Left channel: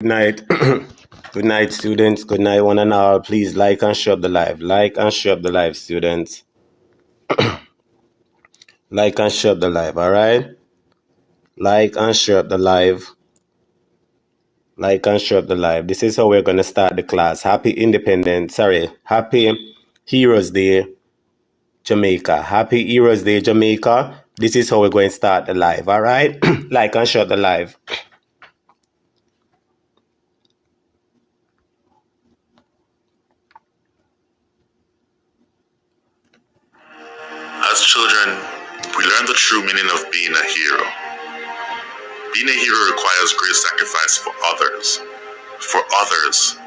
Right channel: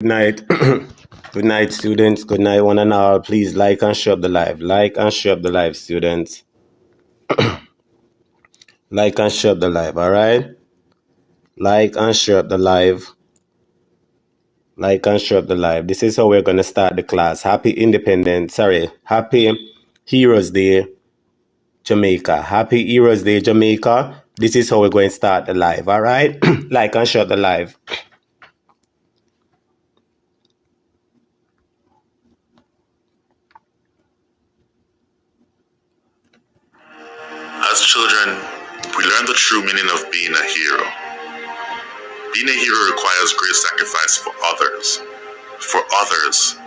Good night. Good night, students. Good night, one and all. Please like and share the live. Like and share the live, students. Like and share the live, all right? Like and share the live. Like and share the live. This is how we're going to start the class. Happy Heroes Day, Jamaica. Happy Heroes Day, Jamaica. This is how we're going to start the live, all right? Like and share the live. As children, we learn the true meaning of being a hero. Being a hero requires great sacrifice for others,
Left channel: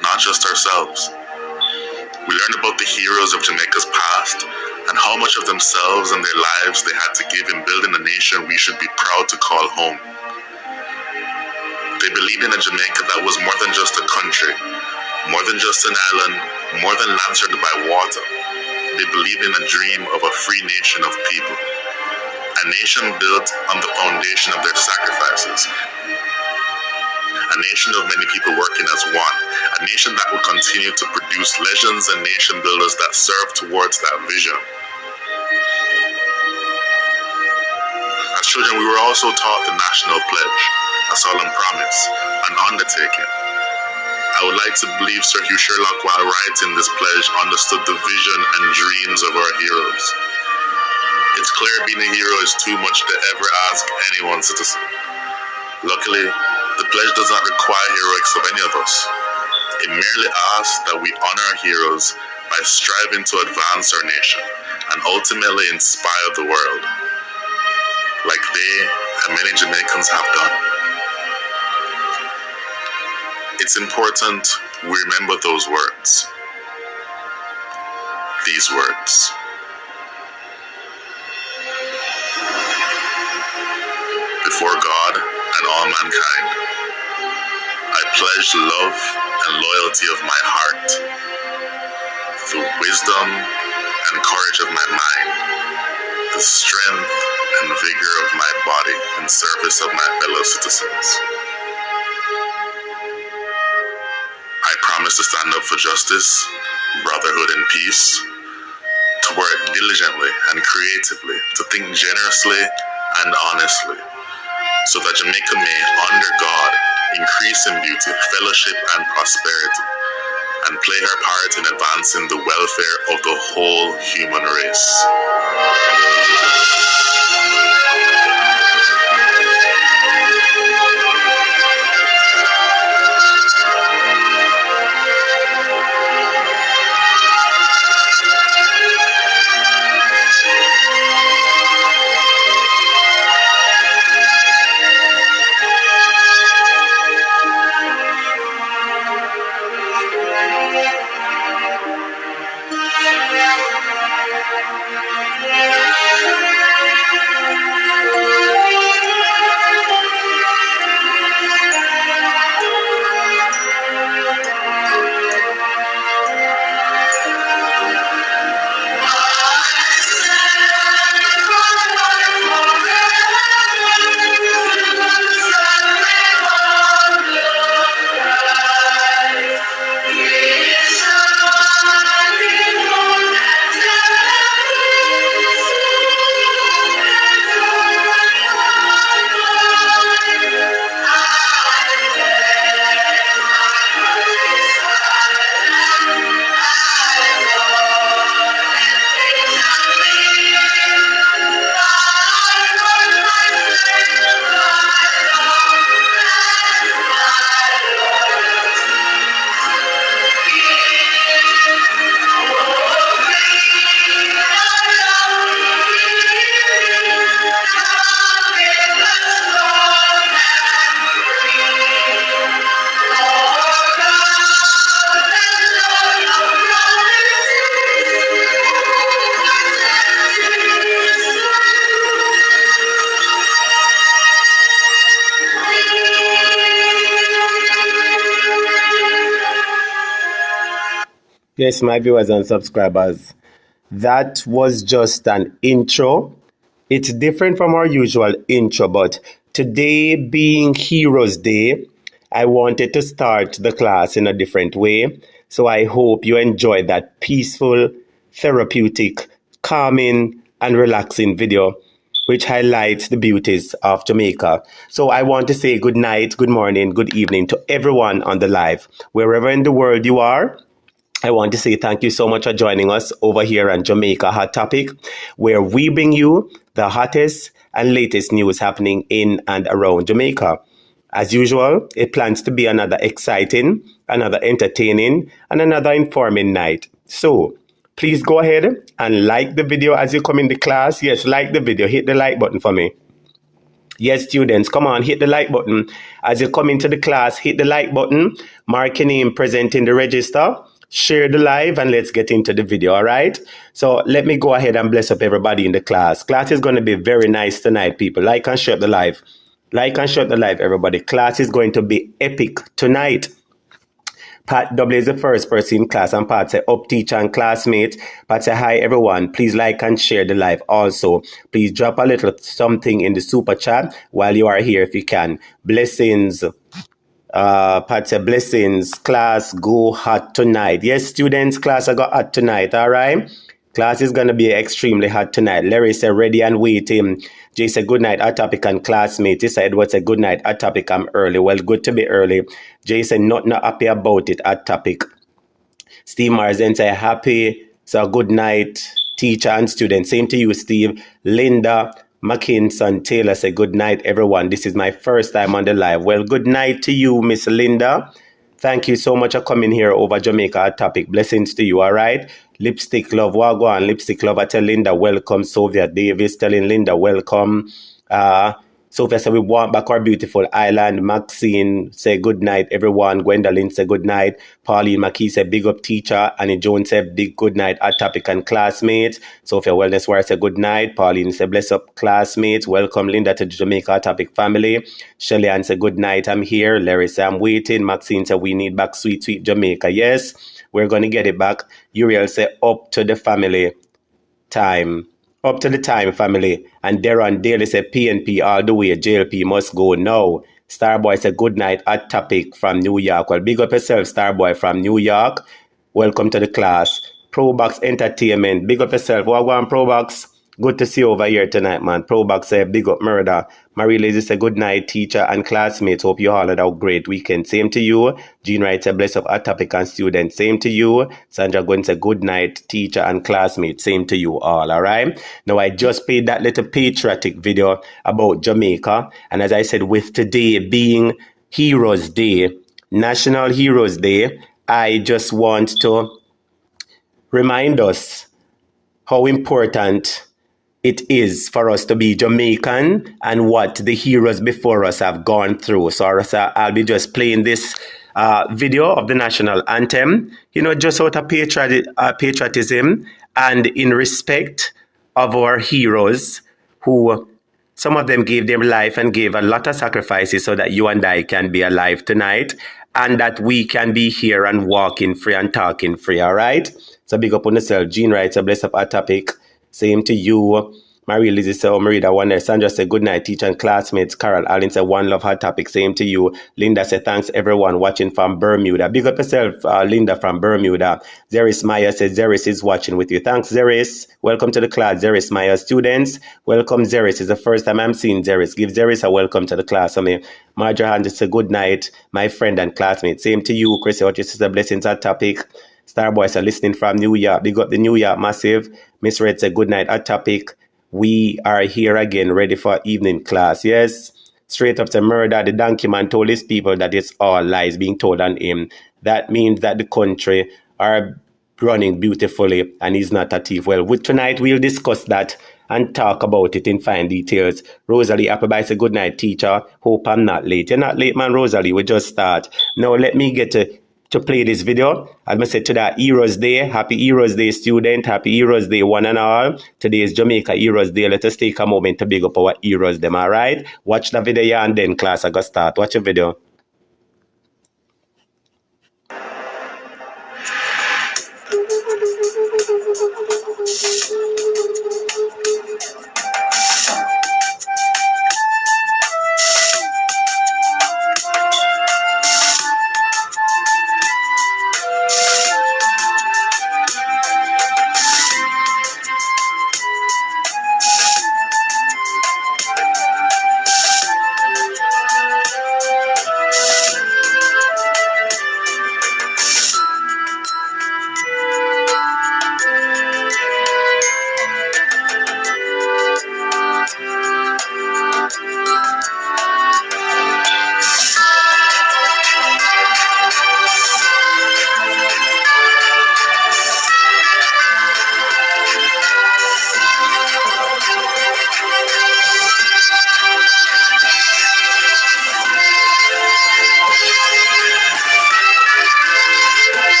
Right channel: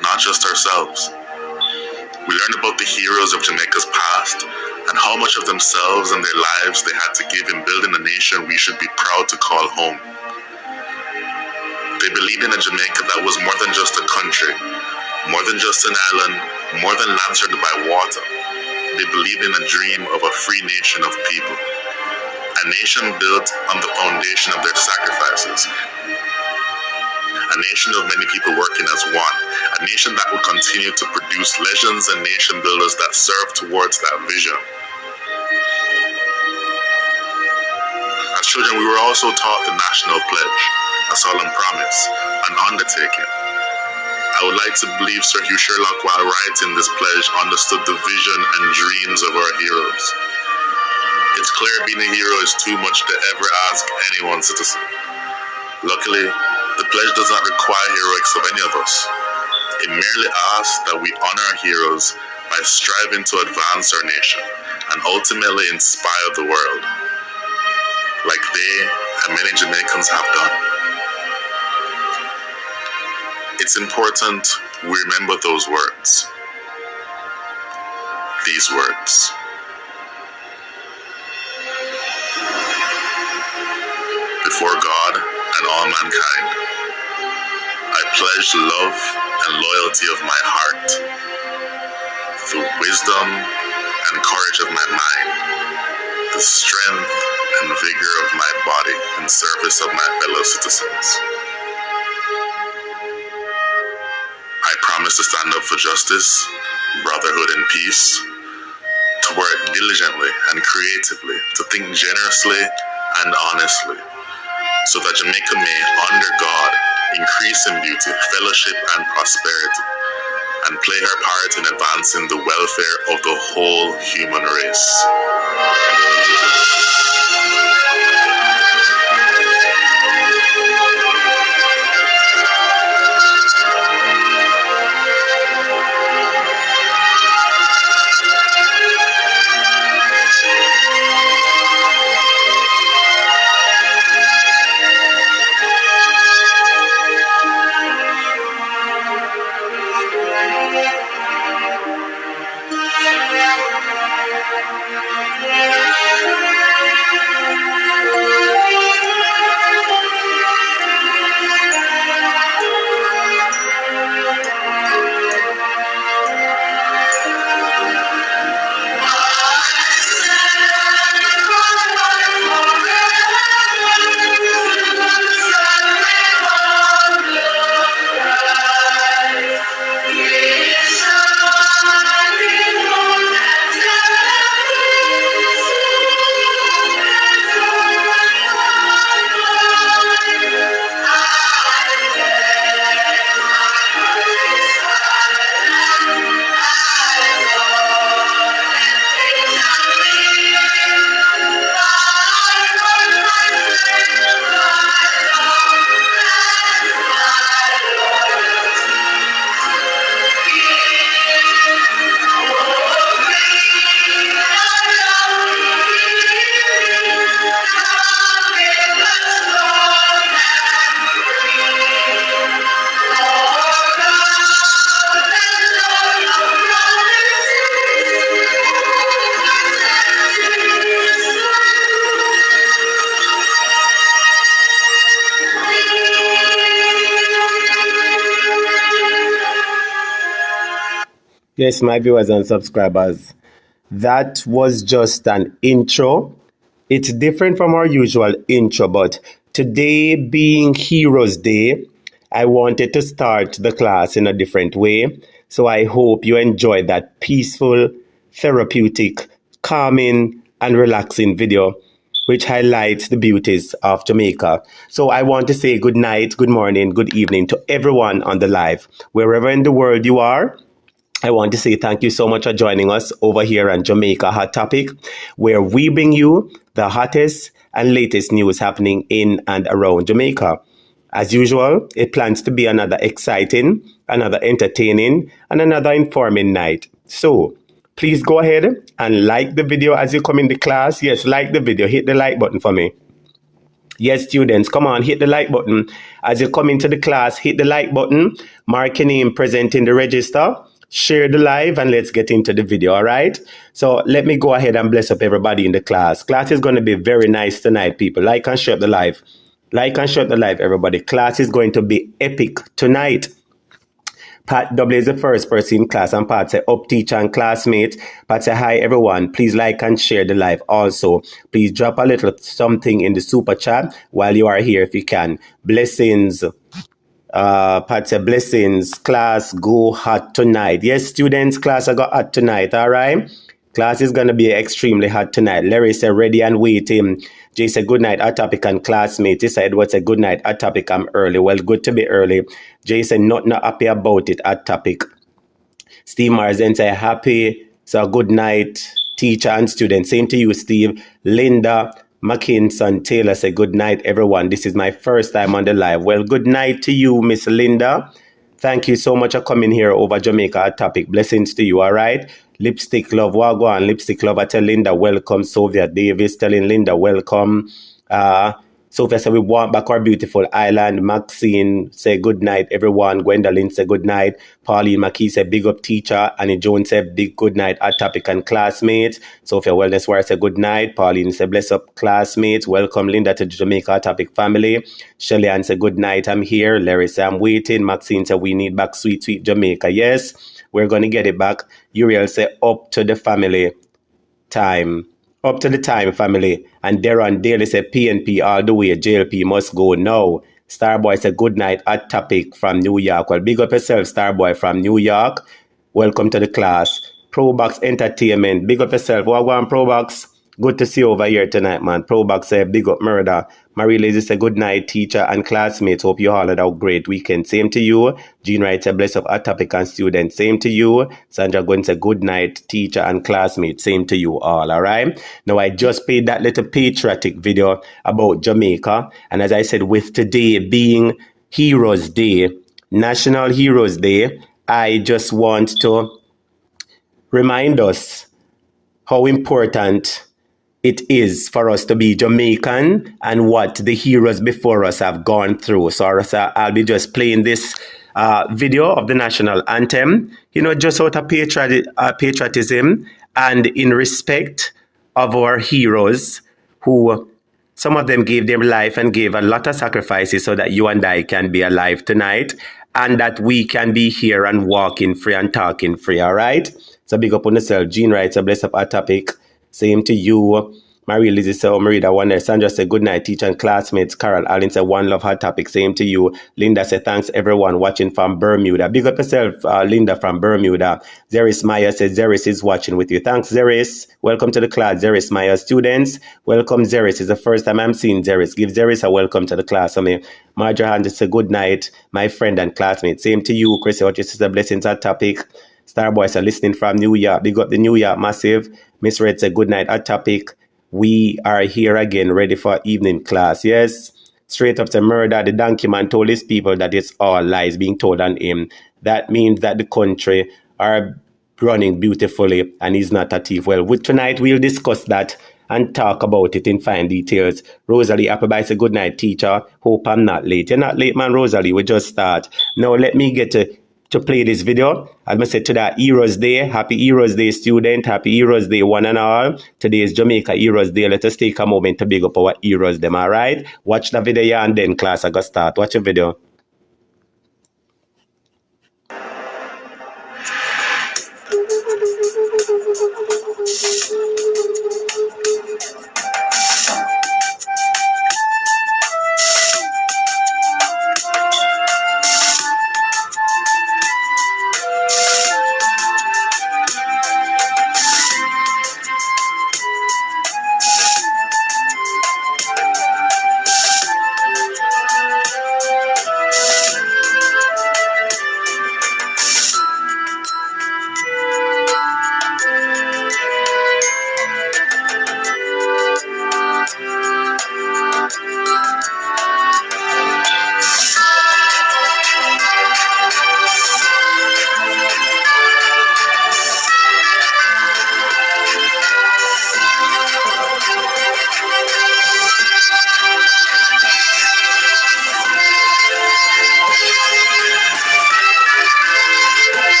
not just ourselves. We learn about the heroes of Jamaica's past and how much of themselves and their lives they had to give in building a nation we should be proud to call home. They believed in a Jamaica that was more than just a country, more than just an island, more than land surrounded by water. They believed in a dream of a free nation of people, a nation built on the foundation of their sacrifices, a nation of many people working as one, a nation that will continue to produce legends and nation builders that serve towards that vision. As children, we were also taught the national pledge, a solemn promise, an undertaking. I would like to believe Sir Hugh Sherlock, while writing this pledge, understood the vision and dreams of our heroes. It's clear being a hero is too much to ever ask any one citizen. Luckily, the pledge does not require heroics of any of us. It merely asks that we honor our heroes by striving to advance our nation and ultimately inspire the world, like they and many Jamaicans have done. It's important we remember those words. These words. Before God and all mankind, I pledge the love and loyalty of my heart, the wisdom and courage of my mind, the strength and vigor of my body in service of my fellow citizens. I promise to stand up for justice, brotherhood, and peace, to work diligently and creatively, to think generously and honestly, so that Jamaica may, under God, increase in beauty, fellowship, and prosperity, and play her part in advancing the welfare of the whole human race. Yes, my viewers and subscribers, that was just an intro. It's different from our usual intro, but today being Heroes Day, I wanted to start the class in a different way. So I hope you enjoy that peaceful, therapeutic, calming, and relaxing video, which highlights the beauties of Jamaica. So I want to say good night, good morning, good evening to everyone on the live. Wherever in the world you are, I want to say thank you so much for joining us over here on Jamaica Hot Topic, where we bring you the hottest and latest news happening in and around Jamaica. As usual, it plans to be another exciting, another entertaining, and another informing night. So, please go ahead and like the video as you come in the class. Yes, like the video. Hit the like button for me. Yes, students, come on, hit the like button. As you come into the class, hit the like button, mark your name present in the register, share the live, and let's get into the video, all right? So let me go ahead and bless up everybody in the class. Class is going to be very nice tonight, people. Like and share the live. Like and share the live, everybody. Class is going to be epic tonight. Pat W is the first person in class, and Pat say, up teacher and classmate. Pat say, hi everyone, please like and share the live. Also, please drop a little something in the super chat while you are here if you can. Blessings. Pat say, blessings. Class go hot tonight. Yes, students, class I got hot tonight, all right? Class is going to be extremely hot tonight. Larry said, ready and waiting. Jay said, good night, hot topic and classmate. He said, Edward said, good night, hot topic, I'm early. Well, good to be early. Jay said, not happy about it, hot topic. Steve Marsden said, happy. So good night, teacher and student. Same to you, Steve. Linda McKinson Taylor said, good night, everyone. This is my first time on the live. Well, good night to you, Miss Linda. Thank you so much for coming here over Jamaica Hot Topic. Blessings to you, all right? Lipstick Love, Wagwan, Lipstick Love, I tell Linda, welcome. Sophia Davis telling Linda, welcome. Sophia said, we want back our beautiful island. Maxine say, good night, everyone. Gwendolyn say, good night. Pauline McKee said, big up teacher. Annie Jones said, big good night, Hot Topic and classmates. Sophia Wellness War said, good night. Pauline said, bless up classmates. Welcome, Linda, to the Jamaica Hot Topic family. Shelly Ann said, good night, I'm here. Larry said, I'm waiting. Maxine said, we need back sweet, sweet Jamaica. Yes, we're going to get it back. Uriel said, up to the family time. Up to the time, family. And Darren Daly said, PNP all the way. JLP must go now. Starboy said, good night, Hot Topic from New York. Well, big up yourself, Starboy from New York. Welcome to the class. Probox Entertainment. Big up yourself. Wagwan Probox. Good to see you over here tonight, man. Probox said, big up murder. Marie Lazy said, good night, teacher and classmates. Hope you all had a great weekend. Same to you. Jean Wright said, bless up, Hot Topic and students. Same to you. Sandra Gunn said, good night, teacher and classmates. Same to you all, all right? Now, I just played that little patriotic video about Jamaica. And as I said, with today being Heroes Day, National Heroes Day, I just want to remind us how important it is for us to be Jamaican and what the heroes before us have gone through. So I'll be just playing this video of the national anthem, you know, just out of patriotism and in respect of our heroes who, some of them gave their life and gave a lot of sacrifices so that you and I can be alive tonight and that we can be here and walking free and talking free, all right? So big up on yourself. Jean writes, a bless up Hot Topic. Same to you. Marie Lizzie said, Marida Wonder. Sandra said, good night, teacher and classmates. Carol Allen said, one love, Hot Topic. Same to you. Linda said, thanks everyone watching from Bermuda. Big up yourself, Linda from Bermuda. Zeris Maya said, Zeris is watching with you. Thanks, Zeris. Welcome to the class, Zeris Maya. Students, welcome, Zeris. It's the first time I'm seeing Zeris. Give Zeris a welcome to the class. I mean, Marjorie Hand said, good night, my friend and classmate. Same to you, Chris. What you said, blessings, Hot Topic. Starboy said, listening from New York. Big up the New York massive. Miss Red said, good night, Hot Topic. We are here again, ready for evening class. Yes, straight up to murder. The donkey man told his people that it's all lies being told on him. That means that the country are running beautifully and he's not a thief. Well, tonight we'll discuss that and talk about it in fine details. Rosalie Appleby said, good night, teacher. Hope I'm not late. You're not late, man, Rosalie. We just start. Now, let me get to play this video. As I said, today, Heroes Day. Happy Heroes Day, student. Happy Heroes Day, one and all. Today is Jamaica Heroes Day. Let us take a moment to big up our heroes, them, all right? Watch the video and then class, I got start. Watch the video.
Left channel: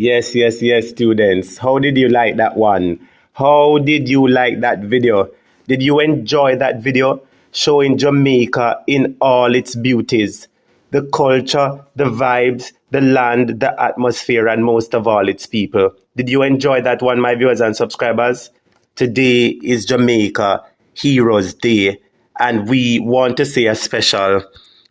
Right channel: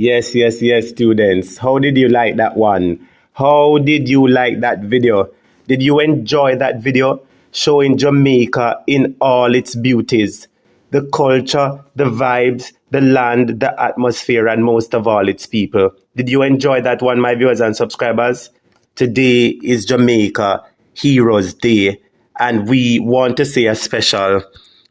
Yes, yes, yes, students. How did you like that one? How did you like that video? Did you enjoy that video showing Jamaica in all its beauties? The culture, the vibes, the land, the atmosphere, and most of all, its people. Did you enjoy that one, my viewers and subscribers? Today is Jamaica Heroes Day, and we want to say a special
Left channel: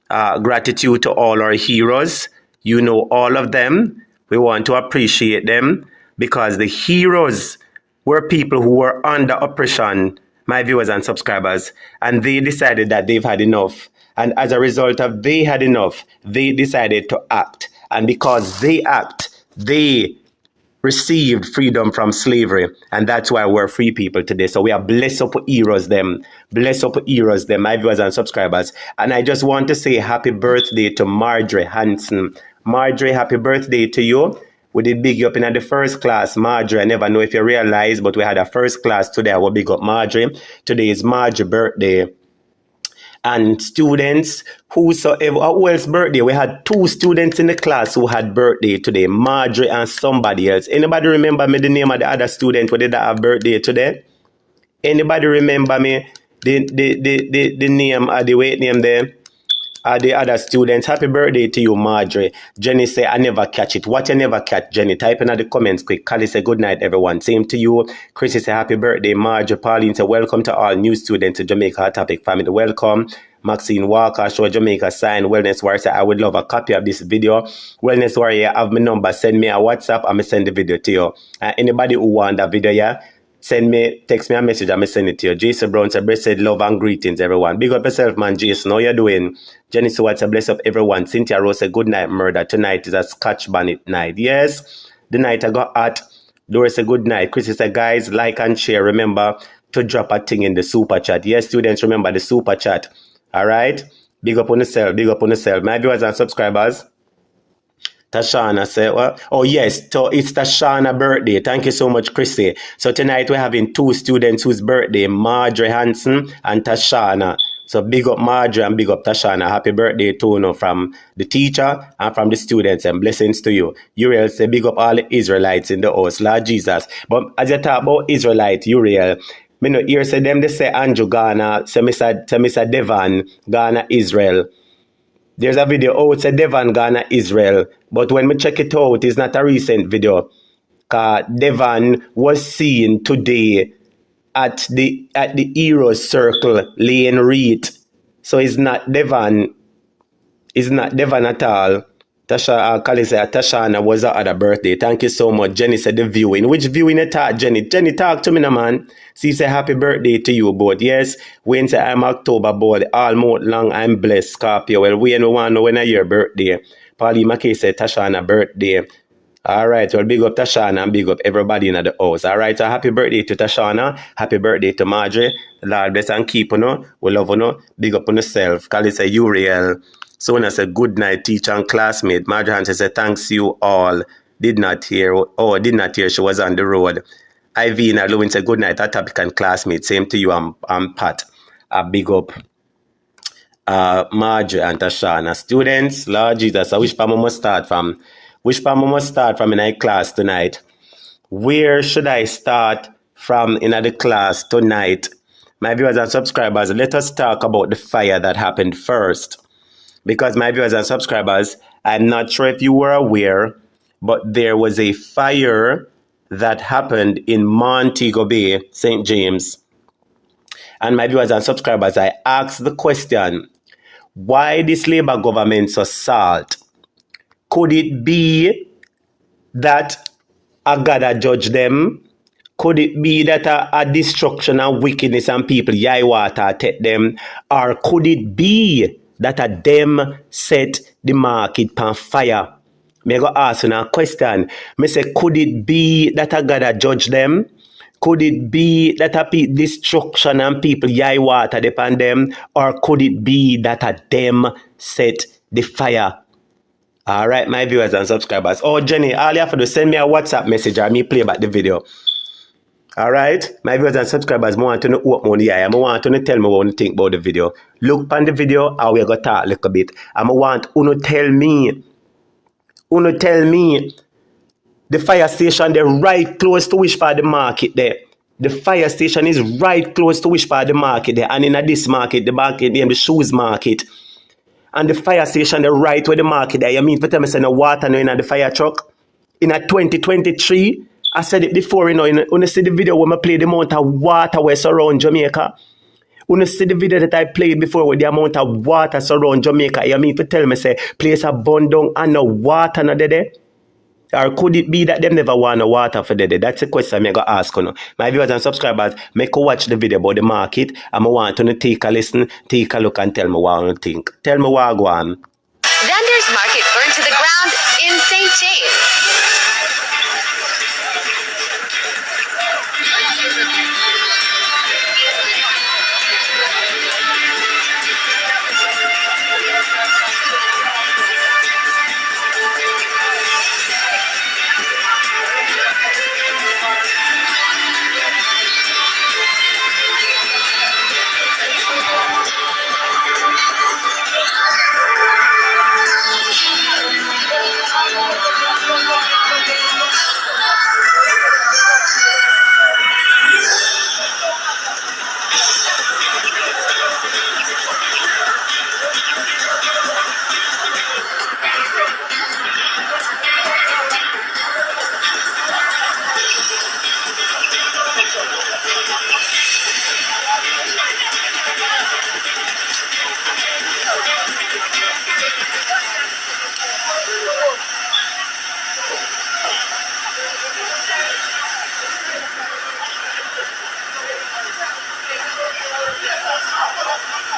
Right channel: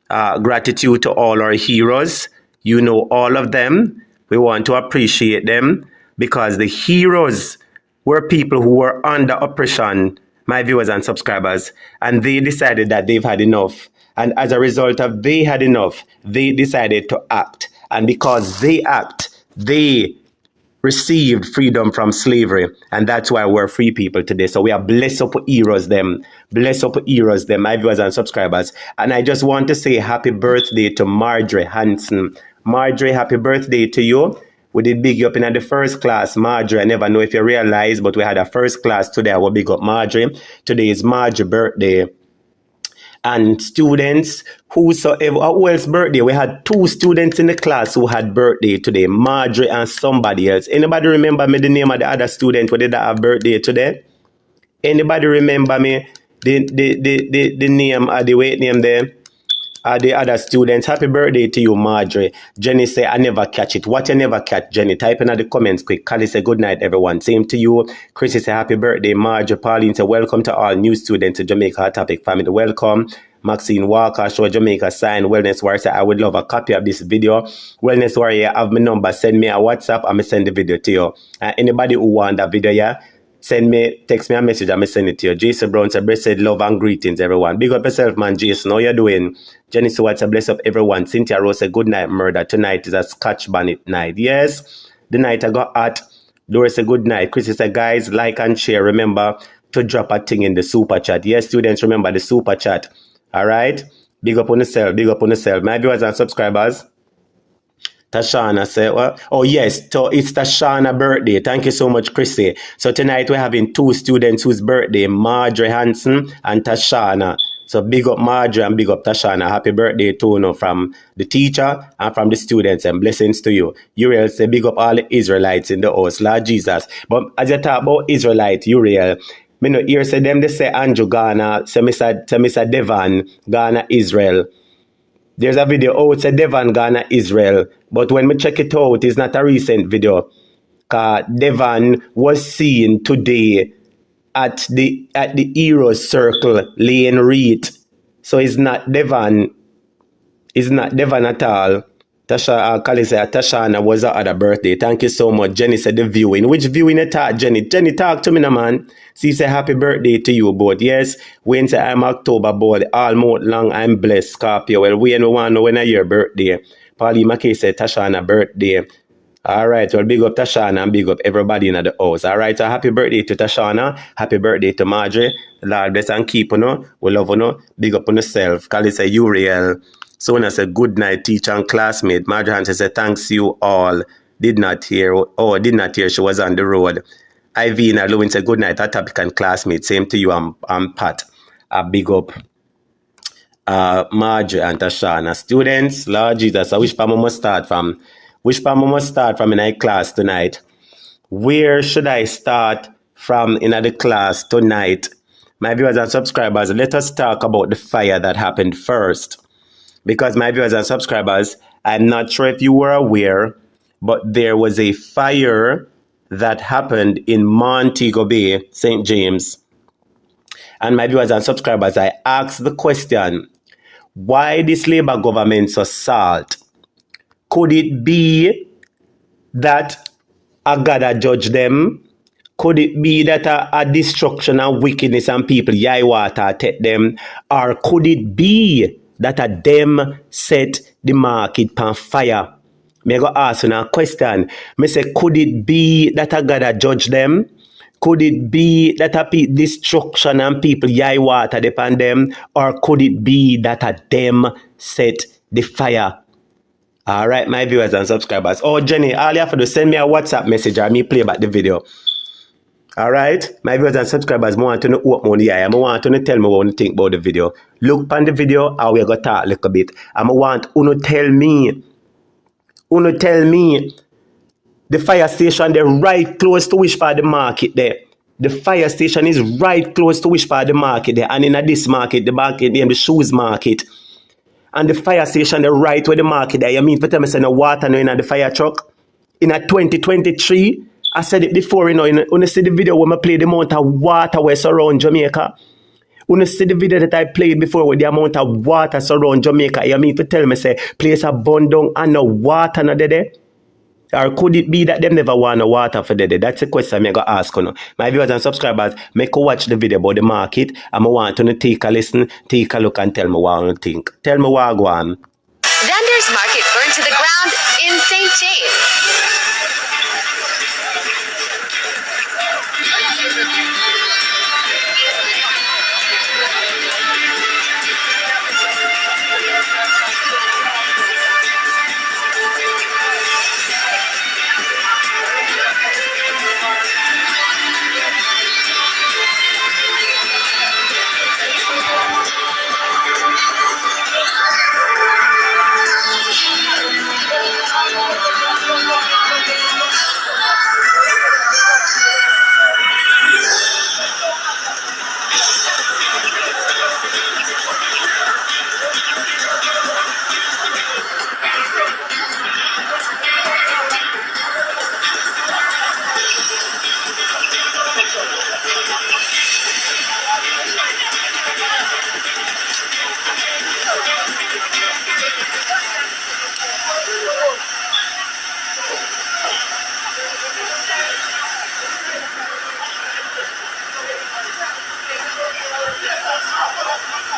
gratitude to all our heroes. You know all of them. We want to appreciate them because the heroes were people who were under oppression, my viewers and subscribers, and they decided that they've had enough. And as a result of they had enough, they decided to act. And because they act, they received freedom from slavery, and that's why we're free people today. So we are blessed up heroes them, my viewers and subscribers. And I just want to say happy birthday to Marjorie Hanson. Marjorie, happy birthday to you. We did big up in the first class, Marjorie. I never know if you realize, but we had a first class today. I will big up Marjorie. Today is Marjorie's birthday. And students, who else birthday? We had 2 students in the class who had birthday today, Marjorie and somebody else. Anybody remember me the name of the other student who did that have birthday today? Anybody remember me the name of the weight name there? The other students, happy birthday to you, Marjorie. Jenny say, I never catch it. What you never catch, Jenny? Type in the comments quick. Callie say, good night, everyone. Same to you. Chrissy say, happy birthday, Marjorie. Pauline say, welcome to all new students to Jamaica Hot Topic family. Welcome. Maxine Walker, show Jamaica sign. Wellness Warrior say, I would love a copy of this video. Wellness Warrior, have my number. Send me a WhatsApp. I'm going to send the video to you. Anybody who want that video, yeah? Text me a message, I'm send it to you. Jason Brown said, blessed love and greetings, everyone. Big up yourself, man, Jason. How you doing? Jenny Stewart said, bless up everyone. Cynthia Rose said, good night, murder. Tonight is a Scotch bonnet night. Yes, the night I got hot. Doris said, good night. Chrissy said, guys, like and share. Remember to drop a thing in the super chat. Yes, students, remember the super chat. All right? Big up on yourself, big up on yourself. My viewers and subscribers. Tashana said, well, oh yes, it's Tashana's birthday. Thank you so much, Chrissy. So tonight we're having 2 students whose birthday, Marjorie Hanson and Tashana. So big up Marjorie and big up Tashana. Happy birthday to you from the teacher and from the students, and blessings to you. Uriel say big up all the Israelites in the house, Lord Jesus. But as you talk about Israelite, Uriel, me no hear say them they say Andrew Ghana, say Mr. Devon, Ghana, Israel. There's a video, oh, it's a Devon, Ghana, Israel. But when we check it out, it's not a recent video. Devon was seen today at the Heroes Circle, Lane Reed. So it's not Devon. It's not Devon at all. Tashana was her other birthday. Thank you so much. Jenny said the viewing. Which viewing you talk, Jenny? Jenny, talk to me now, man. See, say happy birthday to you both. Yes, Wayne say I'm October both. All month long I'm blessed, Scorpio. Well, Wayne want to know when your birthday. Pauline McKay said Tashana birthday. All right, well, big up Tashana and big up everybody in the house. All right, so happy birthday to Tashana. Happy birthday to Marjorie. Lord bless and keep you. We love you. Big up on yourself. Callie say Uriel. So when I said good night, teacher and classmate, Marjorie Hanson said thanks you all. Did not hear. She was on the road. Ivina Lewin said good night, that topic and classmate. Same to you, I'm Pat. Big up Marjorie and Tashana. Students, Lord Jesus, which part I must start from? Which part I must start from in our class tonight? Where should I start from in the class tonight? My viewers and subscribers, let us talk about the fire that happened first. Because my viewers and subscribers, I'm not sure if you were aware, but there was a fire that happened in Montego Bay, St. James. And my viewers and subscribers, I asked the question, why this Labour government so salt? Could it be that a God a judge them? Could it be that a destruction and wickedness and people, yai water, take them? Or could it be that a them set the market on fire? Me go ask you a question. Me say, could it be that a God a judge them? Could it be that a destruction and people yai water upon them? Or could it be that a them set the fire? All right, my viewers and subscribers. Oh, Jenny, all you have to do, send me a WhatsApp message or me play back the video. All right, my viewers and subscribers, I want to know what money I am. I want to tell me what you think about the video. Look on the video, and we're going to talk a little bit. And I want you to tell me The fire station, they're right close to which part of the market there. The fire station is right close to which part of the market there. And in this market, the market named the shoes market. And the fire station, they're right where the market there. You mean for tell me say no water no in the fire truck? In a 2023, I said it before, you know, when you see the video when I play the amount of water where surround Jamaica. When you see the video that I played before with the amount of water surround Jamaica, you mean to tell me say place a bun down and no water no there? Or could it be that them never want no water for there? That's a question I'm going to ask you. My viewers and subscribers, make you watch the video about the market and I want you to take a listen, take a look and tell me what you think. Tell me what I go on. Vendors Market burned to the ground in St. James.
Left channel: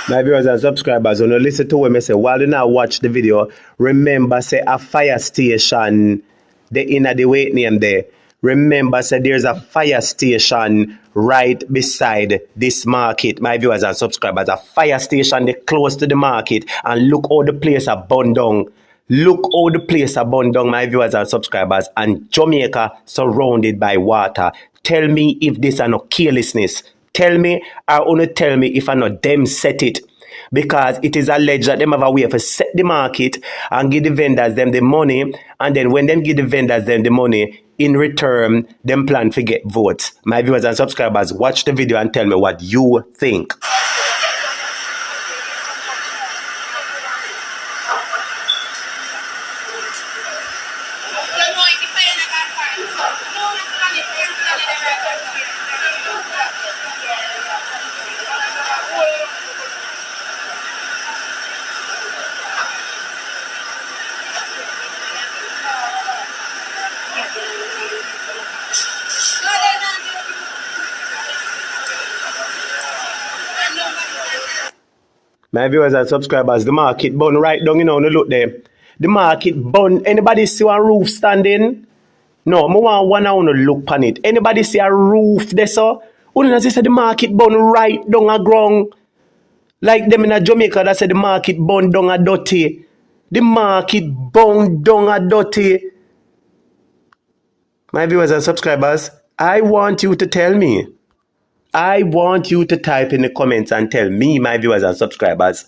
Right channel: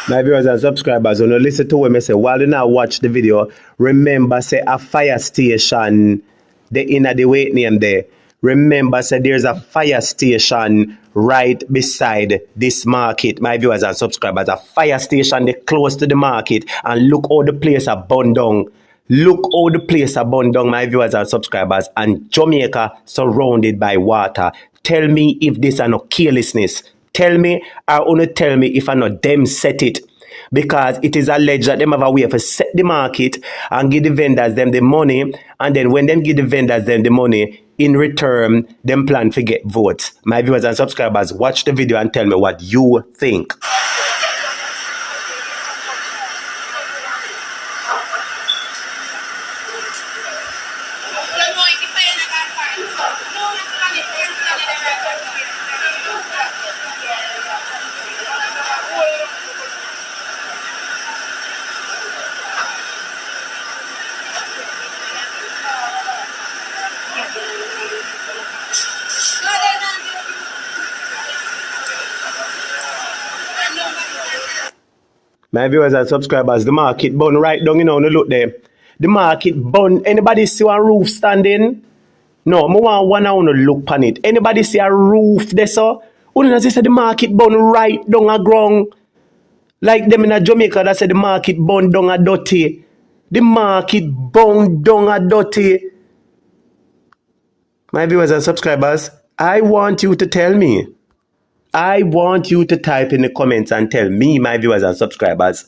My viewers and subscribers, when you listen to what I say, while you now watch the video, remember say a fire station, the inner the weight name there. Remember say there's a fire station right beside this market. My viewers and subscribers, a fire station they close to the market, and look how the place are burned down. Look how the place are burned down, my viewers and subscribers, and Jamaica surrounded by water. Tell me if this are not carelessness. Tell me, or only tell me if I not them set it. Because it is alleged that them have a way to set the market and give the vendors them the money, and then when them give the vendors them the money, in return, them plan to get votes. My viewers and subscribers, watch the video and tell me what you think. My viewers and subscribers, the market bun right down, you know, look there. The market bun. Anybody see a roof standing? No, I want one I want to look on it. Anybody see a roof there, so? Only as I said, the market bun right down a ground. Like them in a Jamaica that said the market bun down a dirty. The market bun down a dirty. My viewers and subscribers, I want you to tell me. I want you to type in the comments and tell me, my viewers and subscribers,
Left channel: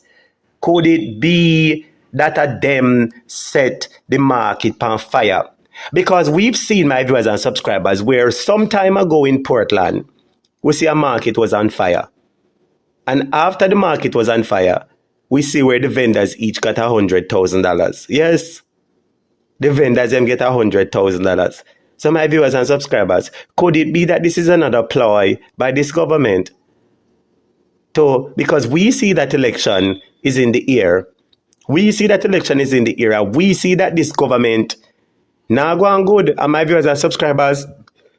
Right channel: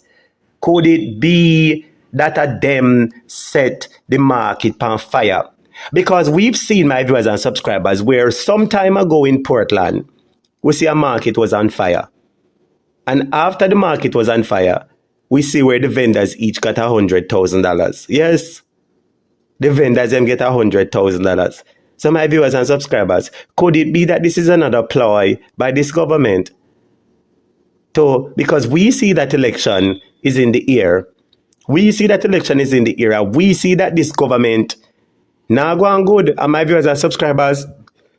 could it be that a them set the market on fire? Because we've seen, my viewers and subscribers, where some time ago in Portland, we see a market was on fire. And after the market was on fire, we see where the vendors each got $100,000. Yes, the vendors them get $100,000. So my viewers and subscribers, could it be that this is another ploy by this government? Because we see that election is in the air. We see that election is in the air. We see that this government now go on good. And my viewers and subscribers,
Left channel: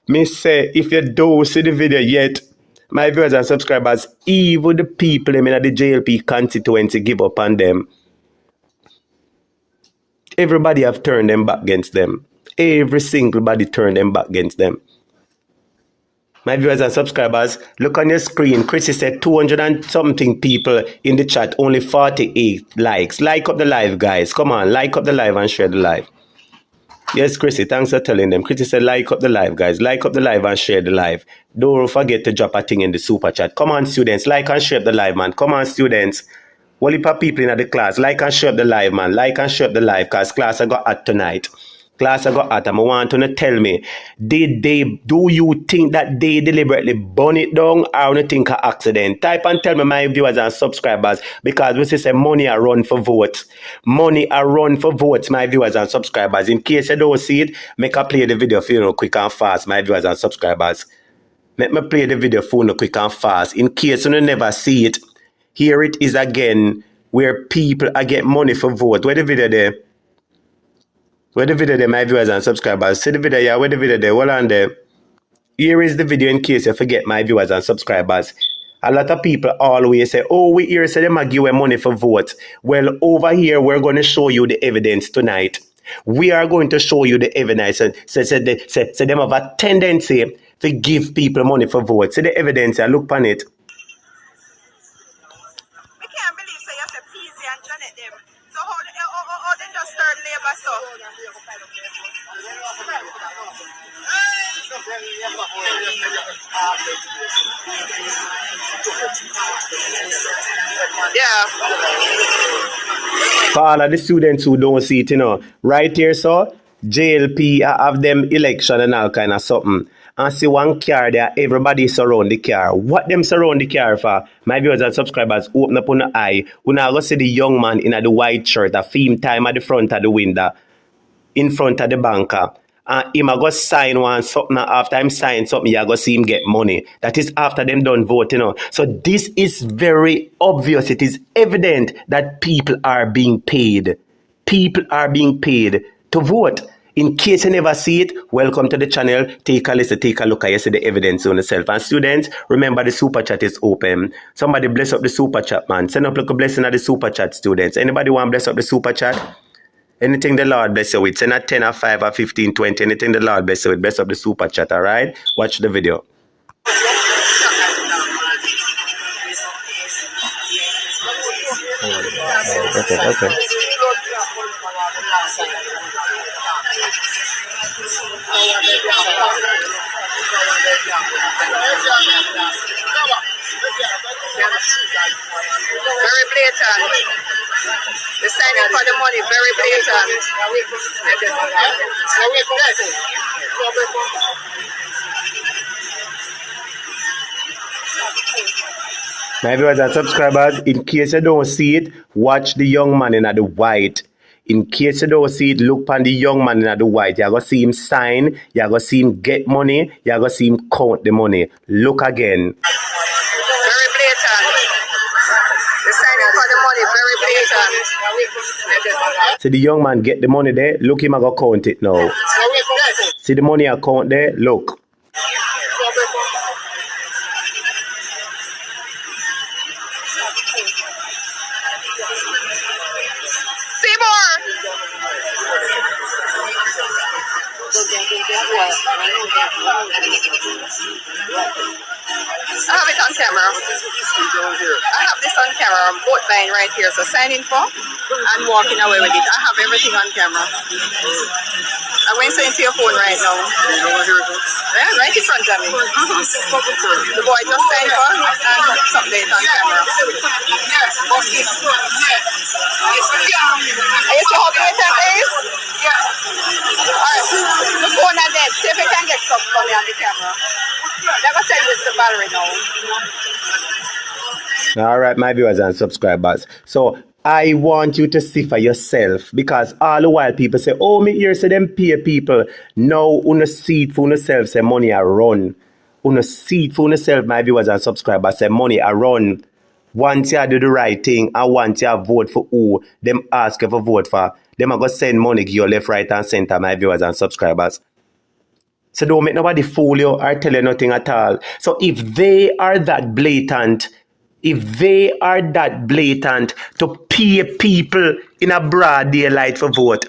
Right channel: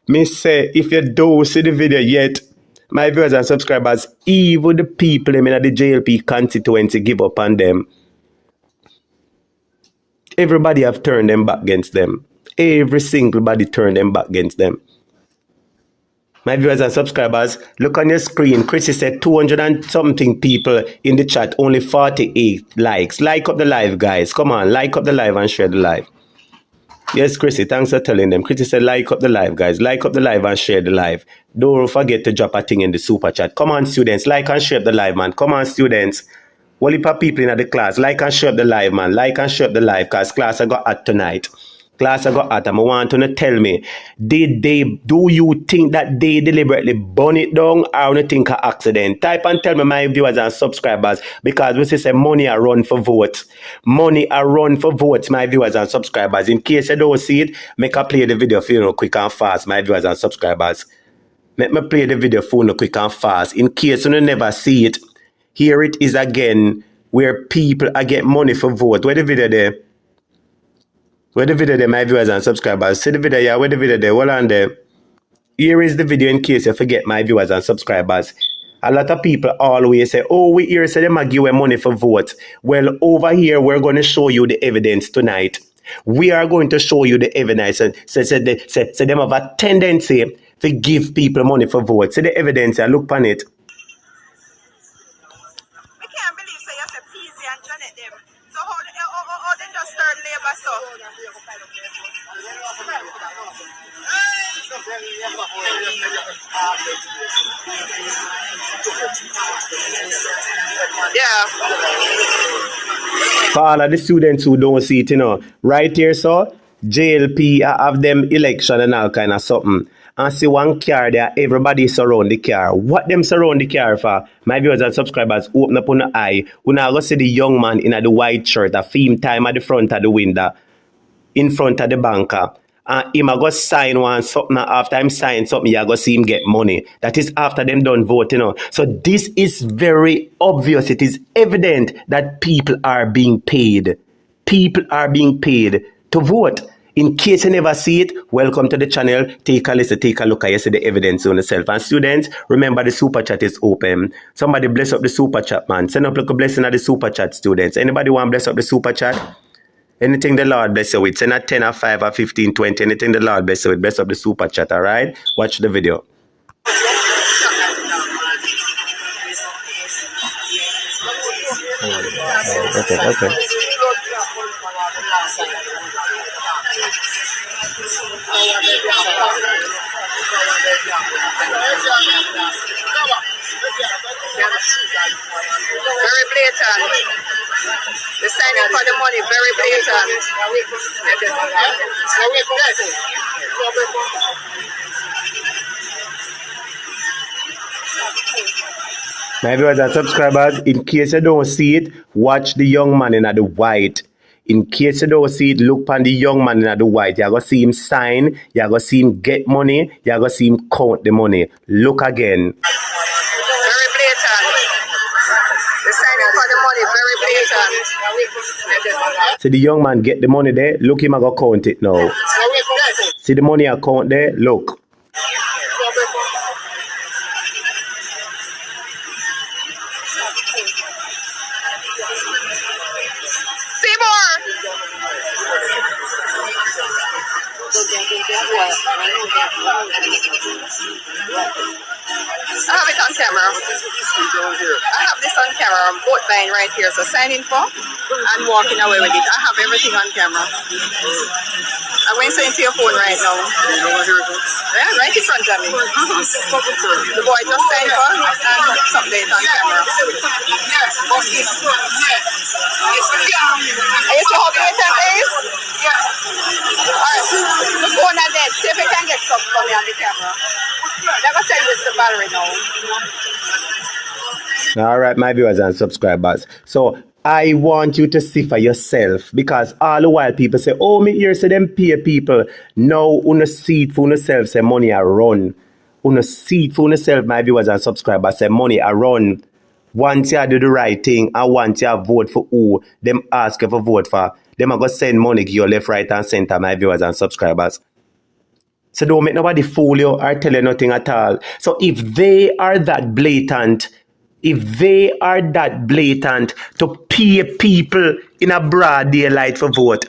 me say, if you don't see the video yet, my viewers and subscribers, even the people in the Jlp Constituency give up on them. Everybody have turned them back against them. Every single body turned them back against them. My viewers and subscribers, look on your screen. Chrissy said 200 and something people in the chat, only 48 likes. Like up the live, guys. Come on, like up the live and share the live. Yes, Chrissy, thanks for telling them. Chrissy said like up the live, guys. Like up the live and share the live. Don't forget to drop a thing in the super chat. Come on, students, like and share the live, man. Come on, students. Whole heap of people in the class, like and share the live, man. Like and share the live, because class I got at tonight. Class I got at, I want to tell me, do you think that they deliberately burn it down or you think an accident? Type and tell me, my viewers and subscribers, because we say money are run for votes. Money are run for votes, my viewers and subscribers. In case you don't see it, make I play the video for you quick and fast, my viewers and subscribers. Let me play the video for you quick and fast. In case you never see it, here it is again, where people are get money for vote. Where the video there? Where the video there, my viewers and subscribers? See the video, yeah, where the video there? Hold on there. Here is the video in case you forget, my viewers and subscribers. A lot of people always say, oh, we hear say them give away money for votes. Well, over here, we're going to show you the evidence tonight. We are going to show you the evidence. So them have a tendency to give people money for votes. See the evidence and look on it. Yeah. For all of the students who don't see it, right here, so JLP have them election and all kind of something. And see one car there, everybody surround the car. What them surround the car for? My viewers and subscribers, open up on the eye. We now go see the young man in the white shirt, a theme time at the front of the window, in front of the banker. And him a go sign one something, after him sign something, you go see him get money. That is after them done vote, So this is very obvious. It is evident that people are being paid. People are being paid to vote. In case you never see it, welcome to the channel. Take a listen, take a look at you see the evidence on yourself. And students, remember the super chat is open. Somebody bless up the super chat, man. Send up like a blessing of the super chat, students. Anybody want to bless up the super chat? Anything the Lord bless you with. Send a 10 or 5 or 15, 20. Anything the Lord bless you with. Bless up the super chat, all right? Watch the video. Okay. Very blatant. The signing for the money, very blatant. My viewers and subscribers, in case you don't see it, watch the young man in the white. In case you don't see it, look on the young man in the white. You're going to see him sign, you're going to see him get money, you're going to see him count the money. Look again. Very blatant. The signing for the money, very blatant. See the young man get the money there, look him, I'm going to count it now. See the money account there, look. I have it on camera. I have this on camera. I'm vote buying right here. So signing for and walking away with it. I have everything on camera. I'm going to send it to your phone right now. Yeah, right in front of me. The boy just signed for and some date on camera. Are you see how blatant it is? Alright, just go on that. See if you can get something for me on the camera. Never send this to Valerie now. All right, my viewers and subscribers. So I want you to see for yourself, because all the while people say, oh, me here say them pay people. Now, una see it for yourself, say money are run. Una see it for yourself, my viewers and subscribers, say money are run. Once you do the right thing and once you vote for who them ask you for vote for, them are going to send money give you left, right and center, my viewers and subscribers. So don't make nobody fool you or tell you nothing at all. So if they are that blatant, to pay people in a broad daylight for vote,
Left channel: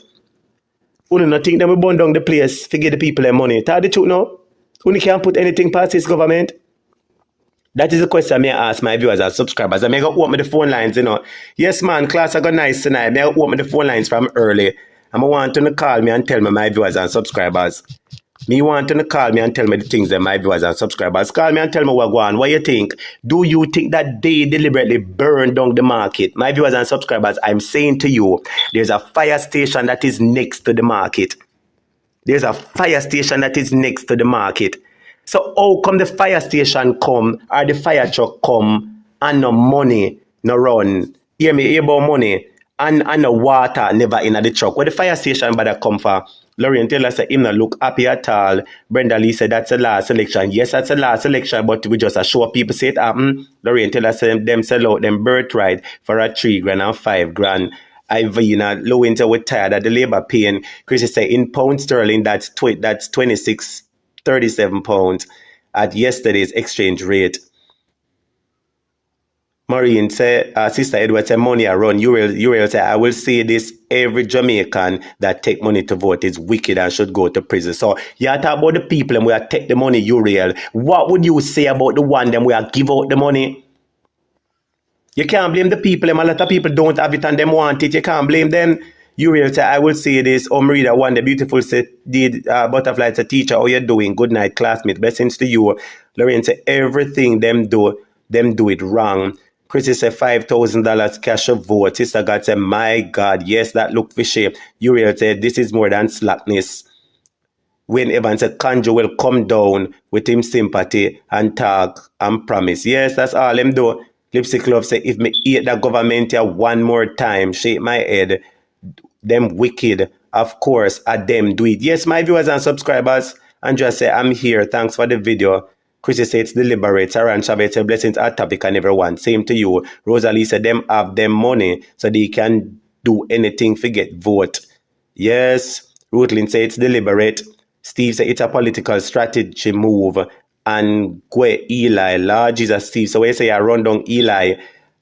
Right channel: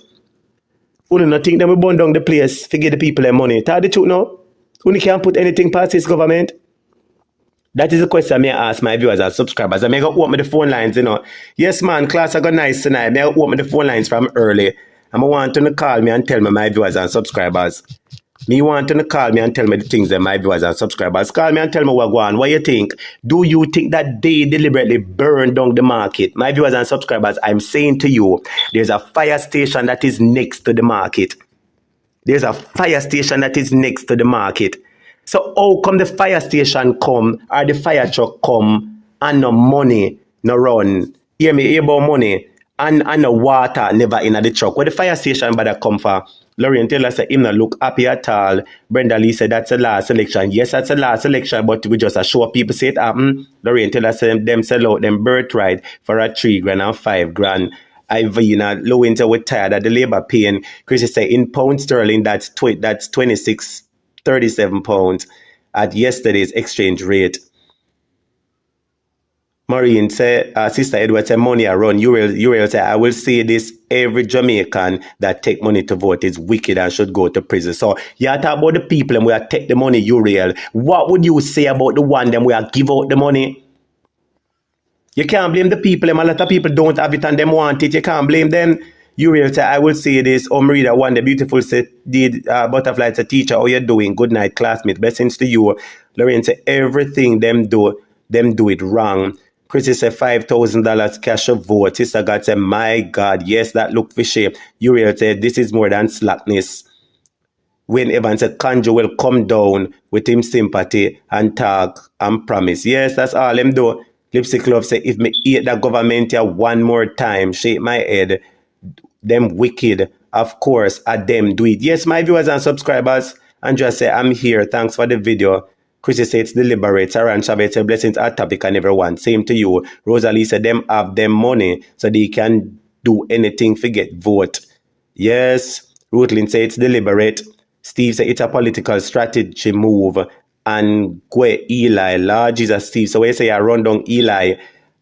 who do not think they will burn down the place to give the people their money? Tell the truth now. Who can't put anything past this government? That is the question I ask my viewers and subscribers. I may go open the phone lines, Yes, man, class I got nice tonight. I may open the phone lines from early. I want them to call me and tell me, my viewers and subscribers. Me want them to call me and tell me the things that my viewers and subscribers. Call me and tell me what go on. What you think? Do you think that they deliberately burn down the market? My viewers and subscribers, I'm saying to you, there's a fire station that is next to the market. There's a fire station that is next to the market. So how come the fire station come or the fire truck come and no money no run? Hear me, hear about money and no water never in the truck. Where the fire station better come for? Lorraine Taylor said him not look happy at all. Brenda Lee said that's the last election. Yes, that's the last election, but we just show people say it happen. Lorraine Taylor said them sell out them birthright for a 3 grand and 5 grand. Ivina, low winter with tired of the labor pain. Chrissy say in pound sterling that's 26.37 pounds at yesterday's exchange rate. Maureen say, Sister Edward say money around. You will say, I will say this, every Jamaican that take money to vote is wicked and should go to prison. So you talk about the people and we are take the money, Uriel. What would you say about the one them we are give out the money? You can't blame the people. A lot of people don't have it and them want it. You can't blame them. Uriel say, I will say this. Marida, one, the beautiful said, Butterfly, it's a teacher. How you doing? Good night, classmate. Blessings to you. Lorraine say, everything them do it wrong. Chrissy said $5,000 cash of vote. Sister God said, my God, yes, that look fishy. Uriel said, this is more than slackness. Wayne Evans said, Kanjo will come down with him sympathy and talk and promise. Yes, that's all him do. Lipstick Love said, if me eat the government here one more time, shake my head. Them wicked, of course, at them do it. Yes, my viewers and subscribers. Andrea said, I'm here. Thanks for the video. Chrissy said, it's deliberate. Saran Chavez said, blessings at topic and everyone. Same to you. Rosalie said, them have them money so they can do anything to get vote. Yes. Ruthlin said, it's deliberate. Steve said, it's a political strategy move. And Gwe Eli, Lord Jesus Steve. So we say, I run down Eli.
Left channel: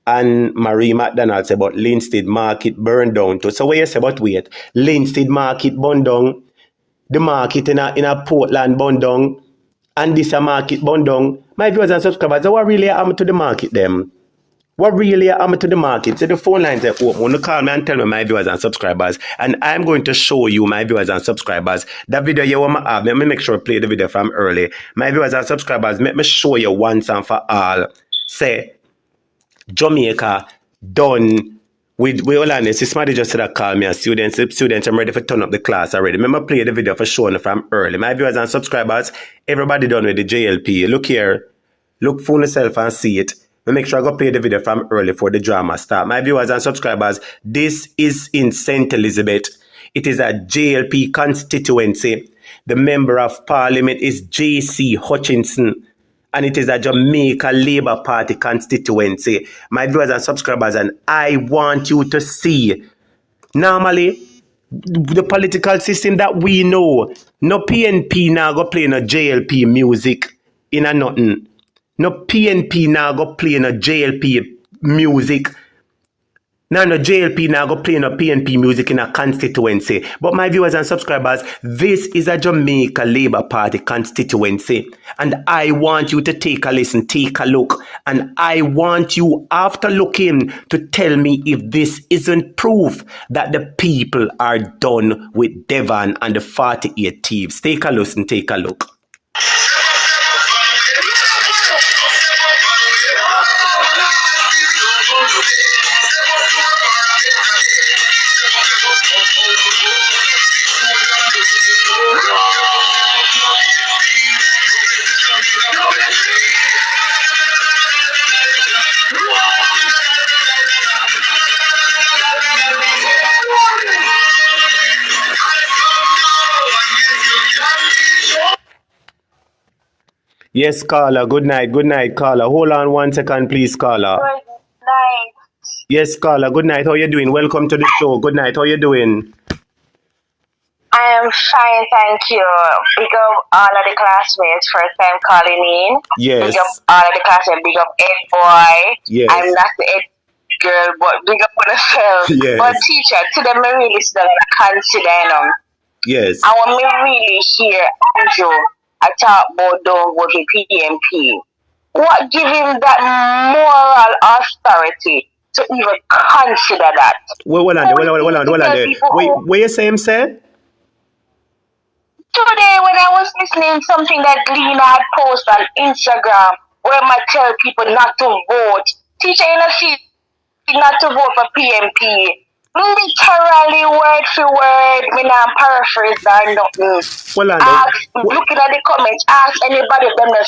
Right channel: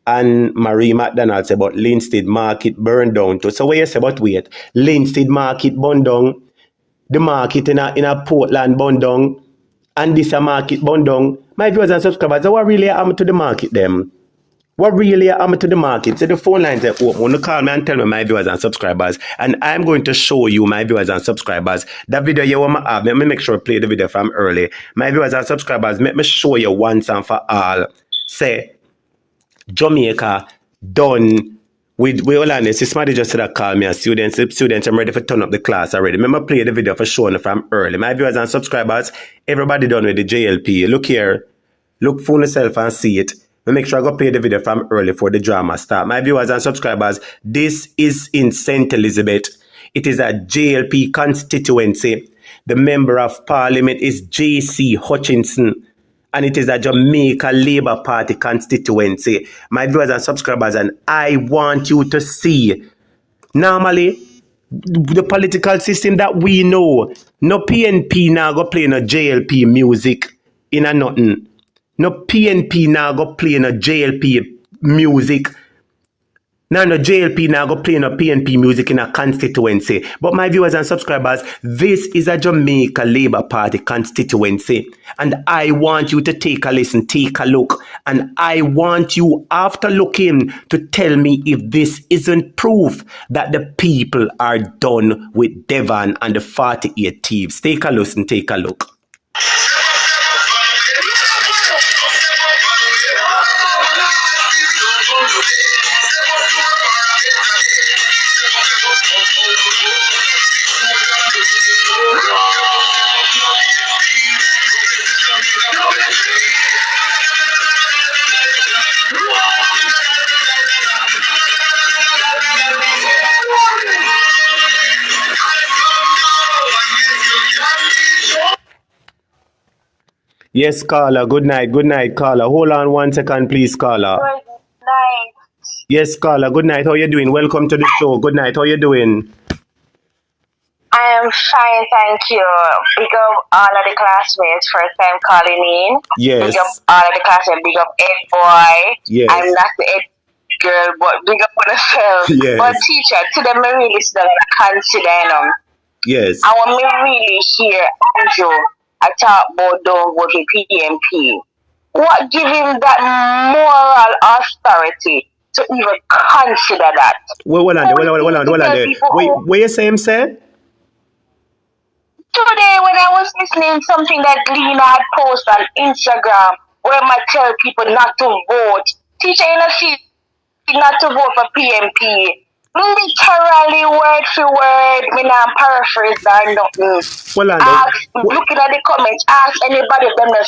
And Marie McDonald said, but Linstead Market burned down too. So what you say, but wait, Linstead Market burned down, the market in a Portland burned down, and this a market burned down. My viewers and subscribers, so what really happened to the market them? What really happened to the market? So the phone lines are open. You call me and tell me, my viewers and subscribers, and I'm going to show you, my viewers and subscribers, that video you want to have. Let me make sure I play the video from early. My viewers and subscribers, let me show you once and for all. Say, Jamaica done with all honest. Somebody just said that call me a student. I'm ready for turn up the class already. Remember play the video for showing from early. My viewers and subscribers, everybody done with the JLP. Look here. Look for yourself and see it. Make sure I go play the video from early for the drama start. My viewers and subscribers, this is in St. Elizabeth. It is a JLP constituency. The member of parliament is J.C. Hutchinson. And it is a Jamaica Labour Party constituency. My viewers and subscribers, and I want you to see, normally, the political system that we know, no PNP now go play no JLP music in a nothing. No PNP now go play no JLP music. Now no JLP now go play no PNP music in a constituency. But my viewers and subscribers, this is a Jamaica Labour Party constituency. And I want you to take a listen, take a look. And I want you, after looking, to tell me if this isn't proof that the people are done with Devon and the 48 thieves. Take a listen, take a look. Yes, caller. Good night, caller. Hold on 1 second, please, caller. Good night. Yes, caller. Good night. How you doing? Welcome to the show. Good night. How you doing? I am fine, thank you. Big up all of the classmates, first time calling in. Yes. Big up all of the classmates, big up Ed boy. Yes. I'm not the Ed girl, but big up on yourself. Yes. But teacher, to them I really still consider them. Yes. I want me really hear Andrew I talk about don't vote for PMP. What give him that moral authority to even consider that? Hold on there. Wait, what you say him say? Today when I was listening to something that Lena had posted on Instagram where I tell people not to vote. Teacher in a seat not to vote for PMP. Literally word for word, me not paraphrase or nothing. Well, Looking at the comments, ask anybody them the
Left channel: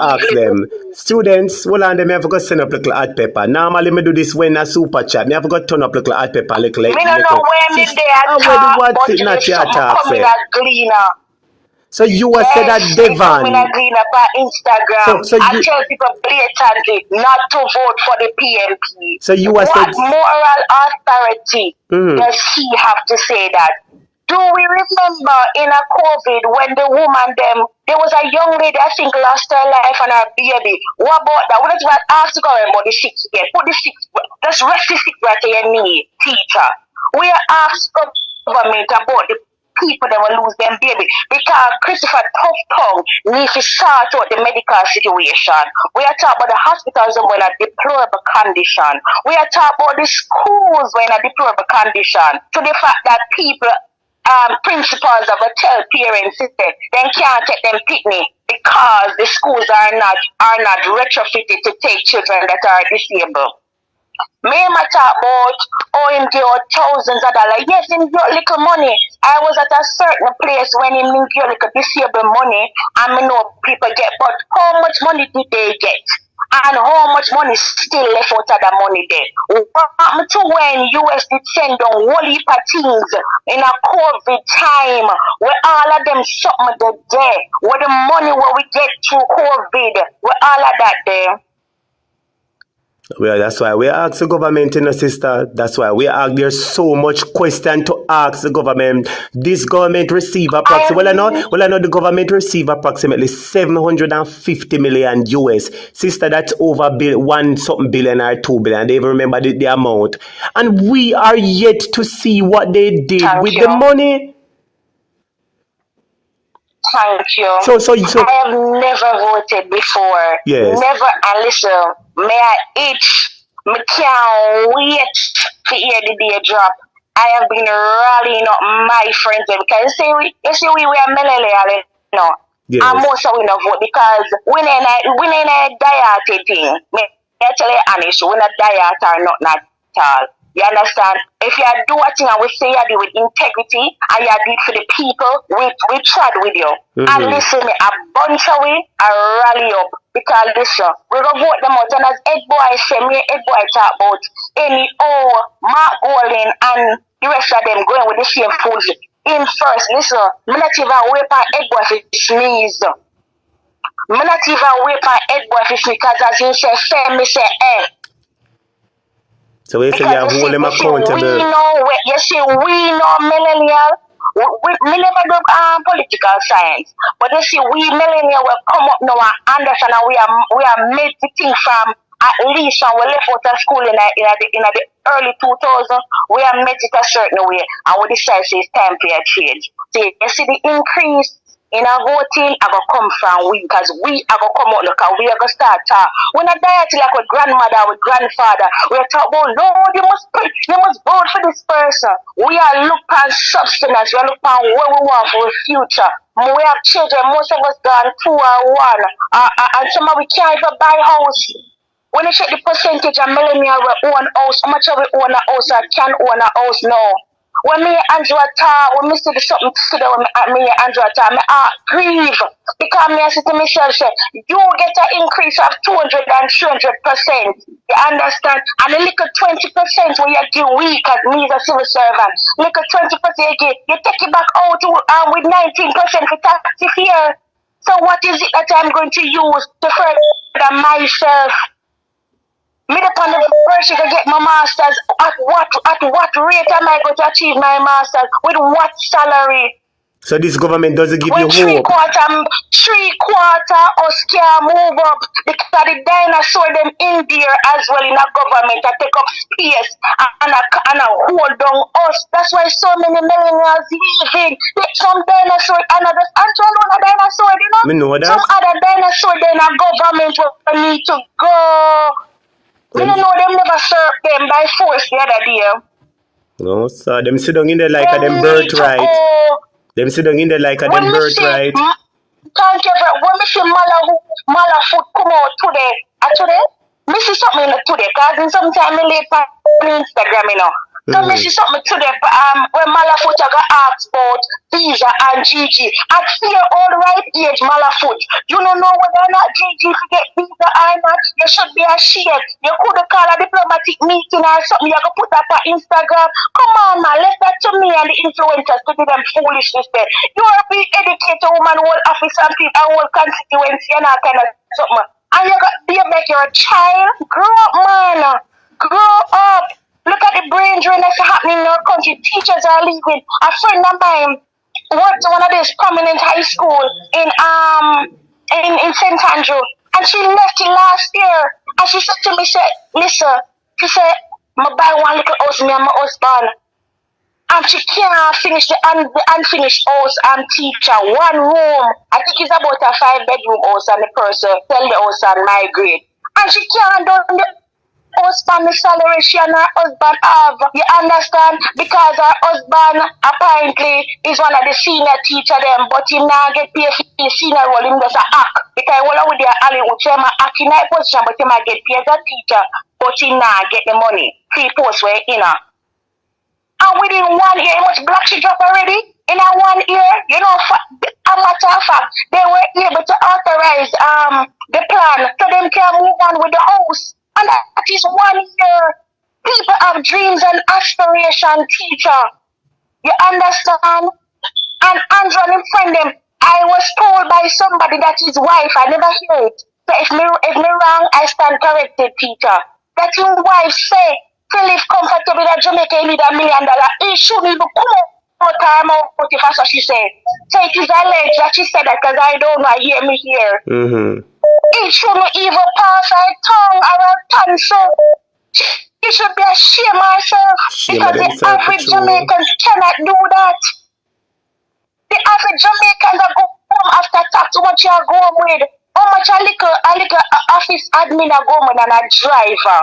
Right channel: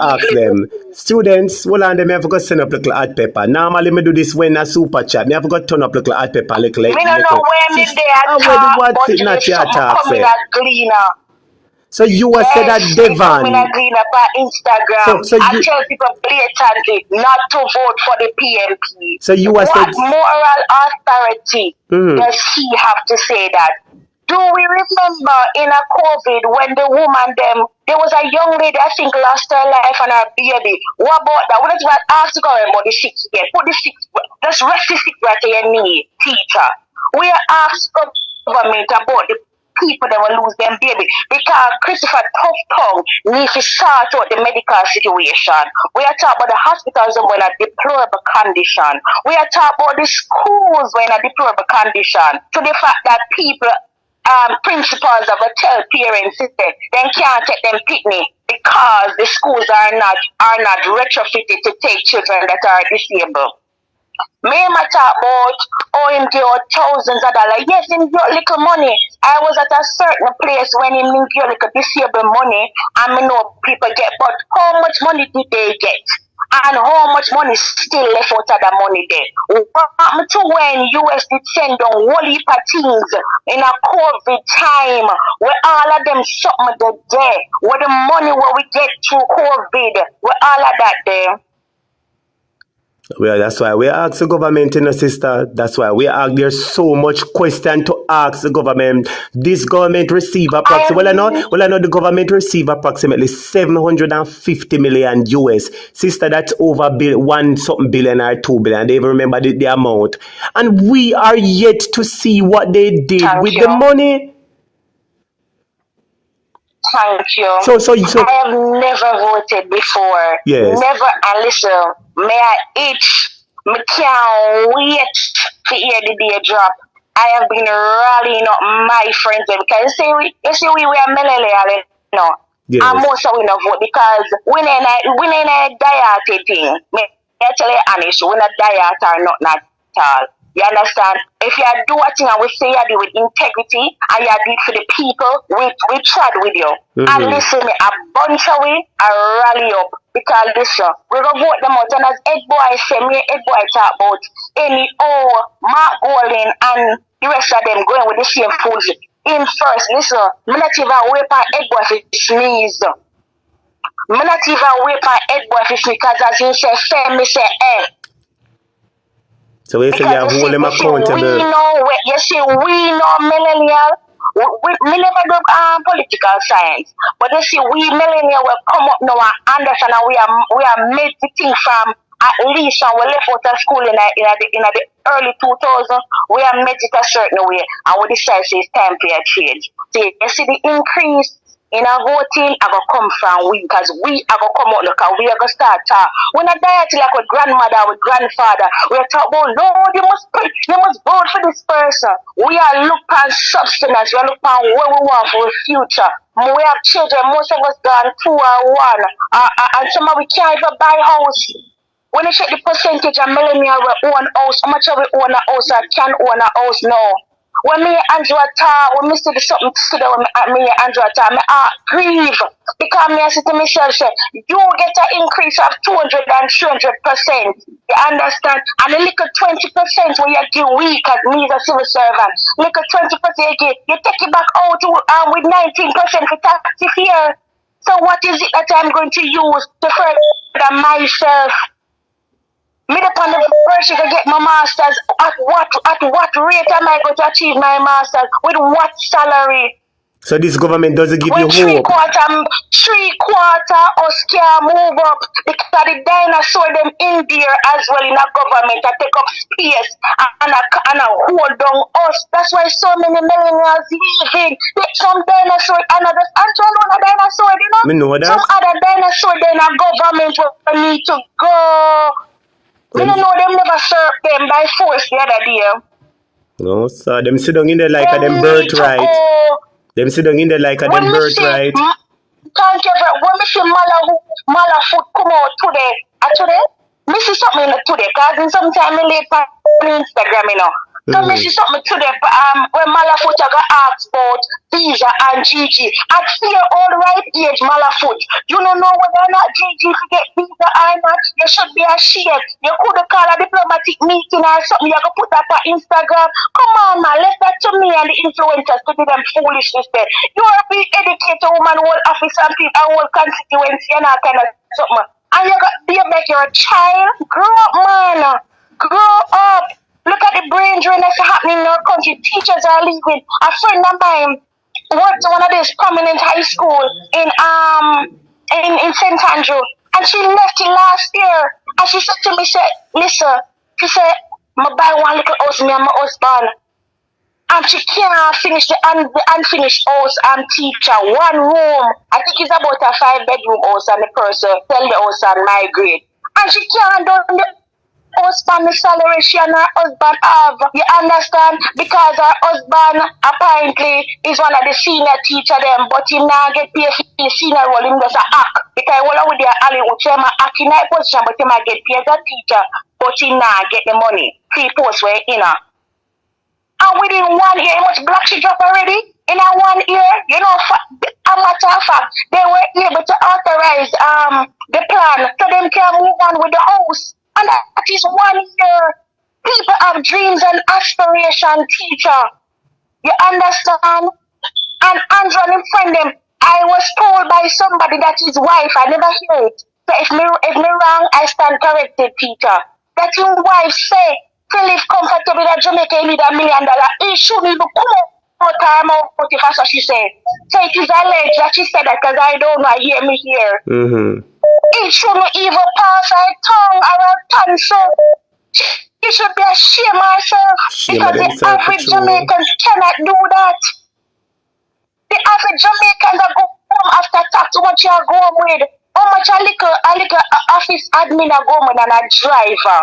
ask them. Students, well, and them have got send up little hot pepper. Normally, me do this when a super chat. Me have got turn up little hot pepper, little. Me don't know where me there talk, but it not your something talk, coming say. as Gleaner. So you were said that Devon. Coming as Gleaner on Instagram. So I tell people blatantly not to vote for the PNP. So you were what said moral authority does he have to say that? Do we remember in a COVID when the woman there was a young lady I think lost her life and her baby. What about that? What is that? Ask the government about the six there. Put the six. Let's rest the six right to your knee, teacher. We are asked government about the people that will lose their baby because Christopher Tough Tongue needs to sort out the medical situation. We are talking about the hospitals that were in a deplorable condition. We are talking about the schools were in a deplorable condition. To the fact that people principals of a tell parents they can't take them picnic because the schools are not retrofitted to take children that are disabled. Me talk about OMG or thousands of dollars. Yes, in your little money. I was at a certain place when in your little disabled money and me know people get, but how much money did they get? And how much money still left out of the money there? What happened to when US did send on whole heap of things in a COVID time where all of them something the day, where the money where we get through COVID, where all of that there? Well, that's why we ask the government, sister. That's why we ask. There's so much question to ask the government. This government receive approximately. I know the government receive approximately 750 million US. Sister, that's over one something billion or 2 billion. They even remember the amount. And we are yet to see what they did with the money. Thank you. So I have never voted before. Yes. Never. And listen, may I itch? Me can't wait to hear the day drop. I have been rallying up my friends because you see we are melele, no. Yes. And most of we not vote because we ain't a diet thing. Me tell you honest, we not diet or not at all. You understand? If you do a thing and we say you do with integrity and you do it for the people, we tried with you. And listen, a bunch of we are rally up because listen, we're going to vote them out. And as Ed Boy said, Ed Boy talk about any Mark Golding and the rest of them going with the same fools. In first, listen, I'm not even wait for Ed Boy to sneeze. I'm not even wait for Ed Boy to sneeze because as you say, me say, So we say you have hold them accountable. We know millennial. We never do political science, but you see, we millennial will come up now and understand we are made to think from at least when we left out of school in the early 2000s. We are made it a certain way, and we decide it's time for a change. So you see the increase in our voting, I will come from we because we are going to come out because we are going to start talk. We're not dieting like with grandmother, with grandfather. We're talking about, no, you must vote for this person. We are looking at substance. We are looking at what we want for the future. We have children, most of us gone 2 or 1. And some of we can't even buy a house. When you check the percentage of millennials who own a house, how much of we own a house or can own a house now? When me and Andrew talk, when me see something today when me and Andrew talk, me grieve. Because me say to myself, say, you get an increase of 200 and 300%. You understand? And a little 20% when you give weak as me as a civil servant. Little 20% you get, you take it back out with 19% for tax here. So what is it that I'm going to use to further myself? Me upon the first to get my master's, at what rate am I going to achieve my master's? With what salary? So this government doesn't give you hope. 3/4 us can move up because the dinosaur them in there as well in a government that take up space and hold down us. That's why so many millionaires leaving. Some dinosaur, another dinosaur, you know? Me know that. Some other dinosaur in a government will need to go. We don't know them never serve them by force the other day. No, sir. Them sit down in there like a them birthright. Them sit down in there like a them birthright. Thank you, but when we see Mala food come out today, me see something today, because in sometime me late on Instagram, you know. So me see something today, when Malafoot got asked about Visa and Gigi. At 4 right age, Malafoot, you don't know whether or not Gigi to get Visa or not. You should be ashamed. You could have called a diplomatic meeting or something. You could put that on Instagram. Come on, man, left that to me and the influencers to do them foolishness there. You want to be educated woman, whole office and people, and whole constituency and that kind of something. And you got to make your child grow up, man. Grow up. Look at the brain drain that's happening in our country. Teachers are leaving. A friend of mine worked at one of these prominent high school in St. Andrew, and she left it last year. And she said to me, listen, she said, I buy one little house, me and my husband. And she can't finish the unfinished house and teacher. One room. I think it's about a 5-bedroom house, and the person sell the house and migrate. And she can't do the husband the salary she and her husband have. You understand? Because her husband apparently is one of the senior teacher them, but he now get paid for the senior role. Him just a act. Because while with the alley, which him a act in that position, but he might get paid as a teacher, but he now get the money. He post where in her. And within 1 year, how much black she drop already? In a 1 year, you know, a matter of fact, they were able to authorize the plan so them can move on with the house. And that is 1 year. People have dreams and aspiration, teacher. You understand? And Andrew and friend them, I was told by somebody that his wife, I never hear it. So if me wrong, I stand corrected, teacher. That his wife say, to live comfortable in Jamaica, you need $1 million. He shouldn't even come out time out if that's what she said. So it is alleged that she said that because I don't know, hear me here. It shouldn't even pass her tongue or her tongue, so she should be ashamed of herself because the average Jamaicans cannot do that. The average Jamaicans are go home after tax. What you are going with? How much a little office admin are going with and a driver?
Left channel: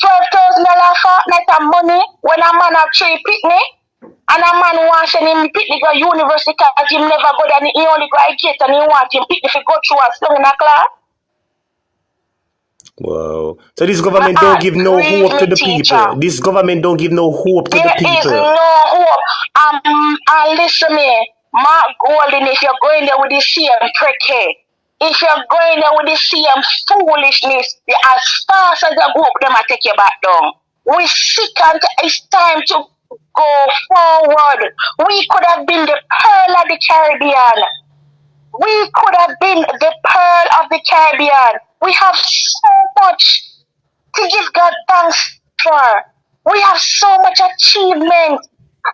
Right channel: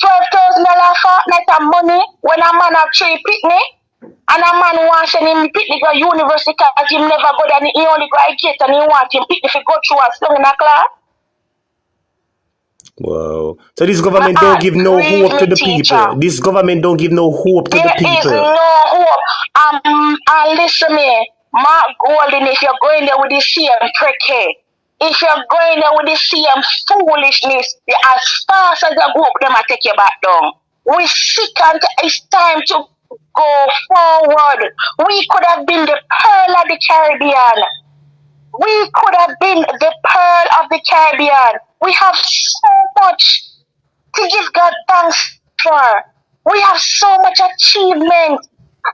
$12,000 fortnight of money when a man have 3 picnic and a man wants him picnic go university because he never go there and he only go to gate and he want him picnic to go through a slum in a class. Wow. So this government don't give no hope to the people. This government don't give no hope to the people. There is no hope. And listen me, Mark Golden, if you're going there with the same prick, if you're going there with the same foolishness, as fast as you go up, them will take you back down. We sick and it's time to go forward. We could have been the pearl of the Caribbean. We could have been the pearl of the Caribbean. We have so much to give God thanks for. We have so much achievement.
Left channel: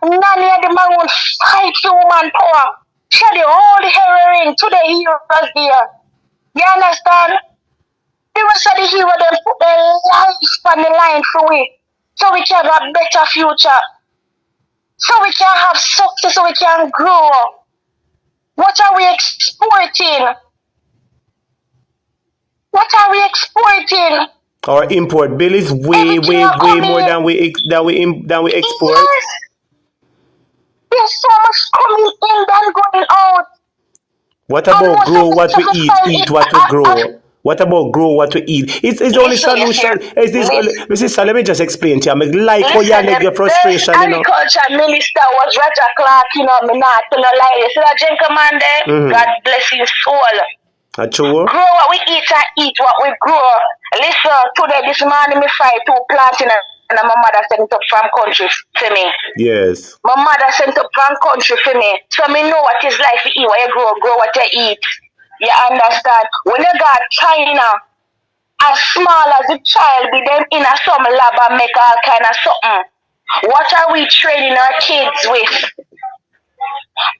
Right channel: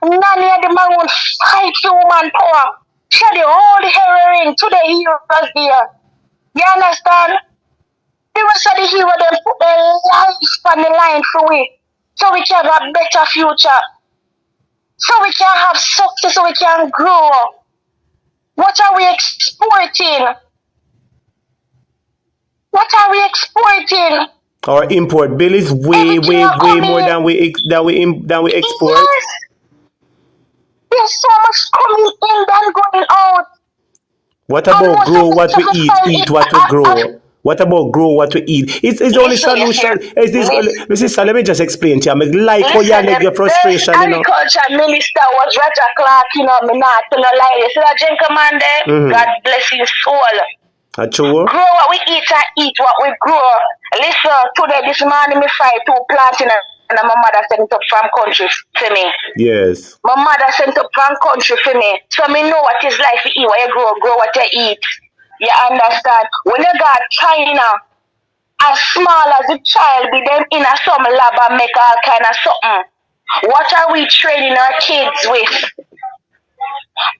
None of them are fight human power. Share the whole heroine to the heroes there. You understand? The rest of the heroes them put their lives on the line for it. So we can have a better future. So we can have success, so we can grow. What are we exporting? What are we exporting? Our import bill is way more than we export. Yes. There's so much coming in than going out. What about grow what we eat what we grow? What about grow what we eat? It's only solution. Is this? Listen, let me just explain to you. I like how you let your frustration, you know. Agriculture minister was Roger Clark, you know, me not to no lie. You see that gentleman there? God bless his soul. True. Grow what we eat and eat what we grow. Listen, today this morning me fry 2 plants and my mother sent it up from country for me. Yes. My mother sent up from country for me. So me know what it's like to eat what you grow what you eat. You understand? When you got China, as small as a child, be them in a some lab and make all kind of something. What are we training our kids with?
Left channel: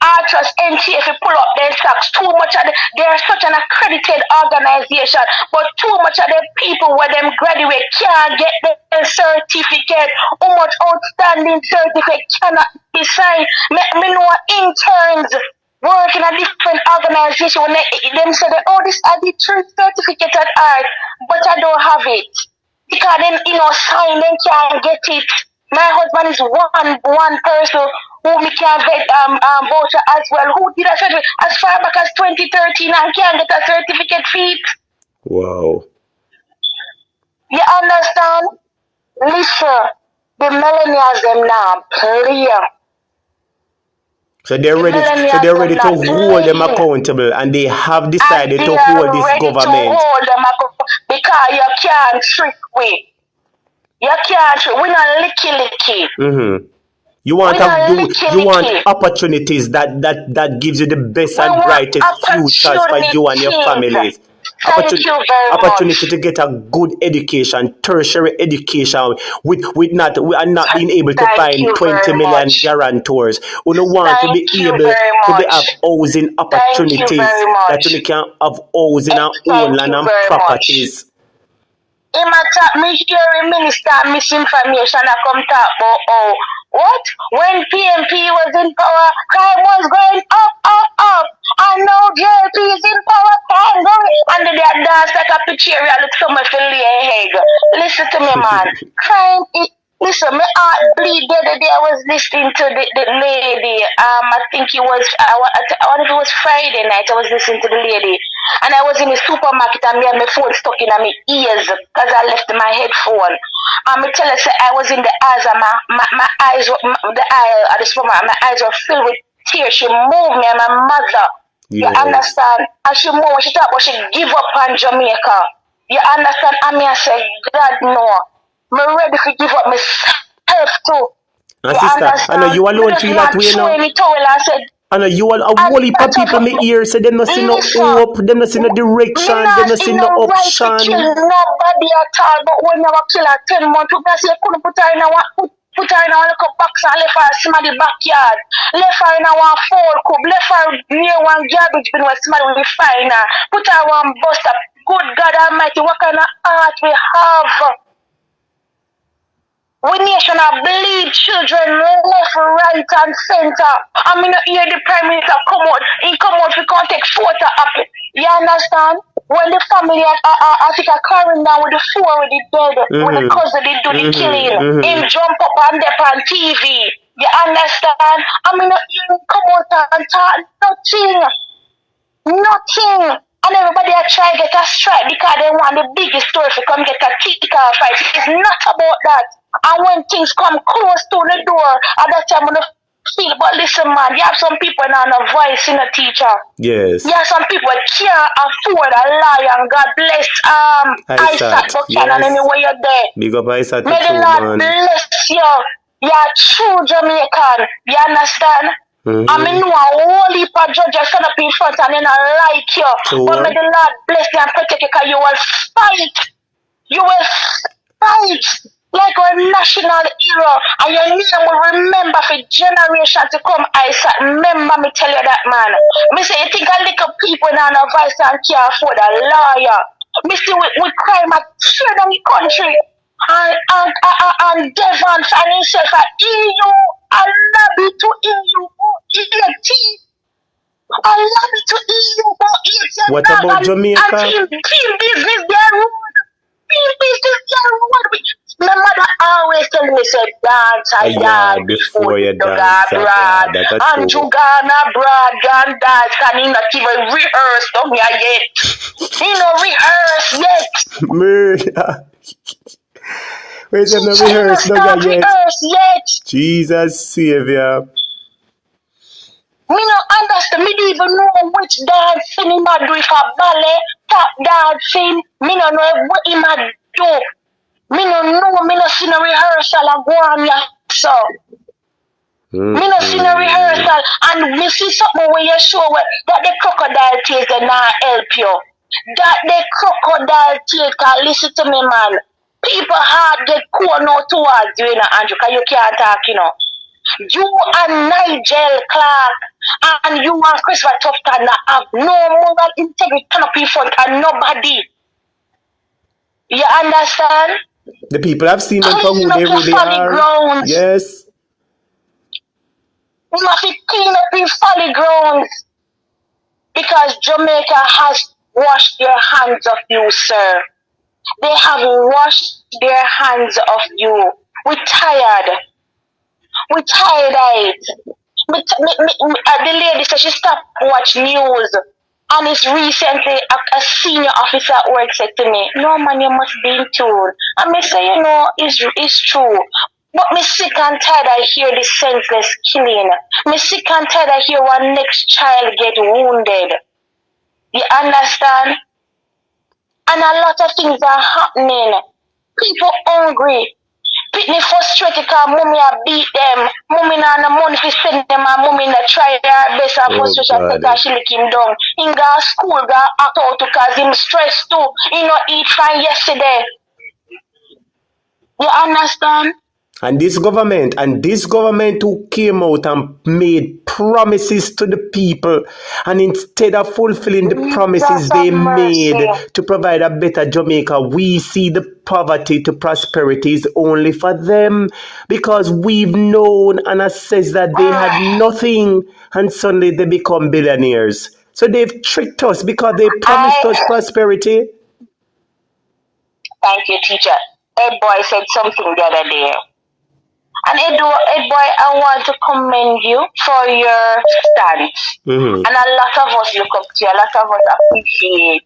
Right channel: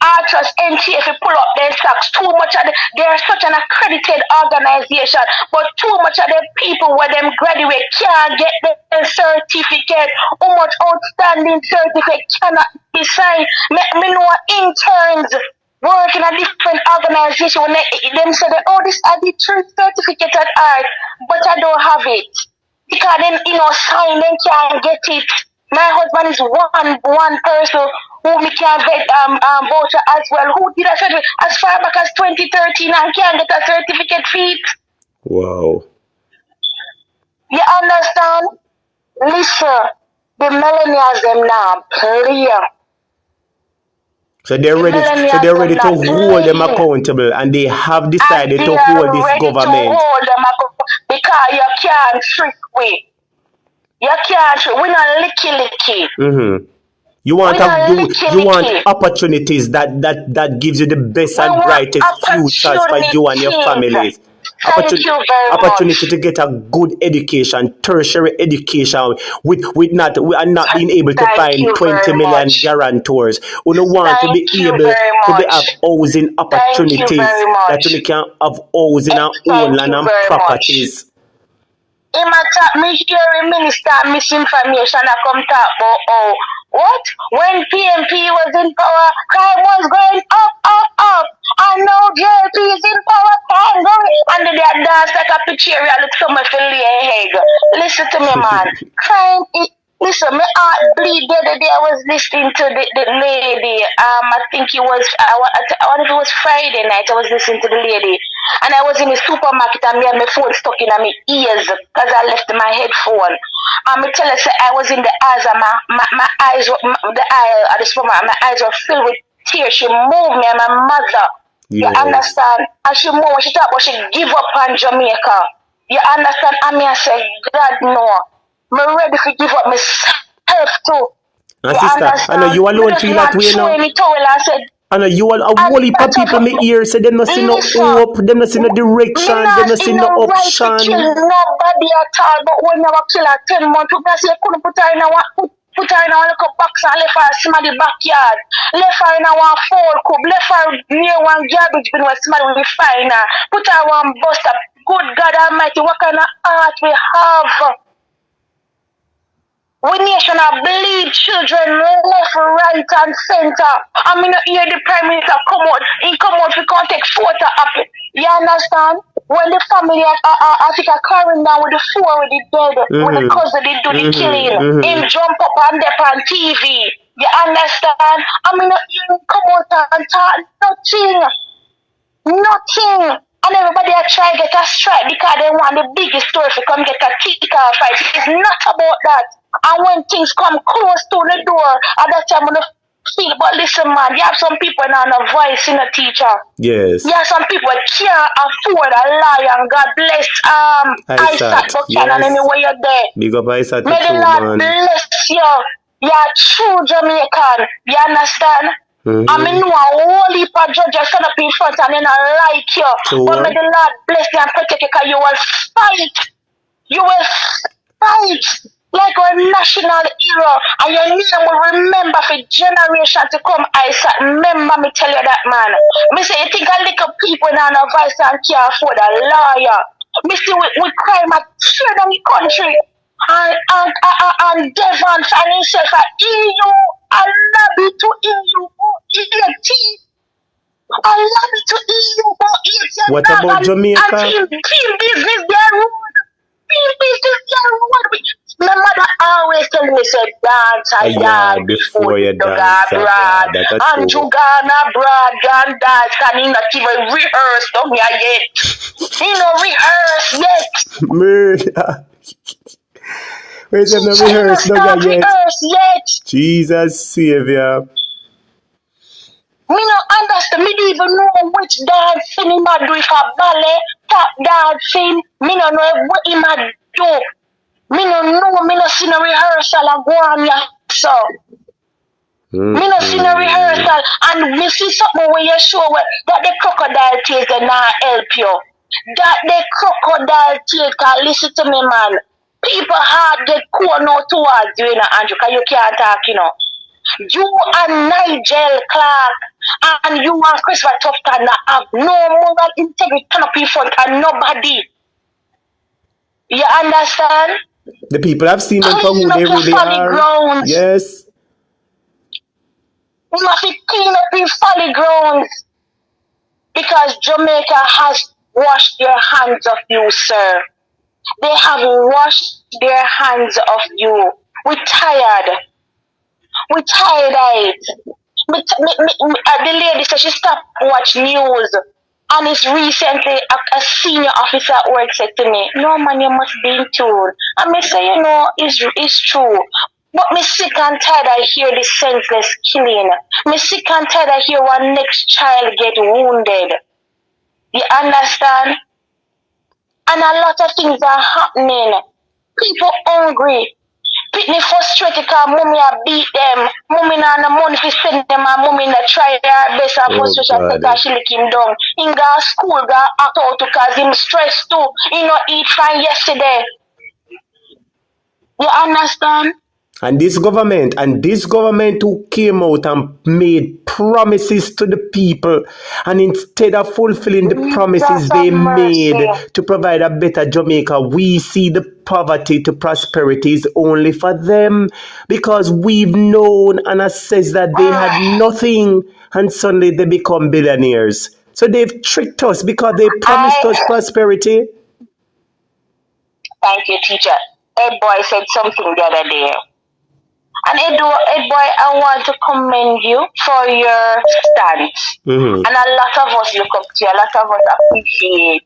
Archers, NTF, pull up their socks. Too much of they're such an accredited organization, but too much of the people where them graduate can't get their certificate. How much outstanding certificate cannot be signed? Me know interns work in a different organization when them say that, oh, this are the certificate at art, but I don't have it. Because then, you know, sign, them can't get it. My husband is one person who we can get voucher as well. Who did a certificate as far back as 2013 and can't get a certificate for it. Wow. You understand? Listen, the millennials them now play. So they're ready to hold them accountable, and they have decided to hold this government. To hold them because you can't trick we. You can't trick. We not licky. Mm-hmm. You want opportunities that gives you the best and brightest futures for you and your families. Opportunity to get a good education, tertiary education, with not being able to find 20 million guarantors. We don't want to be able to have housing opportunities that we can have housing and own land and properties. In my talk, me hearing minister misinformation that come talk about what? When PNP was in power, crime was going up. And now Jlp is in power, crime going. And then they dance like a picture and it's coming to lay head. Listen to me, man. Crime is. Listen, my heart bleed the other day. I was listening to the lady. I think it was, I wonder if it was Friday night. I was listening to the lady. And I was in the supermarket and me had my phone stuck in my ears because I left my headphone. I tell her, I was in the eyes and my eyes, the eye at the supermarket, my eyes were filled with tears. She moved me and my mother. Yes. You understand? And she moved, she thought, she give up on Jamaica. You understand? And I said, God, no. I'm ready to give up myself too. And sister, I know you alone feel that way now. I know you all a whole heap of people in my ear say them not see no hope, them not see no direction, them not see no option. Nobody at all, but when you kill her 10 months, people say couldn't put her in a little box and left her somebody backyard. Left her in a four cube, left her near one garbage bin where somebody will find her. Put her one bus up. Good God Almighty, what kind of heart we have? We nation bleed children left, right, and center. I mean, hear the Prime Minister come out. He come out, we can't take photo of it. You understand? When the family, I think, are carrying down with the four with the dead, with the cousin, they do the killing. Him jump up and up on TV. You understand? I mean, he come out and talk nothing. And everybody are trying to get a strike because they want the biggest story to come get a kick-off fight. It's not about that. And when things come close to the door, at that time I'm going to feel, but listen, man, you have some people now no voice in a teacher. Yes. You have some people can't afford a liar, and God bless Isaac Buchanan anywhere you're there. Big up Isaac. May the Lord bless you. You're true Jamaican. You understand? I mean, no, a whole heap of judges stand up in front and they don't like you. True. But may the Lord bless you and protect you because you will fight. You will fight like a national hero. And your name will remember for generations to come. Isaac, remember me tell you that, man. Me say, you think a little people now no voice and can't afford a lawyer. Me see we crime at third in the country. And Devon and himself at EU. I love it to EU. I love it to EU. What about Jamaica? And team business their road. Team business their road. My mother always tell me, say, dance and dance before you dance. And you gonna broad and dance. And he not even rehearse on me yet. He no rehearse yet. Murder. Wait, you no rehearse yet. Jesus Savior. Me no understand. Me don't even know which dancing he might do. If a ballet, tap dancing, me no know what he might do. Me no know. Me no see no rehearsal and go on so. Me no see no rehearsal and me see something where you show that the crocodile tears they not help you. That the crocodile tears can listen to me, man. People hard get cool now towards you, Andrew, because you can't talk, You and Nigel Clark and you and Christopher Tufton have no moral integrity turn up in front of nobody. You understand? The people have seen them for who they really are. Grounds. Yes. You have to clean up in folly grounds. Because Jamaica has washed their hands of you, sir. They have washed their hands of you. We're tired. We're tired of it. The lady said she stopped watching news. And it's recently a senior officer at work said to me, no man, you must be in tune. And me say, you know, it's true. But me sick and tired of hear this senseless killing. Me sick and tired of hear one next child get wounded. You understand? And a lot of things are happening. People hungry. People frustrated because mommy a beat them. Mommy not no money to send them and mommy not try their best and frustration because she lick him down. He go to school, go act out because him stressed too. He not eat fine yesterday. You understand? And this government who came out and made promises to the people, and instead of fulfilling the promises they made to provide a better Jamaica, we see the poverty to prosperity is only for them, because we've known and assessed that they had nothing, and suddenly they become billionaires. So they've tricked us because they promised us prosperity. Thank you, teacher. Ed Boy said something the other day. And Ed Boy, I want to commend you for your stance. And a lot of us look up to you, a lot of us appreciate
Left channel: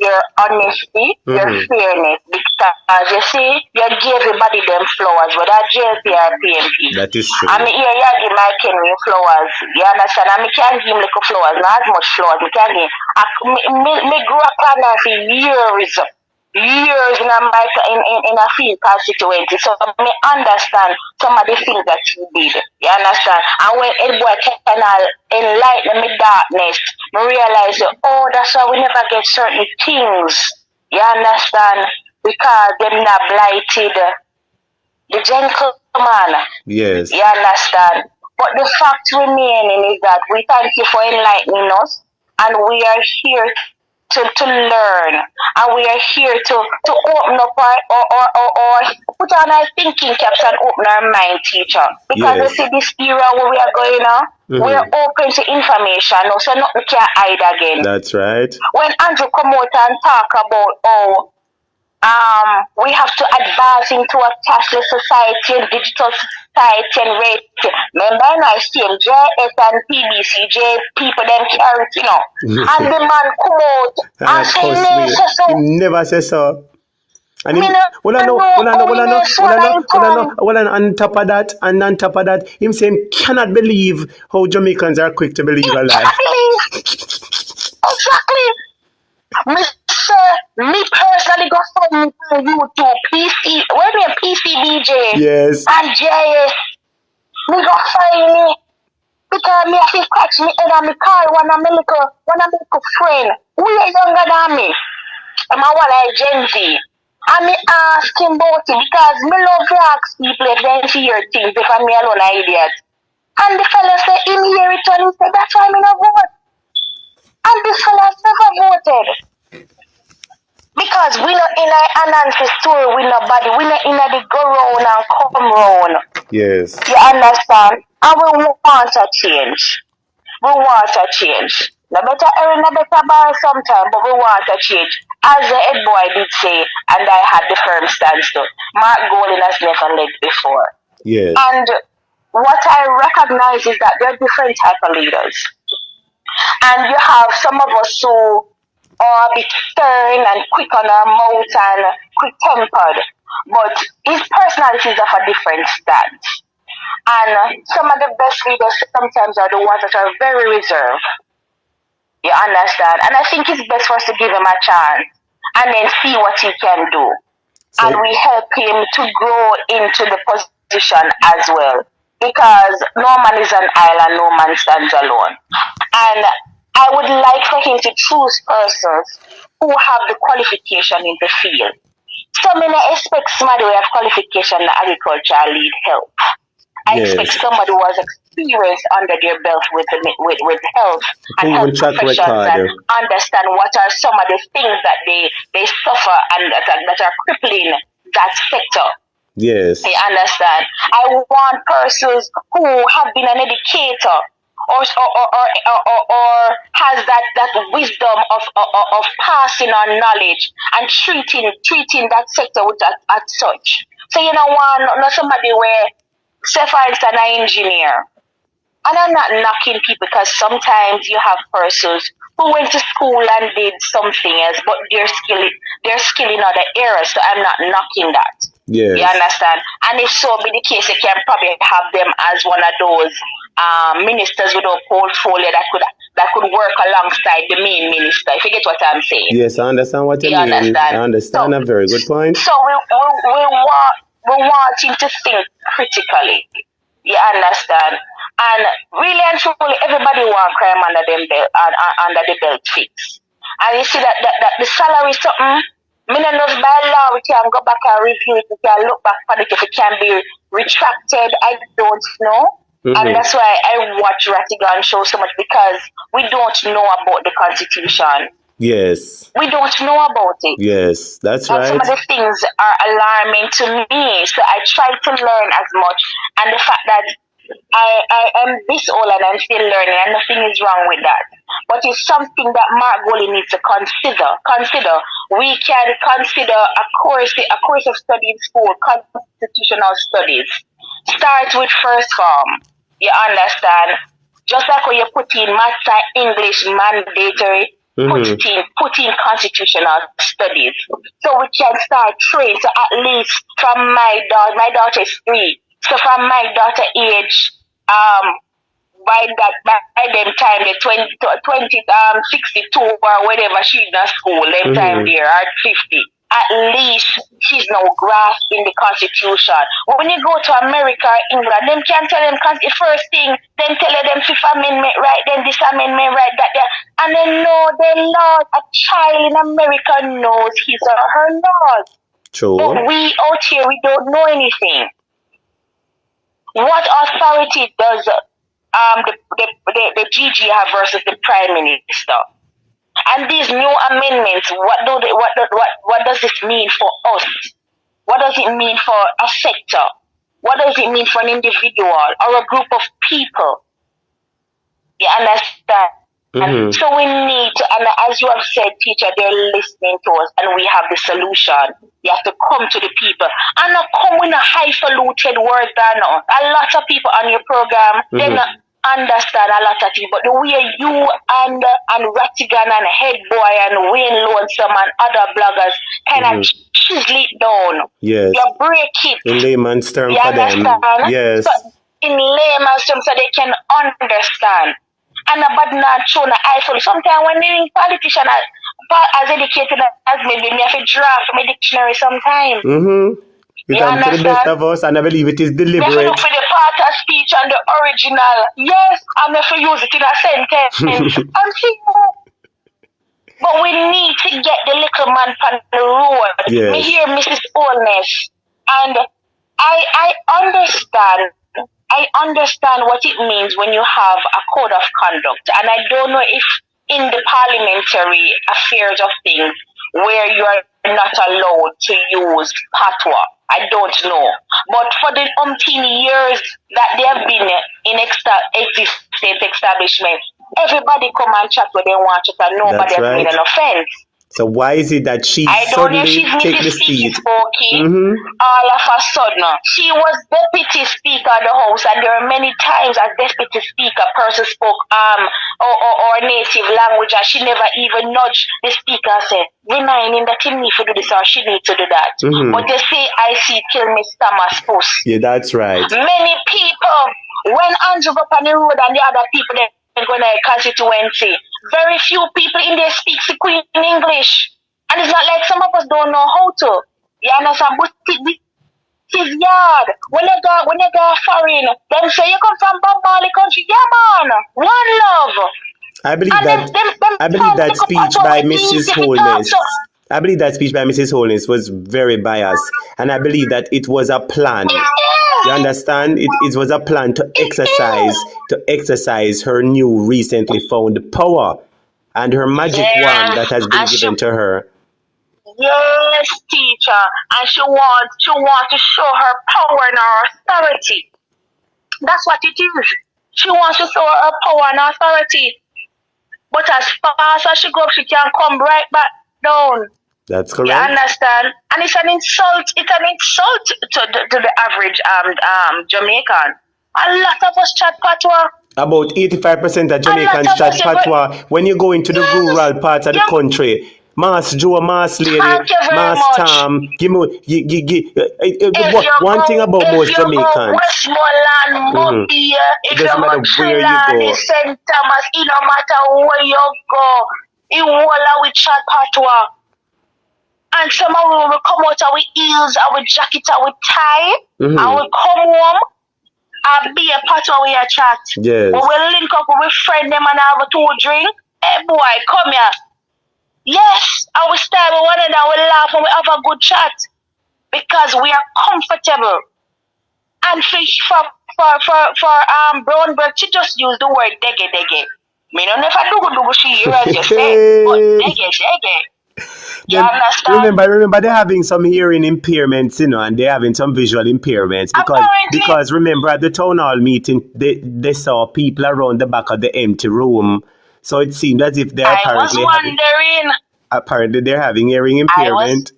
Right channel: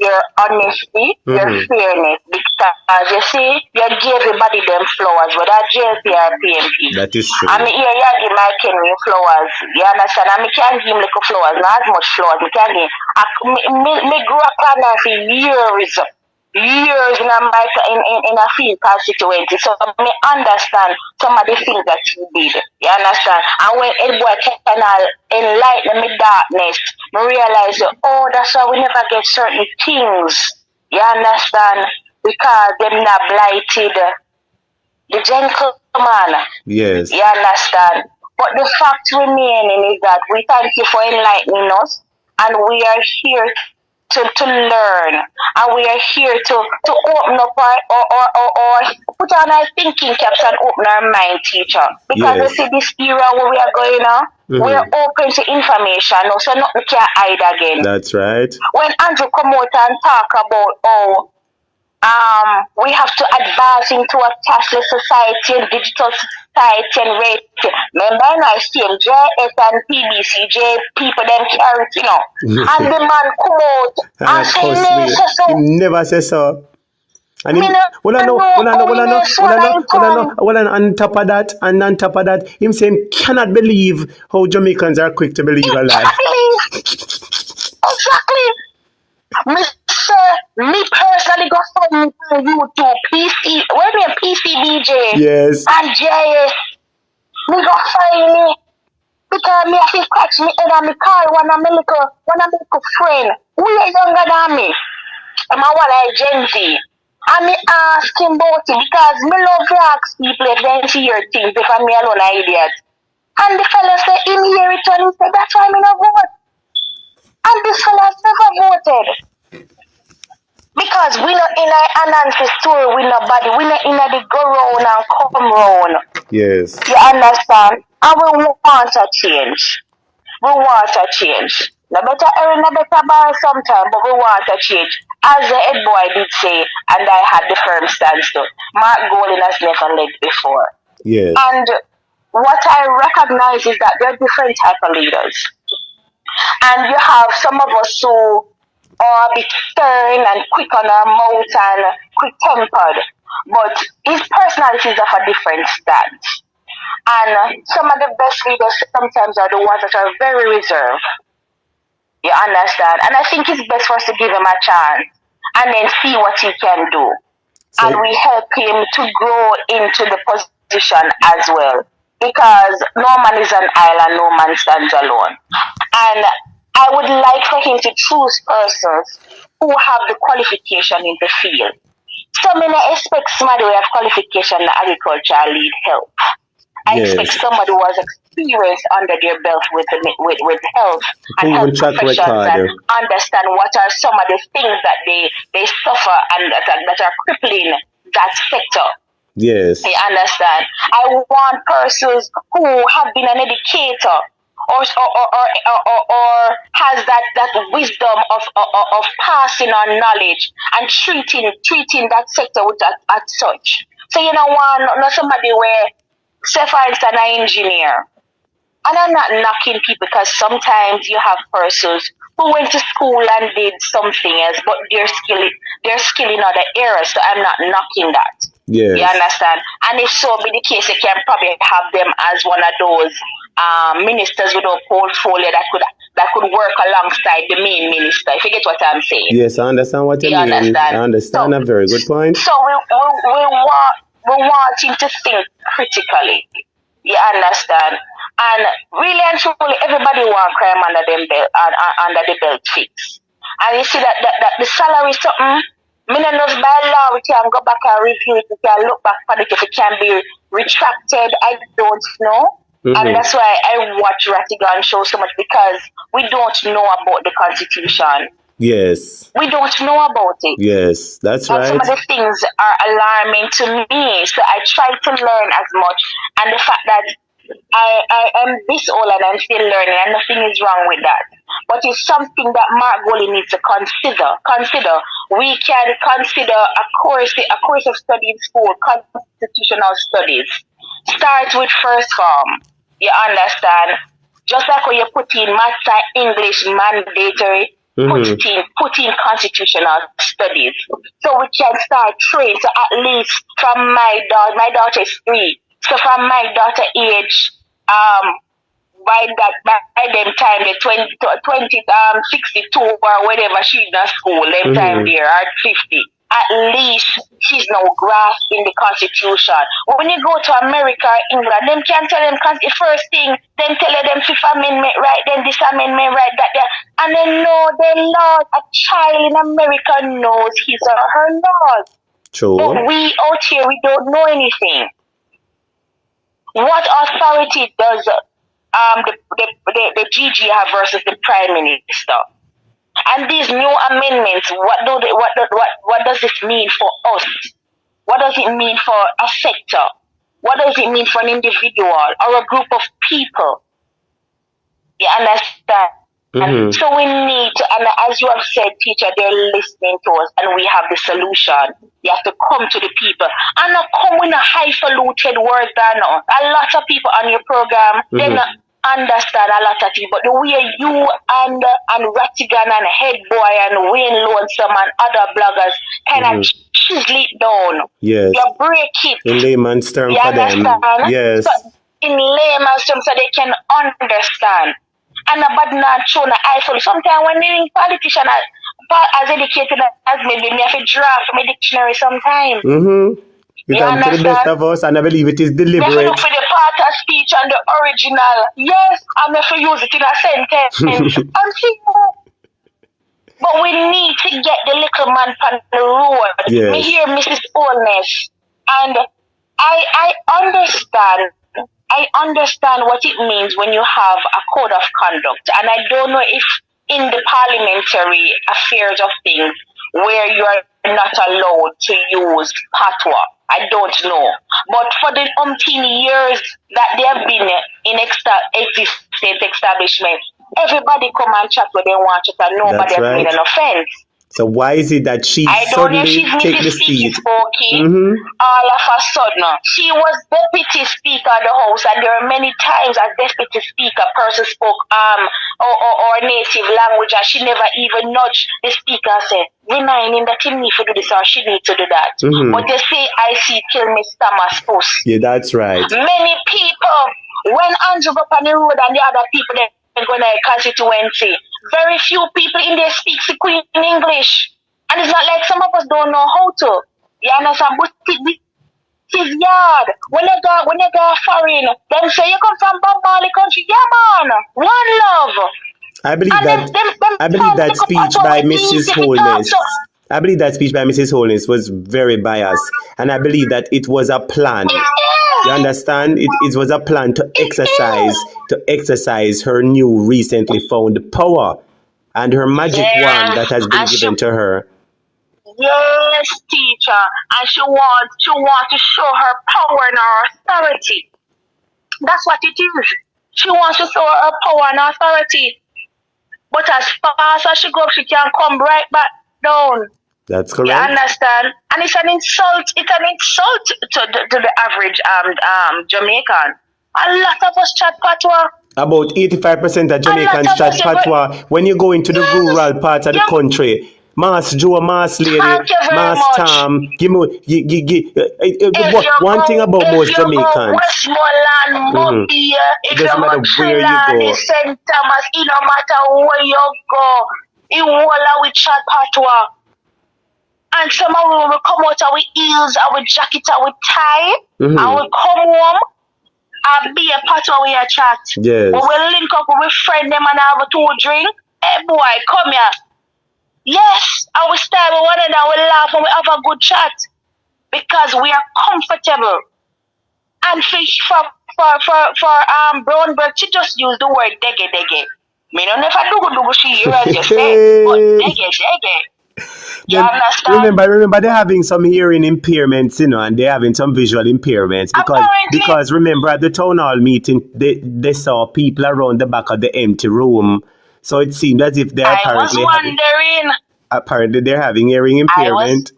your honesty, your fairness, because you see, you give everybody them flowers, whether Jlp or PMP. That is true. And here you give my Kenny flowers, you understand? And I can't give him little flowers, not as much flowers, I can't give. Me grew up on that for years in a field constituency, so I understand some of the things that you did. You understand? And when Ed Boy can enlighten me darkness, I realize, oh, that's why we never get certain things. You understand? Because they're not blighted the gentleman. Yes. You understand? But the fact remaining is that we thank you for enlightening us, and we are here to learn, and we are here to open up or put on our thinking caps and open our mind, teacher. Because you see this era where we are going on, we are open to information now, so nothing can hide again. That's right. When Andrew come out and talk about we have to advance into a cashless society and digital society and rate. Remember, I see JS and PBC, people them carry, you know. And the man come out and say, he never says so. And on top of that, him saying, cannot believe how Jamaicans are quick to believe a lie. Me personally got from YouTube, PCBJ, yes, and JS. Me got find me because me have to catch me head and me call one of my little friend who is younger than me. I'm a Gen Z. And me ask him about it because me love to ask people if they see your things because me alone an idiot. And the fella said him hear it and he said that's why me no vote. And this fella never voted. Because we not in an Anansi story with nobody. We not in the go round and come round. Yes. You understand? And we want a change. We want a change. No better earn, no better borrow sometime, but we want a change. As the head boy did say, and I had the firm stance too, Mark Golding has never led before. Yes. And what I recognize is that there are different type of leaders. And you have some of us who are a bit stern and quick on our mouth and quick-tempered, but his personalities are of a different stance. And some of the best leaders sometimes are the ones that are very reserved. You understand? And I think it's best for us to give him a chance and then see what he can do. So, and we help him to grow into the position as well. Because no man is an island, no man stands alone. And I would like for him to choose persons who have the qualification in the field. So I expect somebody who have qualification in agriculture lead health. I expect somebody who has experience under their belt with health and health professions and understand what are some of the things that they suffer and that are crippling that sector. Yes. You understand? I want persons who have been an educator or has that wisdom of passing on knowledge and treating that sector with that as such. So you know, not somebody where, say for instance, an engineer. And I'm not knocking people because sometimes you have persons who went to school and did something else, but they're skill in other areas. So I'm not knocking that. Yes. You understand? And if so be the case, you can probably have them as one of those ministers with a portfolio that could work alongside the main minister. If you get what I'm saying. Yes, I understand what you mean. Understand? I understand. A very good point. So we want him to think critically. You understand? And really and truly, everybody want crime under under the belt fix. And you see that the salary something. Millionaires by law, we can go back and review it. We can look back on it if it can be retracted. I don't know. And that's why I watch Ratigan show so much, because we don't know about the Constitution. Yes. We don't know about it. Yes, that's and right. Some of the things are alarming to me. So I try to learn as much. And the fact that I am this old and I'm still learning, and nothing is wrong with that. But it's something that Mark Goley needs to consider. We can consider a course of study in school, constitutional studies. Start with first form. You understand? Just like when you put in maths and English mandatory, put in constitutional studies. So we can start training. So at least from my daughter is 3. So from my daughter age, by them time, the 62 or whatever, she's in school, them time there, at 50. At least she's now grasping the Constitution. When you go to America, England, them can tell them, because the first thing, them tell them Fifth Amendment right, then this Amendment right, that there. And they know the laws. A child in America knows his or her laws. True. But we out here, we don't know anything. What authority does the GG have versus the Prime Minister? And these new amendments, what does this mean for us? What does it mean for a sector? What does it mean for an individual or a group of people? You understand? So we need to, and as you have said, teacher, they're listening to us, and we have the solution. You have to come to the people. And not come with a highfalutin word down. A lot of people on your program, they not understand a lot of things, but the way you and Ratigan and Headboy and Wayne Lonesome and other bloggers kind of chisel it down. Yes. You break it. In layman's terms for them. Yes. So in layman's terms so they can understand. And about not showing an eyeful. Sometimes when they're politicians as educated as me, they have to draft my dictionary sometimes. It comes to the best of us, and I believe it is deliberate. You have to look for the part of speech and the original. Yes, I'm have to use it in a sentence. But we need to get the little man on the road. Yes. We hear Mrs. Oldness. And I understand what it means when you have a code of conduct. And I don't know if in the parliamentary affairs of things where you are not allowed to use patois. I don't know. But for the umpteen years that they have been in existent establishment, everybody come and chat when they want to, and nobody has made an offense. So why is it that she suddenly take the seat? All of a sudden, she was deputy speaker of the house, and there were many times as deputy speaker, person spoke or native language, and she never even nudged the speaker and said, reminding that he need to do this or she need to do that. But they say, I see kill me stomach puss. Yeah, that's right. Many people, when Andrew go up on the road and the other people, they go to the constituency, very few people in there speak Queen in English. And it's not like some of us don't know how to. You understand? But his yard. When you go foreign, them say you come from Bombali country. Yeah, man. One love. I believe that speech by Mrs. Holness. I believe that speech by Mrs. Holness was very biased. And I believe that it was a plan. You understand? It was a plan to exercise her new recently found power and her magic wand that has been given to her. Yes, teacher. And she wants to show her power and her authority. That's what it is. She wants to show her power and authority. But as fast as she goes, she can come right back down. That's correct. You understand? And it's an insult. It's an insult to the average Jamaican. A lot of us chat patois. About 85% of Jamaicans chat patois. When you go into the rural part of the country, Mass Joe, Mass Lady, Mass Tam, one thing about most Jamaicans. Westmoreland, It doesn't matter where you go. St. Thomas, it no matter where you go, it will with chat patois. And some of them will come out with heels, with jacket, with tie, and will come home and be a patois with your chat. Yes. We will link up with friend them and have a 2 drink. Hey boy, come here. Yes, I will start with one and I will laugh and we have a good chat. Because we are comfortable. And for Brownberg, she just use the word dege. Me don't know if I do she hears you say, but dege. You understand? Remember they're having some hearing impairments, and they're having some visual impairments because remember at the town hall meeting they saw people around the back of the empty room, so it seemed as if they're apparently they're having hearing impairment.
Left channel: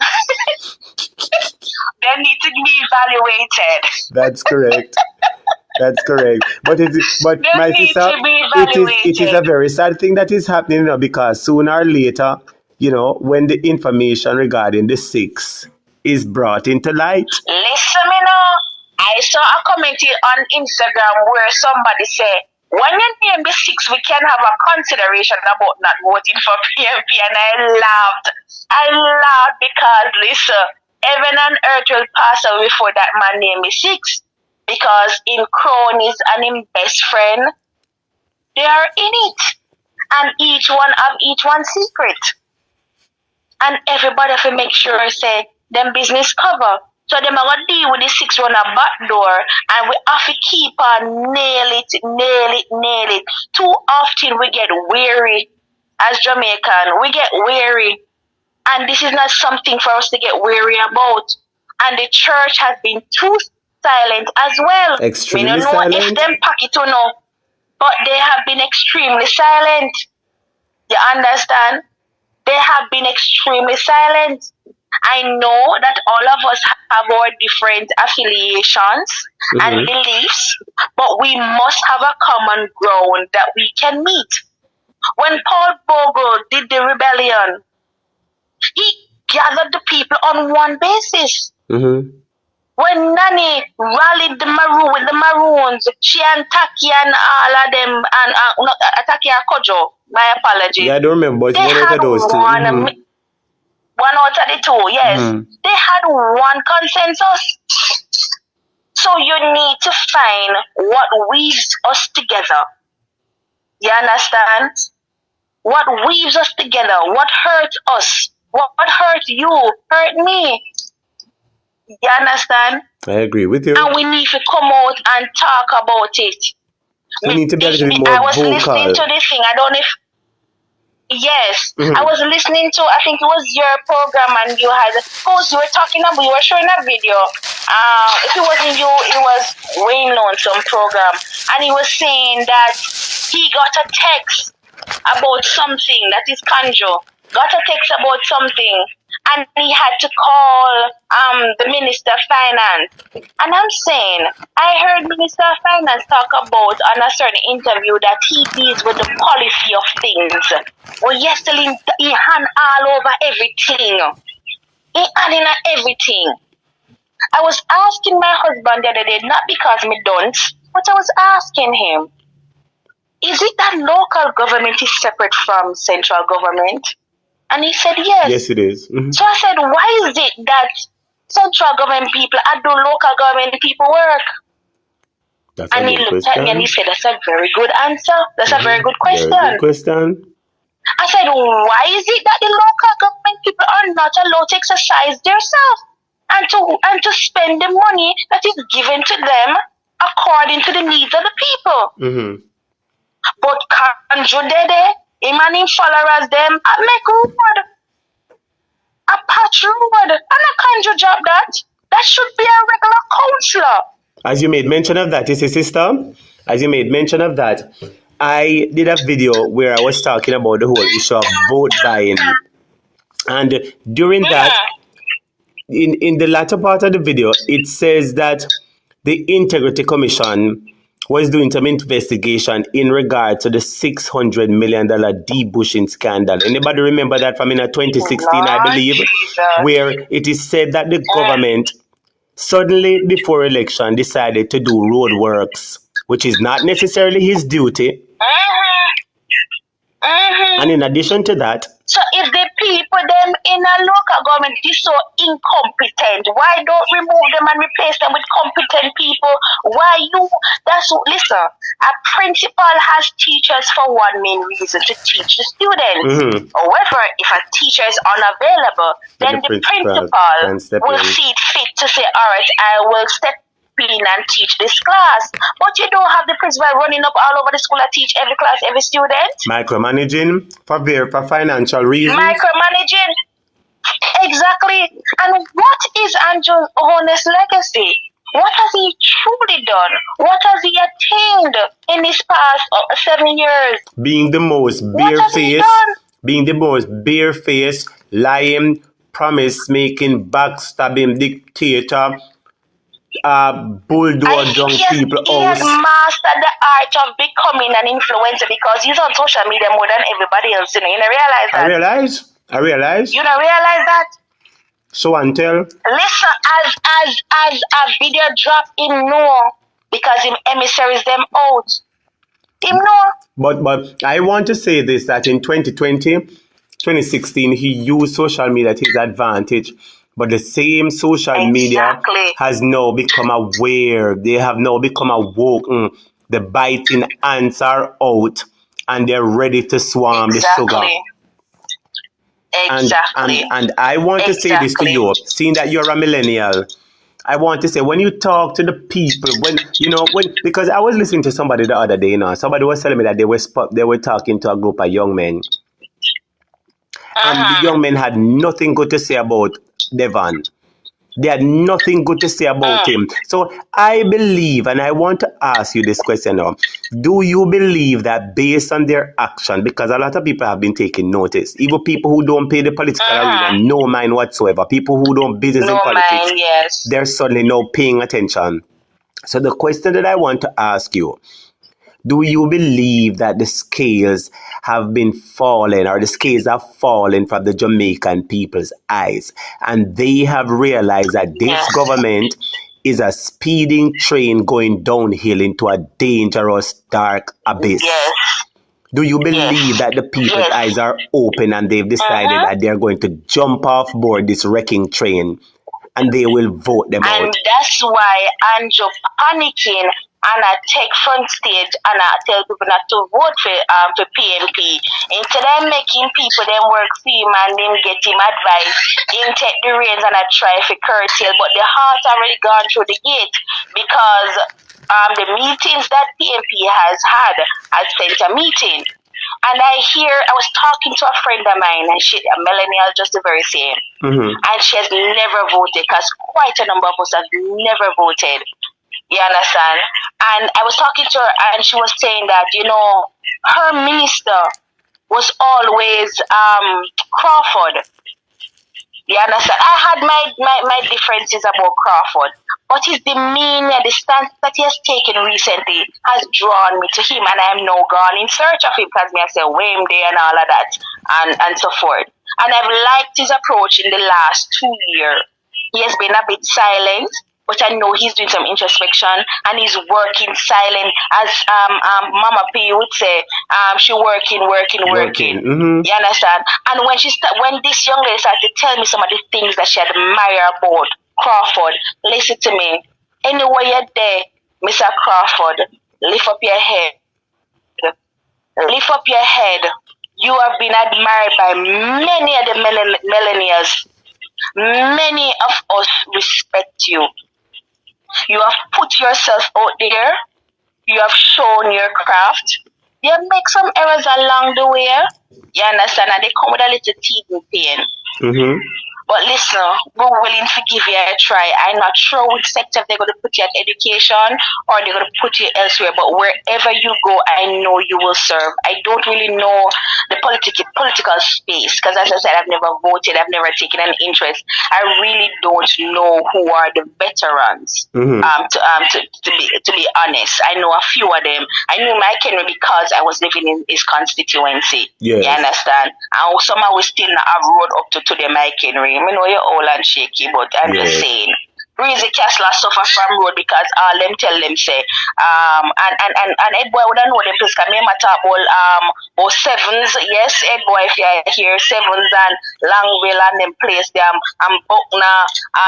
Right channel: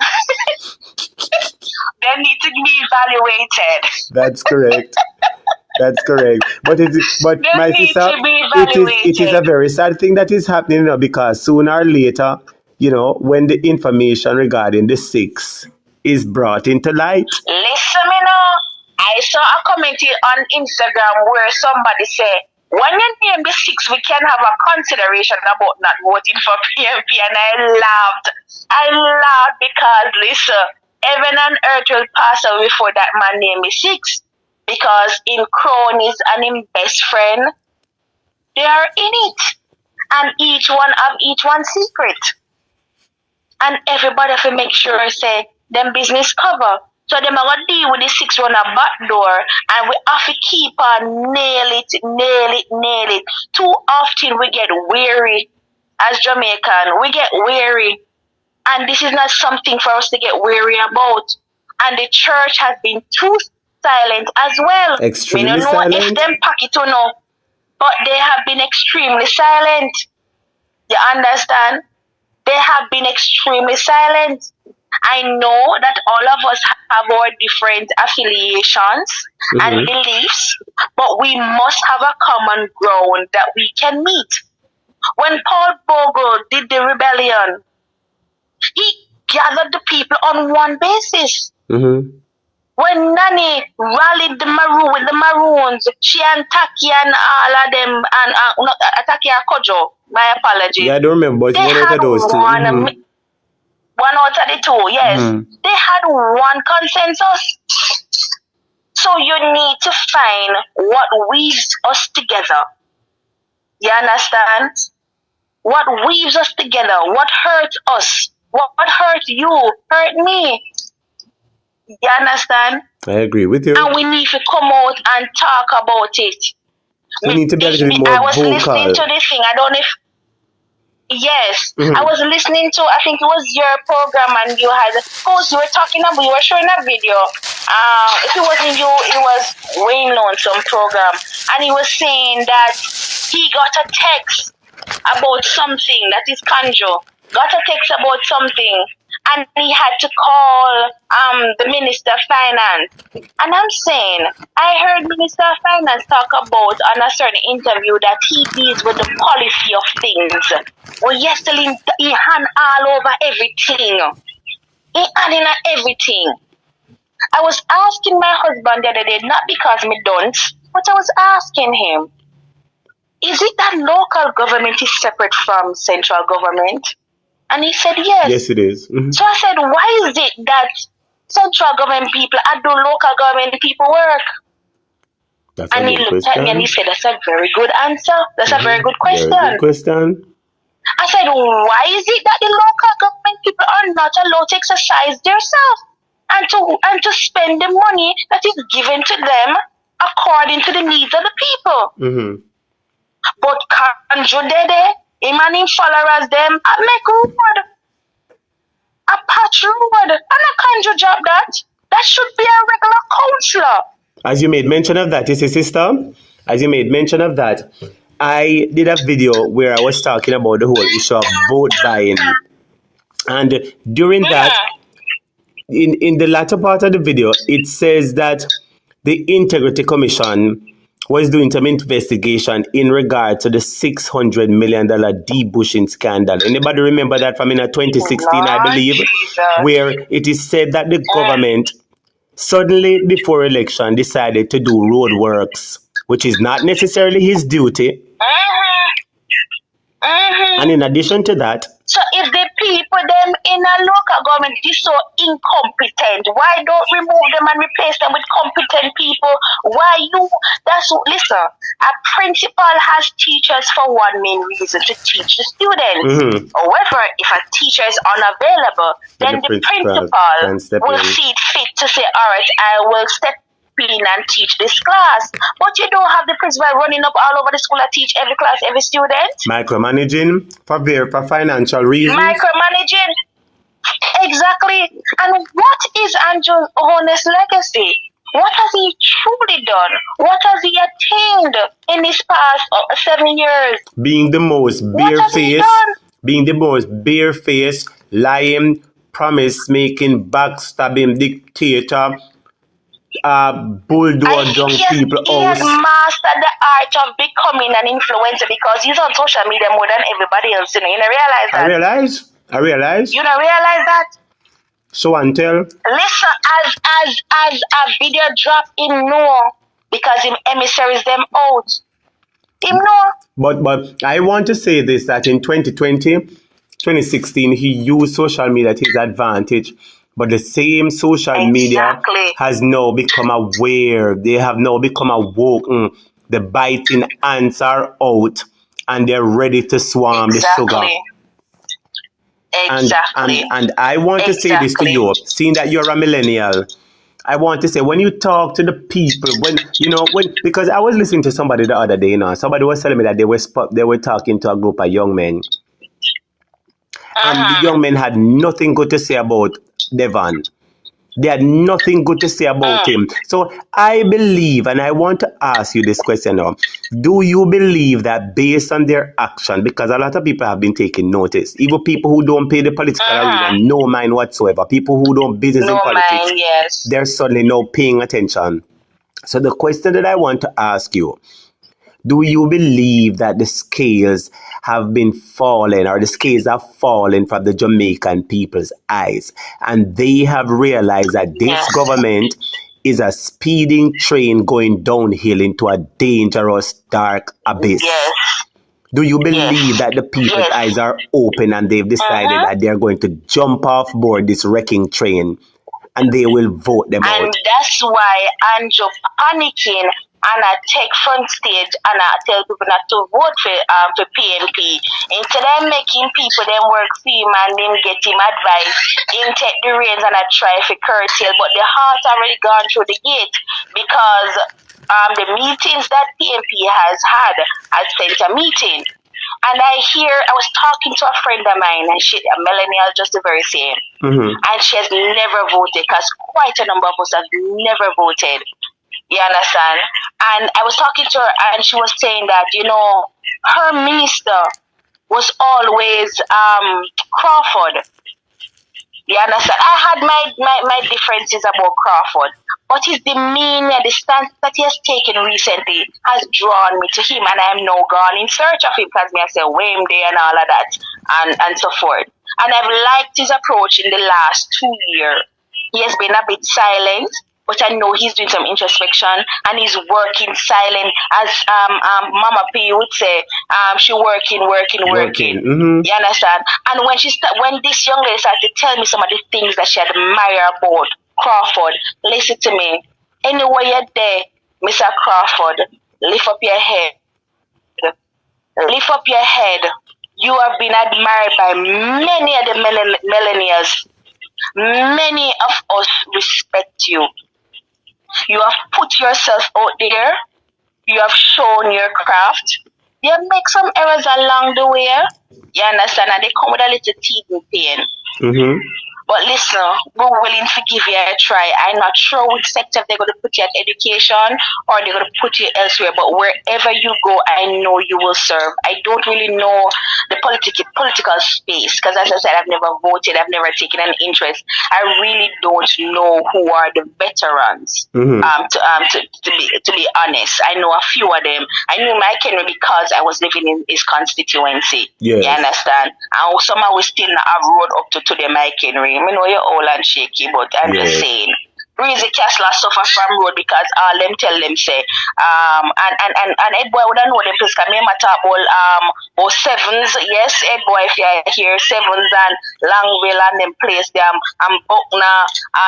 They need to be evaluated. That's correct. That's correct. But my sister, it is a very sad thing that is happening now, because sooner or later, when the information regarding the 6 is brought into light. Listen, I saw a comment on Instagram where somebody said, when you name the 6, we can have a consideration about not voting for PMP. And I laughed because, listen, heaven and earth will pass away before that man name is 6. Because in cronies and in best friend, they are in it. And each one have each one's secret. And everybody have to make sure say them business cover. So them are gonna deal with the 6 on a back door, and we have to keep on nail it. Too often we get weary as Jamaican. We get weary. And this is not something for us to get weary about. And the church has been too silent as well. Extremely we don't know silent. if them pocket or no, but they have been extremely silent. You understand? They have been extremely silent. I know that all of us have our different affiliations and beliefs, but we must have a common ground that we can meet. When Paul Bogle did the rebellion, he gathered the people on one basis. When Nani rallied the Maroons, she and Taki and all of them, and Taki and Kojo, my apologies. Yeah, I don't remember, but they one had of those two. One out of the 2, yes. They had one consensus. So you need to find what weaves us together. You understand? What weaves us together? What hurts us? What hurt you? Hurt me? You understand? I agree with you. And we need to come out and talk about it. We need to be a little bit more I was vocal. listening to this thing. I don't know if... Yes. I was listening to, I think it was your program, and you were talking about, you were showing a video. If it wasn't you, it was Wayne on some program. And he was saying that he got a text about something, that is Kanjo. Got a text about something. And he had to call the Minister of Finance. And I'm saying, I heard Minister of Finance talk about on a certain interview that he deals with the policy of things. Well, yesterday he hand all over everything. He handing at everything. I was asking my husband the other day, not because me don't, but I was asking him, is it that local government is separate from central government? And he said, yes. Yes, it is. So I said, why is it that central government people do local government people work? That's and he looked at me and he said, that's a very good answer. That's a very good question. Very good question. I said, why is it that the local government people are not allowed to exercise themselves and to spend the money that is given to them according to the needs of the people? But Kanjo Dede, him and him followers them, I make road, a patch road, and a Kanjo job that should be a regular councillor. As you made mention of that, you see, sister, as you made mention of that, I did a video where I was talking about the whole issue of vote buying. And during that, in the latter part of the video, it says that the Integrity Commission was doing some investigation in regard to the $600 million debushing scandal. Anybody remember that from in 2016, I believe, where it is said that the government suddenly before election decided to do road works, which is not necessarily his duty. And in addition to that, so if the people them in a local government is so incompetent, why don't remove them and replace them with competent people? Why you? Listen, a principal has teachers for one main reason, to teach the students. However, if a teacher is unavailable, then the principal will see it fit to say, all right, I will step in and teach this class. But you don't have the principal running up all over the school and teach every class, every student. Micromanaging for financial reasons. Micromanaging. Exactly. And what is Andrew's honest legacy? What has he truly done? What has he attained in his past 7 years? Being the most barefaced, lying, promise-making, backstabbing dictator, bulldoze young people out. He has mastered the art of becoming an influencer because he's on social media more than everybody else. You don't realize that? I realize. You don't realize that? So until listen, as a video drop, him know because him emissaries them out. Him know. But I want to say this, that in 2016, he used social media to his advantage. But the same social media has now become aware. They have now become awoken. The biting ants are out and they're ready to swarm the sugar. And I want to say this to you, seeing that you're a millennial. I want to say, when you talk to the people, because I was listening to somebody the other day, somebody was telling me that they were talking to a group of young men. And the young men had nothing good to say about Devon. They had nothing good to say about him. So I believe, and I want to ask you this question now. Do you believe that based on their action, because a lot of people have been taking notice, even people who don't pay the political arena no mind whatsoever, people who don't business in politics, they're suddenly now paying attention. So the question that I want to ask you, do you believe that the scales have been falling, or the scales have fallen from the Jamaican people's eyes, and they have realized that this government is a speeding train going downhill into a dangerous, dark abyss? Do you believe that the people's eyes are open and they've decided that they're going to jump off board this wrecking train and they will vote them out? And that's why Andrew panicking and I take front stage and I tell people not to vote for PNP. Instead of making people them work for him and then get him advice, him take the reins and I try to curtail. But the heart already gone through the gate because the meetings that PNP has had spent a meeting. And I was talking to a friend of mine, and she, a millennial, just the very same. And she has never voted because quite a number of us have never voted. You understand? And I was talking to her and she was saying that, her minister was always Crawford. You understand? I had my differences about Crawford. But his demeanor, the stance that he has taken recently has drawn me to him, and I am now gone in search of him because I say, where him there and all of that and so forth. And I've liked his approach in the last 2 years. He has been a bit silent, but I know he's doing some introspection and he's working silent, as Mama P would say. She working. You understand? And when this young lady started to tell me some of the things that she admire about Crawford, listen to me. Anywhere you're there, Mr. Crawford, lift up your head. Lift up your head. You have been admired by many of the millennials. Many of us respect you. You have put yourself out there. You have shown your craft. You have made some errors along the way. You understand? And they come with a little teething pain. But listen, we're willing to give you a try. I'm not sure which sector they're going to put you at education or they're going to put you elsewhere, but wherever you go, I know you will serve. I don't really know the political space because, as I said, I've never voted, I've never taken an interest. I really don't know who are the veterans. To be honest, I know a few of them. I knew Mike Henry because I was living in his constituency. Yes. You understand? And somehow we still not have road up to the Mike Henry. I know you're old and shaky, but I'm just saying. Breezy Castler suffer from road because all them tell them say and Ed Boy would know them because me matter about sevens, yes, Ed Boy if you hear sevens and Langville and them place them and Buckner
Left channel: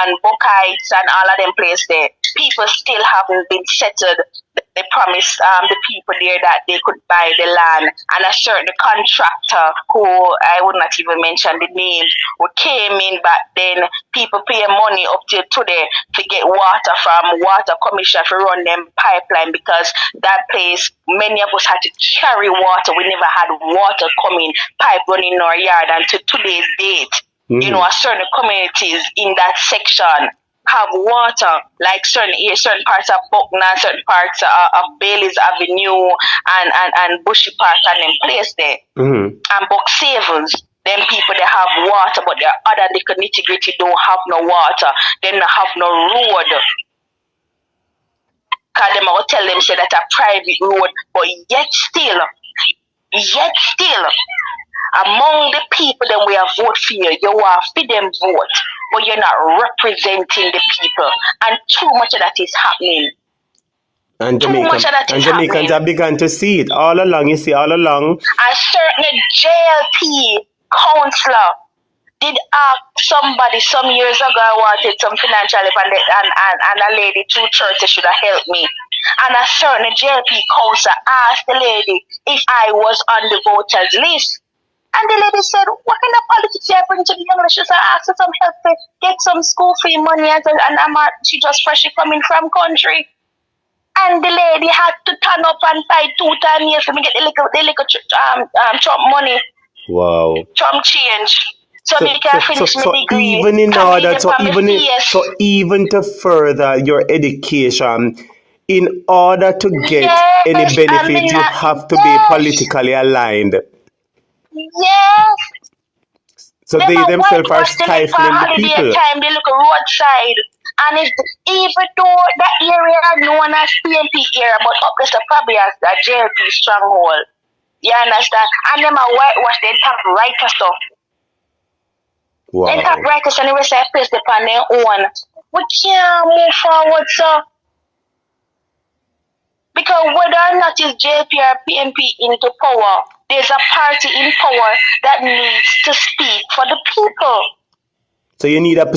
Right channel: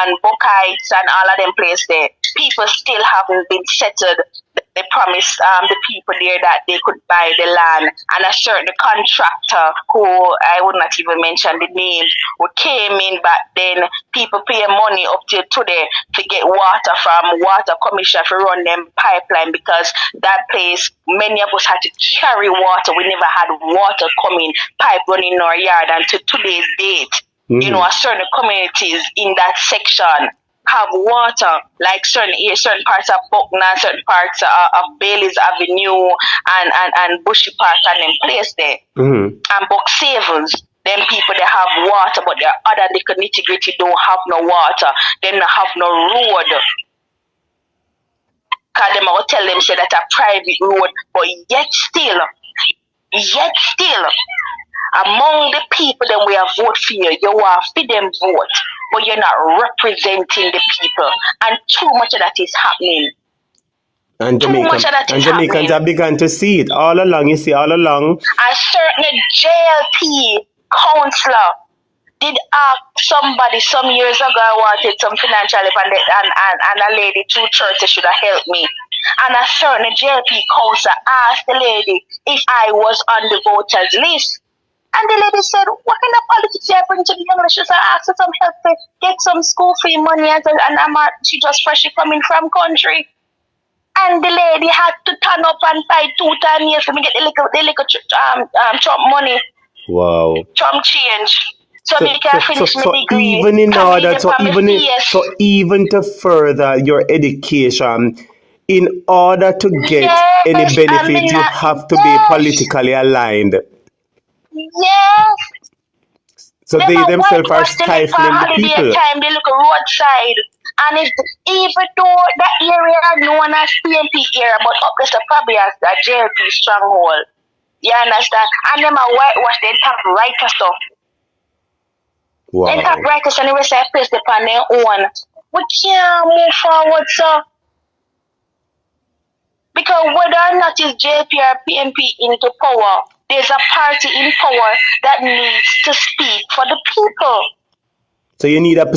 and Buckites and all of them place there. People still haven't been settled. They promised the people there that they could buy the land, and a certain contractor who I would not even mention the name, who came in back then. People pay money up to today to get water from Water Commission to run them pipeline because that place, many of us had to carry water. We never had water coming, pipe running in our yard, and to today's date, you know, certain communities in that section have water, like certain parts of Buckner, certain parts of Bailey's Avenue and Bushy Park and them place there. And Buck Savings, them people they have water, but their other little nitty gritty don't have no water. They don't have no road. Cause them I will tell them say that a private road, but yet still, among the people that we have vote for you, you are for them vote, but you're not representing the people. And too much of that is happening. And Jamaicans have begun to see it all along. You see, all along. A certain JLP councillor did ask somebody some years ago I wanted some financial help and a lady through church should have helped me. And a certain JLP councillor asked the lady if I was on the voters list. And the lady said, what kind of politics you bring to the young lady? She said, I asked her some help to get some school fee money and she just freshly coming from country. And the lady had to turn up and buy 2 years for me get the little Trump money. Wow. Trump change. So they can finish my degree. Even in order, even to further your education, in order to get any benefit, you have to be politically aligned. Yes. So they themselves are stifling the people. They look roadside. And even though that area known as PNP area, but up there probably as a JLP stronghold. You understand? And them are whitewash, they top writer stuff. Wow. They top writers and they will say place upon their own. We can't move forward, sir. Because whether or not is JP or PNP into power, there's a party in power that needs to speak for the people. So you want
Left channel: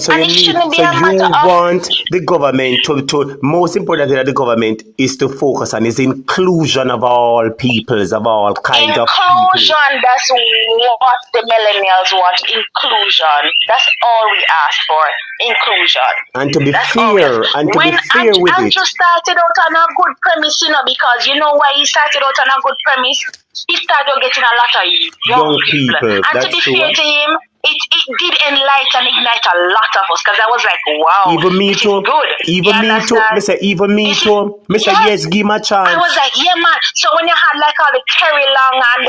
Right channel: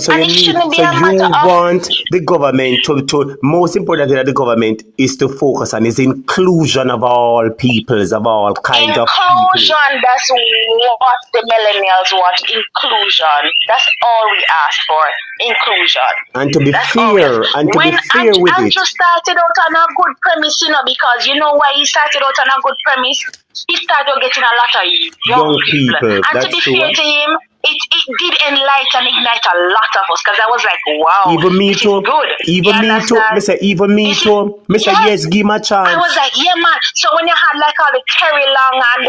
the government to most important thing that the government is to focus on is inclusion of all peoples, of all kinds of people. Inclusion, that's what the millennials want. Inclusion. That's all we ask for. Inclusion. And to be fair, with it. Andrew started out on a good premise, you know, because you know why he started out on a good premise? He started getting a lot of young people. And to be fair to him, it did enlighten and ignite a lot of us because I was like, wow, even me too. Even me too. Yes, give me a chance. I was like, yeah, man. So when you had like all the Terry Long and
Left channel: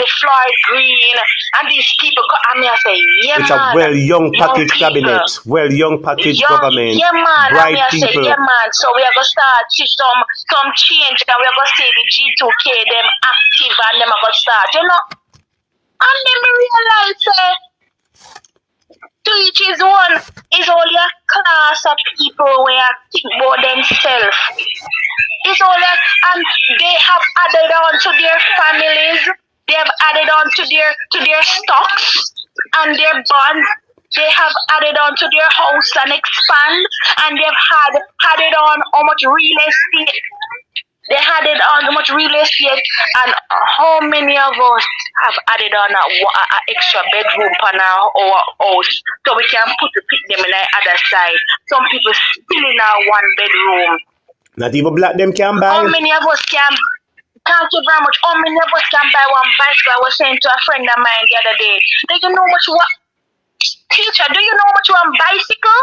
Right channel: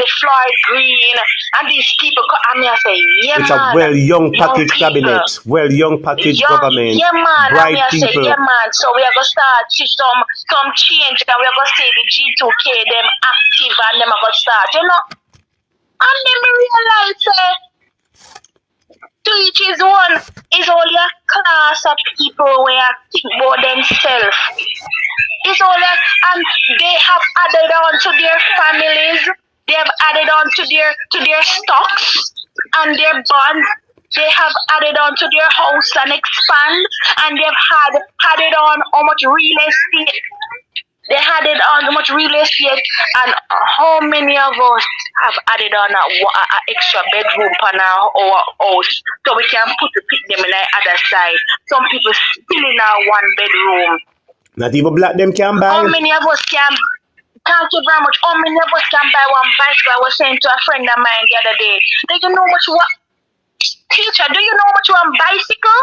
the Floyd Green and these people, and I say, yeah, it's man. It's a well-young package cabinet, well-young package government, yeah, man. bright and people. Say, yeah, man. So we are going to start see some change and we are going to see the G2K, them active and them are going to start, you know. And then we realize to each his one is only a class of people where think about themselves. It's only, and they have added on to their families, they have added on to their stocks and their bonds. They have added on to their house and expand, and they've added on how much real estate. They added on how much real estate, and how many of us have added on an extra bedroom on our house so we can pick them in the other side. Some people still in our 1 bedroom. Not even black them can buy. How many of us can? Thank you very much. How many of us can buy 1 bicycle? I was saying to a friend of mine the other day. They don't know much what. teacher, do you know how much you on bicycle?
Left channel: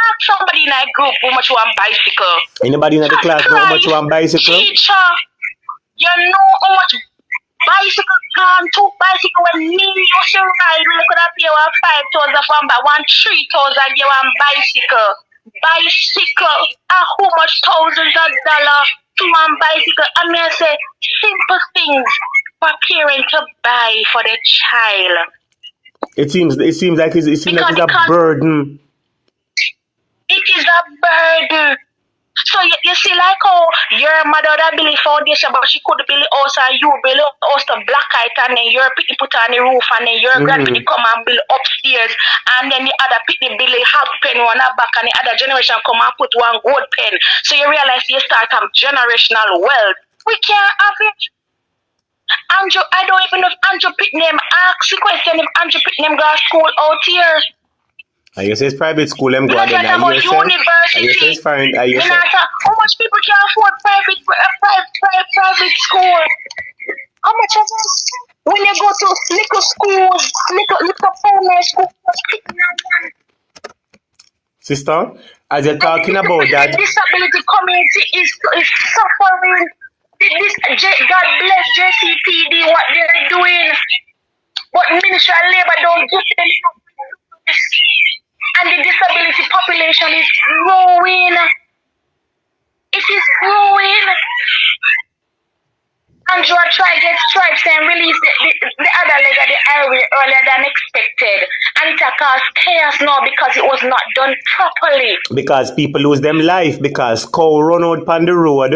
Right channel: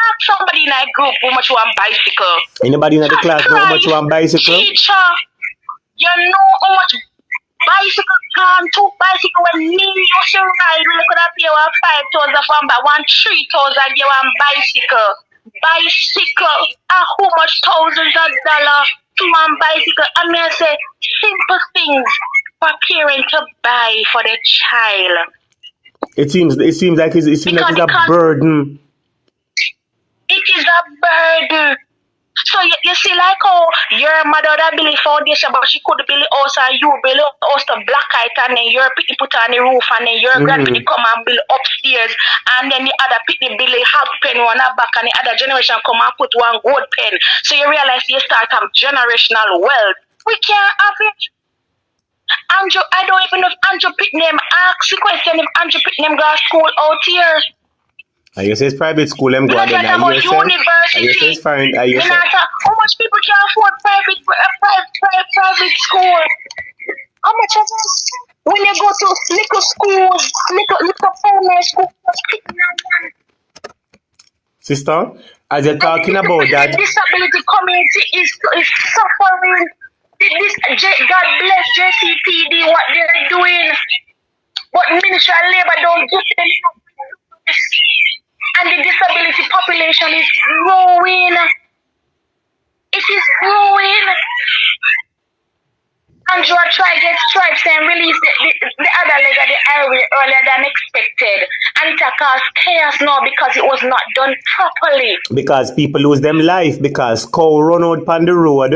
Ask somebody in that group how much you on bicycle. Anybody in the class know how much you on bicycle? Teacher, you know how much bicycle can, 2 bicycle when me used to ride, we could have paid 5,000 for but 3,000 you on bicycle. Bicycle, how much thousands of dollars to one bicycle? I mean, I say simple things for parents to buy for the child. It seems like it's a burden. It is a burden. So you see, like how your mother that build foundation, but she could build a house and you build a house to black height, and then your people put on the roof, and then your grandpa come and build upstairs, and then the other people build a half pen one at back, and the other generation come and put one gold pen. So you realize you start have generational wealth. We can't have it. Andrew, I don't even know if Andrew Pitnam asked the question if Andrew Pitnam go to school out here. And you say it's private school, I'm going there. About university. You say it's fine. How much people can afford private school? How much is it? When you go to little schools, little primary schools, sister, as you're talking about that, the disability community is suffering. God bless JCPD what they're doing, but Ministry of Labor don't give them. And the disability population is growing. It is growing. Andrew tried to get stripes and release the other leg of the highway earlier than expected. And it caused chaos now because it was not done properly. Because people lose them life, because cow run out on the road,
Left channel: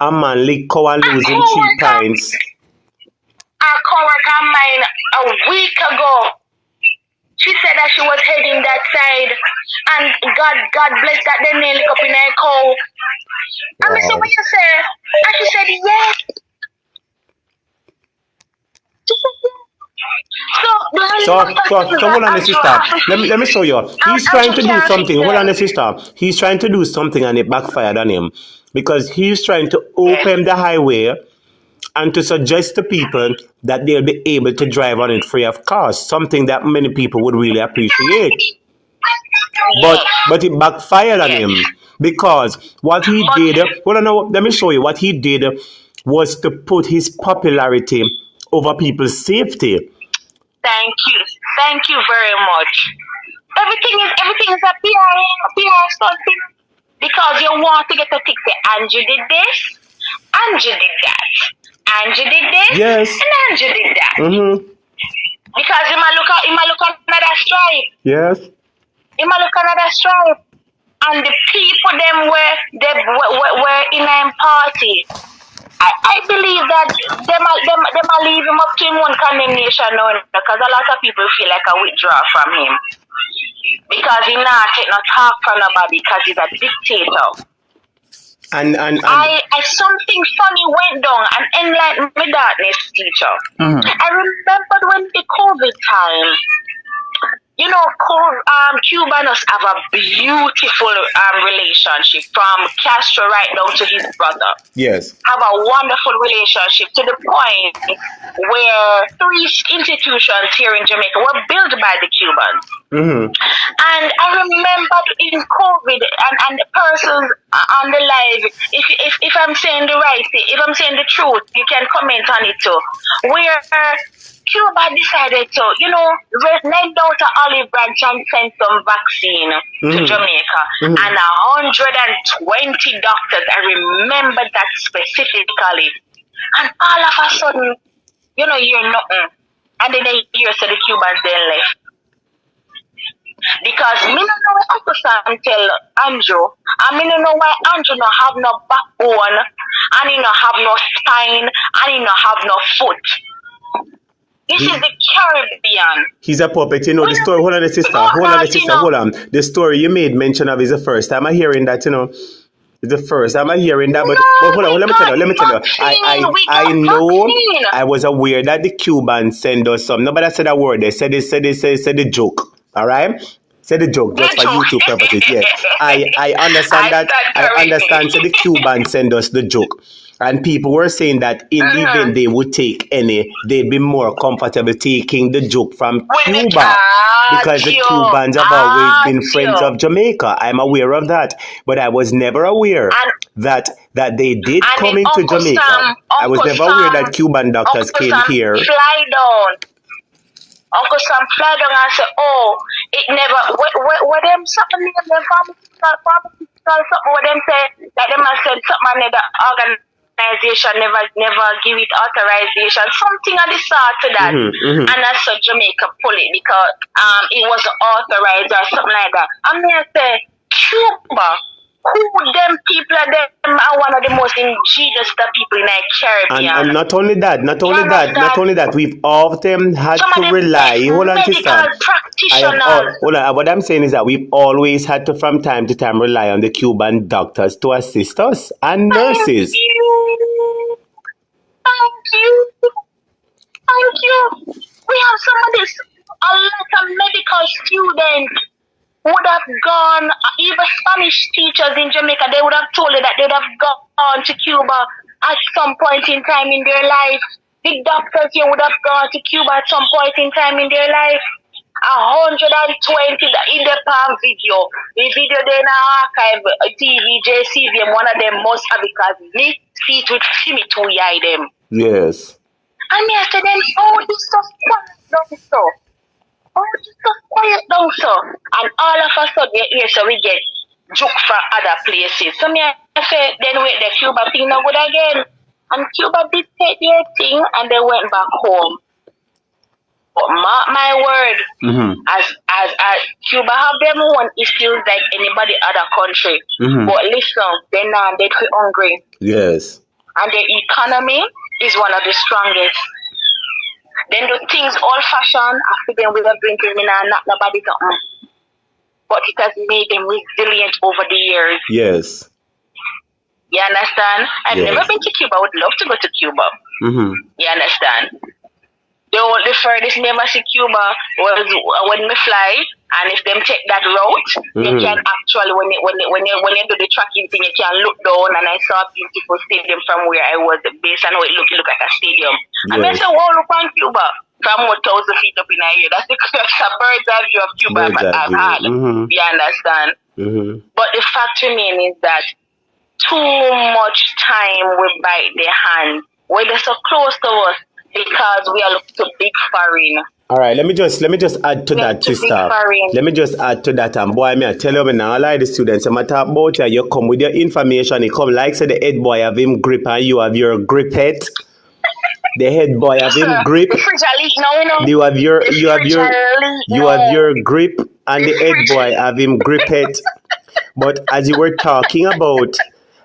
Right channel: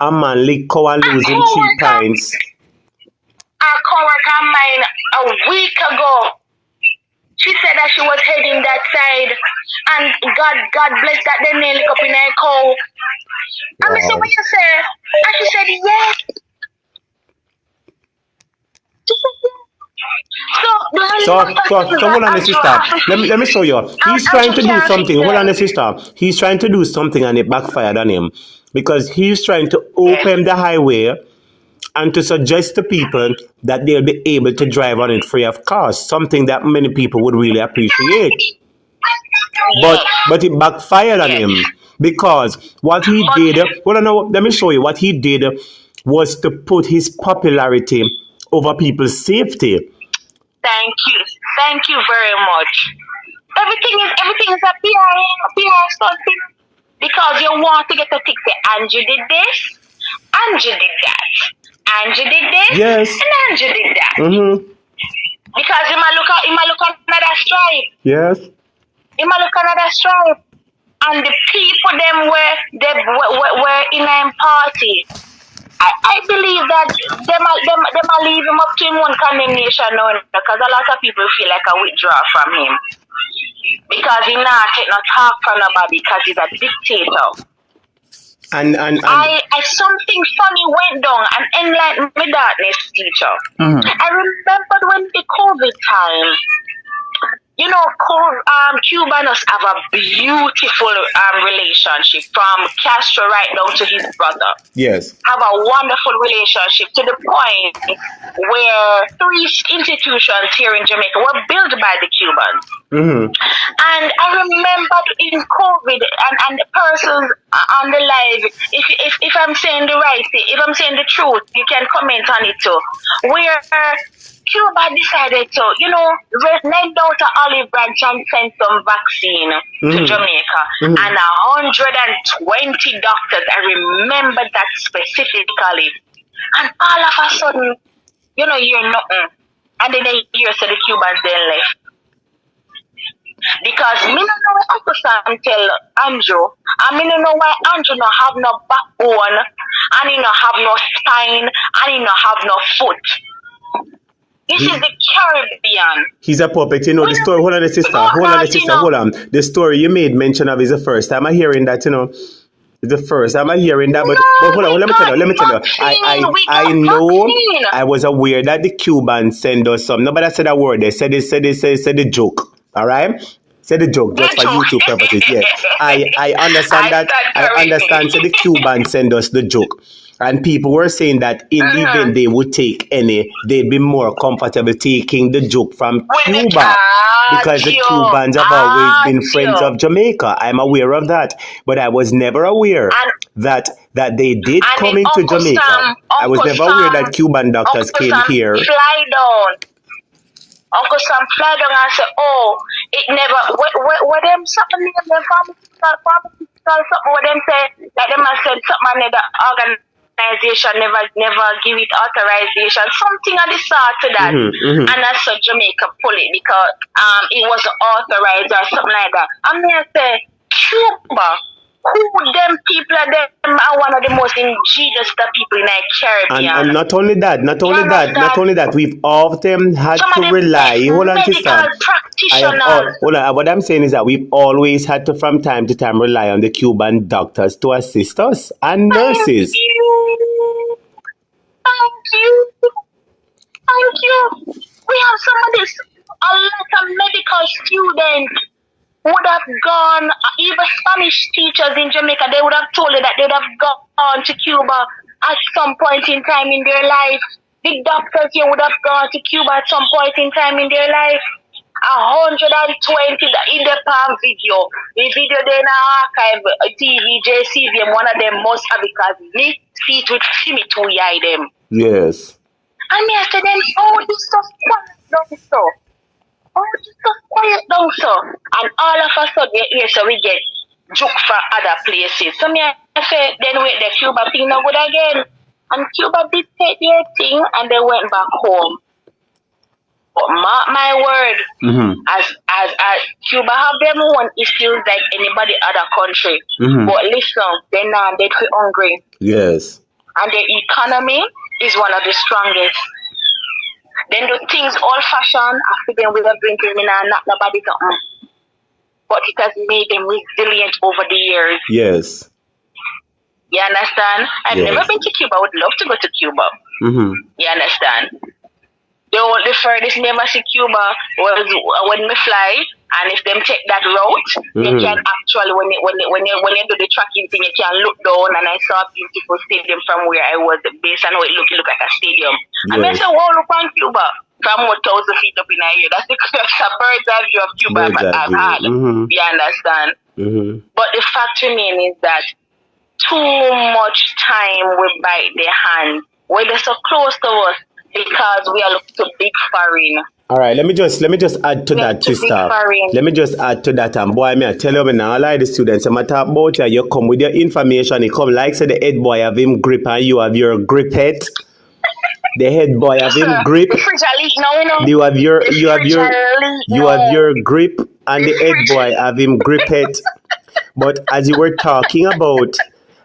a man lick cow and lose him 3 pints. A coworker of mine a week ago, she said that she was heading that side, and God bless that they nail it up in her cow. And I said, what you say? And she said, yes. So hold on, sister. Let me show you. He's trying to do something. Hold on, sister. He's trying to do something and it backfired on him. Because he's trying to open the highway and to suggest to people that they'll be able to drive on it free of cost, something that many people would really appreciate. But it backfired on him, because what he did, let me show you, what he did was to put his popularity over people's safety. Thank you very much. Everything is a PR something, because you want to get a ticket. Andrew did this, Andrew did that. Andrew did this, yes, and Andrew did that. Mm-hmm. Because he might look at another stripe. Yes. He might look at another stripe. And the people them were in a party. I believe that they might leave him up to him one condemnation now, because a lot of people feel like a withdraw from him. Because he not take no talk from nobody, because he's a dictator. And something funny went down and enlightened my darkness, teacher. Mm-hmm. I remembered when the COVID time, Cubanos have a beautiful relationship from Castro right down to his brother. Yes. Have a wonderful relationship to the point where 3 institutions here in Jamaica were built by the Cubans. Mm-hmm. And I remember in COVID and the persons on the live, if I'm saying the right thing, if I'm saying the truth, you can comment on it too, where Cuba decided to, lend out an olive branch and send some vaccine to Jamaica. Mm-hmm. And 120 doctors, I remember that specifically. And all of a sudden, you hear nothing. And then they hear so the Cubans then left. Because me don't know what Uncle Sam tell Andrew, and me don't know why Andrew not have no backbone, and he not have no spine, and he not have no foot. This is the Caribbean. He's a puppet, the story. Hold on, sister. Hold on. The story you made mention of is the first time I'm hearing that, It's the first time I'm hearing that. But hold on, let me tell you. I know, I was aware that the Cubans send us some. Nobody said a word. They said the joke. All right? Say the joke, just for YouTube purposes. Yes. I understand that. I understand. So the Cubans send us the joke. And people were saying that in the event they would take any, they'd be more comfortable taking the joke from Cuba because the Cubans have always been friends of Jamaica. I'm aware of that, but I was never aware that they did come into Jamaica. I was never aware that Cuban doctors came here. Fly down. Uncle Sam fly down and say, oh, it never, what them something in the pharmaceutical something what them say, like them have said something in the organization never give it authorization, something of the sort to that. And that's so Jamaica pull it because it wasn't authorized or something like that. I'm gonna say, Cuba, who them people are them are one of the most ingenious people in the Caribbean. And not only that, we've often had to rely. Hold on, sister. What I'm saying is that we've always had to, from time to time, rely on the Cuban doctors to assist us and nurses. Thank you. We have some of this, a lot of medical students would have gone, even Spanish teachers in Jamaica, they would have told you that they would have gone to Cuba at some point in time in their life. The doctors here would have gone to Cuba at some point in time in their life. 120 in the palm video. The video then archive TV, JCVM, one of them must have because this seat with Fimi to yai them. Yes. And me I said then, oh, this stuff quiet down so. And all of a sudden, yes, so we get juke from other places. So me I said, then wait, the Cuba thing now good again. And Cuba did take their thing and they went back home. But mark my word, as Cuba have them own issues like anybody other country. But listen, they're not dead hungry. Yes. And their economy is one of the strongest. Then do things old fashioned after them with a drinking and not nobody something. But it has made them resilient over the years. Yes. You understand? I've never been to Cuba. I would love to go to Cuba. You understand? The furthest never see Cuba was when we fly, and if them take that route, they can actually when you do the tracking thing, you can look down, and I saw a beautiful stadium from where I was based on how it look like a stadium. Yes. And I said, wow, look on Cuba from 1,000 feet up in the air. That's the bird's eye view of Cuba I've had. You understand? But the fact remains is that too much time will bite their hand when they're so close to us. Because we are looking to big foreign. All right, let me just add to that, sister. Let me just add to that, and boy, I tell you now, all the students, I'm talk about you come with your information. You come like say the head boy have him grip, and you have your grip head. The head boy have him grip. You have your grip, and the head boy have him grip head. But as you were talking about.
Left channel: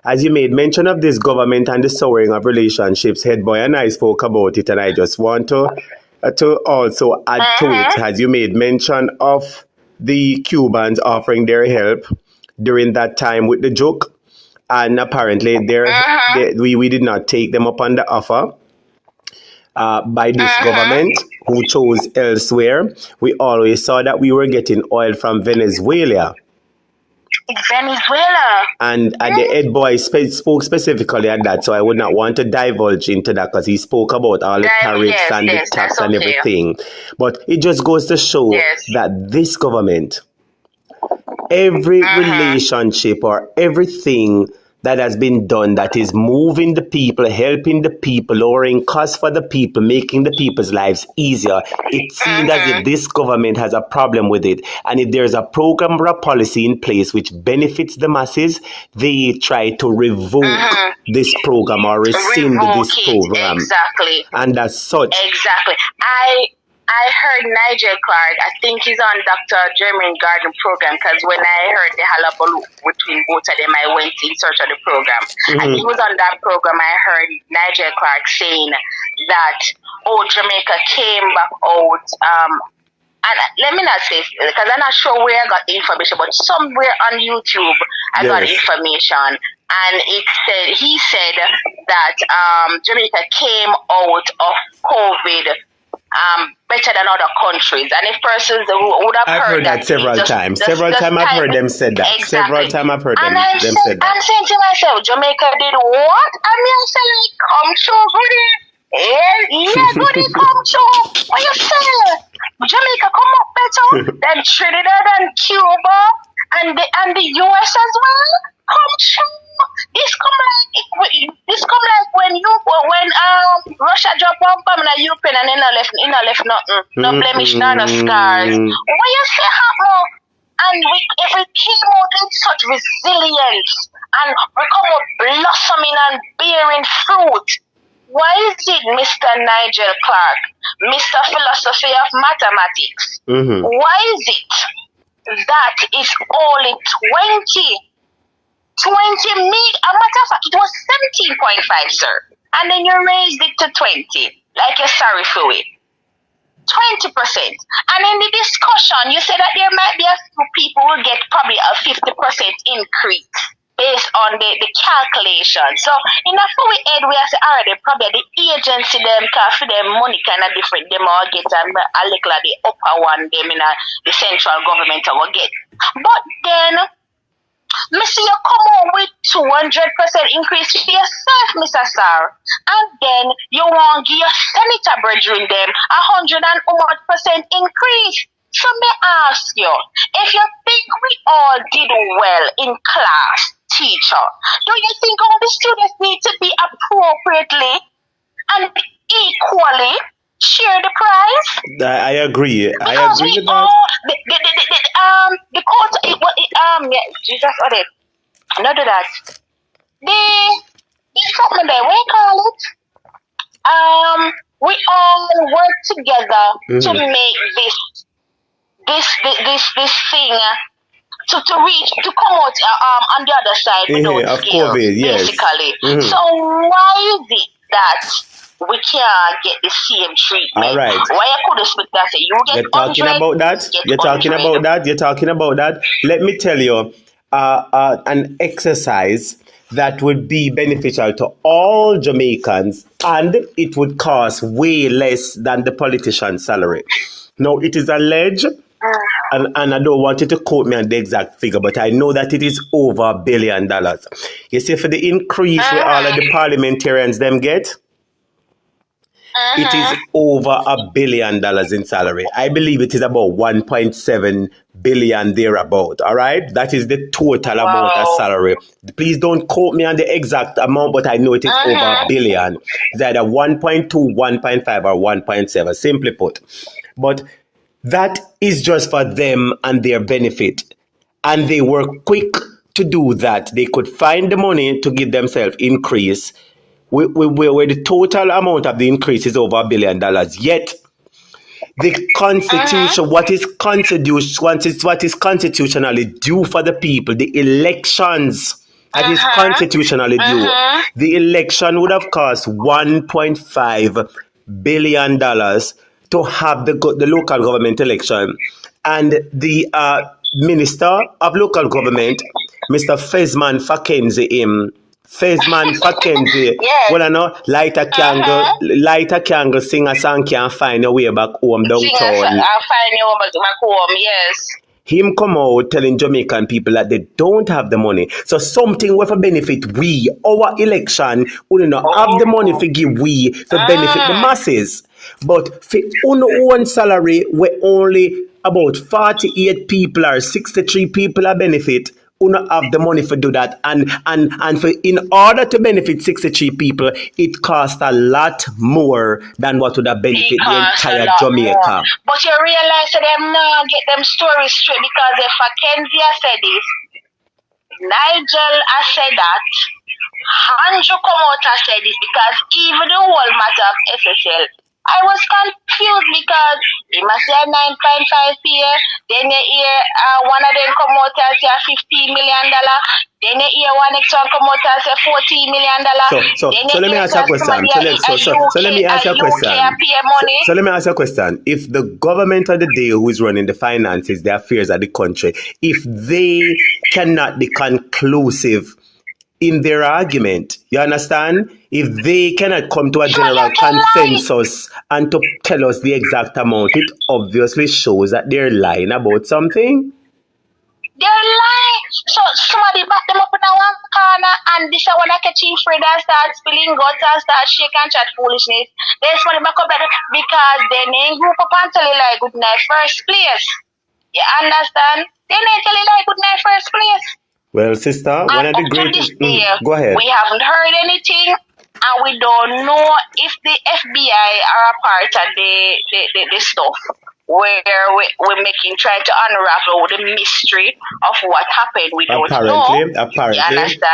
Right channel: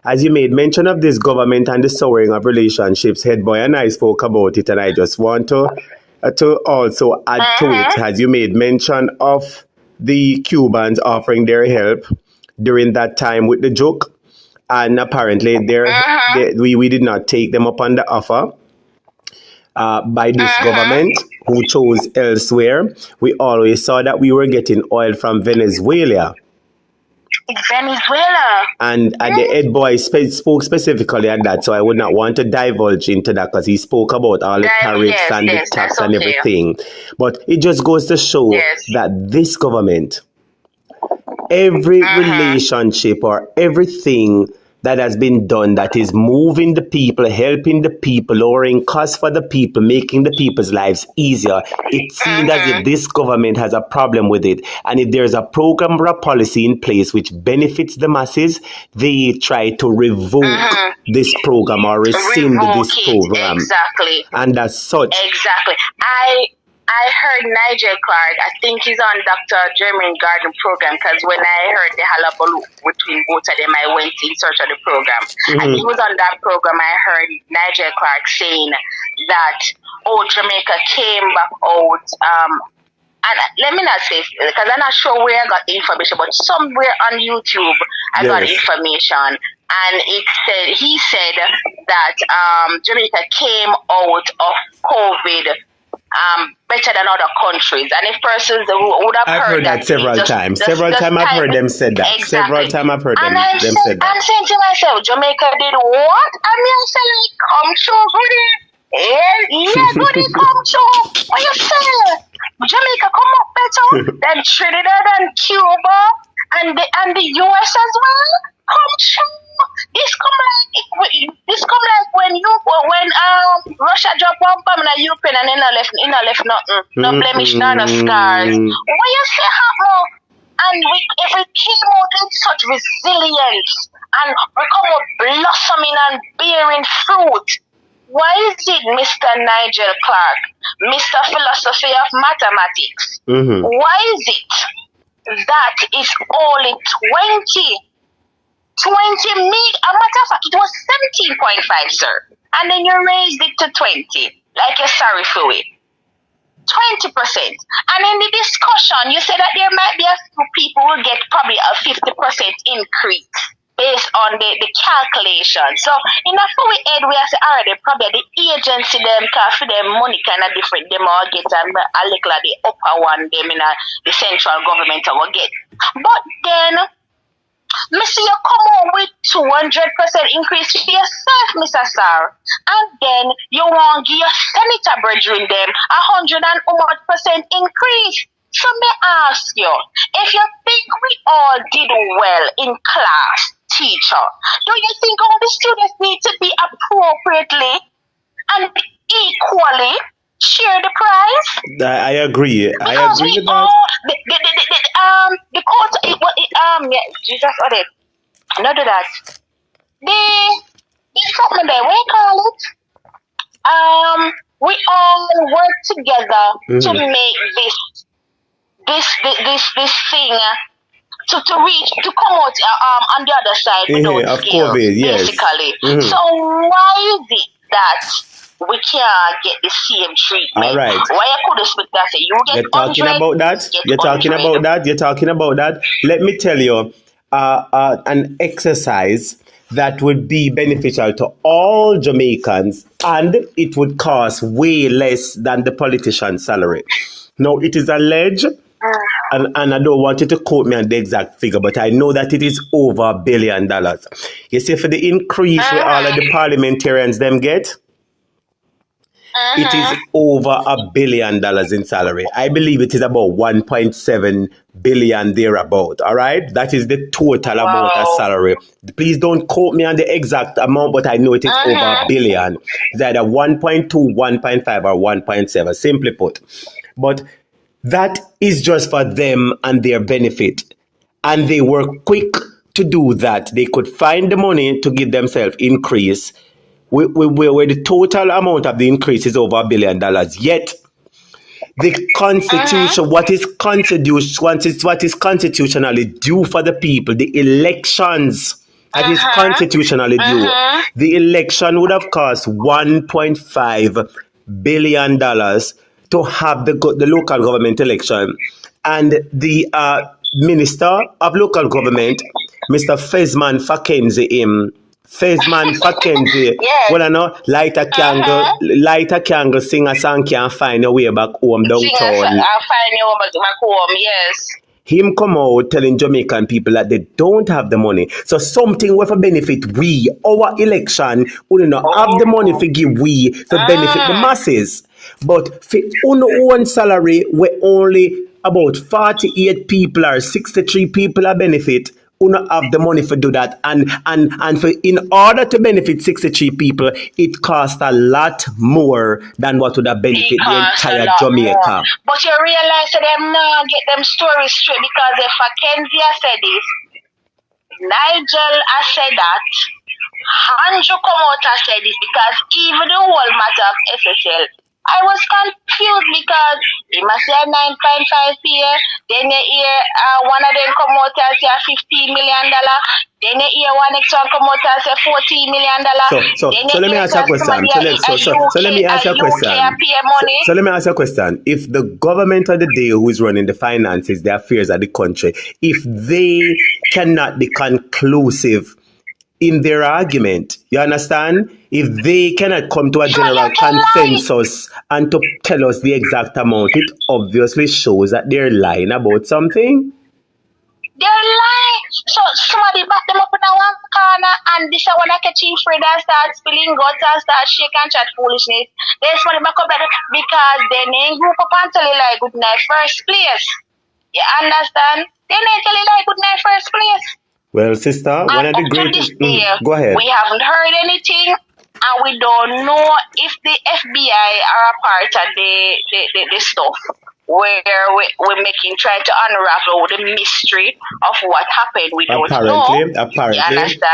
As you made mention of this government and the souring of relationships, Head Boy and I spoke about it, and I just want to also add to it, as you made mention of the Cubans offering their help during that time with the joke, and apparently we did not take them up on the offer by this government who chose elsewhere. We always saw that we were getting oil from Venezuela. Venezuela. And the head boy spoke specifically on that, so I would not want to divulge into that because he spoke about all the tariffs and the tax and everything. But it just goes to show that this government, every relationship or everything that has been done that is moving the people, helping the people, lowering costs for the people, making the people's lives easier. It seems as if this government has a problem with it. And if there's a program or a policy in place which benefits the masses, they try to revoke this program or rescind this program. Exactly. And as such. Exactly. I heard Nigel Clark, I think he's on Dr. German Garden program, because when I heard the hullabaloo between both of them, I went in search of the program. And he was on that program. I heard Nigel Clark saying that, Jamaica came back out, and let me not say, because I'm not sure where I got the information, but somewhere on YouTube I got information. And he said that Jamaica came out of COVID better than other countries. And if persons would have heard that several times. Several times I've heard them said that. Exactly. Several times I've heard them said that. I'm saying to myself, Jamaica did what? I mean, I say, like, come true, goody. Yeah, goody, come true. What you say? Jamaica come up better than Trinidad and Cuba and the US as well. Come true. This come like when Russia drop one bomb in Ukraine and then I left nothing, no blemish, no scars. What you say happen? And if we came out with such resilience and we come out blossoming and bearing fruit, why is it Mr. Nigel Clark, Mr. Philosophy of Mathematics? Why is it that is only 20 million? A matter of fact, it was 17.5, sir. And then you raised it to 20, like you're sorry for it. 20%. And in the discussion, you said that there might be a few people who get probably a 50% increase based on the calculation. So in a full aid, we have already probably the agency them can for them money kind of different them all get and a little of the upper one them in the central government will get. But then Mr. you come on with 200% increase for yourself, Mr. Sir. And then you want to give your senator brethren them 100% increase. So may I ask you, if you think we all did well in class, teacher, do you think all the students need to be appropriately and equally share the prize? I agree. Because I agree we with that. all the court Jesus not do that. The something there, what you call it? We all work together to make this thing to reach to come out on the other side without scale, basically. So why is it that we can't get the same treatment? All right. Why I could expect that you get You're talking about that? You're talking about that? Let me tell you, an exercise that would be beneficial to all Jamaicans, and it would cost way less than the politician's salary. Now, it is alleged, and I don't want you to quote me on the exact figure, but I know that it is over $1 billion. You see, for the increase with all of the parliamentarians them get, it is over $1 billion in salary. I believe it is about 1.7 billion thereabout. All right, that is the total amount of salary. Please don't quote me on the exact amount, but I know it is over $1 billion. It's either 1.2, 1.5, or 1.7. Simply put, but that is just for them and their benefit, and they were quick to do that. They could find the money to give themselves increase. Where the total amount of the increase is over $1 billion. Yet the Constitution, what is constitutionally due for the people, the elections that is constitutionally due, the election would have cost $1.5 billion to have the local government election, and the Minister of Local Government, Mr. Fesman Fackenzie, well, I know, light a candle, sing a song, can't find your way back home downtown. I'll find your way back home, yes. Him come out telling Jamaican people that they don't have the money. So something with a benefit our election, we don't have the money to give to benefit the masses. But for one salary, where only about 48 people or 63 people are benefit, who not have the money for do that, and for in order to benefit 63 people, it costs a lot more than what would have benefited the entire Jamaica. More. But you realize that them now get them stories straight, because if Mackenzie said this, Nigel has said that, Andrew come out and said this, because even the whole matter of SSL, I was confused because you must say 9.5 here, then you hear one of them come out and say $15 million, then you hear one next one come out and say $14 million. So let me ask you a question. So let me ask you a question. So let me ask you a question. If the government of the day who is running the finances, the affairs of the country, if they cannot be conclusive in their argument. You understand? If they cannot come to a general consensus and to tell us the exact amount, it obviously shows that they're lying about something. They're lying. So somebody back them up in a one corner and this one like a chief reader start spilling guts and start shake and chat foolishness. There's somebody back up there because they name group up and tell you like good night first place. You understand? They ain't tell you like good night first place. Well, sister, one of the greatest... go ahead. We haven't heard anything, and we don't know if the FBI are a part of the stuff where we're trying to unravel the mystery of what happened. We don't know.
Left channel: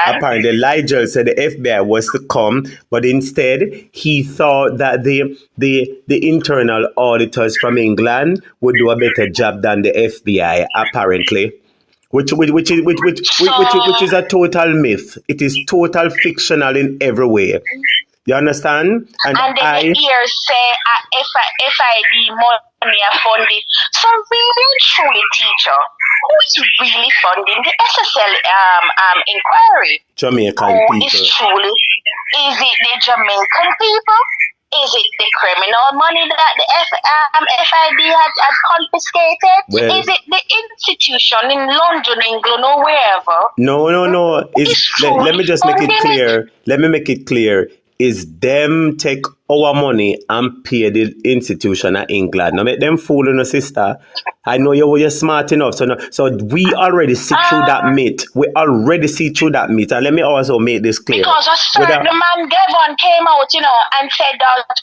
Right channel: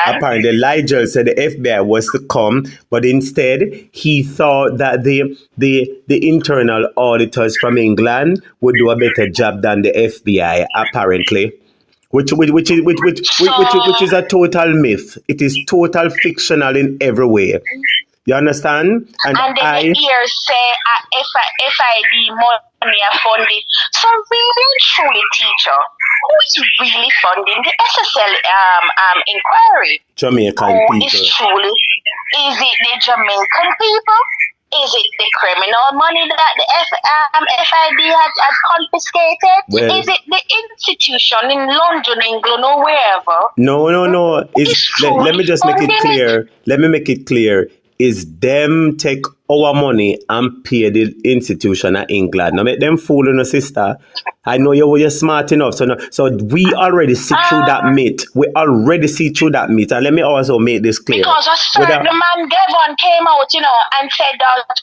Apparently, Nigel said the FBI was to come, but instead he thought that the internal auditors from England would do a better job than the FBI. Apparently. Which is a total myth. It is total fictional in every way. You understand? And I hear say FID money are funded. So really, truly, teacher, who is really funding the SSL inquiry? Jamaican people. Is it the Jamaican people? Is it the criminal money that the FID has confiscated? Well, is it the institution in London, England, or wherever? No. Let me just make it clear. Let me make it clear. Is them take our money and pay the institution of England. Now make them fool on, sister. I know you're smart enough. So we already see through that myth. We already see through that myth. And let me also make this clear. Because a certain man Devon came out, and said that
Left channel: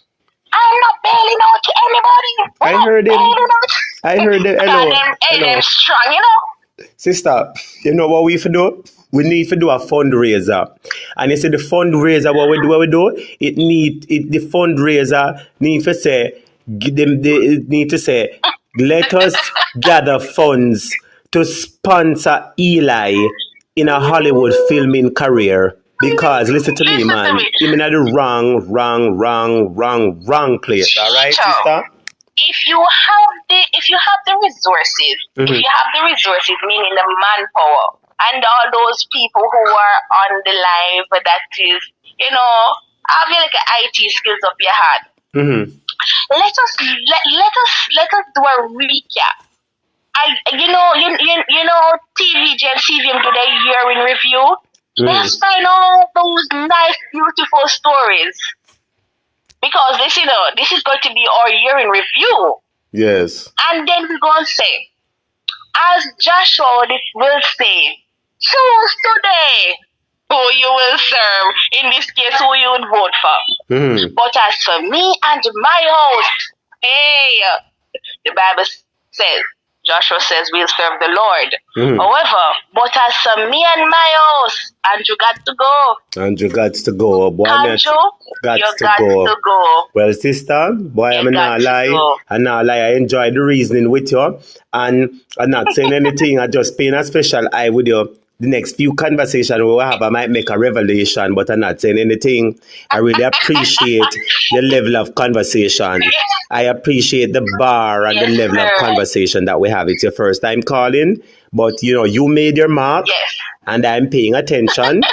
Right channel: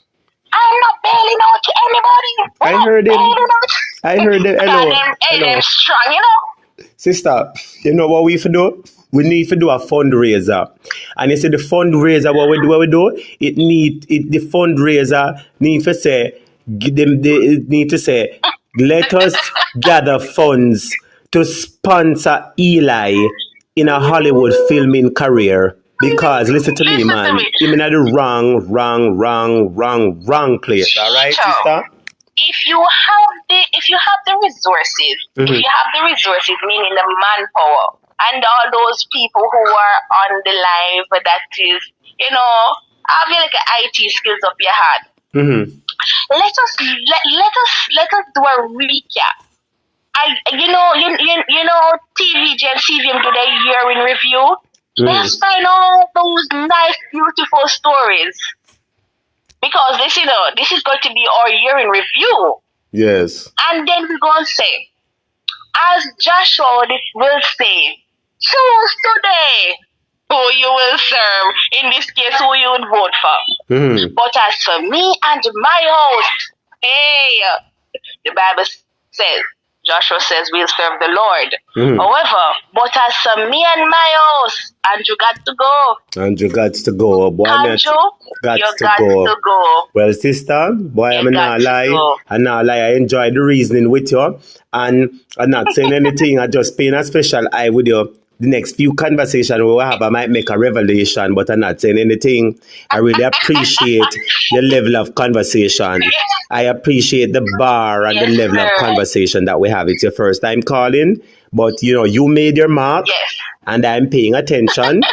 I'm not bailing out to anybody. I heard him. Hello. Strong, Sister, you know what we have to do? We need to do a fundraiser. And you see the fundraiser, what we do? The fundraiser need to say, let us gather funds to sponsor Eli in a Hollywood filming career. Because listen to me, man, I'm in the wrong place. All right, sister? If you have the resources, meaning the manpower, and all those people who are on the live, that is, have like an IT skills up your head. Let us do a recap. TVG and CVM do their year in review. Let's find all those nice, beautiful stories. Because this is going to be our year in review. Yes. And then we're going to say, as Joshua will say, choose today who you will serve. In this case, who you would vote for. But as for me and my host, the Bible says, Joshua says we'll serve the Lord. However, but as for me and my house, Andrew got to go. Andrew got to go. Boy, Andrew, got you to got go. to go. Well, sister, boy, I'm not lie. I'm not lie. I enjoy the reasoning with you. And I'm not saying anything. I'm just paying a special eye with you. The next few conversations we'll have, I might make a revelation, but I'm not saying anything. I really appreciate your level of conversation. I appreciate the bar and the level of conversation that we have. It's your first time calling, but you made your mark, and I'm paying attention,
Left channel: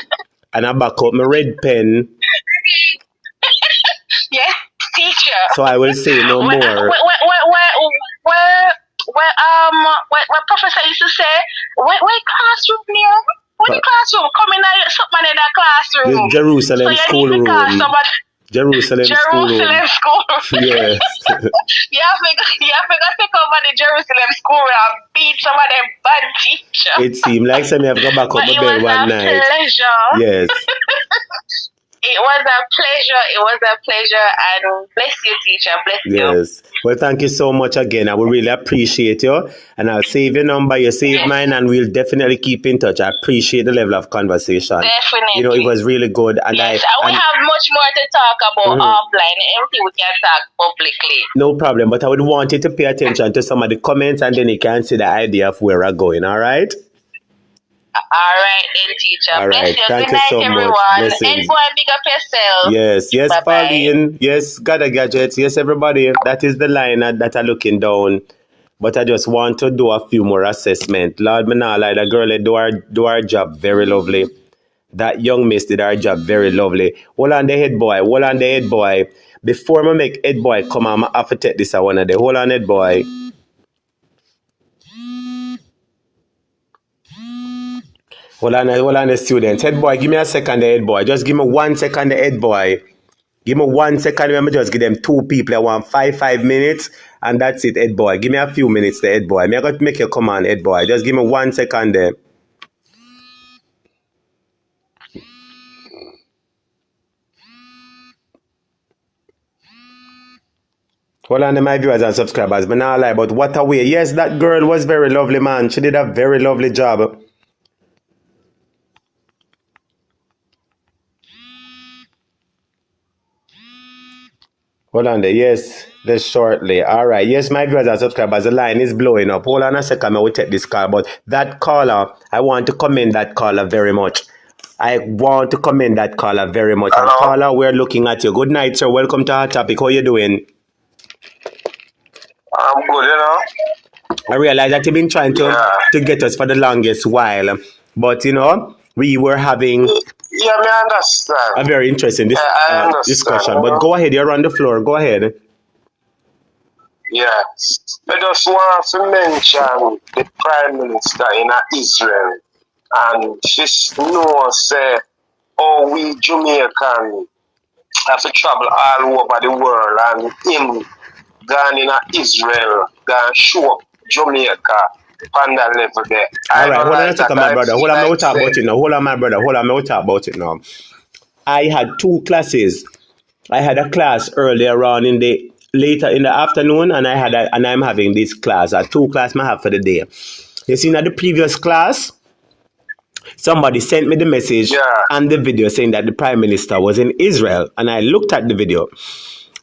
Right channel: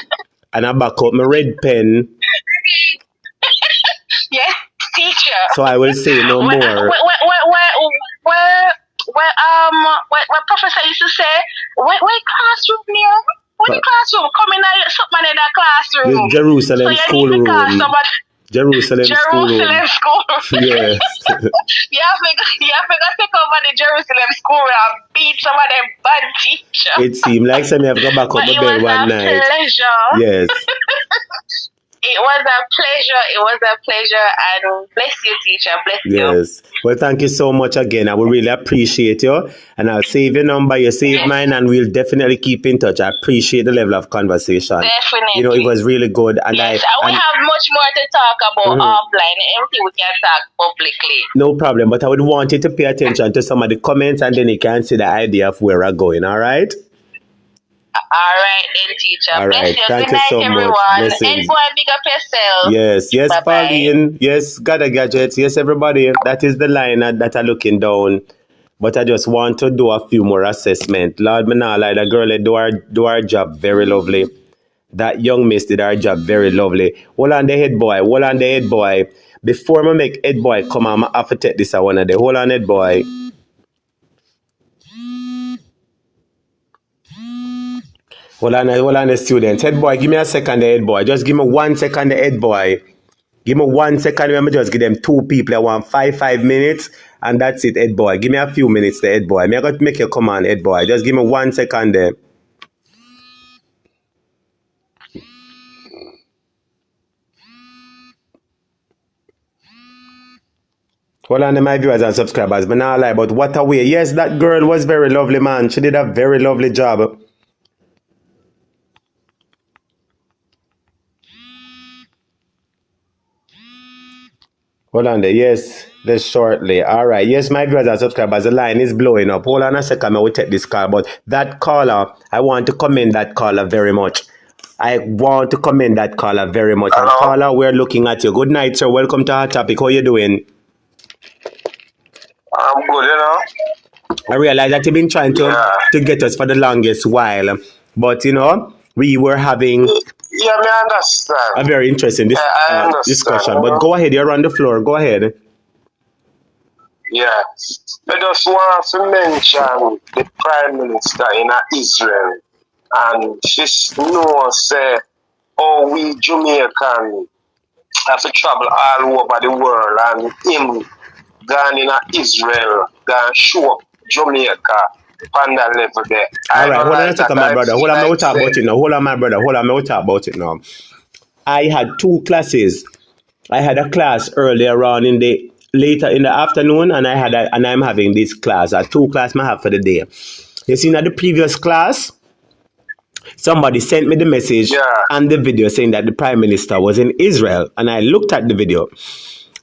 and I back up my red pen. Yes, teacher. So I will say no more. What professor used to say, where classroom near? What classroom? Come in something in that classroom. The Jerusalem schoolroom. Jerusalem schoolroom. Yes. You have to take over the Jerusalem schoolroom and beat some of them bad teachers. It seemed like somebody have gone back up my bed one night. Yes. It was a pleasure, and bless you, teacher. Bless you. Yes. Well, thank you so much again. I would really appreciate you. And I'll save your number, you save mine, and we'll definitely keep in touch. I appreciate the level of conversation. Definitely. It was really good. And we have much more to talk about offline. Anything we can talk publicly. No problem. But I would want you to pay attention to some of the comments, and then you can see the idea of where we're going. All right? All right, then, teacher. All right. Thank you so everyone. much. And boy, big up yourself. Yes, Pauline. Yes, Gather Gadgets. Yes, everybody. That is the line that I'm looking down. But I just want to do a few more assessment. Lord, me not lie, the girl do her job very lovely. That young miss did her job very lovely. Hold on the head boy. Hold on the head boy. Before I make head boy come on, I have to take this one of the. Hold on head boy. Hold on the student. Head boy, give me a second the head boy. Just give me 1 second the head boy. Give me 1 second. Let me just give them 2 people. I want 5 minutes. And that's it, head boy. Give me a few minutes the head boy. I'm going to make you come on, head boy. Just give me 1 second there. Hold on, my viewers and subscribers, but now lie, but what a way. Yes, that girl was very lovely, man. She did a very lovely job. Hold on there, yes, this shortly. All right, yes, my viewers and subscribers, the line is blowing up. Hold on a second, I will take this call, but that caller, I want to commend that caller very much. I want to commend that caller very much. And caller, we're looking at you. Good night, sir. Welcome to our topic. How you doing? I'm good, you know. I realize that you've been trying to get us for the longest while, but you know, we were having I understand. a very interesting discussion. But go ahead, you're on the floor. Go ahead. Yeah. I just want to mention the Prime Minister in Israel, and she knows how we Jamaican have to travel all over the world, and him gone in Israel, gone show up Jamaica on that level there. All right, hold on a second, my brother. Hold on, we'll talk about it now. Hold on, my brother. Hold on, we'll talk about it now. I had 2 classes. I had a class earlier on later in the afternoon, and I'm having this class. 2 classes I have for the day. You see, in the previous class, somebody sent me the message and the video saying that the Prime Minister was in Israel, and I looked at the video.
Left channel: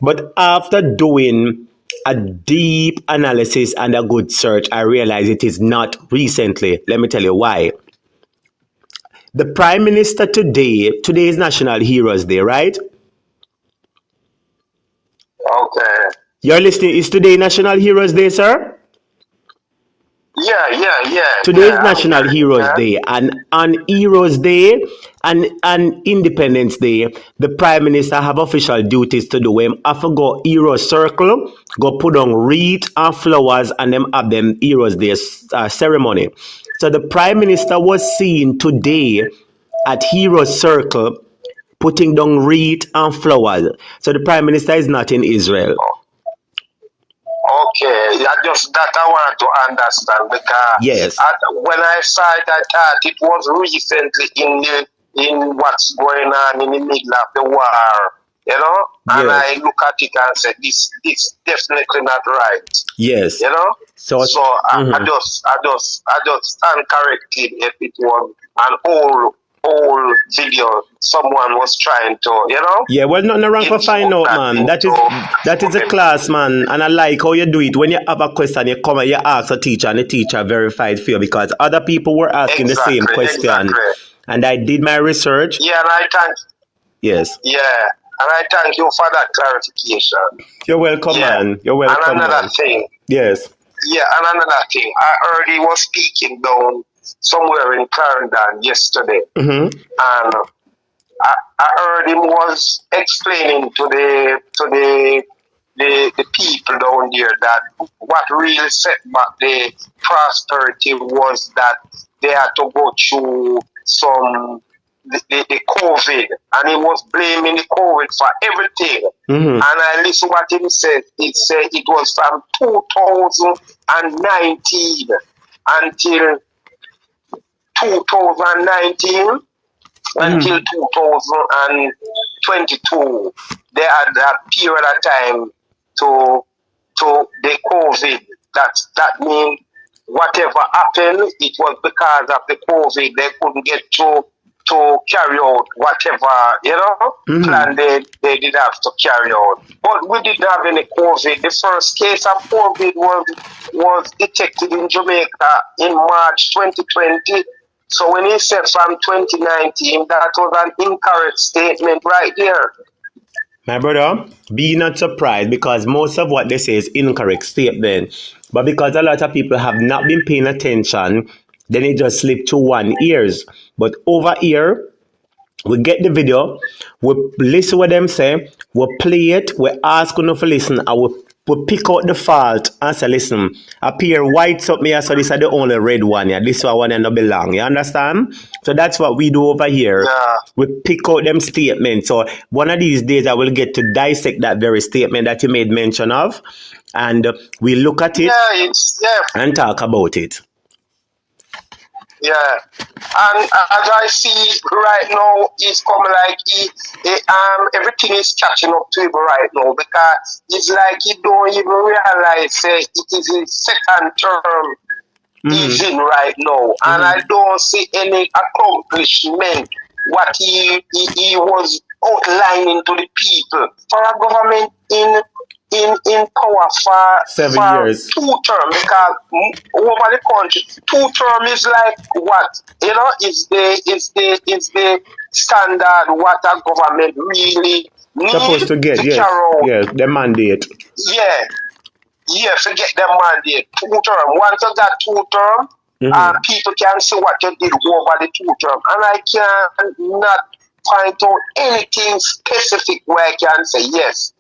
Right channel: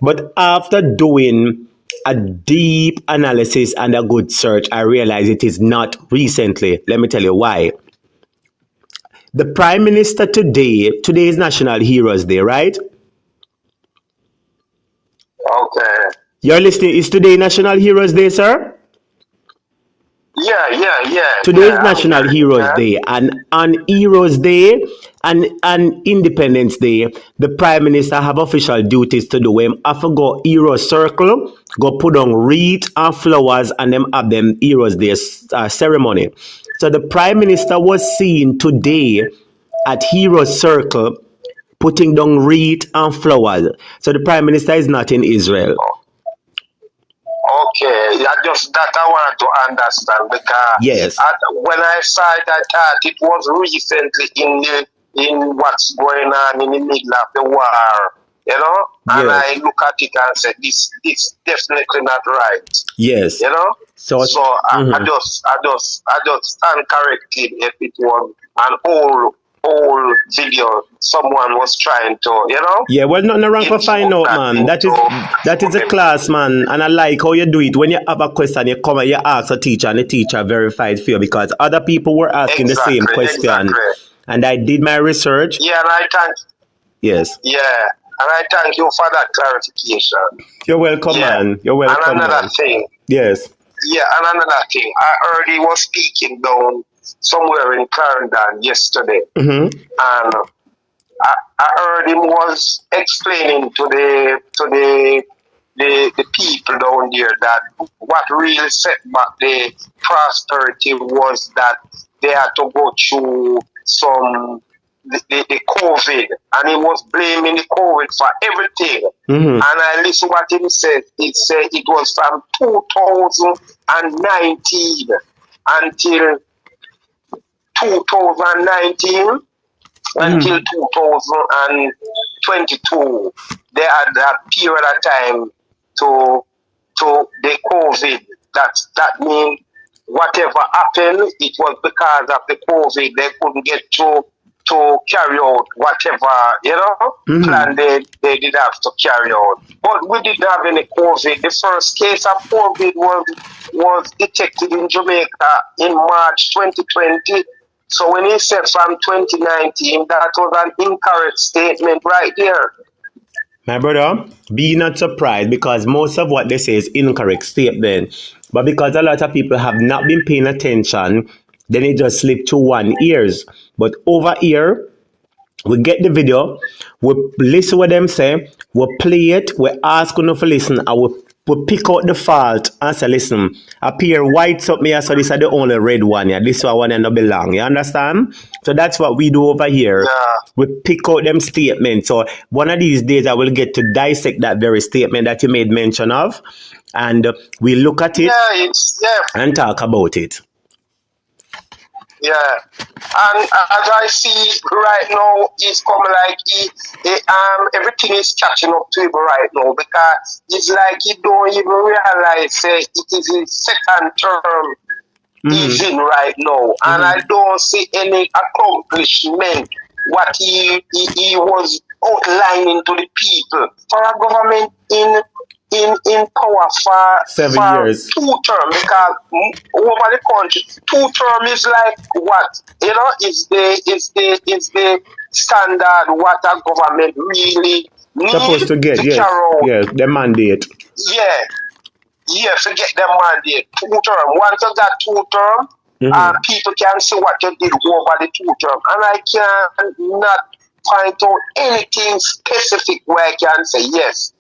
But after doing a deep analysis and a good search, I realized it is not recently. Let me tell you why. The Prime Minister today is National Heroes Day, right? Okay. You're listening. Is today National Heroes Day, sir? Yeah. Today is National Heroes Day, and on Heroes Day and Independence Day, the Prime Minister have official duties to do. Him have to go Hero Circle, go put on wreath and flowers, and them have them Heroes Day ceremony. So the Prime Minister was seen today at Hero Circle putting down wreath and flowers. So the Prime Minister is not in Israel. Okay, just that I want to understand, because when I saw it, I thought it was recently in what's going on in the middle of the war, you know? And I look at it and say, this definitely not right. Yes. You know? So I just stand corrected if it was an old video someone was trying to, you know? Yeah, well, nothing wrong for find out, man. That is a class, man. And I like how you do it. When you have a question, you come and you ask a teacher, and the teacher verified for you, because other people were asking the same question. And I did my research. Yeah, and I thank. Yes. Yeah, and I thank you for that clarification. You're welcome, man. You're welcome. And another thing. Yes. Yeah, and another thing. I heard he was speaking down somewhere in Clarendon yesterday. Mm-hmm. And I heard him was explaining to the people down there that what really set back the prosperity was that they had to go through the COVID, and he was blaming the COVID for everything. Mm-hmm. And I listened what he said. He said it was from 2019 until 2019 until 2022. They had that period of time to the COVID. That means whatever happened, it was because of the COVID. They couldn't get to carry out whatever, you know, plan they did have to carry out. But we didn't have any COVID. The first case of COVID was detected in Jamaica in March 2020. So when he said from 2019, that was an incorrect statement right there. My brother, be not surprised, because most of what they say is incorrect statement. But because a lot of people have not been paying attention, then it just slipped to one ears. But over here, We get the video, we listen what them say, we play it, we ask enough to listen, and we pick out the fault and say, listen, appear white up here, so this is the only red one, yeah. This one and not belong. You understand? So that's what we do over here. Yeah. We pick out them statements. So one of these days I will get to dissect that very statement that you made mention of, and we look at it and talk about it. Yeah, and as I see right now, it's come like everything is catching up to him right now, because it's like he don't even realize it is his second term he's in right now, and I don't see any accomplishment what he was outlining to the people for a government in power for 7 years. 2 terms, because over the country 2 terms is like what, you know, is the standard what a government really needs Supposed to get, yes, yes, the mandate. Yeah, forget the mandate. 2 terms. Once you got 2 terms, people can see what you did over the 2 terms, and I can not find out anything specific where I can say yes,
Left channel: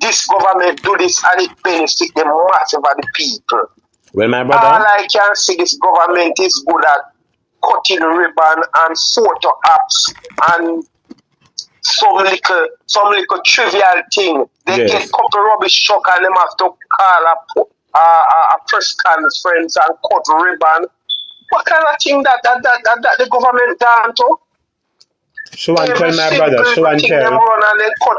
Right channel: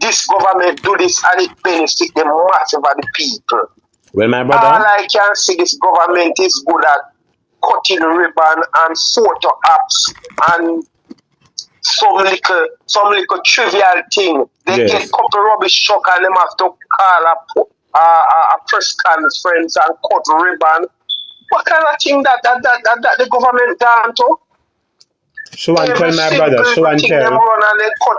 this government do this and it benefit the massive of the people. Well, my brother, all I can see, this government is good at cutting ribbon and photo apps and some little trivial thing. They get couple rubbish truck and them have to call a press conference and cut ribbon. What kind of thing that the government done to? show and tell, my brother, show and tell. Them run and they cut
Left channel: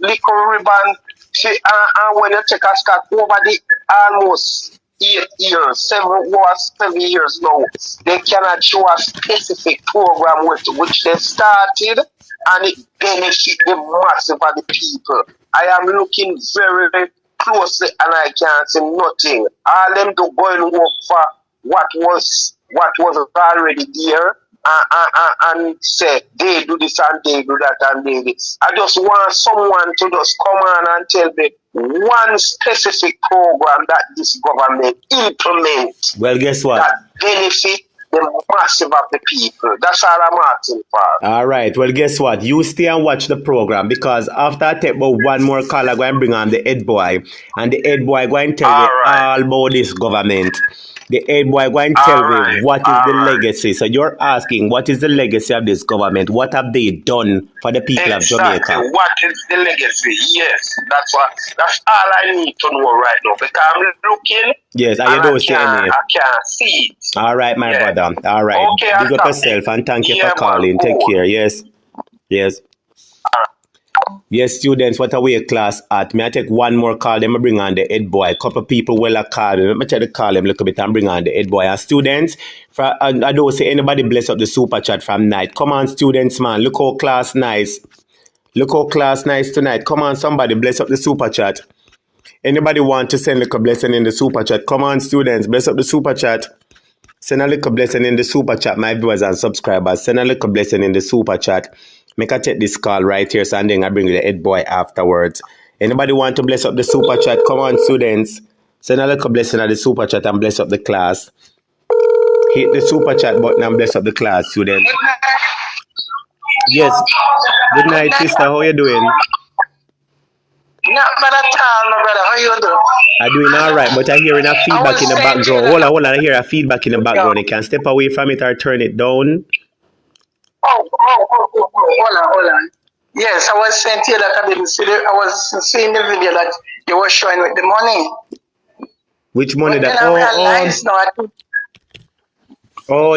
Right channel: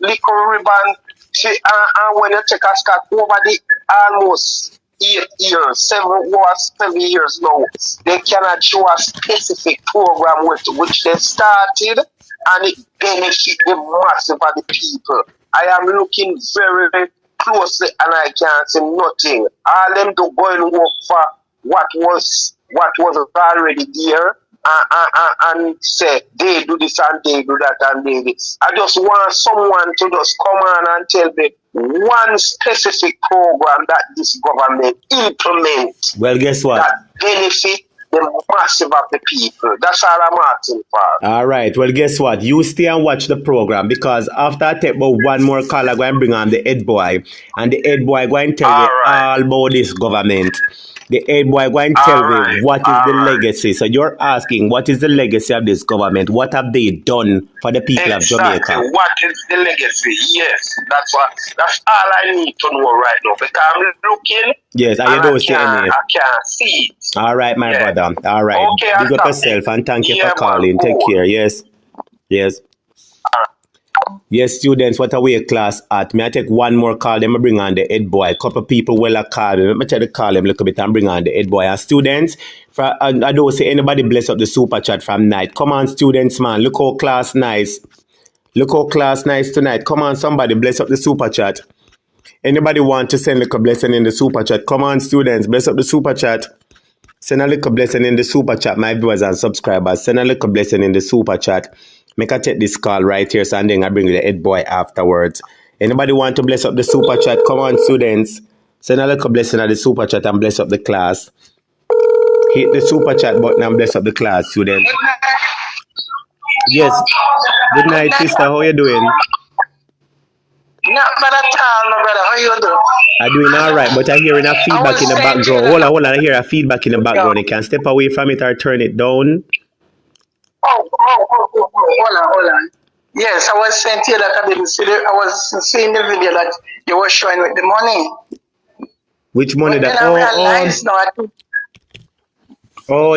little ribbon. See, and when you take a start over the almost 8 years, 7 years now, they cannot show a specific program which they started, and it benefit the massive of the people. I am looking very, very closely and I can't see nothing. All them to go and work for what was already there, and say they do this and they do that and they do this. I just want someone to just come on and tell me one specific program that this government implement. Well, guess what? That benefit the massive of the people. That's all I'm asking for. All right. Well, guess what? You stay and watch the program, because after I take about one more call, I'm going to bring on the head boy, and the head boy going to tell you all about this government. The head boy going to tell me what is the legacy. So you're asking, what is the legacy of this government? What have they done for the people of Jamaica? What is the legacy? Yes, that's all I need to know right now, because I'm looking. Yes, I don't see any. I can't see it. All right, my brother. All right. Okay, Big up yourself and thank you for calling. Take care. Yes. Yes. Yes, students, what are we class at? May I take one more call? Then I bring on the head boy. A couple of people will call me. Let me try to call them a little bit and bring on the head boy. And students, and I don't see anybody bless up the super chat from night. Come on, students, man. Look how class nice. Look how class nice tonight. Come on, somebody bless up the super chat. Anybody want to send a little blessing in the super chat? Come on, students, bless up the super chat. Send a little blessing in the super chat, my viewers and subscribers. Send a little blessing in the super chat. Make I take this call right here, so and then I bring the head boy afterwards. Anybody want to bless up the super chat? Come on, students. Send a little blessing at the super chat and bless up the class. Hit the super chat button and bless up the class, students. Yes. Good night, sister. How you doing? Not bad at all, my brother. How you doing? I'm doing all right, but I'm hearing a feedback in the background. Hold on. I hear a feedback in the background. You can step away from it or turn it down. Hold on. Yes, I was saying to you that I was seeing the video that you were showing with the money. Which money?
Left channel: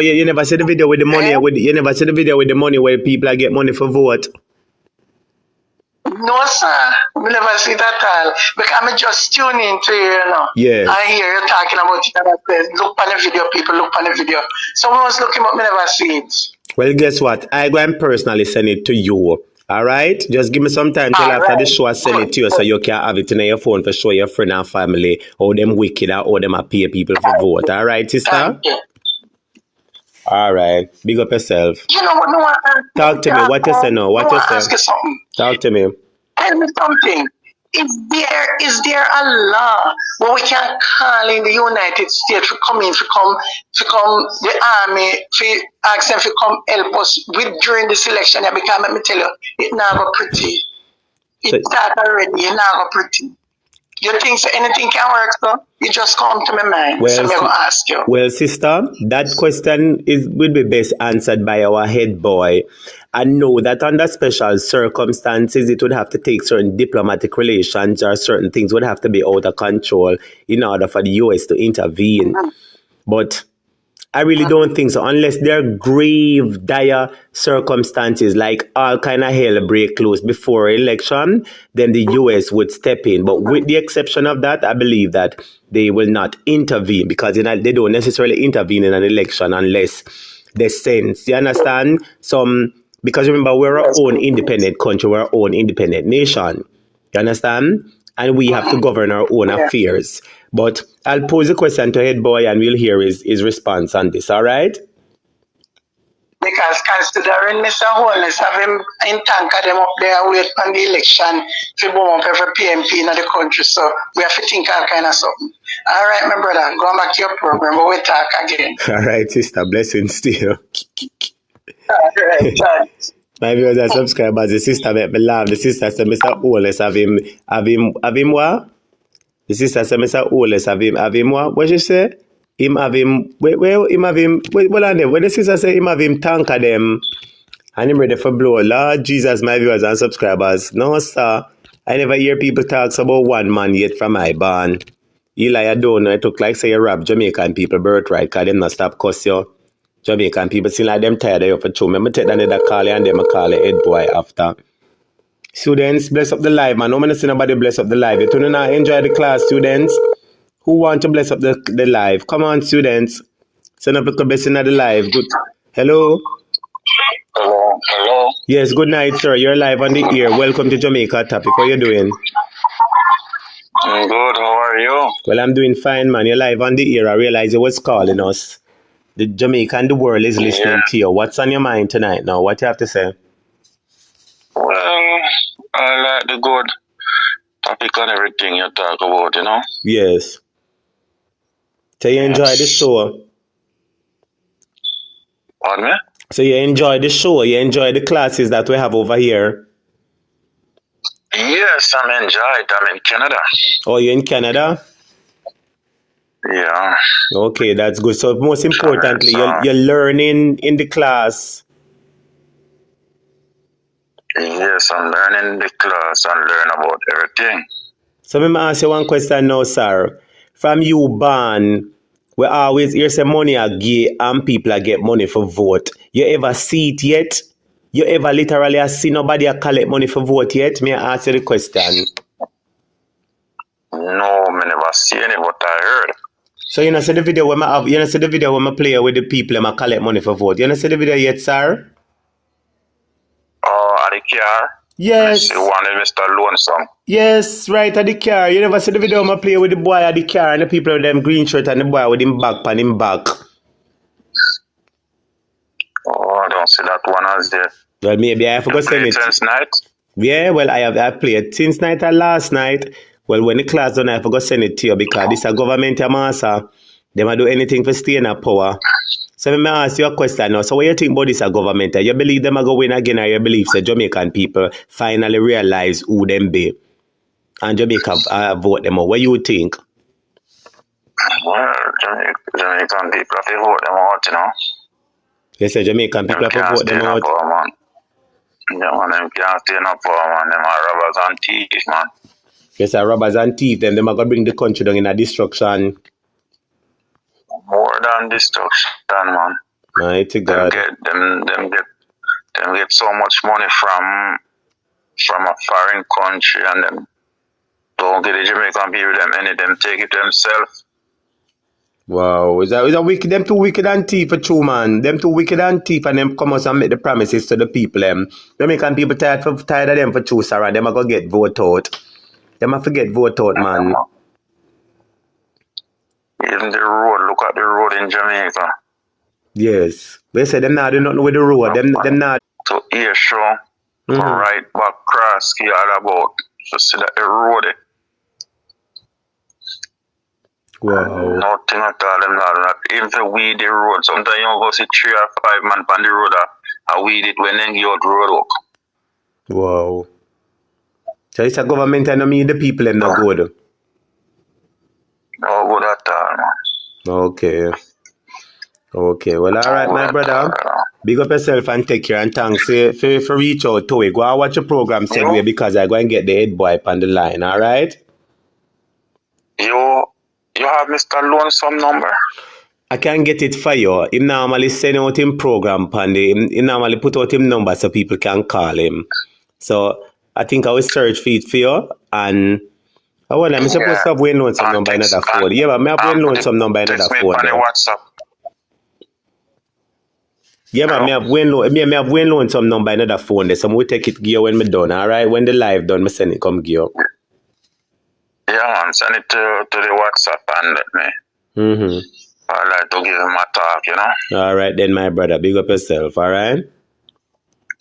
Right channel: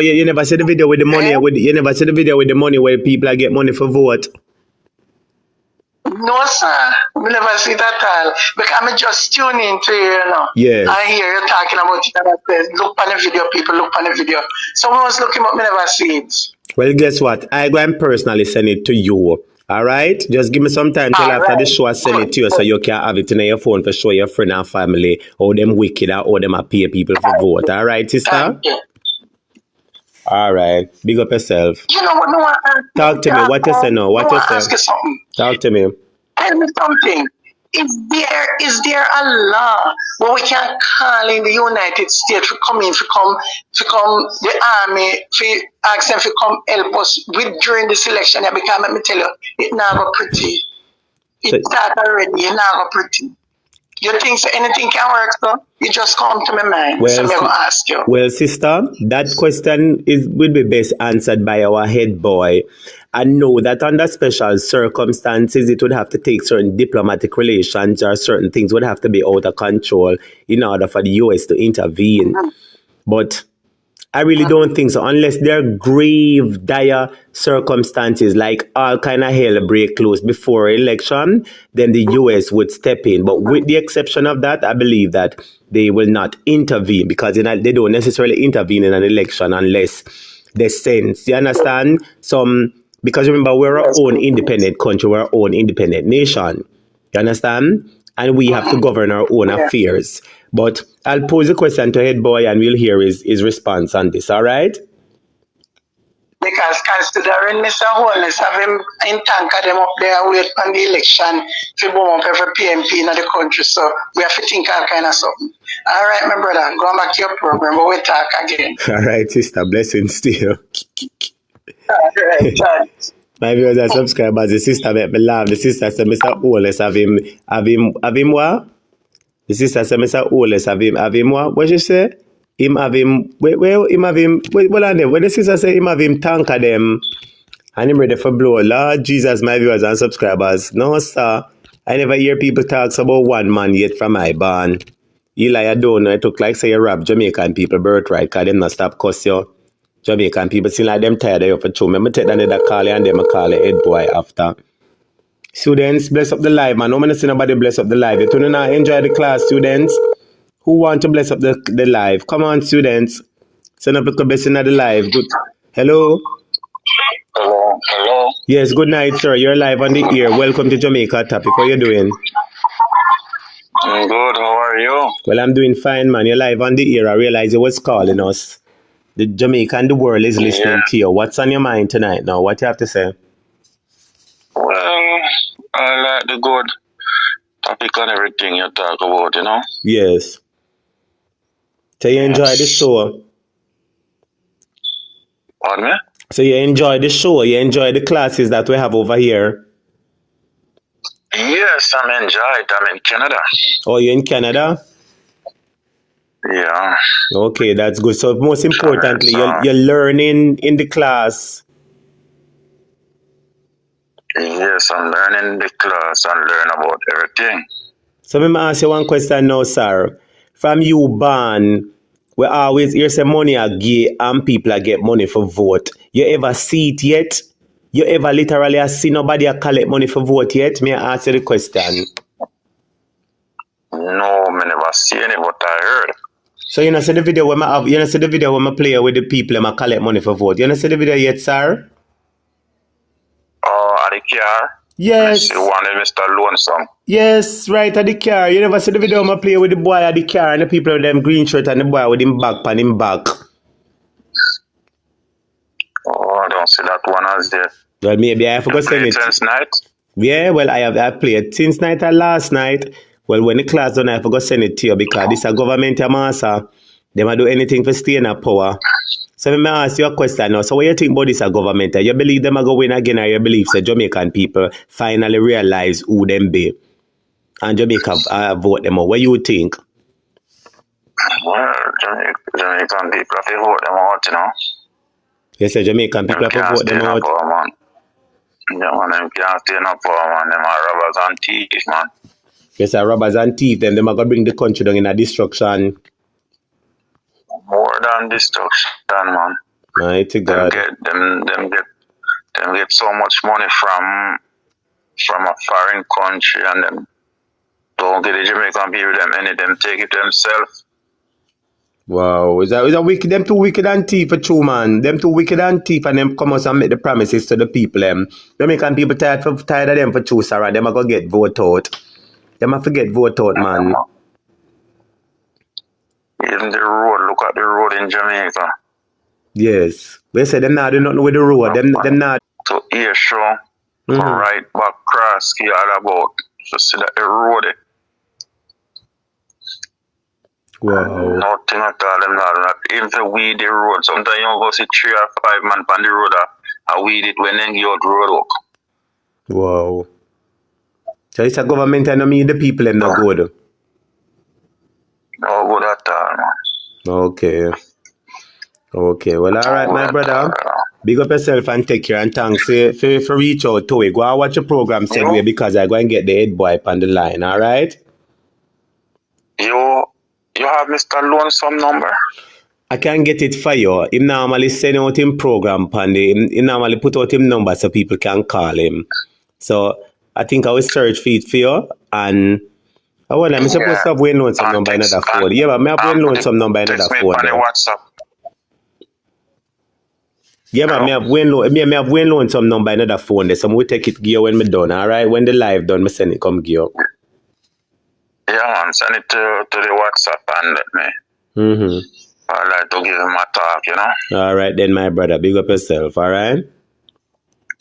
You never see the video with the money. You never see the video with the money where people get money for vote. No, sir. We never see that at all. Because I'm just tuning into you, you know. Yes. I hear you talking about it and I say, look on the video, people, look on the video. Someone was looking but me never see it. Well, guess what? I go and personally send it to you. All right? Just give me some time till after the show I send it to you so you can have it in your phone for show your friend and family how them wicked or how them pay people for vote. All right, sister? All right. Big up yourself. You know what? No, talk to me. What you say now? What you say? Ask you something. Talk to me. Tell me something. Is there a law where we can call in the United States to come the army, to ask them to come help us with during the selection? Because let me tell you, it's not pretty. It's that already, it's not pretty. You think anything can work, so it just come to my mind. Well, so I'm going to ask you. Well, sister, that question will be best answered by our head boy. I know that under special circumstances, it would have to take certain diplomatic relations or certain things would have to be out of control in order for the US to intervene. But I really don't think so. Unless there are grave, dire circumstances, like all kind of hell break loose before election, then the US would step in. But with the exception of that, I believe that they will not intervene, because they don't necessarily intervene in an election unless they sense. You understand? Because remember, we're our own independent country, we're our own independent nation. You understand? And we have to govern our own affairs. But I'll pose a question to head boy and we'll hear his response on this, all right? Because considering Mr. Holness have him in tanker them up there wait on the election to bomb up every PMP in the country, so we have to think all kind of something. All right, my brother, go back to your program, but we'll talk again. All right, sister, blessings to you. All right, thanks. My viewers and subscribers, the sister make me laugh. The sister said Mr. Holness have him what? The sister said Mr. Holness have him what? What you say? Him have him, wait, when the sister say him have him tanker them and him ready for blow. Lord Jesus, my viewers and subscribers. No, sir. I never hear people talk about one man yet from my barn. Eli, I don't know. I took like say you rob Jamaican people birthright, because them not stop cuss you. Jamaican people seem like them tired of you for true. Me take that call and them call it head boy after. Students, bless up the live, man. I'm going to see nobody bless up the live. You don't know, enjoy the class, students. Who want to bless up the live? Come on, students. Send up a blessing at the live. Good. Hello? Hello? Yes, good night, sir. You're live on the air. Welcome to Jamaica Topic. How you doing? I'm good. How are you? Well, I'm doing fine, man. You're live on the air. I realize you was calling us. The Jamaica and the world is listening to you. What's on your mind tonight now? What you have to say? Well, I like the good topic and everything you talk about, you know? Yes. So you enjoy the show? Pardon me? So you enjoy the show? You enjoy the classes that we have over here? Yes, I'm enjoyed. I'm in Canada. Oh, you're in Canada? Yeah. Okay, that's good. So most importantly, you're learning in the class. Yes, I'm learning the class and learn about everything. So let me ask you one question now, sir. From you born, we always hear say money are gay and people are get money for vote. You ever see it yet? You ever literally see nobody collect money for vote yet? May I ask you the question? No, I never see any, but I heard. So you know see the video when I play with the people and collect money for vote. You know see the video yet, sir? Oh, at the car? Yes. I see one with Mr. Lonesome. Yes, right at the car. You never see the video I play with the boy at the car and the people with them green shirt and the boy with him back on him back. Oh, I don't see that one as there. Well, maybe I forgot to send it. Since night? Yeah, well, I've played since night and last night. Well, when the class done, I forgot to send it to you because this is a government master. They might do anything for stay in power. So let me ask you a question now. So what you think about this government? You believe them are going to win again, or you believe the Jamaican people finally realize who them be and Jamaica vote them out? What you think? Well, Jamaican people have to vote them out, you know. You say Jamaican people have to vote them out? Yeah, man, them can't stay in power, man. Them are robbers and thieves, man. You say robbers and thieves, them are going to bring the country down in a destruction. More than destruction, man. Mighty God. Them get so much money from a foreign country, and them don't get the Jamaican people them take it themselves. Wow, is that wicked? Them too wicked and thief for true, man. Them too wicked and thief, and them come out and make the promises to the people. Jamaican people tired of them for true, Sarah. Them are gonna get vote out. Them are forget vote out, man. Even the road, look at the road in Jamaica. Yes. They say them not do nothing with the road. Them not. To ear show, right back cross, all about Just see that eroded. Wow. Nothing at all. Them not even to weed the road. Sometimes you go see 3 or 5 man on the road and weed it when they give out road work. Wow. So it's a government and I mean the people are not good. No good at all, man. Okay. Okay. Well, all right, my brother. Big up yourself and take care and thanks for reach out to it. Go and watch your program segue because I go and get the head boy on the line, all right? You have Mr. Lonesome number? I can get it for you. He normally send out him program he normally put out him number so people can call him. So I think I will search for it for you and I'm supposed to have Wayne Lonesome number in another phone. Yeah, but I have Wayne Lonesome number in another phone. WhatsApp. Yeah, but I have Wayne Lonesome number in another phone. So we take it gear when me done, all right? When the live done, me send it come gear. Yeah, man, send it to the WhatsApp and let me. Mm-hmm. I like to give him a talk, you know. All right, then, my brother. Big up yourself, all right?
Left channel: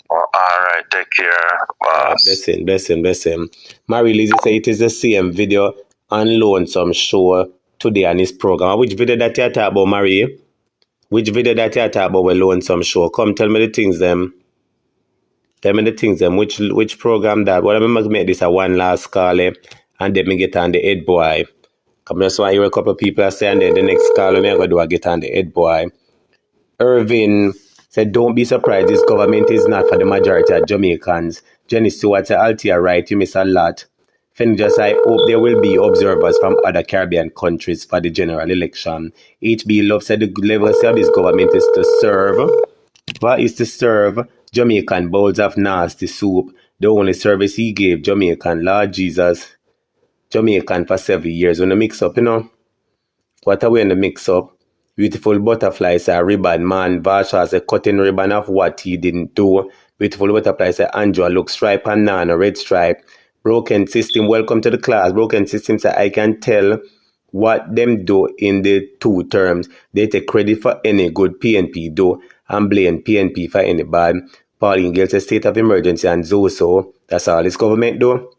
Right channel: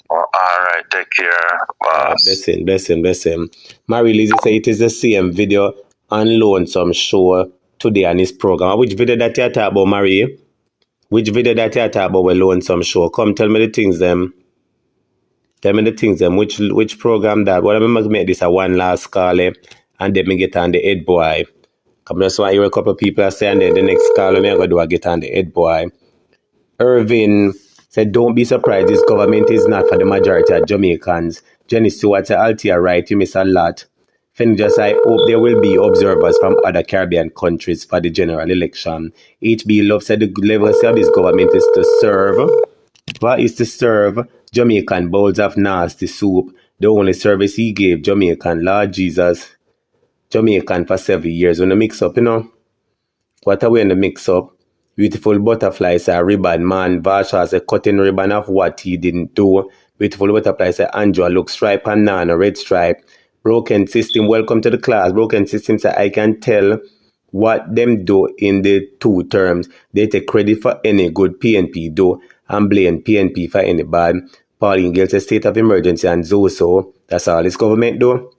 All right, take care, boss. Blessing. Marie Lizzie say it is the same video on Lonesome show today on his program. Which video that you talk about, Marie? Which video that you talk about with Lonesome show? Come tell me the things them. Tell me the things them. Which program that? Well, I must make this a one last call, and then me get on the head boy. Come just want to hear a couple of people say, and then the next call me I go do I get on the head boy. Irvin said, don't be surprised, this government is not for the majority of Jamaicans. Jenny Stewart said, Altia right, you miss a lot. Finn just I hope there will be observers from other Caribbean countries for the general election. HB Love said the legacy of this government is to serve. What is to serve? Jamaican bowls of nasty soup. The only service he gave Jamaican, Lord Jesus. Jamaican for 7 years. When the mix up, you know. What are we in the mix up? Beautiful butterflies are ribbon man. Varsha is a cutting ribbon of what he didn't do. Beautiful butterflies are Andrew look stripe and Nana red stripe. Broken system, welcome to the class. Broken system say I can tell what them do in the 2 terms. They take credit for any good PNP do and blame PNP for any bad. Pauline Gale says state of emergency and Zoso. That's all this government do.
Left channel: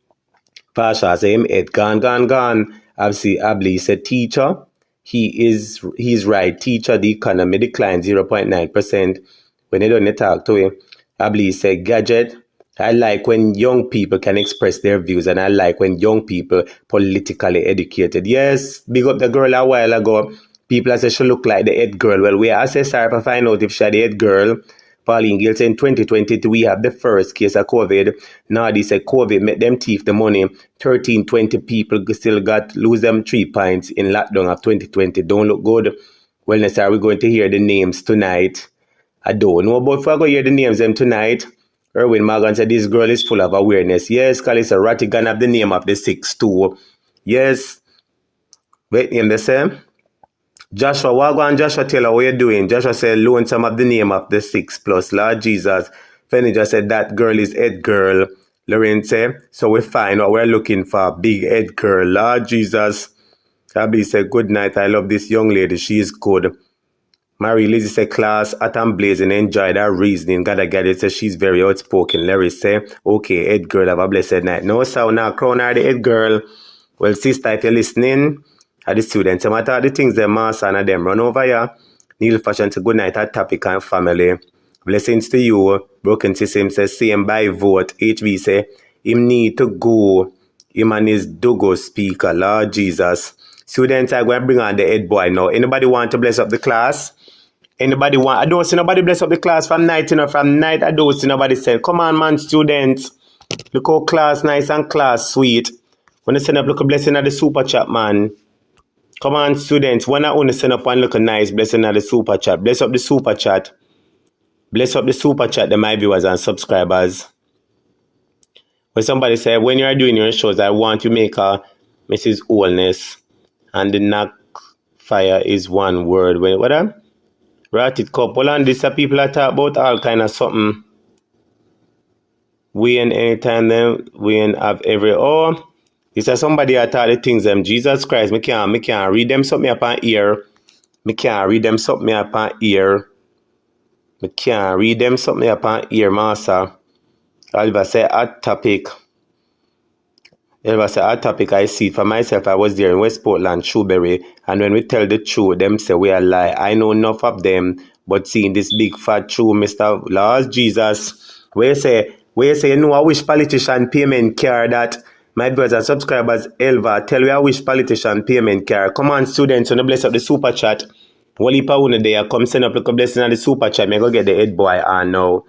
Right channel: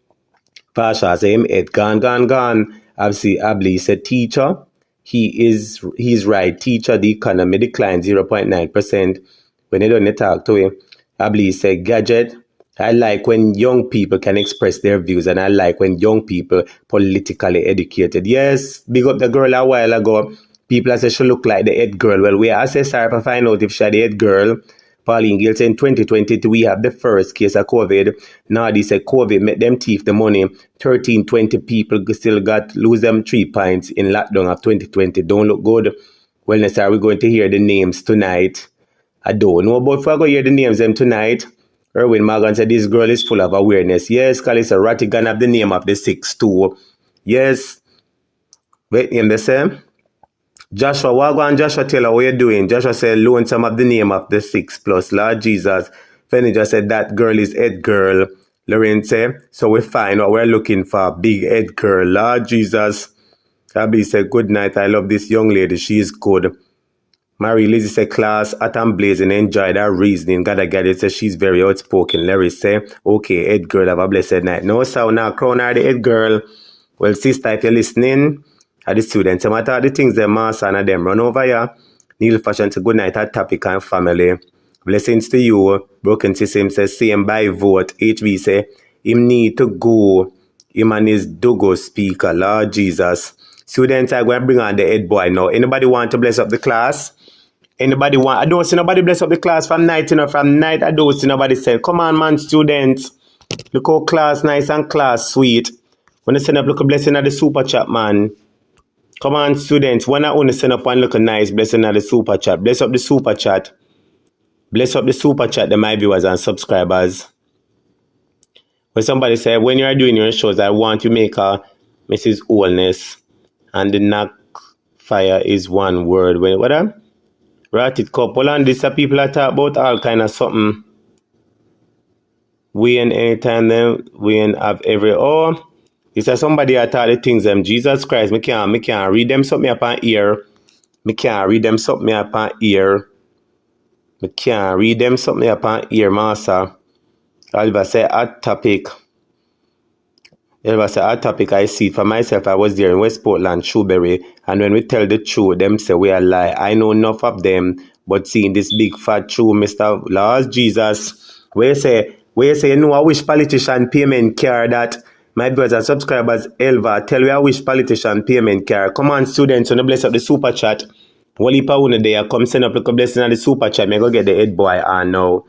Pasha say him head gone. Abli said teacher. He's right. Teacher, the economy declined 0.9%. When they don't talk to him, Abli said gadget. I like when young people can express their views, and I like when young people politically educated. Yes, big up the girl a while ago. People say she look like the head girl. Well, we assess her to find out if she the head girl. Pauline Gill said in 2022 we have the first case of COVID. Now they say COVID make them thief the money. 20 people still lose them 3 pints in lockdown of 2020. Don't look good. Well, next are we going to hear the names tonight? I don't know, but if I go hear the names them tonight, Erwin Morgan said this girl is full of awareness. Yes, Kalisa Rattigan have the name of the 6 too. Yes. Wait, name the same? Joshua, Wagwan, Joshua Taylor, what you doing? Joshua said, Lonesome of the name of the 6 plus. Lord Jesus. Fanny just said, that girl is head girl. Lorraine said, so we find what we're looking for. Big head girl. Lord Jesus. Abby said, good night. I love this young lady. She is good. Marie Lizzie said, class, at and blazing, enjoyed her reasoning. Gotta get it. Said she's very outspoken. Larry said, okay, head girl, have a blessed night. No, so now crown her the head girl. Well, sister, if you're listening, at the students, some of the things them master and them run over here. Neil Fashion to good night at topic and family. Blessings to you. Broken System says same by vote. HB say him need to go. Him and his Dogo speaker. Lord Jesus. Students, I'm going to bring on the head boy now. Anybody want to bless up the class? Anybody want? I don't see nobody bless up the class from night, you know. From night, I don't see nobody say, come on, man, students. Look how class nice and class sweet. When you send up, look a blessing at the super chat, man. Come on, students. When I only send up one look nice blessing at the super chat. Bless up the super chat. Bless up the super chat, the my viewers and subscribers. When somebody say, when you are doing your shows, I want to make a Mrs. Wholeness. And the knock fire is one word. Wait, what up? Rat it couple. And these are people that talk about all kind of something. We and anytime them, we and have every This is somebody that taught the things them. Jesus Christ, me can't read them something upon ear. Me can't read them something upon ear. Me can't read them something upon ear, master. Oliver say hot topic. Elva said, our topic, I see it for myself. I was there in West Portland, Shrewsbury, and when we tell the truth, them say we are lie. I know enough of them, but seeing this big fat truth, Mr. Lord Jesus, where you say, you know, I wish politician payment care that my brothers and subscribers, Elva, tell you I wish politician payment care. Come on, students, when you bless up the super chat, one heap of one there, come send up like a blessing on the super chat. Me go get the head boy on now.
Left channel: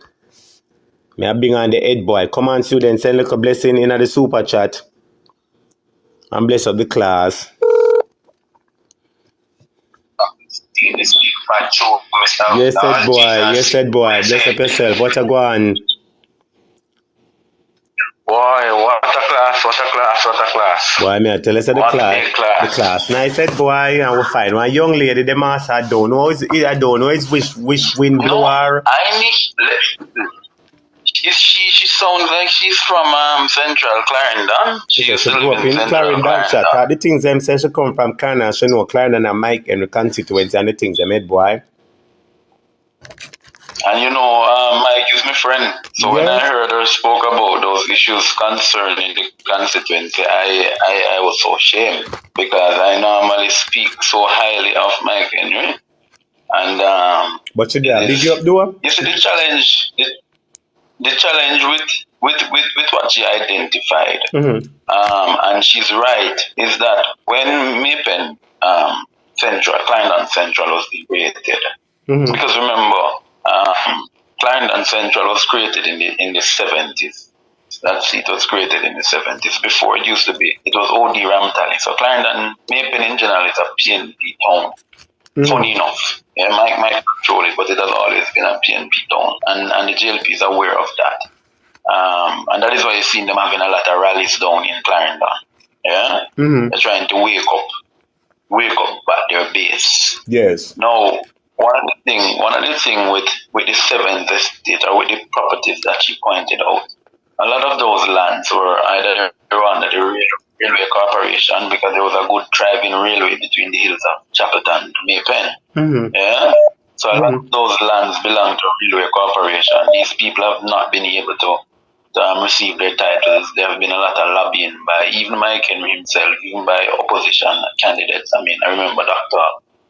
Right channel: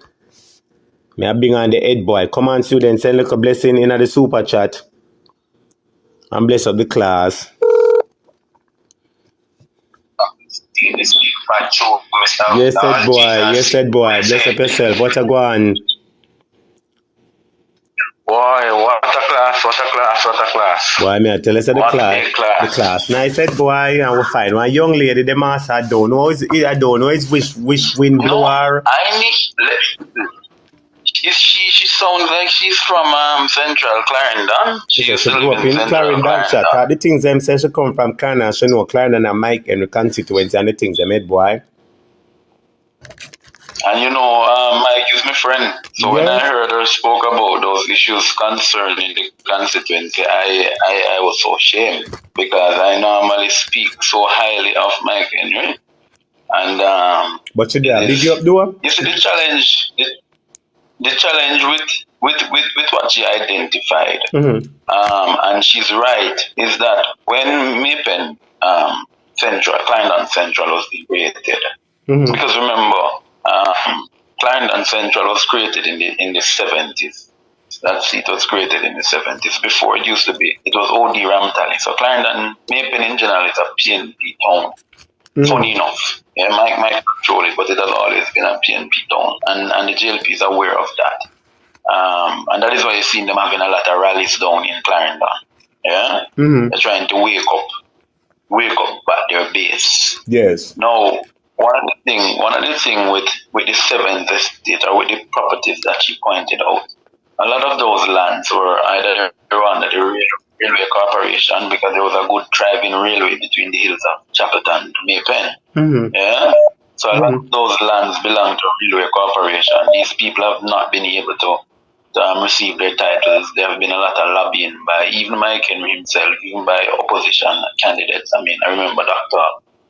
Me I bring on the head boy. Come on, students, send like a blessing in the super chat. And bless up the class. Yes, said boy. Yes, said boy. Bless up yourself. What a go on? Boy, what a class, what a class, what a class. Boy, me I tell us the class. The class. Nice said boy, and we find one young lady, the master, I don't know it's which wind blower. I need. She sounds like she's from Central Clarendon. She grew up in Clarendon. The things them say she come from Clarendon. She know Clarendon and Mike and the constituency and the things they made, boy. And you know, Mike is my friend. So when I heard her spoke about those issues concerning the constituency, I was so ashamed because I normally speak so highly of Mike Henry. And but today, big you up, do you see the challenge? The challenge with what she identified, and she's right, is that when Mapen Clarendon Central was created, because remember, Clarendon Central was created in the 70s. That seat was created in the 70s. Before it used to be, it was OD Ramtali. So Clarendon, Mapen in general, is a PNP town. Funny enough. Yeah, Mike control it, but it has always been a PNP town, and the Jlp is aware of that. And that is why you see them having a lot of rallies down in Clarendon. Yeah? They're trying to wake up back their base. Yes. Now, one of the things with the seventh estate or with the properties that you pointed out, a lot of those lands were either under the Railway Corporation because there was a good driving railway between the hills of Chapelton to Maypen. Yeah? So a lot of those lands belong to Railway Corporation. These people have not been able to receive their titles. There have been a lot of lobbying by even Mike Henry himself, even by opposition candidates. I mean, I remember Dr.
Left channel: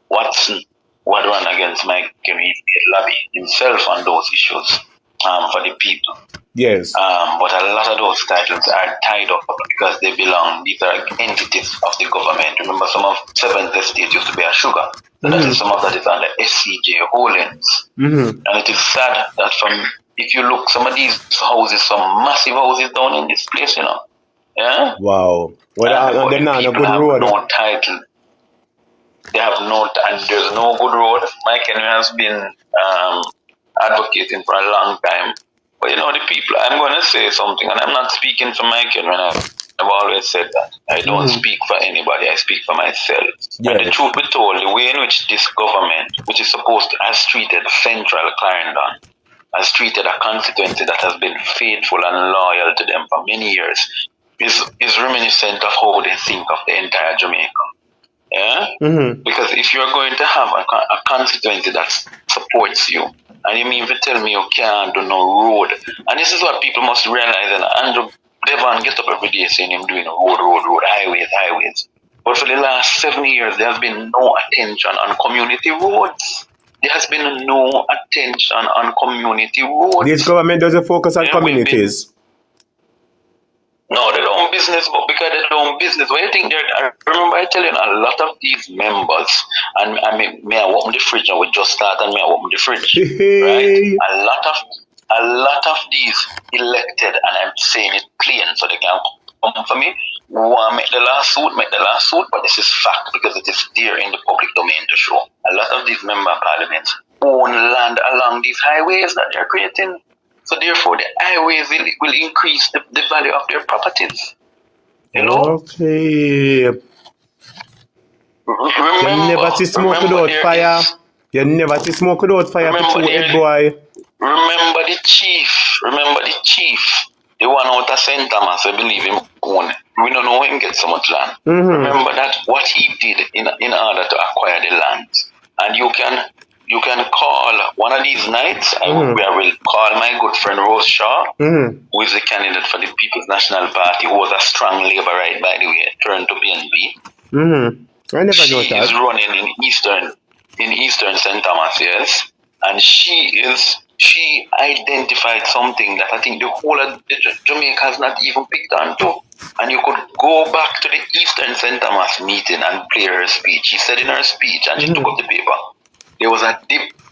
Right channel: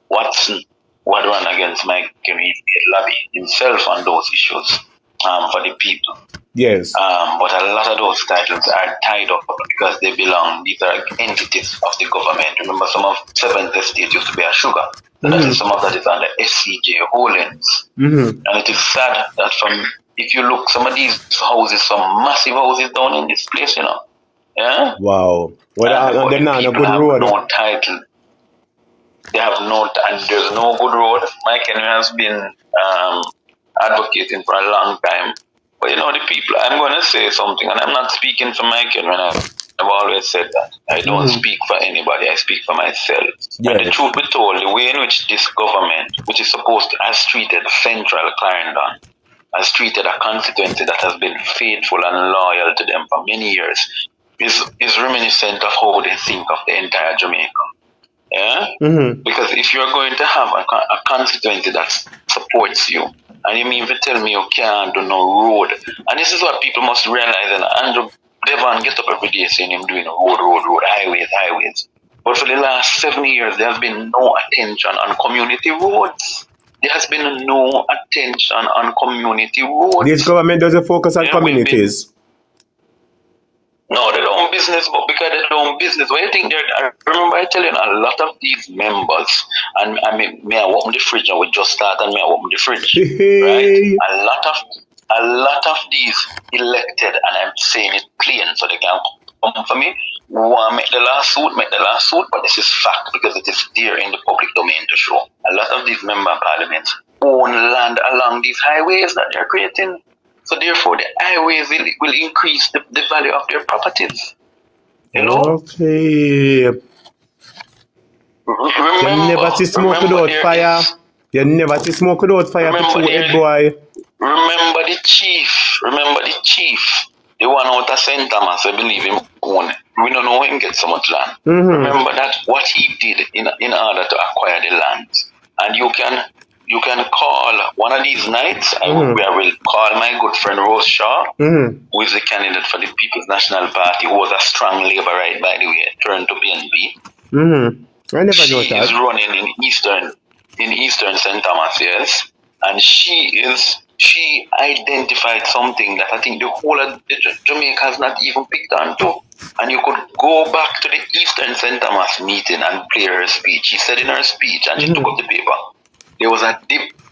Watson would run against Mike Henry, lobby himself on those issues for the people. Yes. But a lot of those titles are tied up because they belong, these are entities of the government. Remember, some of Seventh Estate used to be a sugar. And some of that is under SCJ Holdings. And it is sad that if you look, some of these houses, some massive houses down in this place, you know. Yeah? Wow. Well, they're not a good road. No title. They have and there's no good road. Mike Henry has been advocating for a long time. But you know, the people, I'm going to say something, and I'm not speaking for Mike Henry. I've always said that. I don't speak for anybody, I speak for myself. And the truth be told, the way in which this government, which is supposed to have treated Central Clarendon, has treated a constituency that has been faithful and loyal to them for many years, is reminiscent of how they think of the entire Jamaica. Yeah? Because if you're going to have a constituency that supports you, and you mean to tell me you can't do no road, and this is what people must realize, and Andrew Devon gets up every day saying him doing road, highways. But for the last 7 years, there has been no attention on community roads. There has been no attention on community roads. This government doesn't focus on communities. No, they don't business, but because they don't business. What you think I remember I telling a lot of these members, and may I open the fridge, and we just start and may I open the fridge. Right? A lot of these elected, and I'm saying it plain so they can come for me, want make the lawsuit, but this is fact because it is there in the public domain to show. A lot of these member parliaments own land along these highways that they're creating. So therefore, the highways will increase the value of their properties. You know? Okay. You never see smoke without fire. You never see smoke without fire to shoot it, boy. Remember the chief. The one out of St. Thomas, I believe him own. We don't know him get so much land. Remember that what he did in order to acquire the land. And you can you can call one of these nights. I will call my good friend Rose Shaw, who is the candidate for the People's National Party, who was a strong Labourite, by the way, turned to PNP. I never She know that. is running in Eastern St. Thomas, yes, and she identified something that I think the whole of Jamaica has not even picked on to. And you could go back to the Eastern St. Thomas meeting and play her speech. She said in her speech, and she took up the paper, there was a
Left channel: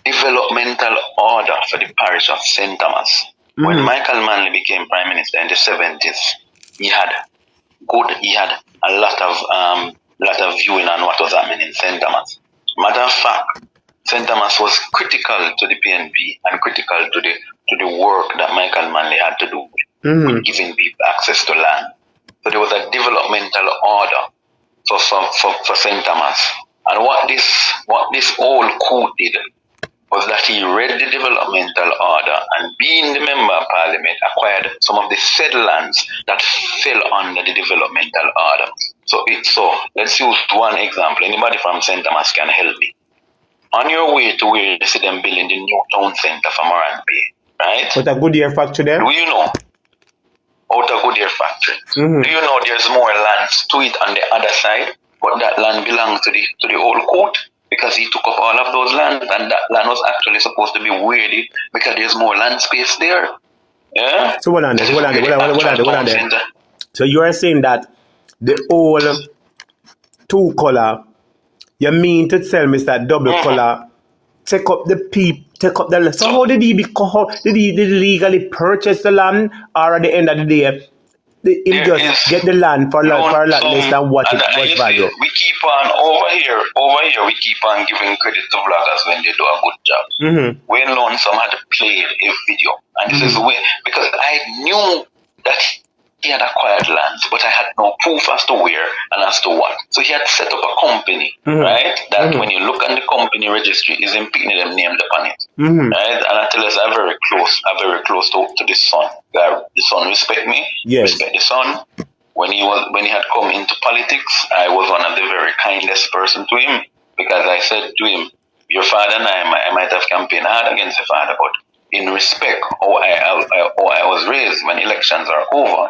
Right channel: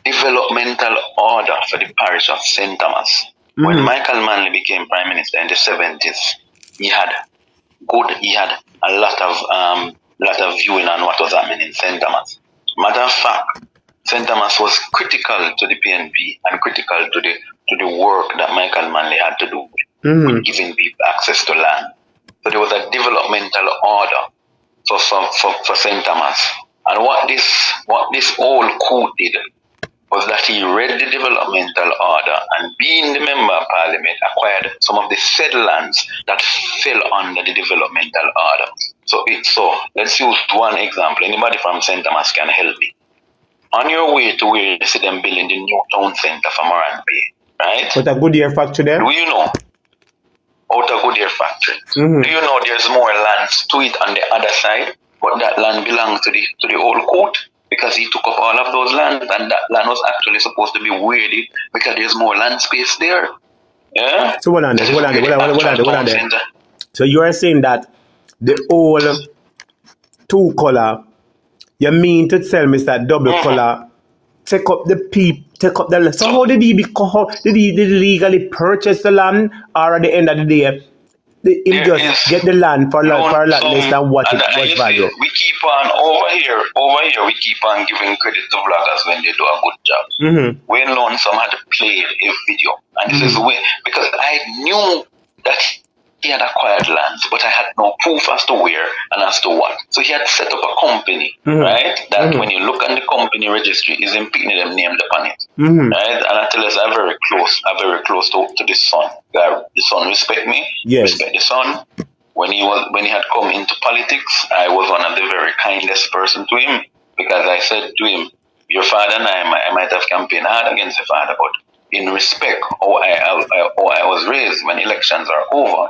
developmental order for the parish of St. Thomas. When Michael Manley became Prime Minister in the 70s, he had a lot of viewing on what was happening in St. Thomas. Matter of fact, St. Thomas was critical to the PNP and critical to the work that Michael Manley had to do with giving people access to land. So there was a developmental order for St. Thomas. And what this old coup did was that he read the developmental order and, being the member of parliament, acquired some of the said lands that fell under the developmental order. So let's use one example. Anybody from St. Thomas can help me. On your way to where you see them building the new town centre for Moran Bay, right? With a Goodyear factory there? Do you know? Out of Goodyear factory. Do you know there's more lands to it on the other side? But that land belongs to the old court, because he took up all of those lands, and that land was actually supposed to be weirded because there's more land space there. Yeah? So hold on there. So you are saying that the old two color, you mean to tell me that double color take up the land? So how did he legally purchase the land, or at the end of the day he just get the land for a lot less than what it was value? We keep on over here we keep on giving credit to bloggers when they do a good job. Wayne Lonesome had played a video, and this is the way, because I knew that he had acquired lands, but I had no proof as to where and as to what. So he had set up a company, right? That when you look at the company registry, is in them named upon it, right? And I tell us I'm very close to the son. The son respect me, respect the son. When he had come into politics, I was one of the very kindest person to him, because I said to him, your father and I might have campaigned hard against your father, but in respect how I was raised, when elections are over.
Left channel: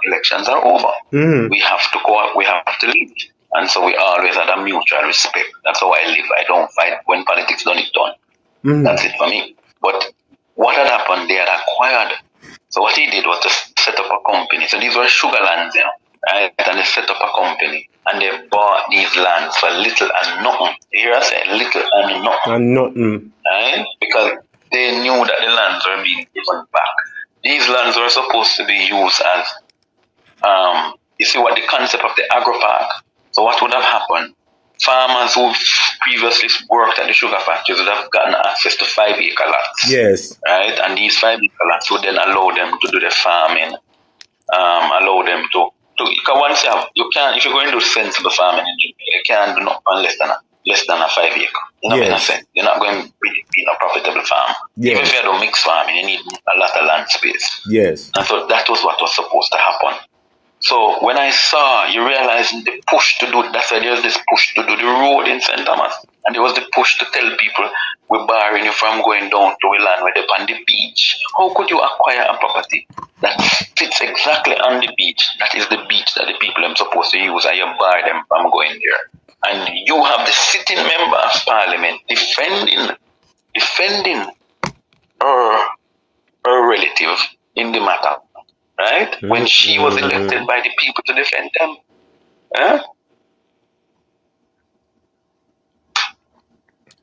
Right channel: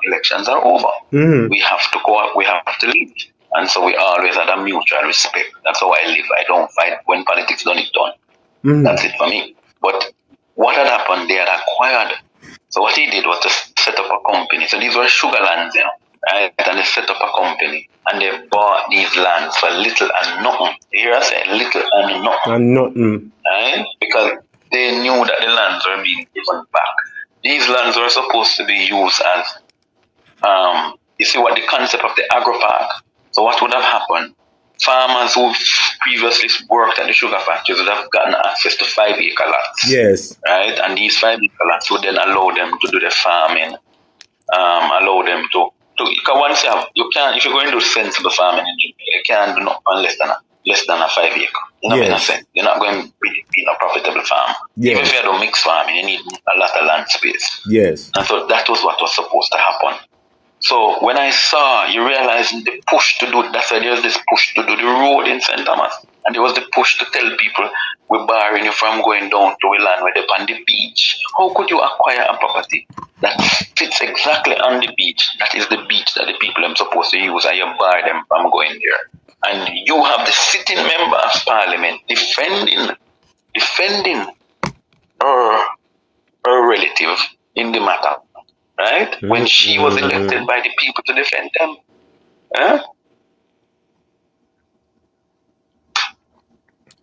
We have to go up, we have to leave. And so we always had a mutual respect. That's how I live. I don't fight when politics done. That's it for me. But what had happened, they had acquired. So what he did was to set up a company. So these were sugar lands, right? And they set up a company, and they bought these lands for little and nothing. You hear I say little and nothing. Right? Because they knew that the lands were being given back. These lands were supposed to be used as, you see what the concept of the agro-park. So what would have happened? Farmers who previously worked at the sugar factories would have gotten access to 5-acre lots. Yes. Right? And these 5-acre lots would then allow them to do the farming, allow them to because once you can't, if you're going to do sensible farming in Jamaica, you can't do nothing less than a 5-acre. You're not going to be a profitable farm. Even if you do mixed farming, you need a lot of land space. Yes. And so that was what was supposed to happen. So when I saw, you realize the push to do, that's why there's this push to do the road in St. Thomas. And there was the push to tell people, we're barring you from going down to a land where they're on the beach. How could you acquire a property that sits exactly on the beach? That is the beach that the people are supposed to use, and you bar them from going there. And you have the sitting member of parliament defending her relative in the matter, right? When she was elected by the people to defend them. Huh?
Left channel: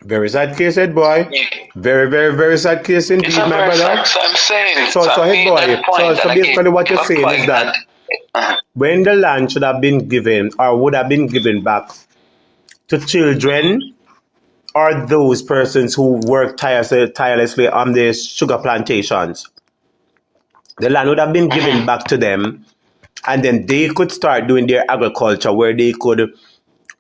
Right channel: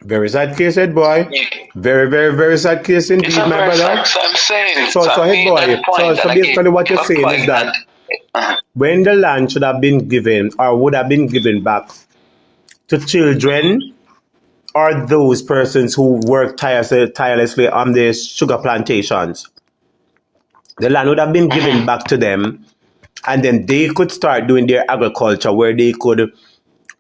Very sad case, head boy. Very, very, very sad case indeed, my brother. I'm saying. So head boy. So basically what you're saying is that when the land should have been given or would have been given back to children or those persons who work tirelessly on the sugar plantations, the land would have been given back to them, and then they could start doing their agriculture where they could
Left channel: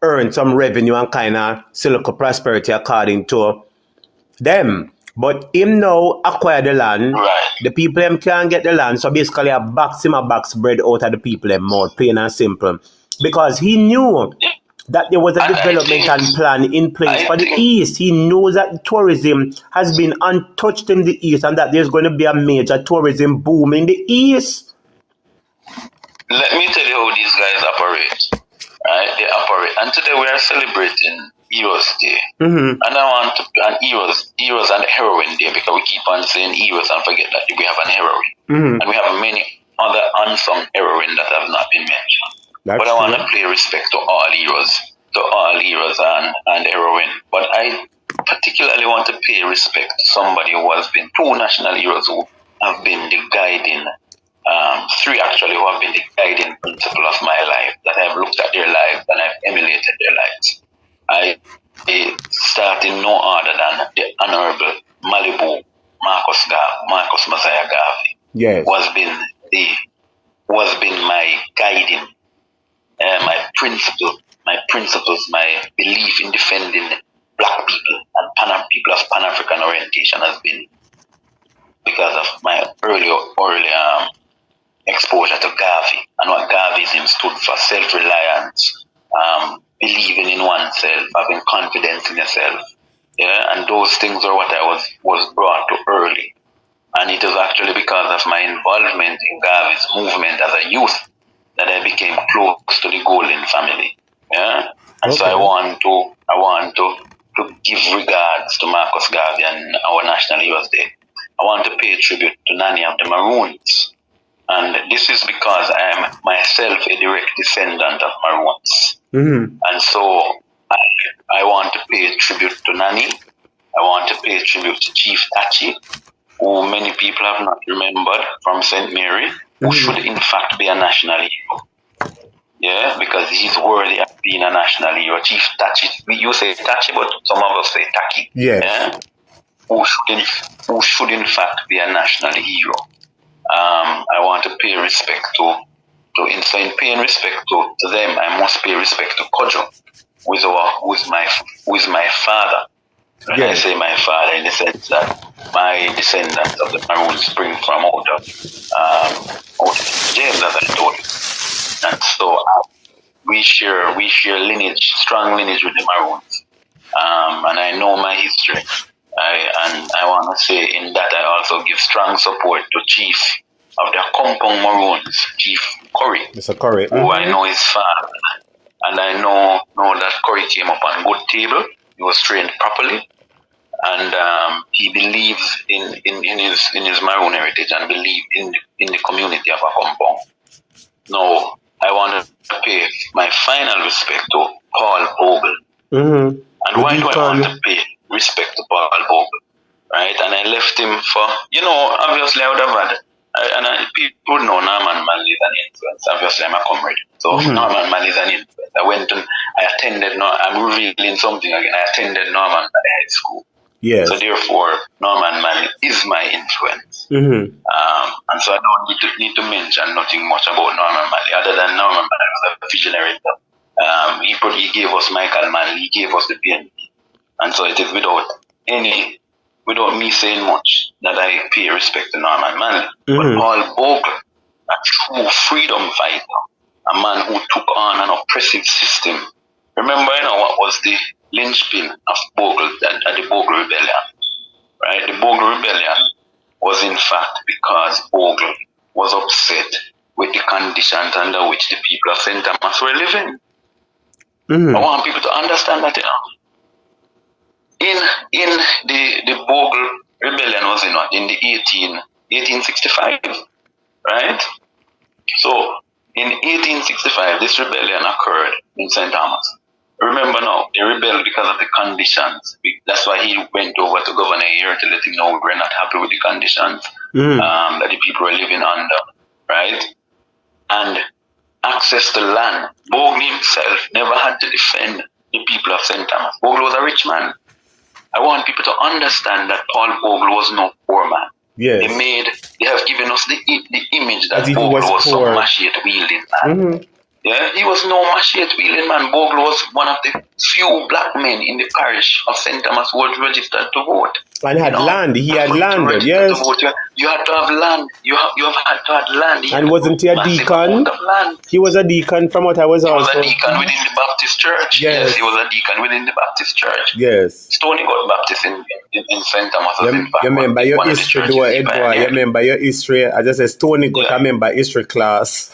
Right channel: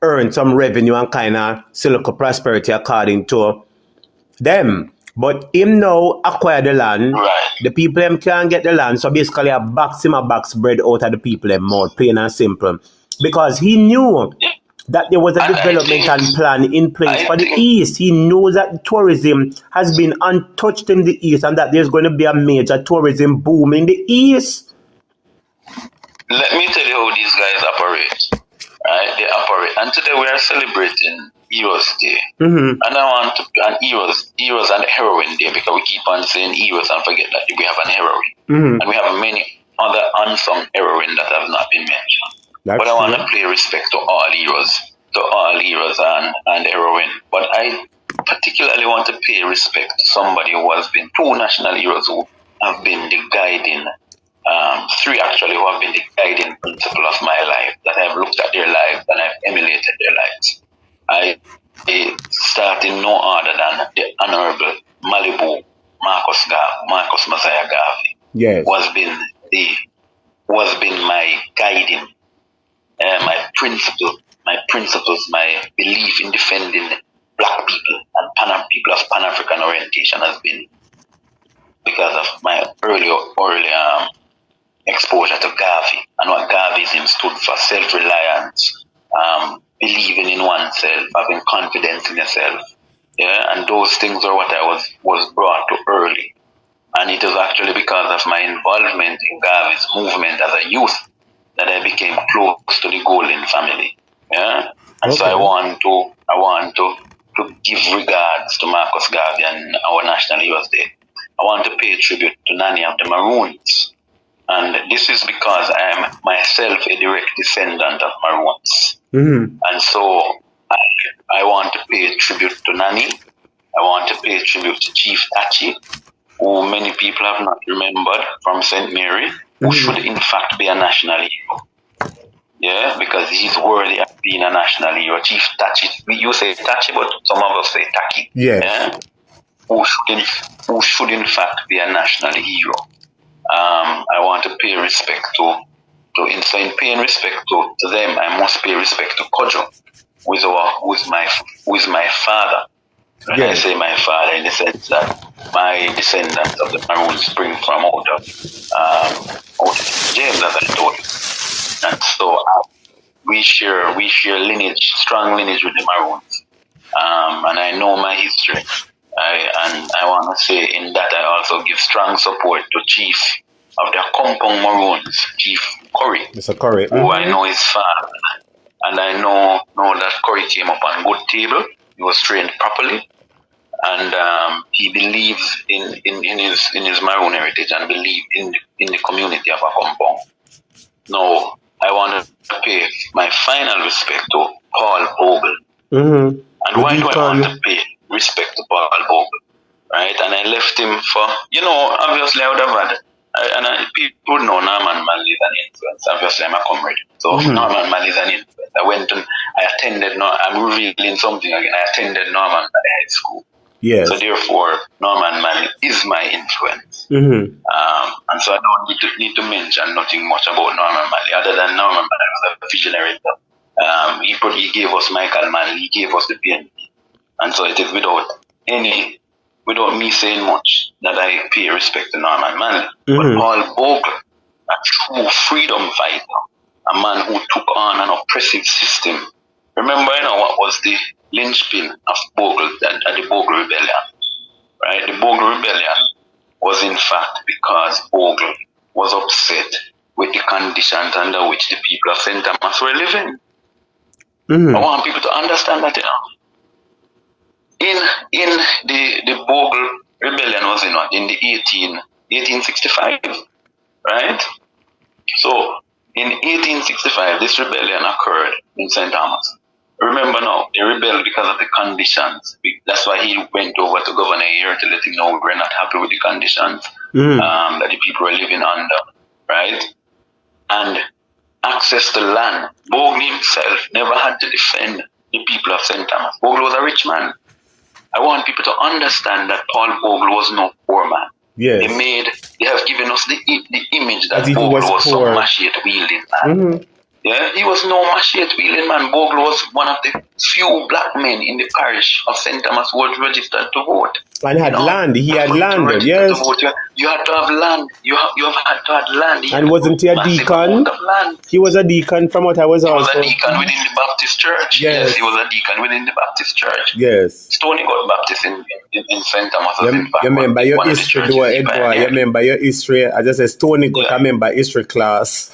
earn some revenue and kind of still look prosperity according to them. But him now acquire the land, the people them can't get the land, so basically a box bread out of the people them mouth, plain and simple. Because he knew that there was a development and plan in place for the East. He knows that tourism has been untouched in the East and that there's going to be a major tourism boom in the East. Let me tell you how these guys operate. Right? They operate. And today we are celebrating Heroes Day. And I want to, and Heroes and Heroine Day, because we keep on saying heroes and forget that we have an heroine. And we have many other unsung heroines that have not been mentioned. But I want to pay respect to all heroes and heroine. But I particularly want to pay respect to somebody who has been two national heroes who have been the guiding, three actually, who have been the guiding principle of my life, that I have looked at their lives and I've emulated their lives. I start in no other than the Honorable Malibu Marcus Messiah Garvey. Yes. Was been my guiding, my principles, my belief in defending black people and people of Pan-African orientation has been because of my early exposure to Garvey and what Garveyism stood for: self-reliance, believing in oneself, having confidence in yourself. Yeah, and those things are what I was brought to early. And it was actually because of my involvement in Garvey's movement as a youth that I became close to the Golden family. Yeah, and so I want to give regards to Marcus Garvey and our National Heroes Day. I want to pay tribute to Nanny of the Maroons, and this is because I am myself a direct descendant of Maroons. And so I want to pay tribute to Nanny. I want to pay tribute to Chief Tachi, who many people have not remembered, from St. Mary, who should in fact be a national hero. Yeah, because he's worthy of being a national hero. Chief Tachi, you say Tachi, but some of us say Taki. Yes. Yeah? Who should in fact be a national hero. I want to pay respect to in paying respect to them, I must pay respect to Kojo, who is my father. When I say my father, in the sense that my descendants of the Maroons spring from out of James, as I told you. And so we share lineage, strong lineage with the Maroons. And I know my history. I want to say in that I also give strong support to Chief of the Compound Maroons, Chief Curry, Mr. Curry, who I know his father. And I know that Curry came up on good table. He was trained properly. And he believes in his Maroon heritage and believes in the community of a compound. Now, I want to pay my final respect to Paul Bogle. And why do I want to pay respect to Paul Bogle? Right? And I left him for, obviously I would have had, people know Norman Manley is an influence. Obviously I'm a comrade. So Norman Manley is an influence. I attended, I'm revealing something again. I attended Norman Manley High School. Yes. So therefore, Norman Manley is my influence. And so I don't need to mention nothing much about Norman Manley, other than Norman Manley was a visionary. He gave us Michael Manley, he gave us the PNP. And so it is without me saying much that I pay respect to Norman Manley. But Paul Bogle, a true freedom fighter, a man who took on an oppressive system. Remember, what was the linchpin of Bogle and the Bogle Rebellion, right? The Bogle Rebellion was in fact because Bogle was upset with the conditions under which the people of St. Thomas were living. I want people to understand that, in the Bogle Rebellion was in the 1865, right? So in 1865, this rebellion occurred in St. Thomas. Remember now, they rebelled because of the conditions. That's why he went over to Governor Eyre to let him know we were not happy with the conditions that the people were living under, right? And access to land. Bogle himself never had to defend the people of St. Thomas. Bogle was a rich man. I want people to understand that Paul Bogle was no poor man. Yes. They have given us the image that Bogle was some machete-wielding man. Yeah, he was no machete-wielding man. Bogle was one of the few black men in the parish of St. Thomas who was registered to vote. And had land. He had land. Yes. You had to have land. You have had to have land. And wasn't he a deacon? He was a deacon from what I was also. He was a deacon within the Baptist church. Yes, he was a deacon within the Baptist church. Yes. Stony got Baptist in St. Thomas. You remember your history, though, Edward? You remember your history? I just said Stony got a member history class.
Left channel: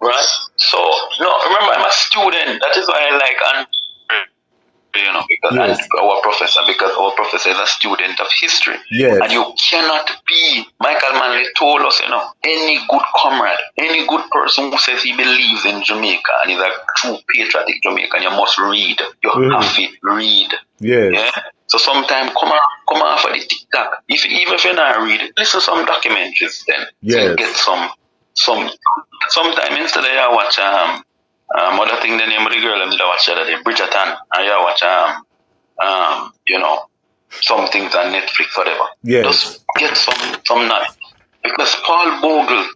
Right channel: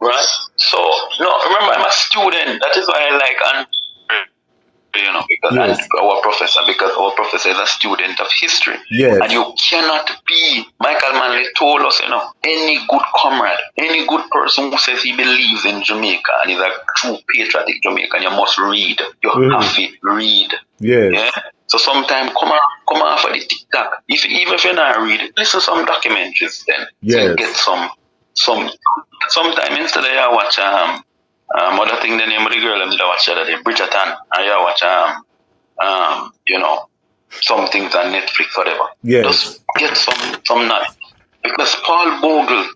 Right. So, no, remember, I'm a student. That is why I like because our professor is a student of history. Yes. And you cannot be, Michael Manley told us, any good comrade, any good person who says he believes in Jamaica and is a true patriotic Jamaican, you must read. You have to read. Yes. Yeah? So sometimes come on for the TikTok. Even if you're not reading, listen to some documentaries then. Yes. So get sometime instead of you watch other thing, the name of the girl and did I watch that Bridgerton, and you watch some things on Netflix, whatever. Yes. Just get some night. Because Paul Bogle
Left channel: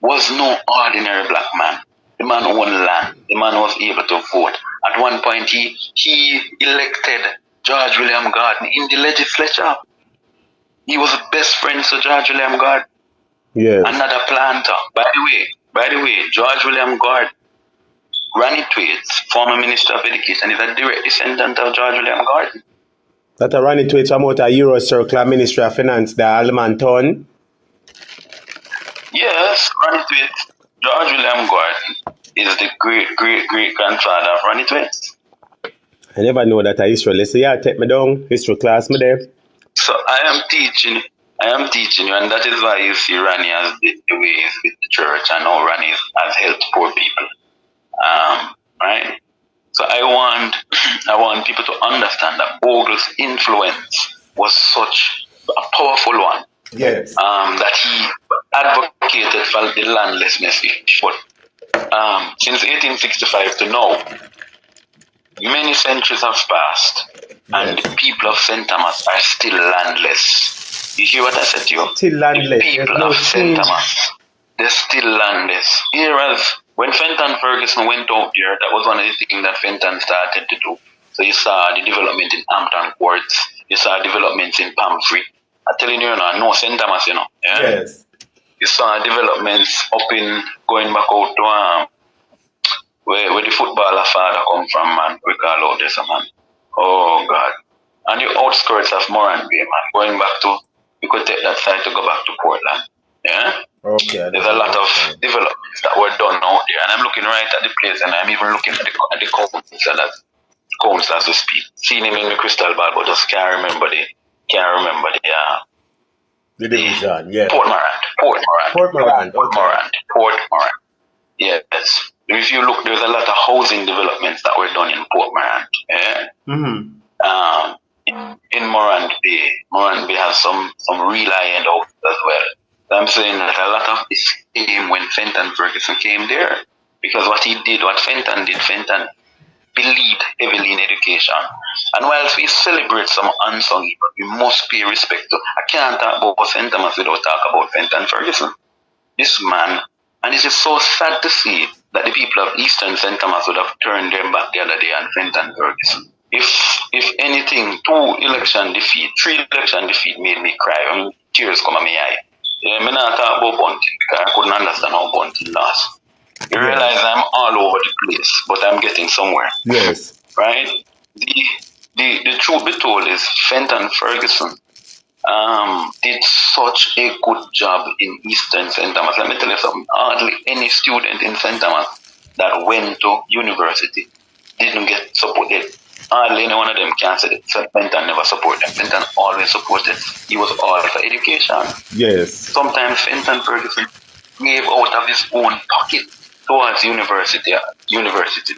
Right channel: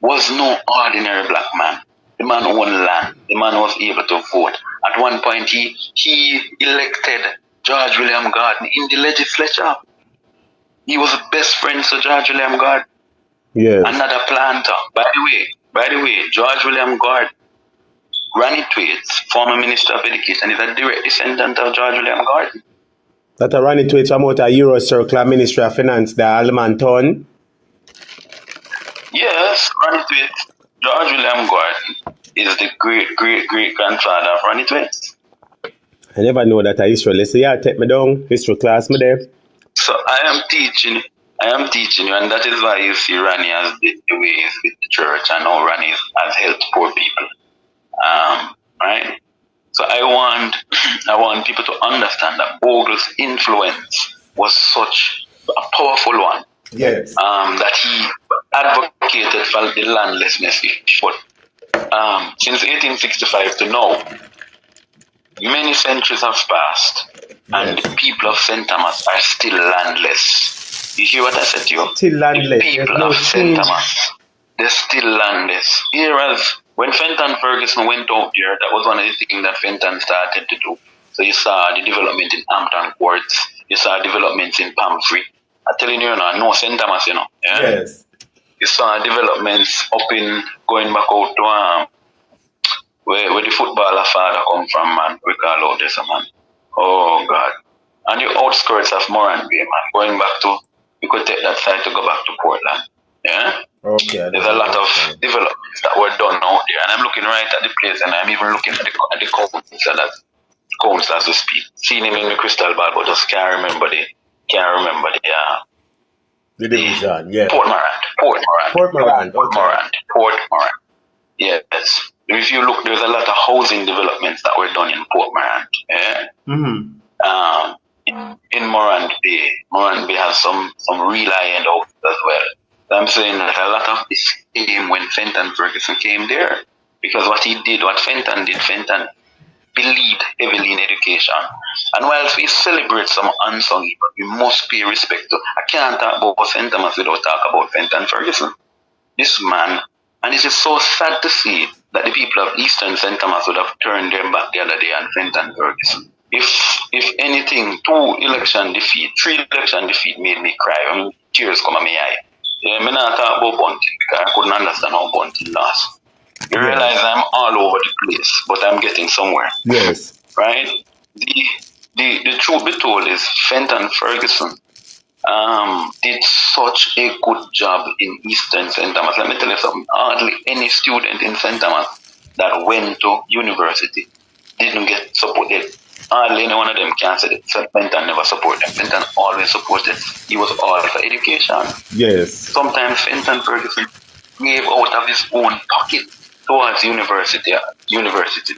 was no ordinary black man. The man owned land. The man was able to vote. At one point he elected George William Gordon in the legislature. He was best friend to George William Gordon. Yes. Another planter. By the way, George William Gordon, Granny Twaits, former Minister of Education, is a direct descendant of George William Gordon. That Granny Twaits from out a Euro Circle Ministry of Finance, the Almanton. Yes, Granny Twaits. George William Gordon is the great grandfather of Granny Twaits. I never know that a history. Let's say, yeah, take me down, history class me there. So I am teaching you, and that is why you see Rani as the way he's with the church and how Rani has helped poor people. Right? So I want people to understand that Bogle's influence was such a powerful one. Yes. That he advocated for the landlessness issue. But since 1865 to now, many centuries have passed, and the people of St. Thomas are still landless. You hear what I said to you? Still landless. The people of St. Thomas, they're still landless. Whereas when Fenton Ferguson went out there, that was one of the things that Fenton started to do. So you saw the development in Hampton Courts, you saw developments in Pamphry. I'm telling you, no St. Thomas, Yeah? Yes. You saw developments up in going back out to where the footballer father come from, man. We call out this, man. Oh God. And the outskirts of Moran Bay, man. Going back to, you could take that side to go back to Portland. Yeah? Okay. There's a lot of developments that were done out there. And I'm looking right at the place, and I'm even looking at the cones as we speak. Seeing him in the crystal ball, but just can't remember the division, yeah. Port Morant. Yes. If you look, there's a lot of housing developments that were done in Port Morant. Yeah? Mm-hmm. In Morant Bay has some real high-end houses as well. I'm saying that a lot of this came when Fenton Ferguson came there. Because what Fenton did, Fenton believed heavily in education. And whilst we celebrate some unsung people, we must pay respect to. I can't talk about St. Thomas without talking about Fenton Ferguson. This man, and it is so sad to see that the people of Eastern St. Thomas would have turned their back the other day on Fenton Ferguson. If anything, 3 election defeat made me cry. I mean, tears come at my eye. I'm not talking about Bunting because I couldn't understand how Bunting lost. You realize I'm all over the place, but I'm getting somewhere. Yes. Right? The truth be told is Fenton Ferguson did such a good job in Eastern St. Thomas. Let me tell you something. Hardly any student in St. Thomas that went to university didn't get supported. Hardly any one of them can say that Fenton never supported them. Fenton always supported. He was all for education. Yes. Sometimes Fenton Ferguson gave out of his own pocket towards university.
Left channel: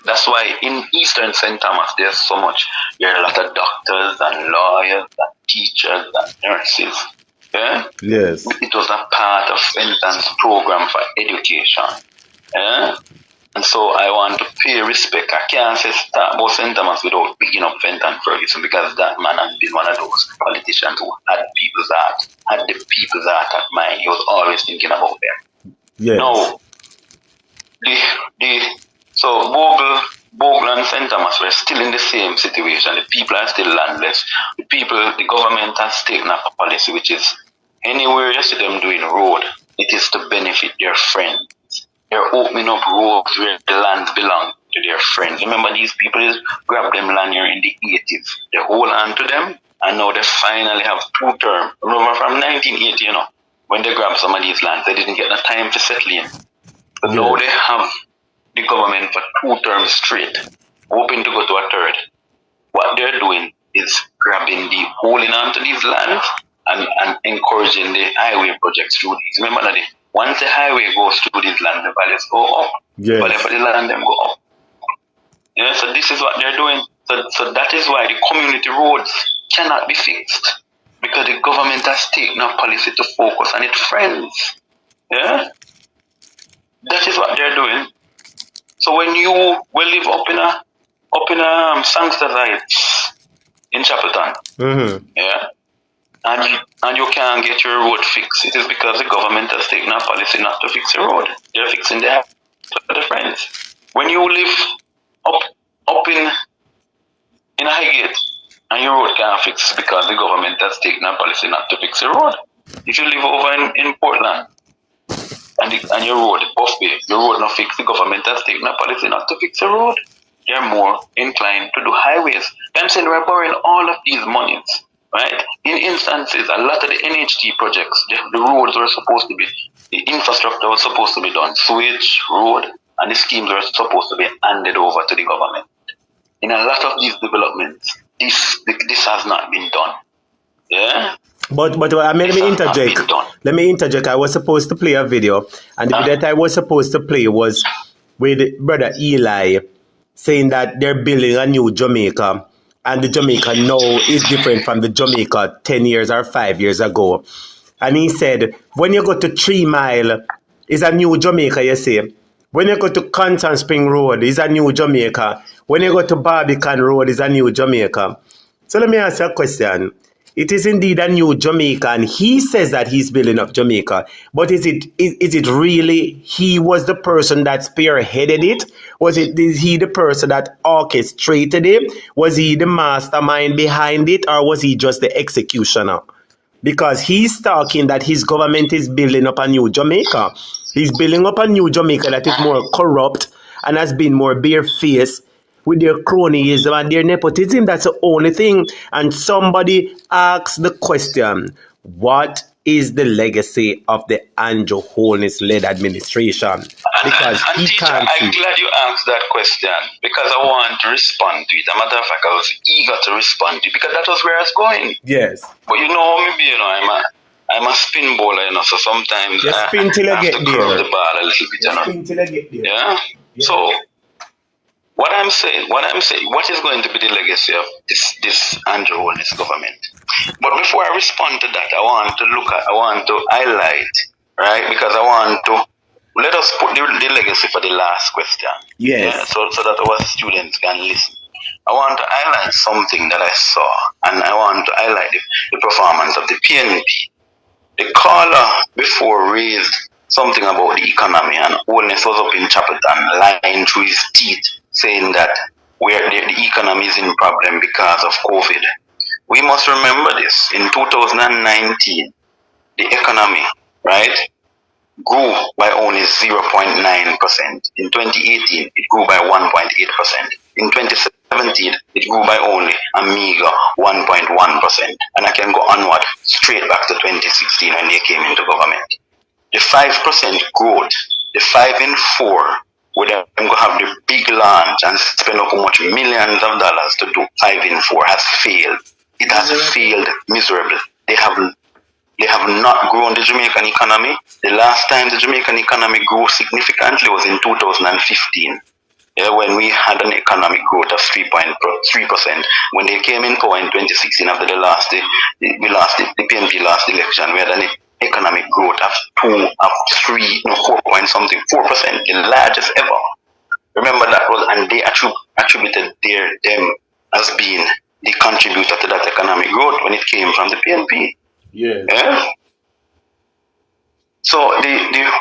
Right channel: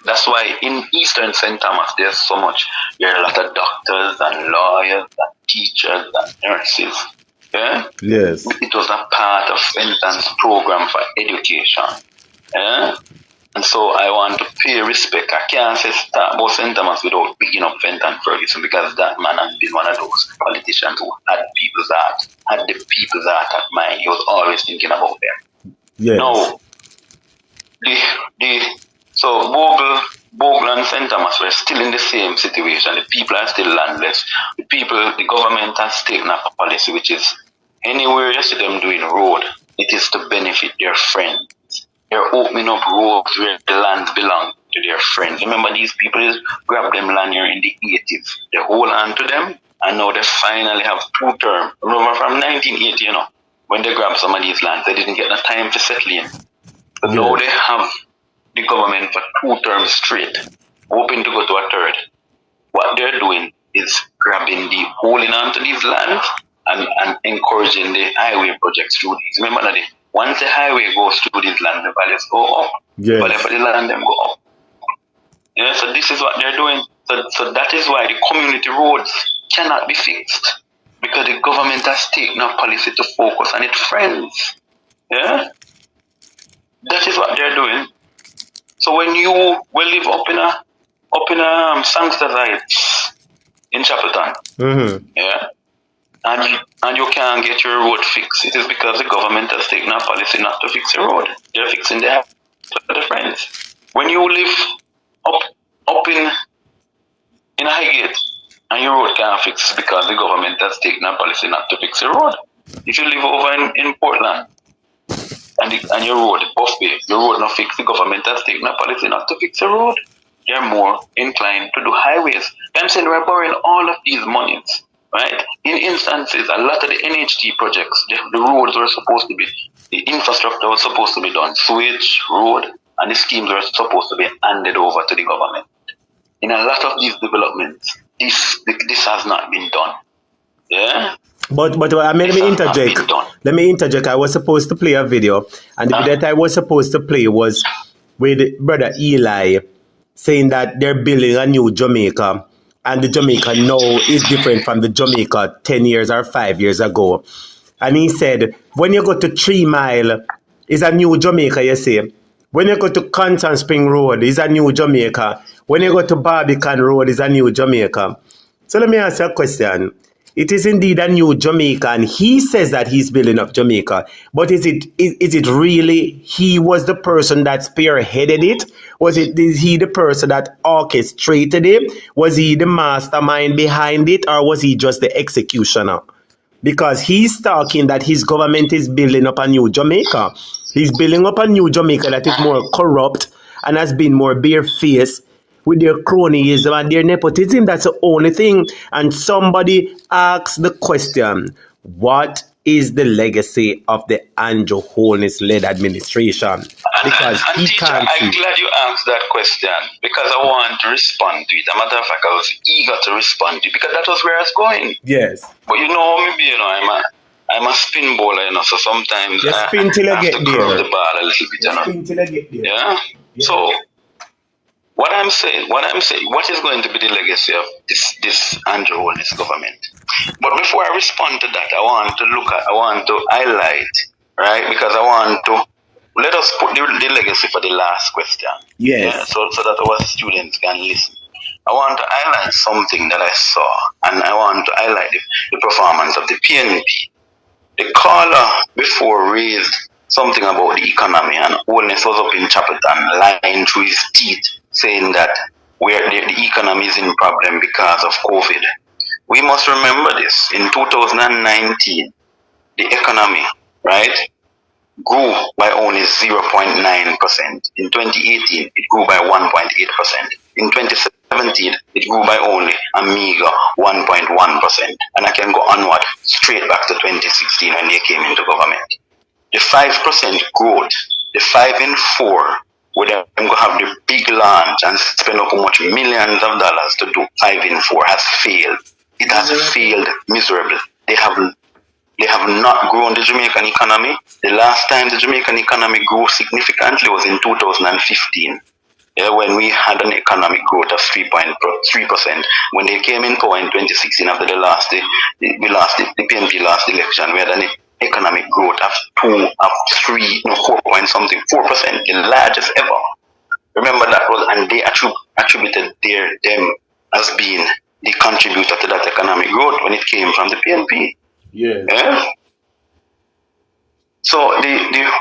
That's why in Eastern St. Thomas there's so much. There are a lot of doctors and lawyers and teachers and nurses. Yeah? Yes. It was a part of Fenton's program for education. Yeah? And so I want to pay respect. I can't say about St. Thomas without picking up Fenton Ferguson because that man has been one of those politicians who had the people's heart at mind. He was always thinking about them. Yes. Now, so Bogle and St. Thomas were still in the same situation. The people are still landless. The government government has taken a policy which is anywhere you see them doing road, it is to benefit their friends. They're opening up roads where the lands belong to their friends. Remember, these people grab them land here in the 80s. They hold on to them, and now they finally have 2 terms. Remember from 1980, when they grabbed some of these lands, they didn't get the time to settle in. But now they have the government for 2 terms straight, hoping to go to a third. What they're doing is holding on to these lands and encouraging the highway projects through these. Remember that once the highway goes through these land, the values go up. Yes. But for the land, them go up. Yeah, so this is what they're doing. So that is why the community roads cannot be fixed, because the government has taken a policy to focus on its friends. Yeah? That is what they're doing. So when you will live up in a Sangster Heights in Chapelton, yeah, and you can't get your road fixed, it is because the government has taken a policy not to fix your road. They're fixing their friends. When you live up in a Highgate and your road can't fix because the government has taken a policy not to fix your road. If you live over in Portland and your road, Buff Bay, your road not fixed, the government has taken a policy not to fix your road. They're more inclined to do highways. I'm saying we're borrowing all of these monies, right? In instances, a lot of the NHT projects, the roads were supposed to be, the infrastructure was supposed to be done, sewage, road, and the schemes were supposed to be handed over to the government. In a lot of these developments, this has not been done. Yeah? But let me interject. I was supposed to play a video, and the video that I was supposed to play was with Brother Eli saying that they're building a new Jamaica, and the Jamaica now is different from the Jamaica 10 years or 5 years ago. And he said, when you go to 3 Mile, it's a new Jamaica, you see. When you go to Constant Spring Road, it's a new Jamaica. When you go to Barbican Road, it's a new Jamaica. So let me ask you a question. It is indeed a new Jamaica, and he says that he's building up Jamaica. But is it really he was the person that spearheaded it? Is he the person that orchestrated it? Was he the mastermind behind it, or was he just the executioner? Because he's talking that his government is building up a new Jamaica. He's building up a new Jamaica that is more corrupt and has been more barefaced with their cronyism and their nepotism. That's the only thing. And somebody asks the question, what is the legacy of the Andrew Holness-led administration? Because he can't see. I'm glad you asked that question, because I want to respond to it. As a matter of fact, I was eager to respond to it, because that was where I was going. Yes. But maybe, I'm a spin bowler, so sometimes you spin till I get there. The ball a little bit, Spin till I get there. Yeah? So, what I'm saying, what is going to be the legacy of this Andrew Holness government? But before I respond to that, I want to highlight, right? Because I want to, let us put the legacy for the last question. Yes. Yeah? So that our students can listen. I want to highlight something that I saw, and I want to highlight the performance of the PNP. The caller before raised something about the economy, and Holness was up in Chapelton lying through his teeth, saying that the economy is in problem because of COVID. We must remember this. In 2019, the economy, right, grew by only 0.9%. In 2018, it grew by 1.8%. In 2017, it grew by only a meager 1.1%. And I can go onward straight back to 2016 when they came into government. The 5% growth, the 5 in 4, where they're going to have the big launch and spend up much millions of dollars to do 5 in 4 has failed. It has failed miserably. They have not grown the Jamaican economy. The last time the Jamaican economy grew significantly was in 2015. Yeah, when we had an economic growth of 3.3%. When they came in power in 2016, after the PNP last election, we had an economic growth of 4 point something, 4%, the largest ever. Remember that was, and they attributed them as being the contributor to that economic growth when it came from the PNP. Yeah. So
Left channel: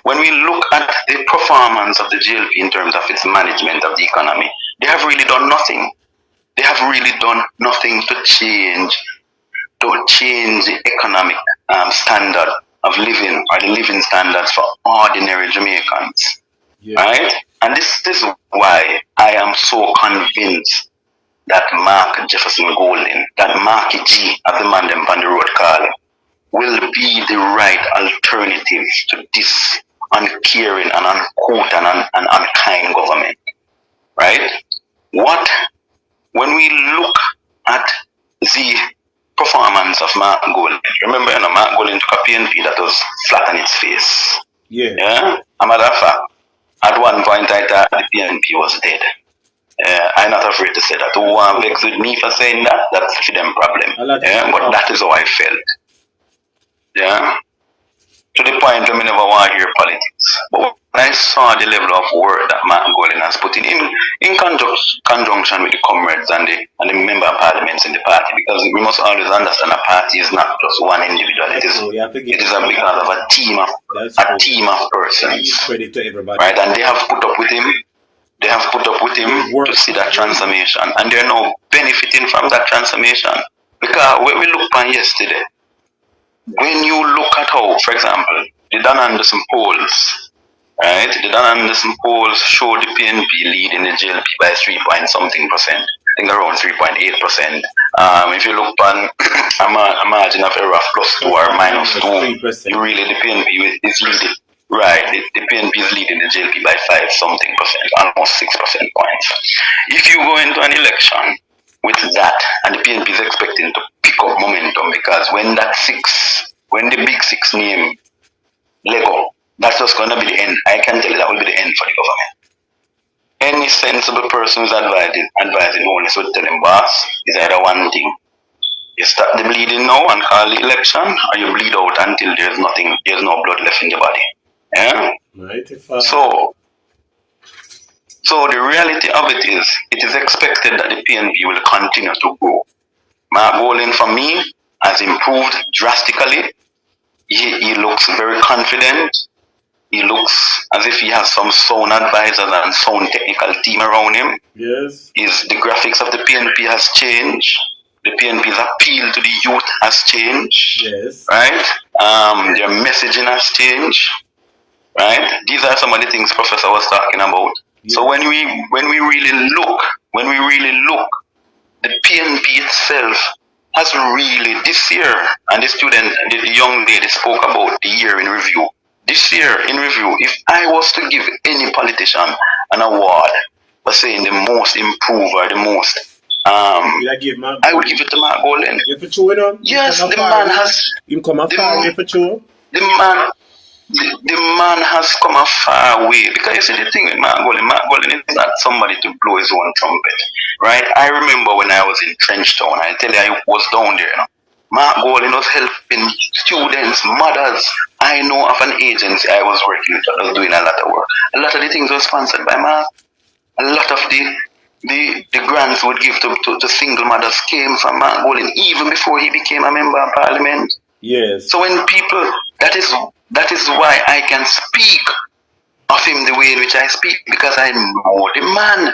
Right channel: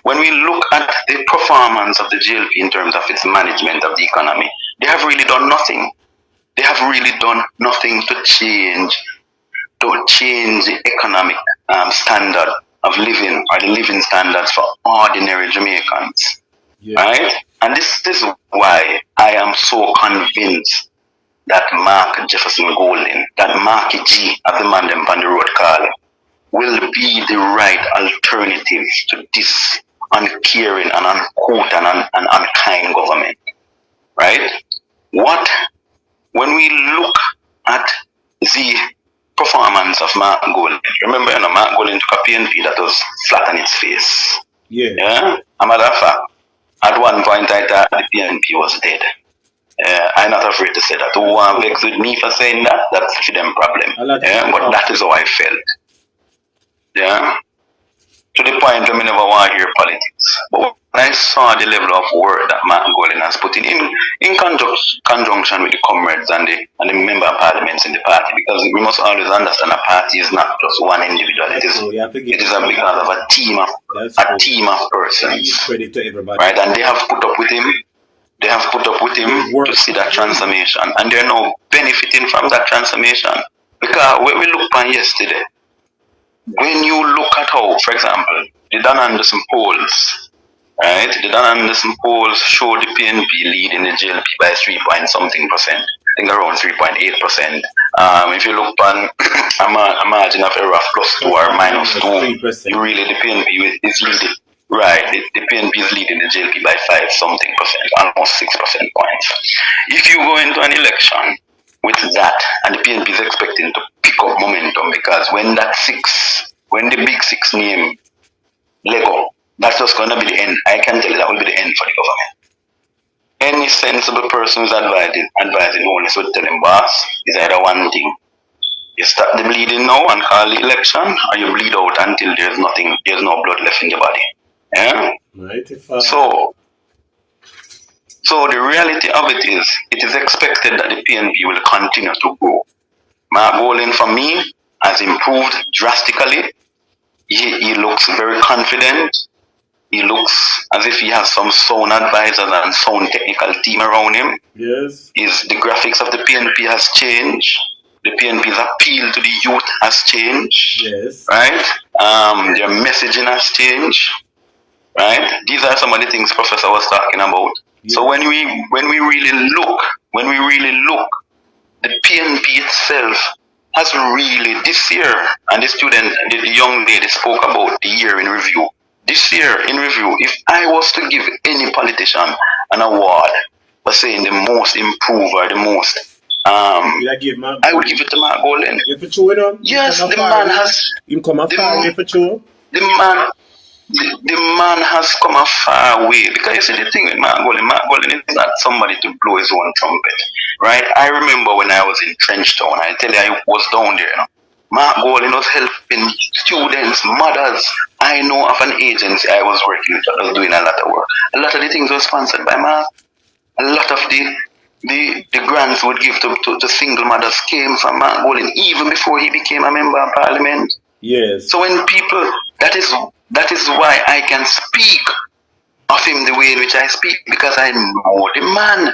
when we look at the performance of the JLP in terms of its management of the economy, they have really done nothing. They have really done nothing to change don't change the economic standard of living or the living standards for ordinary Jamaicans. Yeah. Right? And this is why I am so convinced that Mark Jefferson Golden, that Marky G of the man them on the road calling, will be the right alternative to this uncaring and uncouth and unkind government. Right? When we look at the performance of Mark Golden, remember, Mark Golden took a PNP that was flat on its face. Yeah. Yeah? A matter of fact, at one point I thought the PNP was dead. I'm not afraid to say that. Who vex with me for saying that? That's for them problem. Yeah? But that is how I felt. Yeah? To the point where I never want to hear politics. But when I saw the level of work that Martin Golden has put in conjunction with the comrades and the member of parliaments in the party, because we must always understand a party is not just one individual. It is because of a team of persons. Credit to everybody. Right? And they have put up with him. They have put up with him to see that transformation, and they're now benefiting from that transformation. Because when we look at yesterday, when you look at how, for example, the Dan Anderson polls, right? The Dan Anderson polls show the PNP leading the JLP by 3.something%. I think around 3.8%. If you look on a margin of error of +2 or -2, you really the PNP is really right. The PNP is leading the JLP by 5-something%, almost 6% points. If you go into an election with that, and the PNP is expecting to pick up momentum, because when the big six name Lego, that's just going to be the end. I can tell you that will be the end for the government. Any sensible person who's advising only so tell him, boss, is either one thing. You stop the bleeding now and call the election, or you bleed out until there's no blood left in the body. Yeah? Right. So the reality of it is expected that the PNP will continue to grow. Mark Golden, for me, has improved drastically. He looks very confident. He looks as if he has some sound advisors and sound technical team around him. Yes. The graphics of the PNP has changed. The PNP's appeal to the youth has changed. Yes. Right? Their messaging has changed. Right? These are some of the things Professor was talking about. Yeah. So when we really look, the PNP itself has really this year, and the young lady spoke about the year in review. This year in review, if I was to give any politician an award for saying the most improved or the most, I would give it to Mark Golden. Yes, the man has. The man has come a far way, because you see the thing with Mark Golden is not somebody to blow his own trumpet, right? I remember when I was in Trenchtown, I tell you, I was down there, Mark Golden was helping students, mothers. I know of an agency I was working with that was doing a lot of work. A lot of the things were sponsored by Mark. A lot of the grants would give to single mothers came from Mark Golden, even before he became a member of parliament. Yes. So when people, that is why I can speak of him the way in which I speak, because I know the man,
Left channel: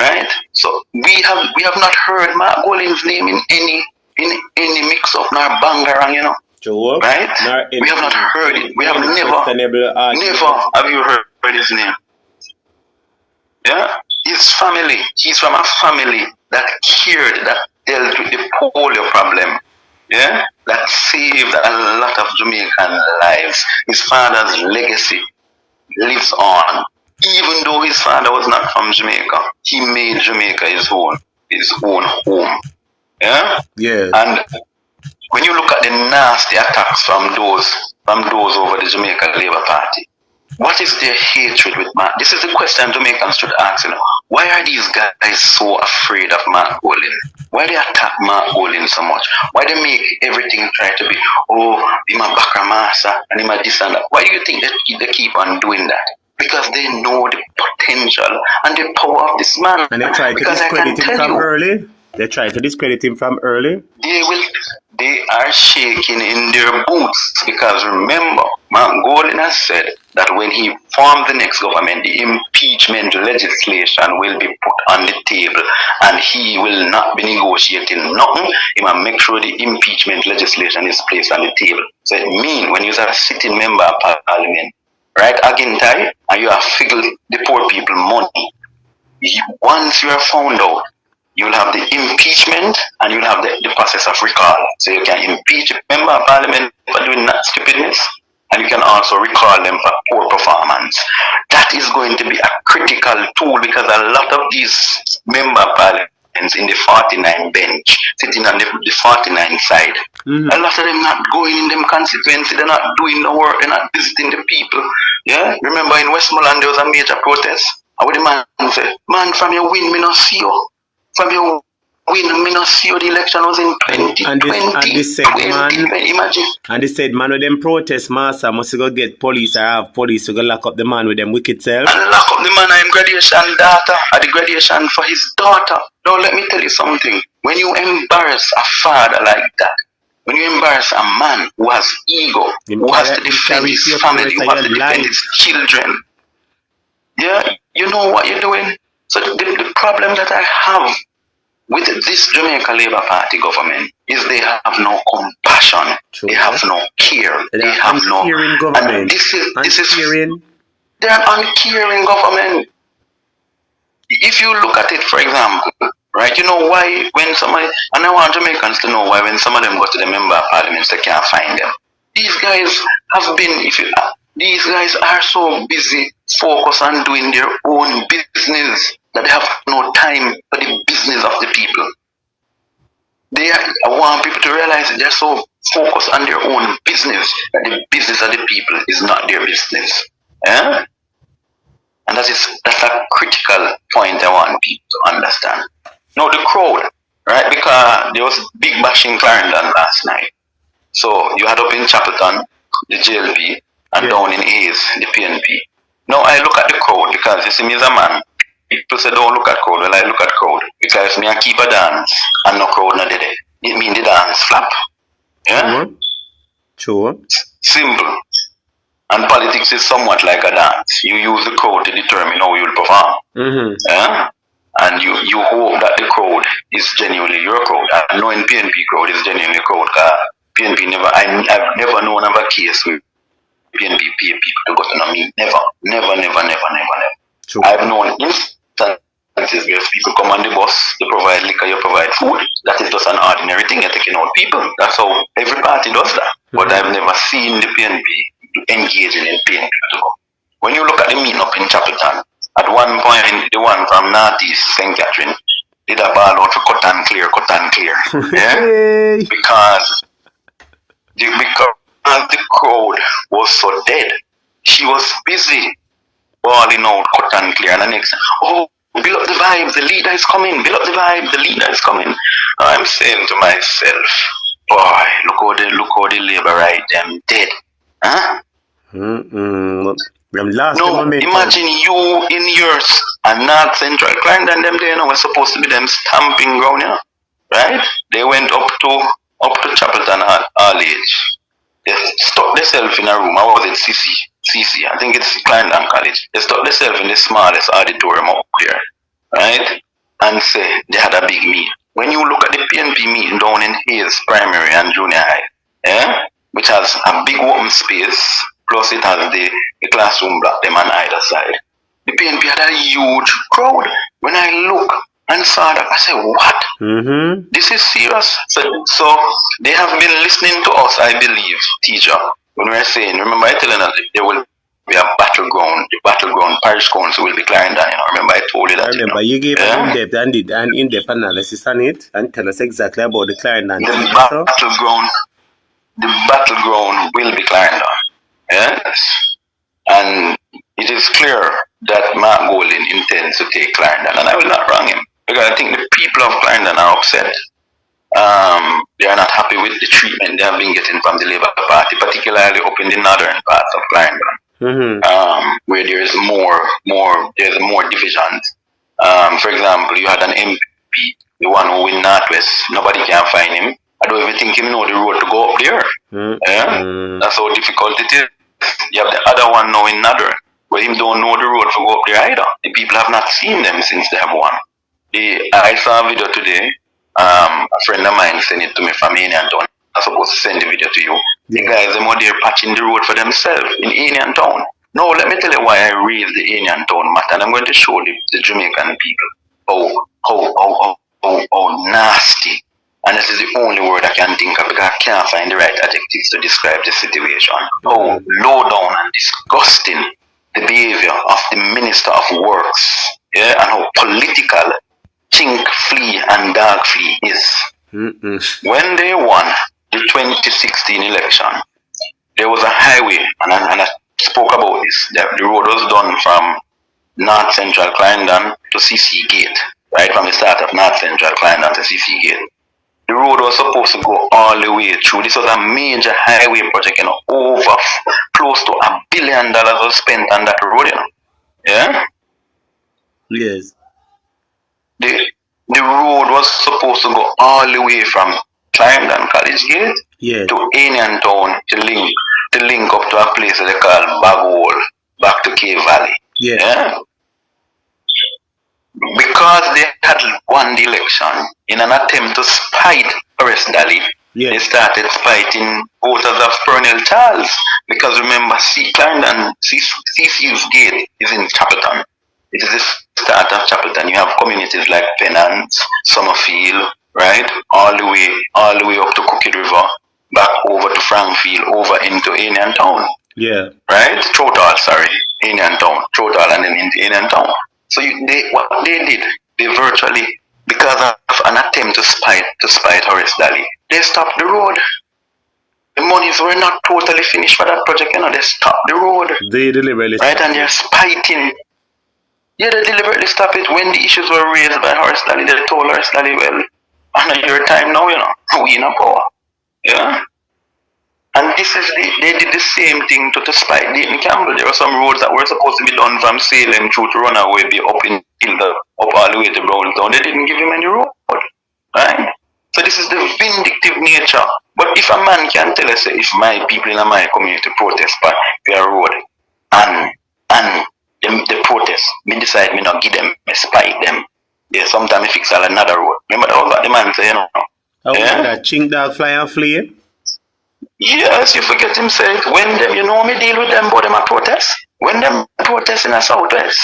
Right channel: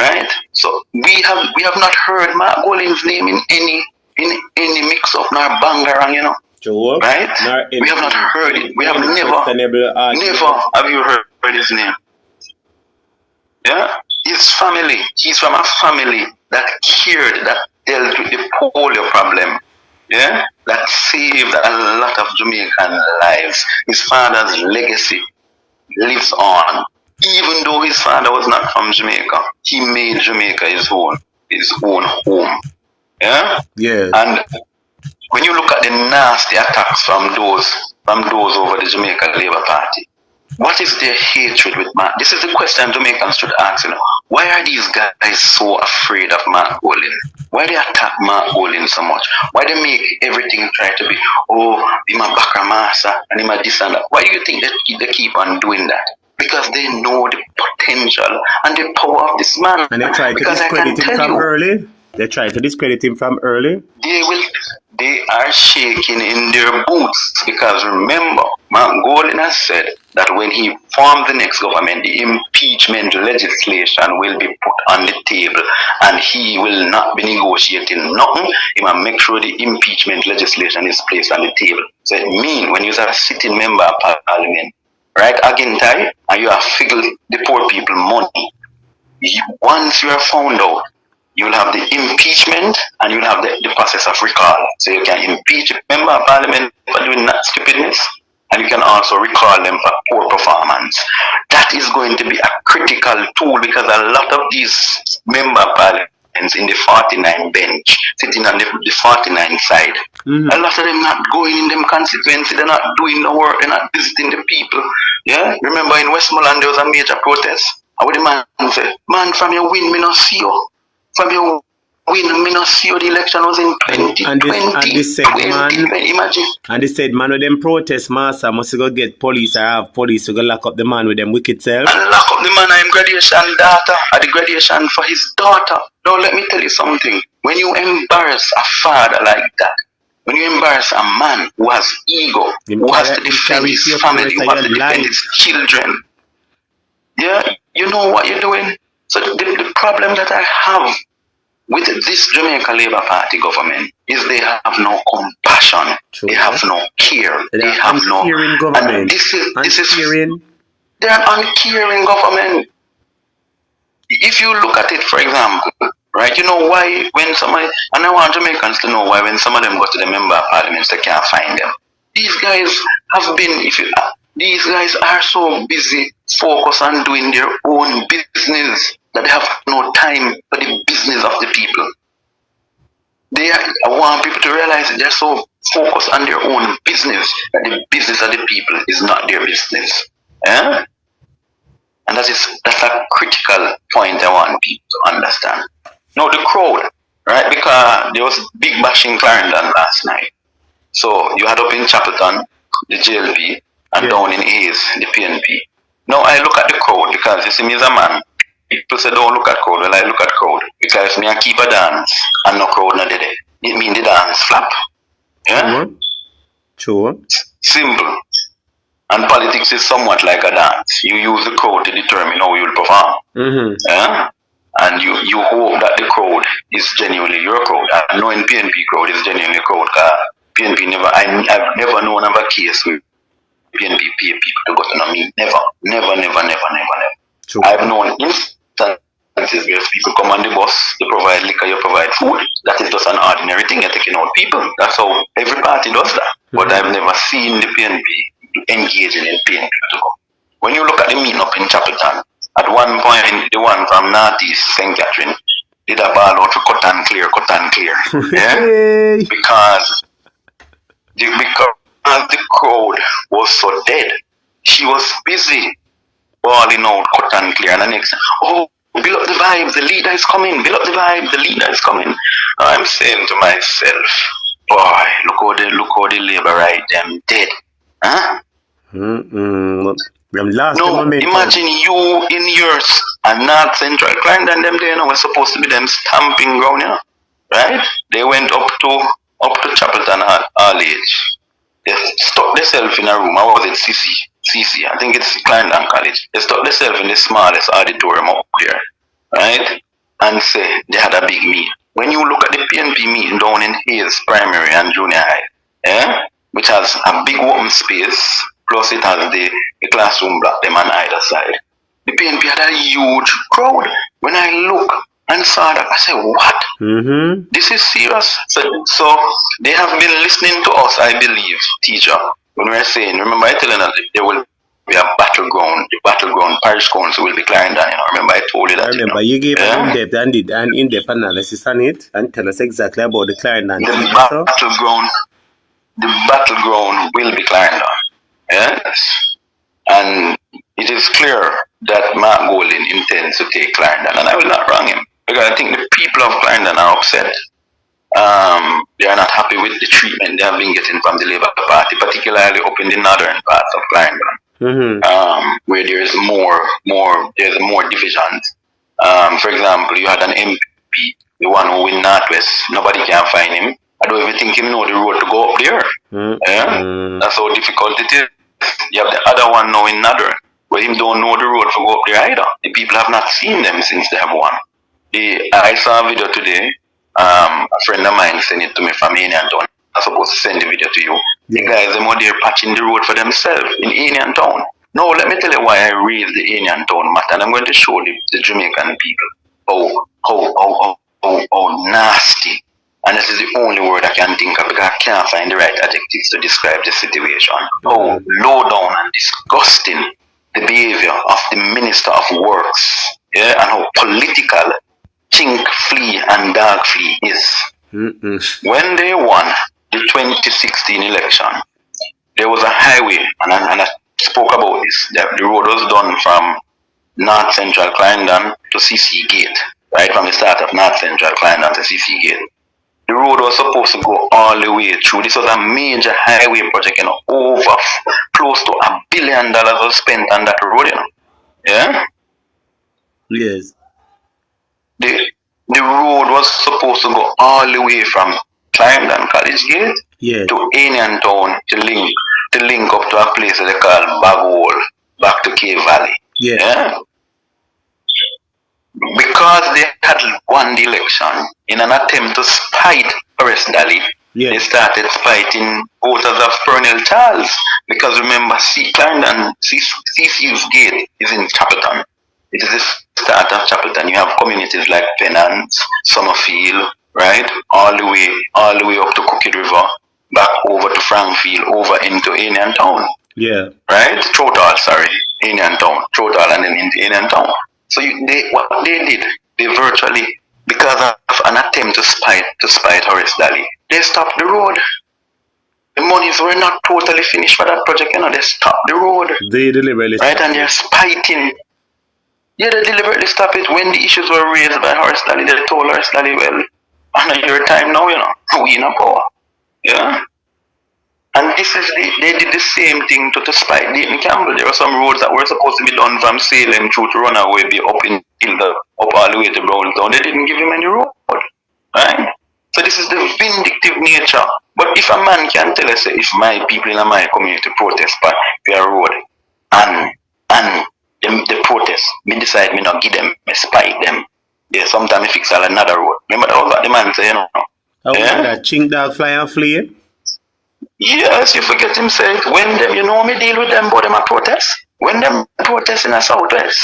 right? So we have not heard Mark Golden's name in any mix up nor bangarang, Sure. Right? We have not heard it. We have never have you heard his name. Yeah? His family. He's from a family that cared, that dealt with the polio problem. Yeah? That saved a lot of Jamaican lives. His father's legacy lives on. Even though his father was not from Jamaica, he made Jamaica his own home. Yeah? Yeah. And when you look at the nasty attacks from those over the Jamaican Labour Party, what is their hatred with Mark? This is the question Jamaicans should ask. Why are these guys so afraid of Mark Golden? Why they attack Mark Golden so much? Why they make everything try to be, him a Bakra Master and him a this and that? Why do you think they keep on doing that? Because they know the potential and the power of this man. And they try to discredit him from early? They try to discredit him from early? They are shaking in their boots, because remember, Mark Golding has said that when he forms the next government, the impeachment legislation will be put on the table and he will not be negotiating nothing. He will make sure the impeachment legislation is placed on the table. So it means when you're a sitting member of parliament, right, again, and you have figured the poor people money, once you are found out, you will have the impeachment and you will have the process of recall. So you can impeach a member of parliament for doing that stupidness, and you can also recall them for poor performance. That is going to be a critical tool because a lot of these member of parliaments in the 49 bench, sitting on the 49 side, a lot of them not going in them constituency, they're not doing the work, they're not visiting the people. Yeah, remember in Westmoreland there was a major protest. And what the man said, man, from your win, me not see you. From your win, me not see you. The election was in 2020. And they said, man, imagine. And they said, man, with them protest, master must go get police or have police to go lock up the man with them wicked self. And lock up the man and graduation daughter, or the graduation for his daughter. Now let me tell you something. When you embarrass a father like that, when you embarrass a man who has ego, who has to defend his family, who has to defend his children, yeah, you know what you're doing? So the problem that I have with this Jamaica Labour Party government is they have no compassion. True. They have no care. They have no. Government. And this is Uncaring. they're an uncaring government. If you look at it, for example, right, you know why when somebody, and I want Jamaicans to know why when some of them go to the member of parliament, they can't find them. These guys have been, these guys are so busy focused on doing their own business that they have no time for the business of the people. I want people to realize that they're so focused on their own business that the business of the people is not their business. Yeah? And that's a critical point I want people to understand. Now the crowd, right? Because there was big bashing Clarendon last night. So you had up in Chapelton, the Jlp, and down in Hayes, the PNP. Now I look at the crowd because you see me as a man. People say don't look at crowd. Well, I look at crowd because me I keep a dance and no crowd not there. It means the dance flap. Yeah? Sure. Simple. And politics is somewhat like a dance. You use the crowd to determine how you will perform. Yeah? And you hope that the crowd is genuinely your crowd. I know in PNP crowd is genuinely crowd. PNP I've never known of a case where PNP pay people to go to know me. Never. True. I've known instances where people come on the bus, you provide liquor, you provide food. That is just an ordinary thing. You're taking out people. That's how every party does that. But I've never seen the PNP engaging in PNP to go. When you look at the meeting up in Chapelton, at one point, the one from Northeast St. Catherine did a ball out for cut and clear. Yeah? Because the crowd was so dead. She was busy balling out cut and clear. And the next, oh, build up the vibe, the leader is coming. Build up the vibe, the leader is coming. I'm saying to myself, boy, look how the Labour right them dead. Huh? No, imagine you in yours and North Central Clarendon, them there, was supposed to be them stamping ground, you know, right? They went up to Chapelton all age. They stuck themselves in a room. How was it? CC. I think it's Clarendon College. They stuck themselves in the smallest auditorium up here, right? And say they had a big meet. When you look at the PNP meeting down in Hayes Primary and Junior High, which has a big open space, plus it has the classroom block them on either side. The PNP had a huge crowd. When I look and saw that, I said, what? This is serious. So they have been listening to us, I believe, teacher. When we're saying, remember I telling us there will be a battleground. The battleground parish council will be Clarendon. You know, remember I told you that. I remember you gave an in-depth analysis on it and tell us exactly about the Clarendon. The battleground will be Clarendon. Yes? And it is clear that Mark Golding intends to take Clarendon, and I will not wrong him. Because I think the people of Clarendon are upset. They are not happy with the treatment they have been getting from the Labour Party, particularly up in the northern parts of Clarendon, where there is more divisions. For example, you had an MP, the one who in Northwest, nobody can find him. I don't even think him know the road to go up there. Yeah? That's how difficult it is. You have the other one now in Nadder, where him don't know the road for go up there either. The people have not seen them since they have one. I saw a video today. A friend of mine sent it to me from Indian Town. I'm supposed to send the video to you. The guys them out there patching the road for themselves in Indian Town. Now let me tell you why I raised the Indian Town matter, and I'm going to show the Jamaican people how nasty. And this is the only word I can think of because I can't find the right adjectives to describe the situation. How low down and disgusting the behavior of the Minister of Works, yeah, and how political chink flea and dog flea is. When they won the 2016 election, there was a highway, and I spoke about this. The road was done from North Central Clarendon to CC Gate, right from the start of North Central Clarendon to CC Gate. The road was supposed to go all the way through. This was a major highway project, you know, over close to $1 billion was spent on that road, you know. Yeah? Yes. The road was supposed to go all the way from Clarendon College Gate to Indian Town to link up to a place that they call Bagwell, back to Cave Valley. Yeah? Because they had won the election in an attempt to spite Horace Daly, they started spiting voters of Fernell Charles. Because remember, Clarendon, CCU's gate is in Chapelton. It is the start of Chapelton. You have communities like Pennant, Summerfield, right? All the way up to Cookie River, back over to Frankfield, over into Indian Town. Yeah. Right? Trotal, sorry. Indian Town. Trotal and then into Indian Town. So what they did, they virtually, because of an attempt to spite Horace Daly, they stopped the road. The monies were not totally finished for that project, you know, they stopped the road. They deliberately stopped it. Right, and they're spiting. Yeah, they deliberately stopped it. When the issues were raised by Horace Daly, they told Horace Daly, well, on your time now, you know, we in a power. Yeah? And they did the same thing to spite Dayton Campbell. There were some roads that were supposed to be done from Salem through to Runaway, be up all the way to Brownstown. They didn't give him any road. Right? So this is the vindictive nature. But if a man can tell us, if my people in my community protest for a road, and the protest, me decide me not give them, me spite them. Yeah, sometimes me fix another road. Remember all that the man say, you know. Yeah? Chink dog fly and flee. Yes, you forget himself. When them, you know, me deal with them, but them a protest. When them protest in the southwest,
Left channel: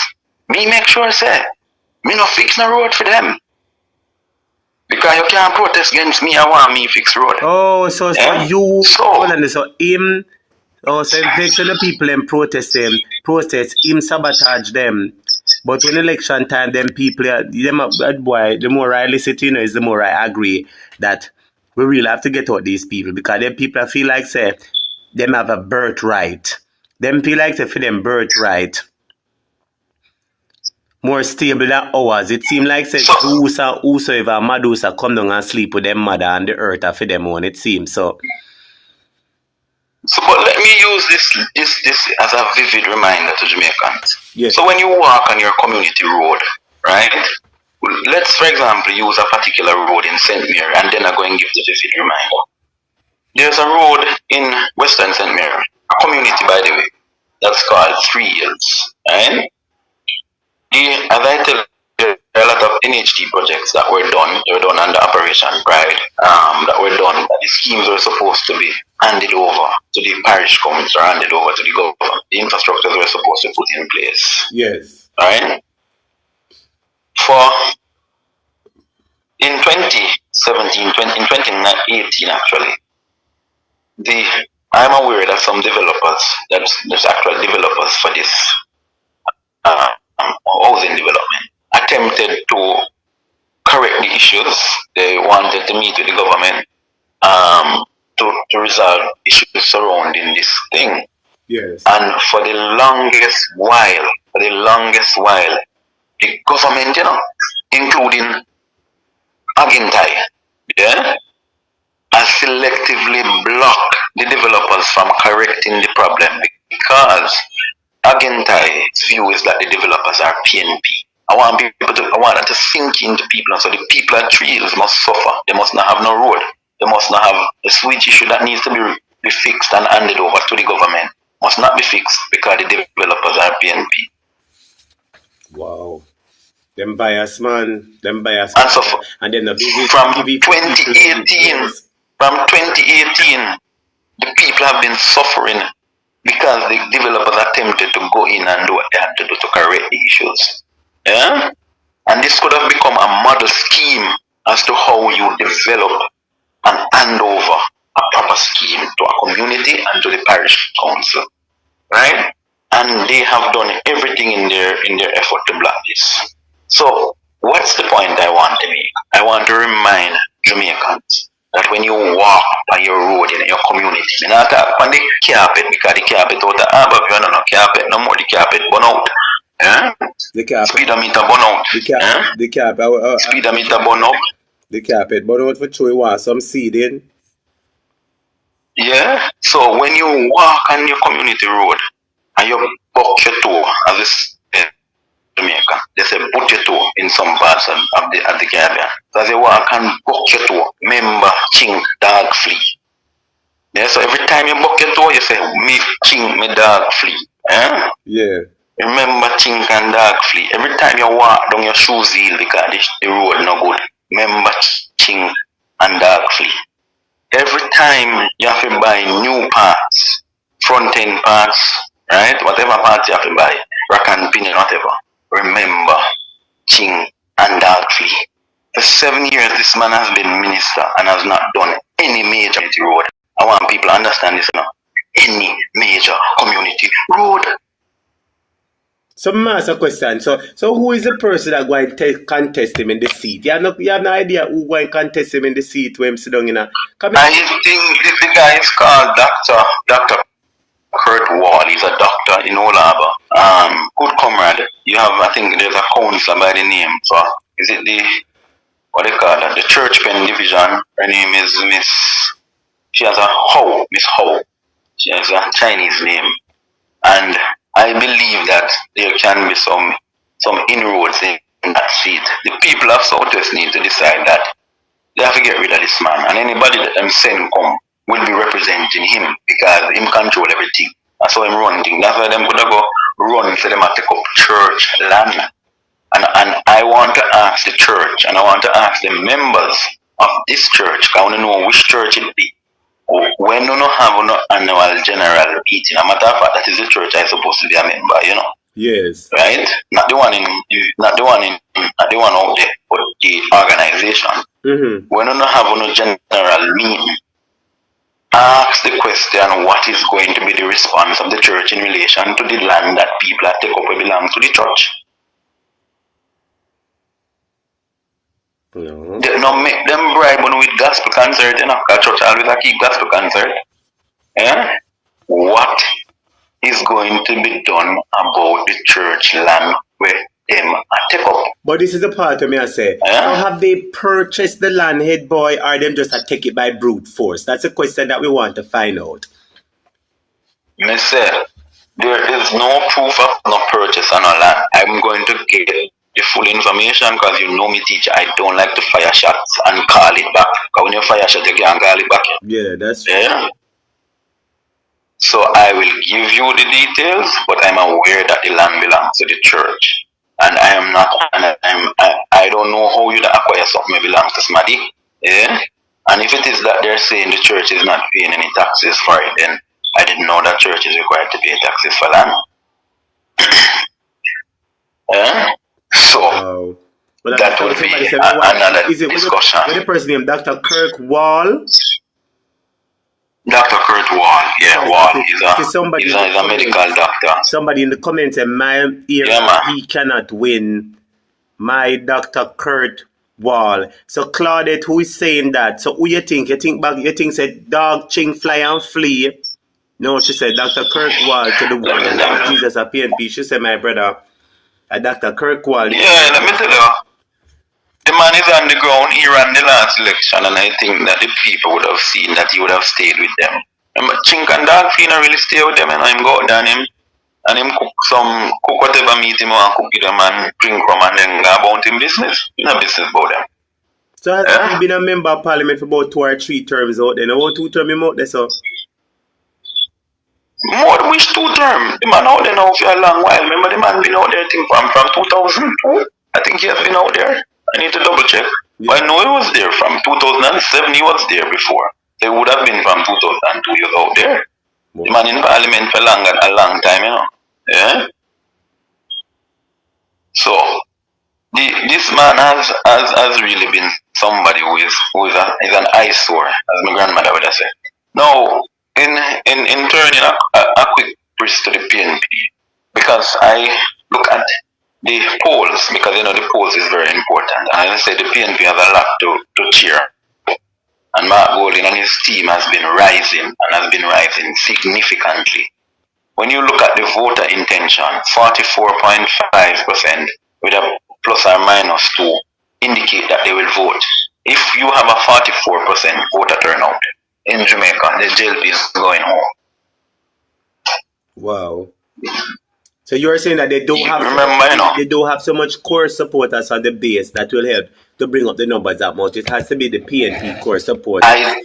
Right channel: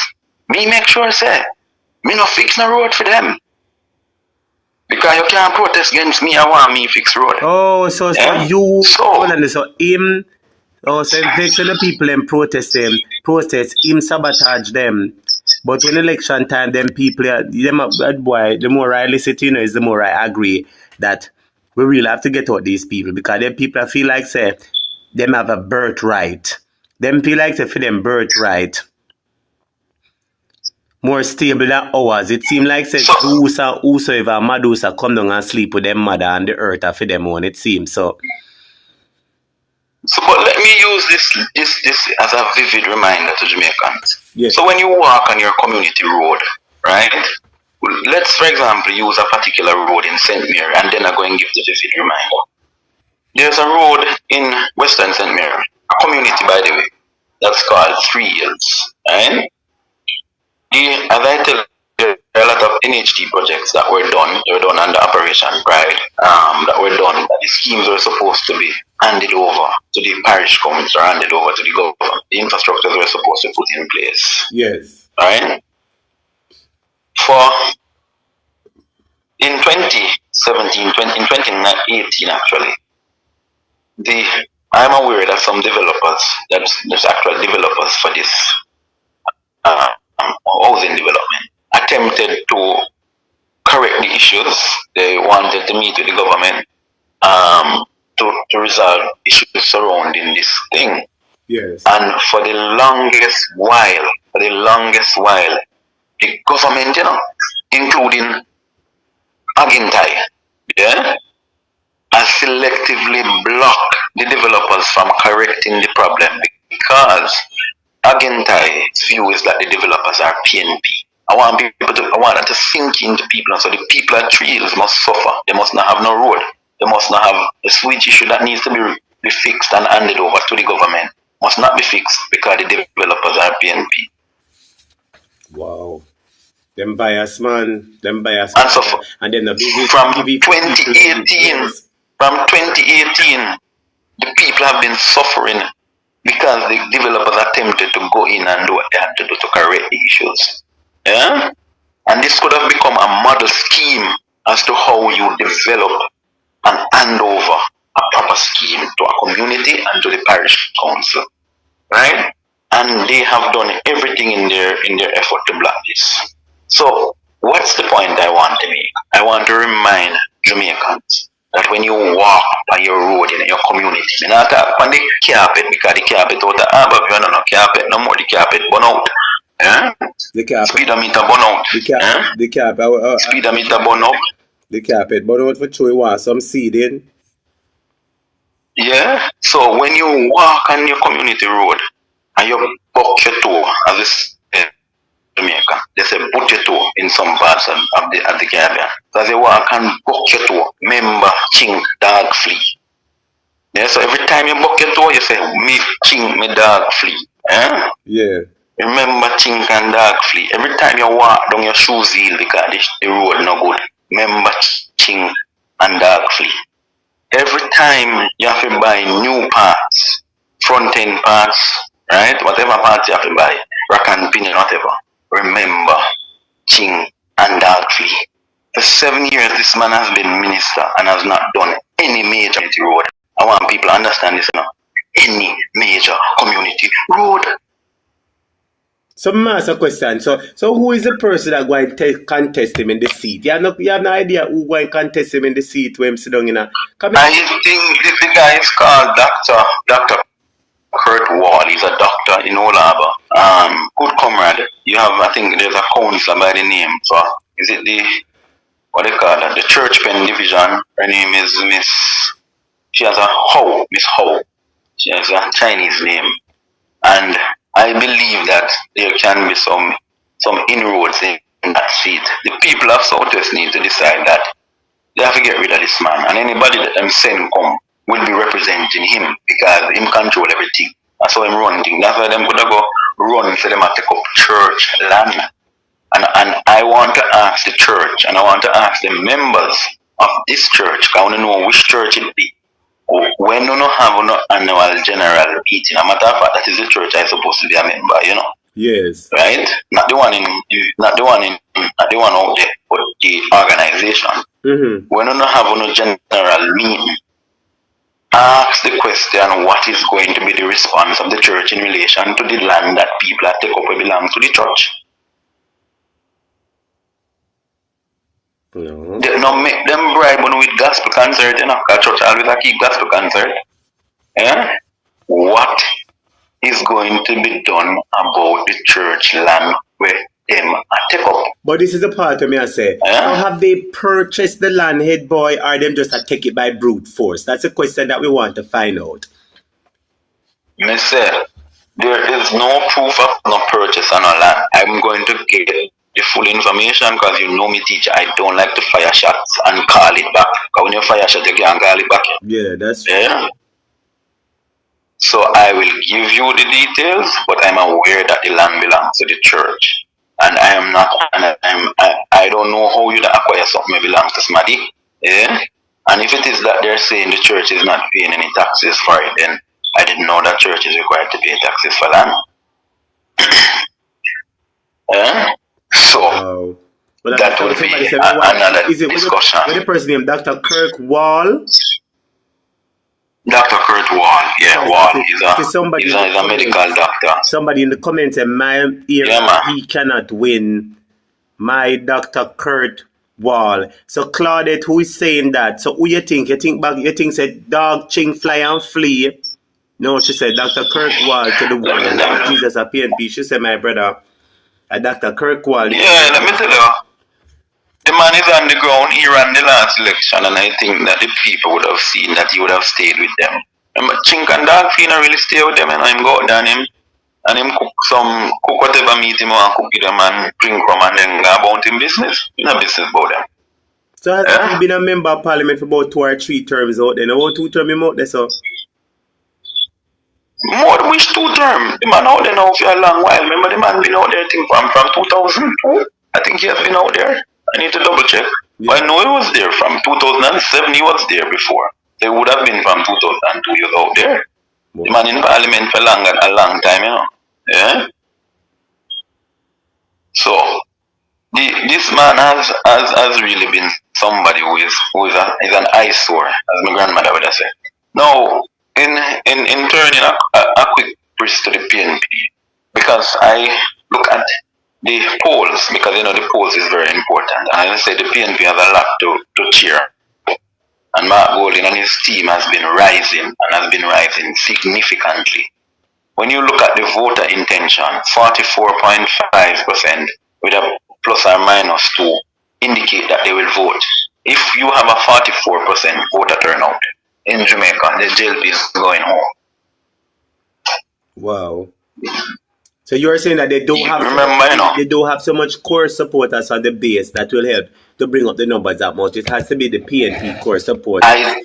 me make sure say, me no fix no road for them. Because you can't protest against me, I want me fix road. Oh, so him, so vex the people and protest, him sabotage them. But when election time, them people, the more I listen to, you know, is the more I agree that we really have to get out these people, because them people feel like, say, them have a birthright. Them feel like, say, for them birthright more stable than ours. It seems like, say, whosoever Madusa come down and sleep with them mother and the earth for them own, it seems so. So, but let me use this as a vivid reminder to Jamaicans. Yes. So when you walk on your community road, right? Let's, for example, use a particular road in St. Mary, and then I'm going to give the vivid reminder. There's a road in Western St. Mary, a community, by the way, that's called 3 Hills. Right? As I tell you, there are a lot of NHT projects that were done. They were done under Operation Pride, that were done. The schemes were supposed to be handed over to the parish communities or handed over to the government. The infrastructures were supposed to be put in place. Yes. Right? In 2018 actually, I'm aware that some developers, there's actual developers for this housing development, attempted to correct the issues. They wanted to meet with the government to resolve issues surrounding this thing. Yes. And for the longest while, the government, you know, including Agintai, yeah, has selectively blocked the developers from correcting the problem, because Agintai's view is that the developers are PNP. I want that to sink into people, so the people at 3 Hills must suffer. They must not have no road. They must not have the switch issue that needs to be fixed and handed over to the government. must not be fixed because the developers are PNP. Wow. Them bias, man. Them bias. And so and then the visit from TV 2018, the people have been suffering because the developers attempted to go in and do what they had to do to correct the issues. Yeah? And this could have become a model scheme as to how you develop and hand over a proper scheme to a community and to the parish council. Right? And they have done everything in their effort to block this. So, what's the point I want to make? I want to remind Jamaicans that when you walk on your road in your community, you not talk on the carpet because the carpet out the but you don't know carpet no more, the carpet burn out. The carpet. Speedometer burn out. The carpet. Speedometer burn out. The carpet burn out for sure you want some seeding. Yeah. So when you walk on your community road and you buck your toe, as this Jamaica, they say put your toe in some parts of the Caribbean. So as you walk and buck your toe, remember chink, dog, flea. Yeah, so every time you buck your toe, you say, me chink, me dog, flea. Yeah. Remember chink and dog, flea. Every time you walk down your shoes heel because the road no good, remember chink and dog, flea. Every time you have to buy new parts, front end parts, right? Whatever parts you have to buy, rack and pin and whatever. Remember, ching and dog flea. For 7 years, this man has been minister and has not done any major community road. I want people to understand this now. Any major community road. So, master question. So who is the person that going to contest him in the seat? You have no idea who going to contest him in the seat when him sit down in a... I think the guy is called Dr. Kurt Wall. He's a doctor in Olaba. Good comrade. You have, I think there's a counselor by the name. So, is it what they call it? The Church Pen Division. Her name is she has a Miss Ho. She has a Chinese name. And I believe that there can be some inroads in that seat. The people of Southwest need to decide that they have to get rid of this man. And anybody that them send come will be representing him because him control everything. That's how him run things. That's why them could go run so them have to take up church land. And I want to ask the church and I want to ask the members of this church, I want to know which church it be. When you don't have an annual general meeting, a matter of fact, that is the church I'm supposed to be a member, you know. Yes. Right? Not the one out there, but the organization. Mm-hmm. When you don't have a general meeting, ask the question, what is going to be the response of the church in relation to the land that people have take up and belong to the church? No. They not make them bribe on with gospel concert, you know, because church always a keep gospel concert. Yeah? What is going to be done about the church land where them take up? But this is the part of me I say. Have they purchased the land, head boy, or them just take it by brute force? That's a question that we want to find out. Me say, there is no proof of no purchase on no land. I'm going to get the full information because you know me, teacher. I don't like to fire shots and call it back. Because when you fire shot, you can't call it back. Yeah, that's true. Yeah. So I will give you the details, but I'm aware that the land belongs to the church. And I am not, I don't know how you acquire something that belongs to somebody. Yeah? And if it is that they're saying the church is not paying any taxes for it, then I didn't know that church is required to pay taxes for land. Yeah? So, that would be another discussion. What is the person named Dr. Kirk Wall? Dr. Kurt Wall, yeah, Wall. He's a medical doctor. Somebody in the comments said, my ear, he cannot win. My Dr. Kurt Wall. So Claudette, who is saying that? So who you think? You think said dog, ching, fly and flee? No, she said Dr. Kurt Wall to the world. Jesus a PNP. She said, my brother, Dr. Kurt Wall. Yeah, let me tell you. The man is on the ground. He ran the last election, and I think that the people would have seen that he would have stayed with them. Chink and dog feet really stay with them, and him go down him, and him cook whatever meat him want, cook with them and drink from, and then go about him business. You know business about them. So has he been a member of parliament for about 2 or 3 terms out there? Now 2 terms him out there, so? More than which 2 term. The man out there now for a long while. Remember the man been out there, I think, from 2002. I think he has been out there. I need to double check. Yeah. I know he was there from 2007. He was there before. They would have been from 2002. He was out there. Wow. The man in parliament for a long time, you know. Yeah. So this man has really been somebody who is an eyesore, as my grandmother would have said. Now, in turning a quick brief to the PNP, because I look at the polls, because you know the polls is very important, and I say the PNP has a lot to cheer. And Mark Golding and his team has been rising significantly. When you look at the voter intention, 44.5% with a plus or minus 2 indicate that they will vote. If you have a 44% voter turnout in Jamaica, the Jlp is going home. Wow. So you're saying that they don't have so much core supporters on the base that will help to bring up the numbers that much. It has to be the PNP core support. I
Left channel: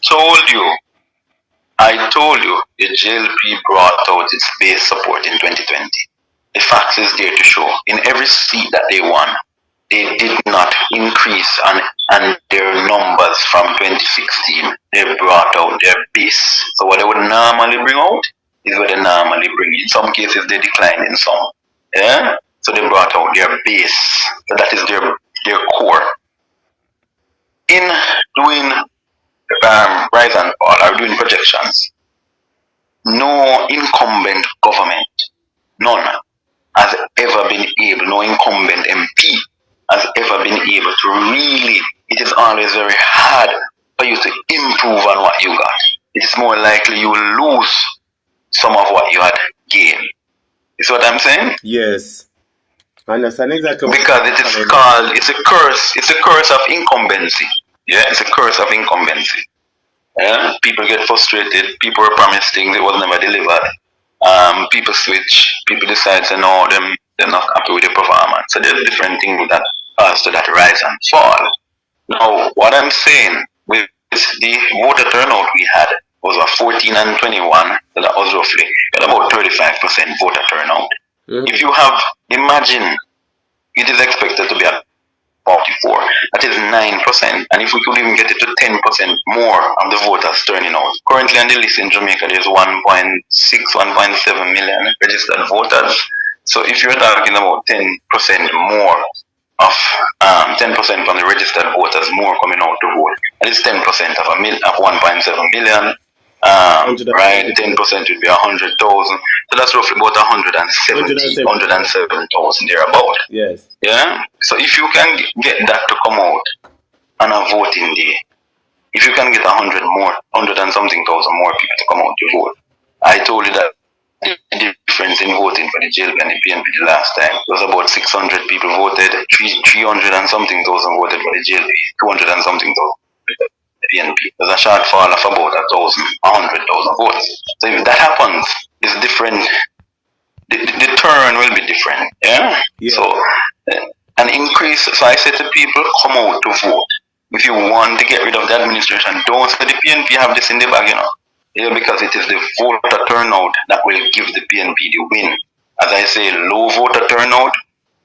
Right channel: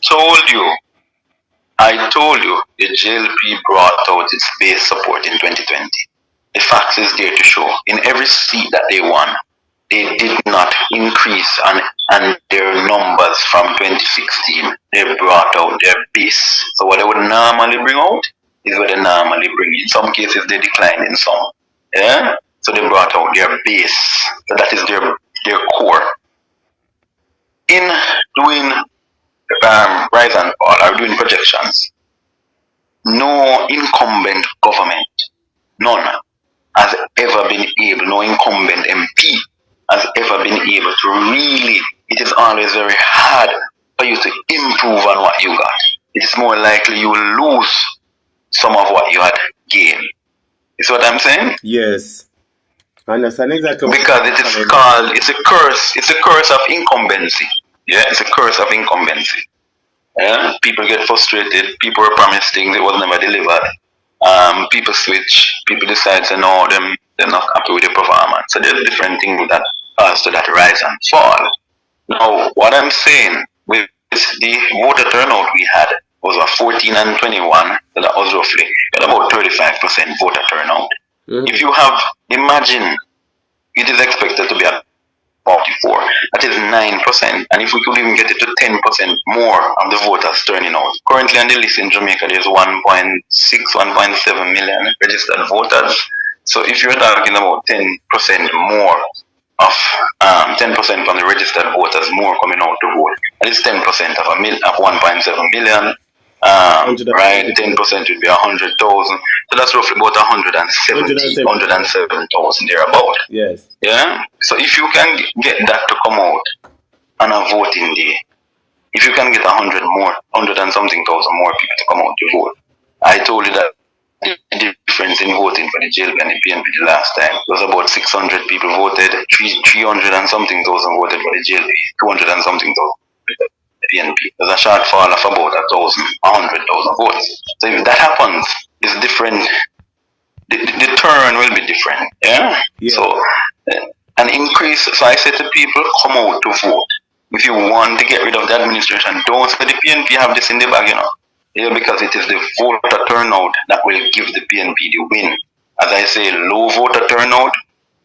told you the Jlp brought out its base support in 2020. The facts is there to show. In every seat that they won, they did not increase on their numbers from 2016. They brought out their base. So what they would normally bring out is what they normally bring. In some cases, they declined in some. Yeah? So they brought out their base. So that is their core. In doing rise and fall or doing projections, no incumbent government, none, has ever been able, no incumbent MP has ever been able to really, it is always very hard for you to improve on what you got. It is more likely you will lose some of what you had gained. Is what I'm saying? Yes. I understand exactly. Because it is called, it's a curse of incumbency. Yeah, it's a curse of incumbency. Yeah, people get frustrated, people were promised things, it was never delivered. People switch, people decide to know they're not happy with the performance. So there's different things that cause to that rise and fall. Now, what I'm saying with the voter turnout we had was a 14 and 21, so that was roughly about 35% voter turnout. Mm-hmm. If you have, imagine, it is expected to be at 44, that is 9%, and if we could even get it to 10% more of the voters turning out. Currently on the list in Jamaica, there's 1.6, 1.7 million registered voters. So if you're talking about 10% more of 10% from the registered voters more coming out to vote, that is 10% of 1.7 million. Right, 10% would be 100,000. So that's roughly about 107,000 thereabout. Yes. Yeah. So if you can get that to come out on a voting day, if you can get 100 and something thousand more people to come out to vote, I told you that the difference in voting for the Jlp and the PNP the last time was about 600 people voted, 300 and something thousand voted for the Jlp, 200 and something thousand. PNP. There's a shortfall of about 100,000 votes. So if that happens, it's different. The turn will be different. Yeah? So an increase. So I say to people, come out to vote. If you want to get rid of the administration, don't say the PNP have this in the bag, you know. Yeah, because it is the voter turnout that will give the PNP the win. As I say, low voter turnout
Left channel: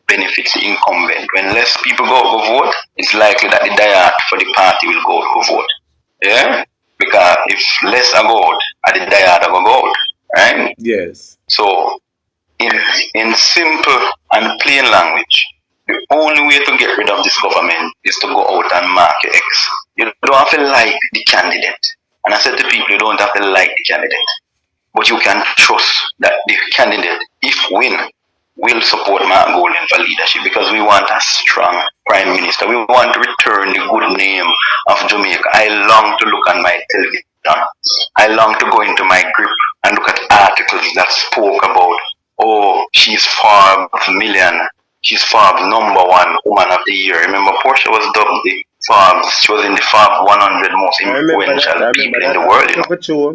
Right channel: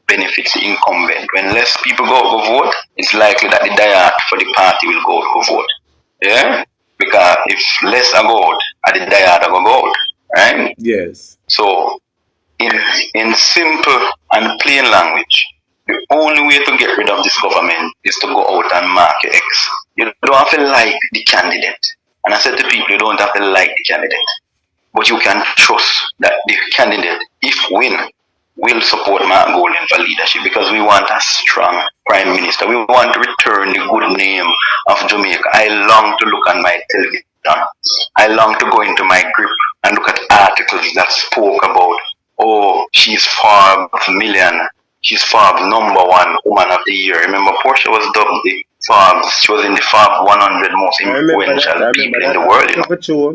benefits the incumbent. When less people go vote, it's likely that the diet for the party will go vote. Yeah? Because if less are go out, the diet will go out. Right? Yes. So, in simple and plain language, the only way to get rid of this government is to go out and mark your X. You don't have to like the candidate. And I said to people, you don't have to like the candidate. But you can trust that the candidate, if win, will support Mark Golding for leadership, because we want a strong prime minister. We want to return the good name of Jamaica. I long to look on my television. I long to go into my group and look at articles that spoke about, oh, she's Forbes million, she's Forbes #1 woman of the year. Remember, Portia was dubbed the Forbes. She was in the Forbes 100 most influential people in the world. You know? So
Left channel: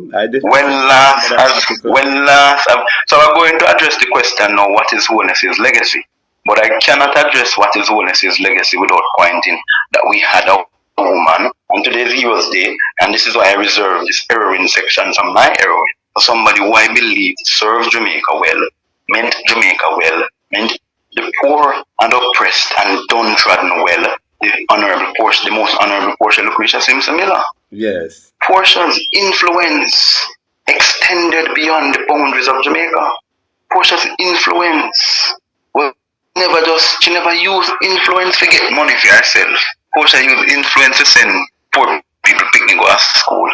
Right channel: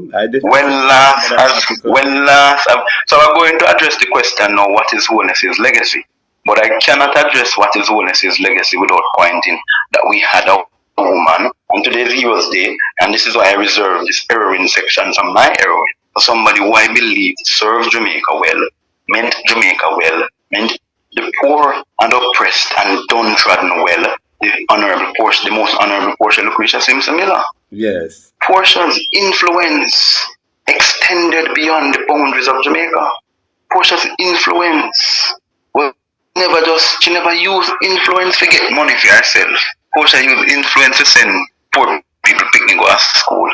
I'm going to address the question now: what is Holness's legacy? But I cannot address what is Holness's legacy without pointing that we had a woman on today's Heroes Day, and this is why I reserve this heroine section from my heroine. somebody who I believe served Jamaica well, meant Jamaica well, meant the poor and oppressed and downtrodden well, the most honorable Portia Lucretia Simpson Miller. Yes. Portia's influence extended beyond the boundaries of Jamaica. Portia's influence was she never used influence to get money for herself. Portia used influence to send poor people picnic go to school.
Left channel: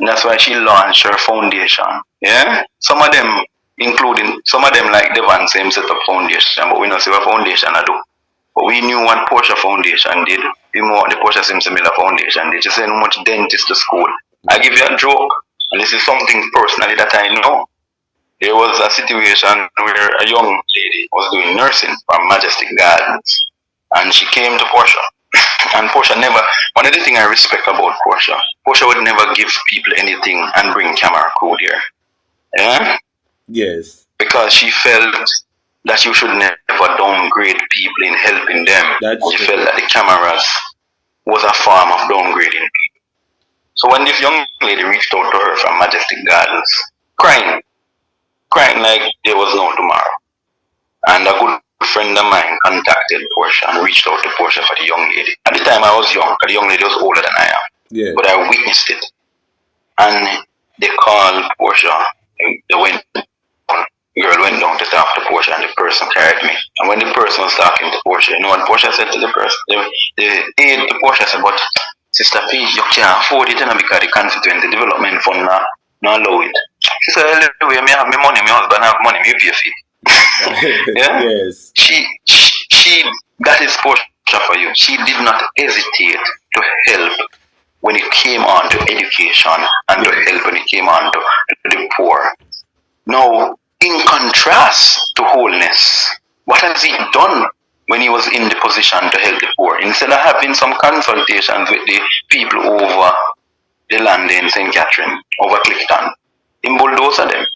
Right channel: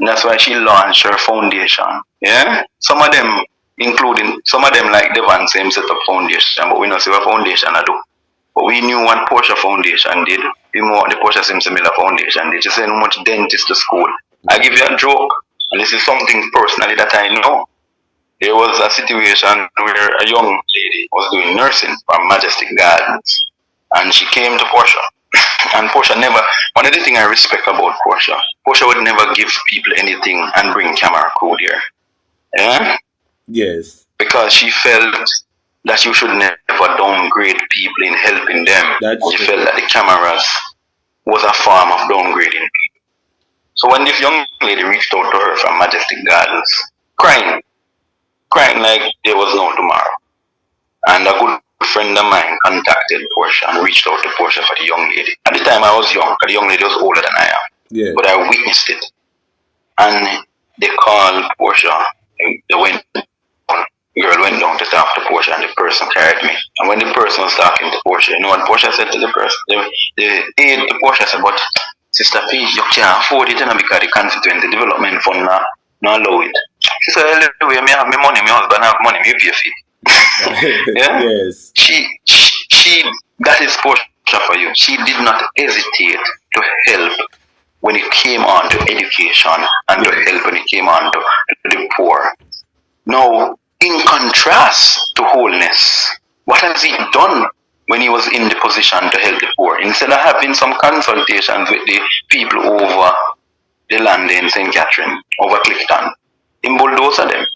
And that's why she launched her foundation. Yeah? Some of them like Devon same set up foundation, but we don't see what foundation I do. But we knew what Portia Foundation did. We knew what the Portia Simpson Miller Foundation did. She sent how much dentists to school. I give you a joke, and this is something personally that I know. There was a situation where a young lady was doing nursing from Majestic Gardens, and she came to Portia. And Portia never, one of the things I respect about Portia would never give people anything and bring camera crew there. Yeah? Yes. Because she felt that you should never downgrade people in helping them. She felt that the cameras was a form of downgrading people. So when this young lady reached out to her from Majestic Gardens, crying like there was no tomorrow. And a good friend of mine contacted Portia and reached out to Portia for the young lady. At the time I was young, the young lady was older than I am. Yeah. But I witnessed it. And they called Portia, the girl went down to talk to Portia and the person carried me. And when the person was talking to Portia, you know what Portia said to the person? The aide to Portia said, but Sister P, you can't afford it because the Constituency Development Fund not allow it. She said, anyway, I have my money, my husband have money, me pay for it. Yeah? Yes. She that is Portia for you. She did not hesitate to help when it came on to education and to help when it came on to the poor. Now, in contrast to wholeness, what has he done when he was in the position to help the poor? Instead of having some consultations with the people over the land in St. Catherine, over Clifton, he bulldozed them.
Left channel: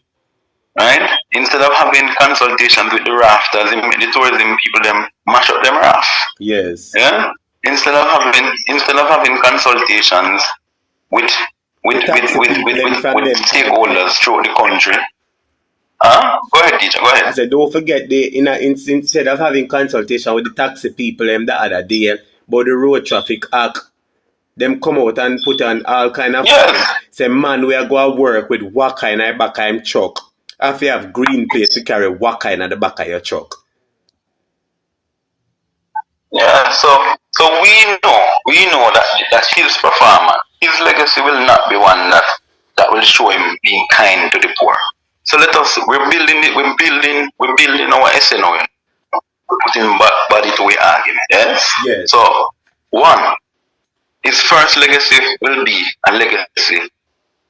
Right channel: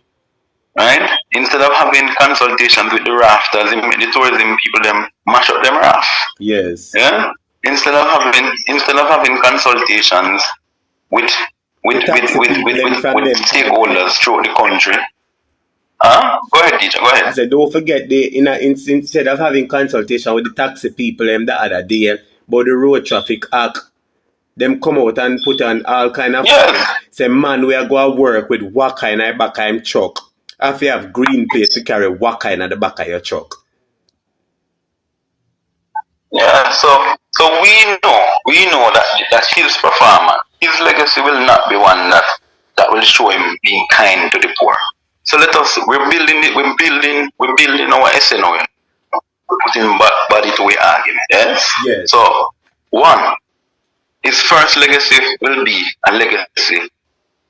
Right? Instead of having consultations with the rafters, the tourism people, them mash up them raft. Yes. Yeah? Instead of having consultations with stakeholders throughout the country. Go ahead, teacher, go ahead. I said, don't forget, instead of having consultation with the taxi people the other day about the road traffic act, them come out and put on all kind of fines. Say, man, we are going to work with waka in the back of him truck. If you have green place to carry waka in the back of your truck. Yeah, so we know that his performance, his legacy will not be one that will show him being kind to the poor. So we're building our essay now, putting body to our argument. Yes. So, one, his first legacy will be a legacy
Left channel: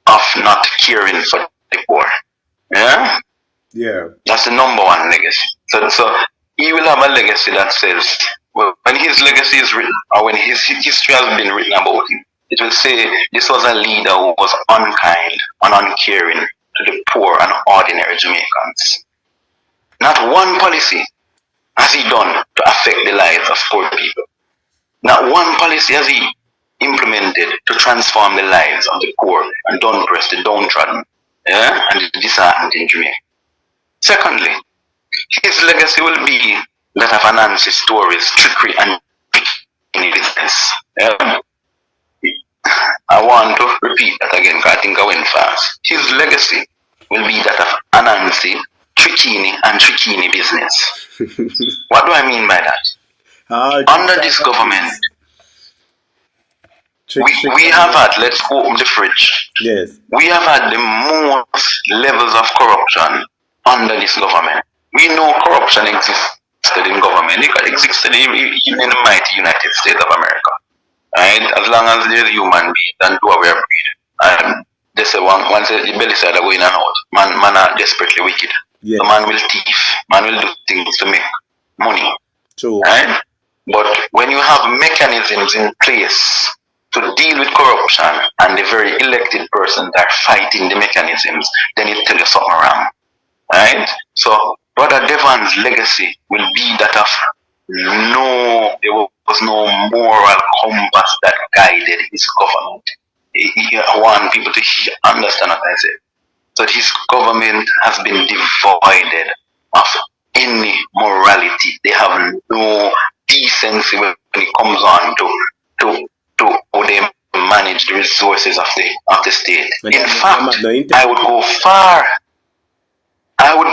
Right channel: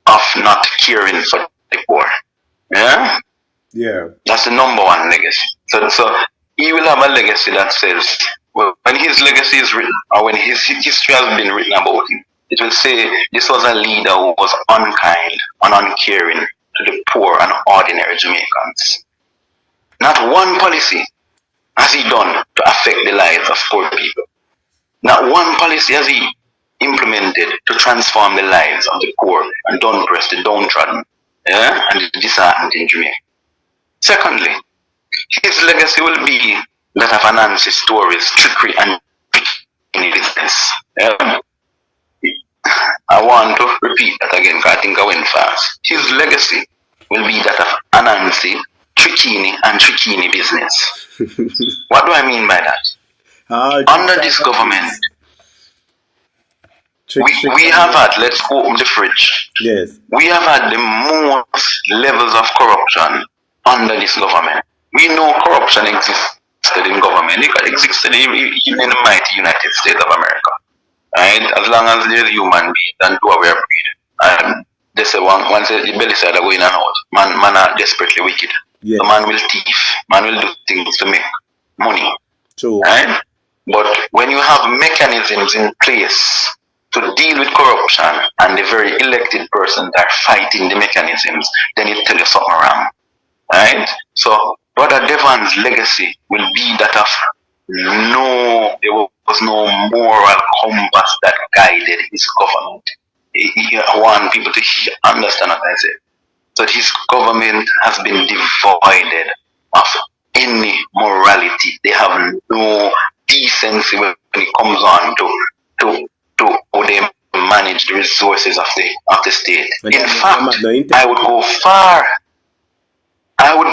of not caring for the poor. Yeah? Yeah. That's the number one legacy. So he will have a legacy that says, well, when his legacy is written, or when his history has been written about him, it will say this was a leader who was unkind and uncaring to the poor and ordinary Jamaicans. Not one policy has he done to affect the lives of poor people. Not one policy has he implemented to transform the lives of the poor and oppressed, the downtrodden, and the disheartened in Jamaica. Secondly, his legacy will be that of Anansi's stories, trickery, and business. I want to repeat that again because I think I went fast. His legacy will be that of Anansi, Tricini business. What do I mean by that? Under this government, we have had, let's open the fridge. Yes. We have had the most levels of corruption under this government. We know corruption existed in government. It existed in the mighty United States of America. Right? As long as there's a human being and do our breed. And they say once the belly side are going and out, man are desperately wicked. Yes. The man will thief, man will do things to make money. True. Right? But when you have mechanisms in place to deal with corruption and the very elected persons are fighting the mechanisms, then you tell you something wrong. Right? So Brother Devon's legacy will be that of there was no moral compass that guided his government. I want people to understand what I said. So his government has been devoid of any morality. They have no decency when it comes on to how they manage the resources of the state. In fact, I would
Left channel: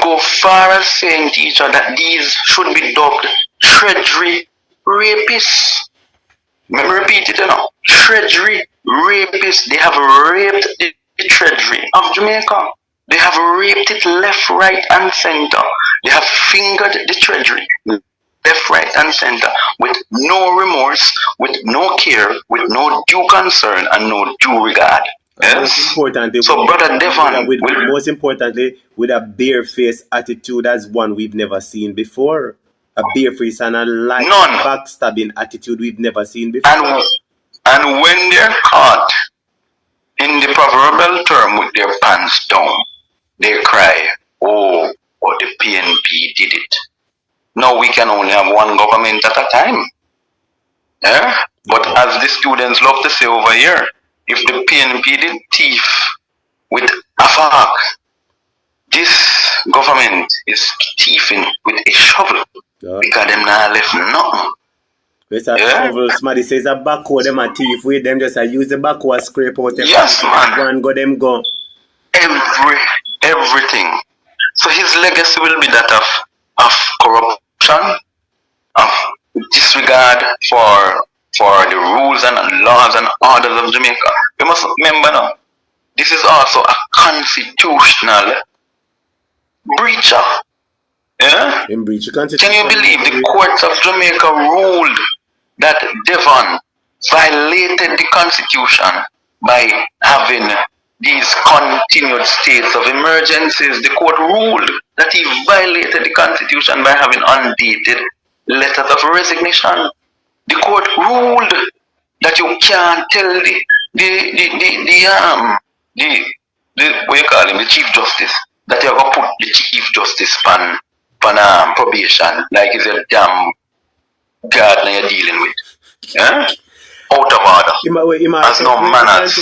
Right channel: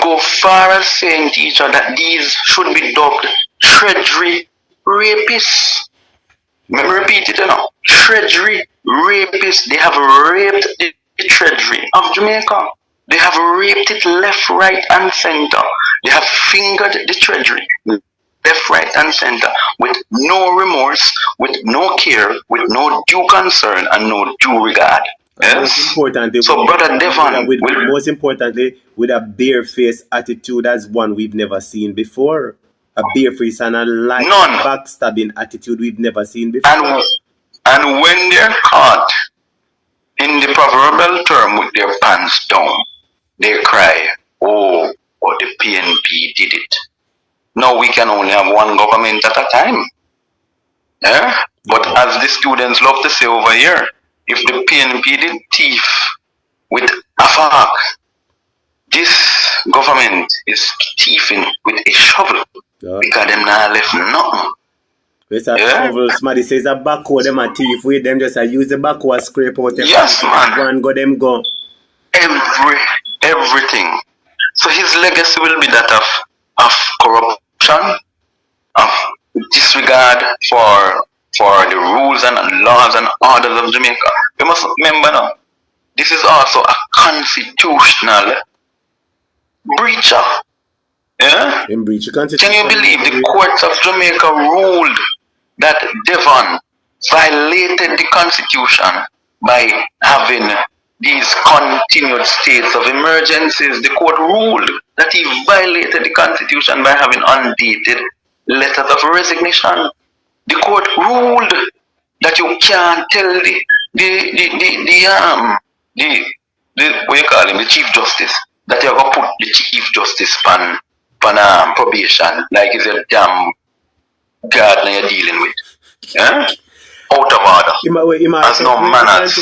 go far as saying, teacher, that these should be dubbed treasury rapists. Let me repeat it now. Treasury rapists. They have raped the treasury of Jamaica. They have raped it left, right, and center. They have fingered the treasury left, right, and center with no remorse, with no care, with no due concern, and no due regard. Yes. So, Brother Devon, most importantly, with a bare-faced attitude as one we've never seen before. A bare-faced and a light backstabbing attitude we've never seen before. And when they're caught in the proverbial term with their pants down, they cry, oh, the PNP did it. Now we can only have one government at a time. Yeah? But as the students love to say over here, if the PNP did thief with a fork, this government is thieving with a shovel because them not left nothing. It's a shovel. Somebody says a backhoe, them a thief with them just use the backhoe and scrape out the yes, man. Go. Everything. So his legacy will be that of corruption, of disregard for the rules and laws and orders of Jamaica. You must remember now, this is also a constitutional breacher. Yeah? In breach of constitution. Can you believe the courts of Jamaica ruled that Devon violated the constitution by having these continued states of emergencies? The court ruled that he violated the constitution by having undated letters of resignation. The court ruled that you can't tell the what you call him, the Chief Justice, that you're gonna put the Chief Justice on probation, like he's a damn gardener you're dealing with. Yeah? Out of order. Has no manners.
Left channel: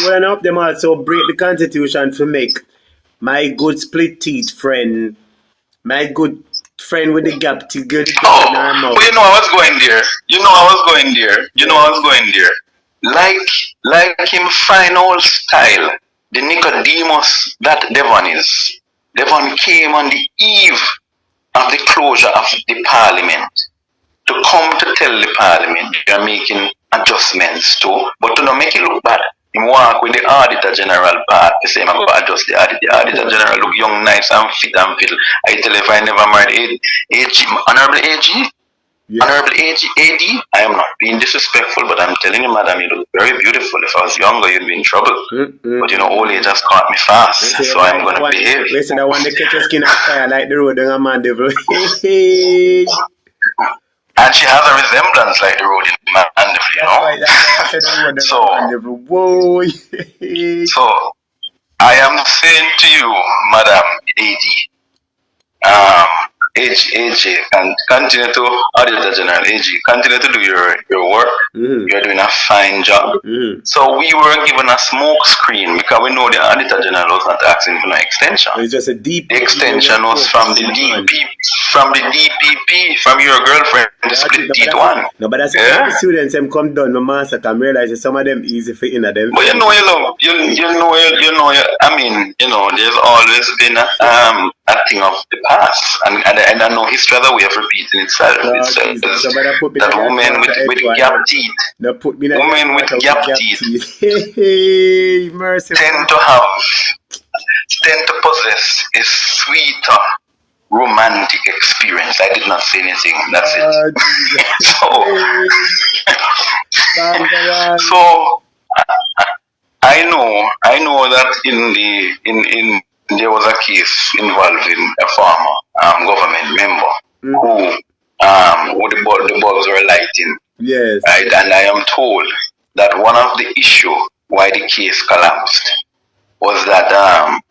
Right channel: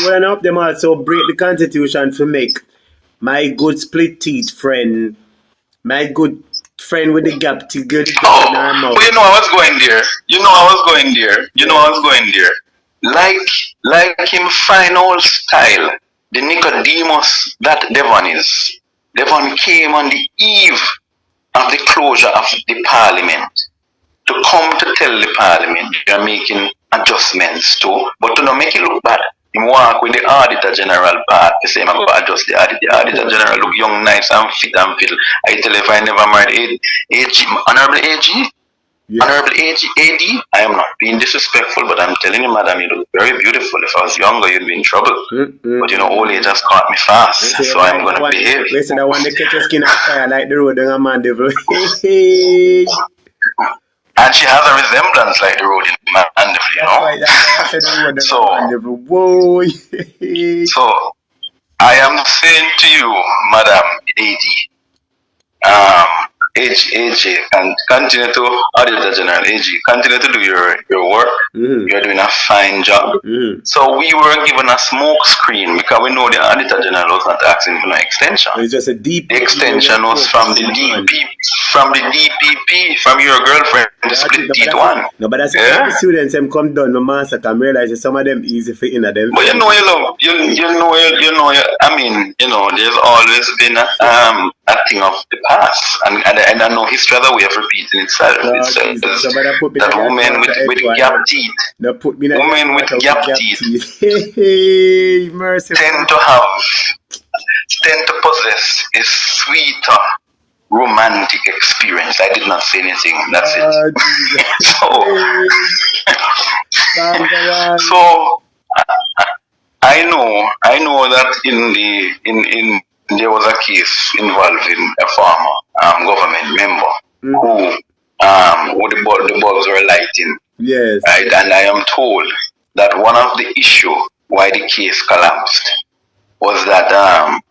Them also break the constitution to make my good split teeth friend, my good friend with the gap to good. But you know I was going there. Like him fine old style, the Nicodemus that Devon is. Devon came on the eve of the closure of the parliament to come to tell the parliament they are making adjustments too, but to not make it look bad. He walk with the Auditor General part, the same I'm going to adjust the Auditor General look young, nice and fit and fiddle. I tell you, if I never married Honorable AG, Honorable AD, I am not being disrespectful, but I'm telling you, madam, you look very beautiful. If I was younger, you'd be in trouble. But you know, old age has caught me fast, so I'm going to behave. Listen, I want to catch your skin on fire like the road in a man devil. And she has a resemblance like the road in Mandeville, you know. So I am saying to you, Madam AD, AJ, and continue to Auditor General AG, continue to do your work. You're doing a fine job. So we were given a smoke screen because we know the Auditor General was not asking for an extension. It's just a deep. The extension was from the DPP, from your girlfriend, the split teeth one. No, but that's the students them come down, no master can realize some of them easy for in them. But I mean, there's always been a thing of the past, and I know history has a way of repeating itself. It says that women with gap teeth, women with gap teeth tend to possess a sweeter romantic experience. I did not say anything. That's it. So I know that in there was a case involving a former government member who the bulbs were lighting. Yes. Right? And I am told that one of the issue why the case collapsed was that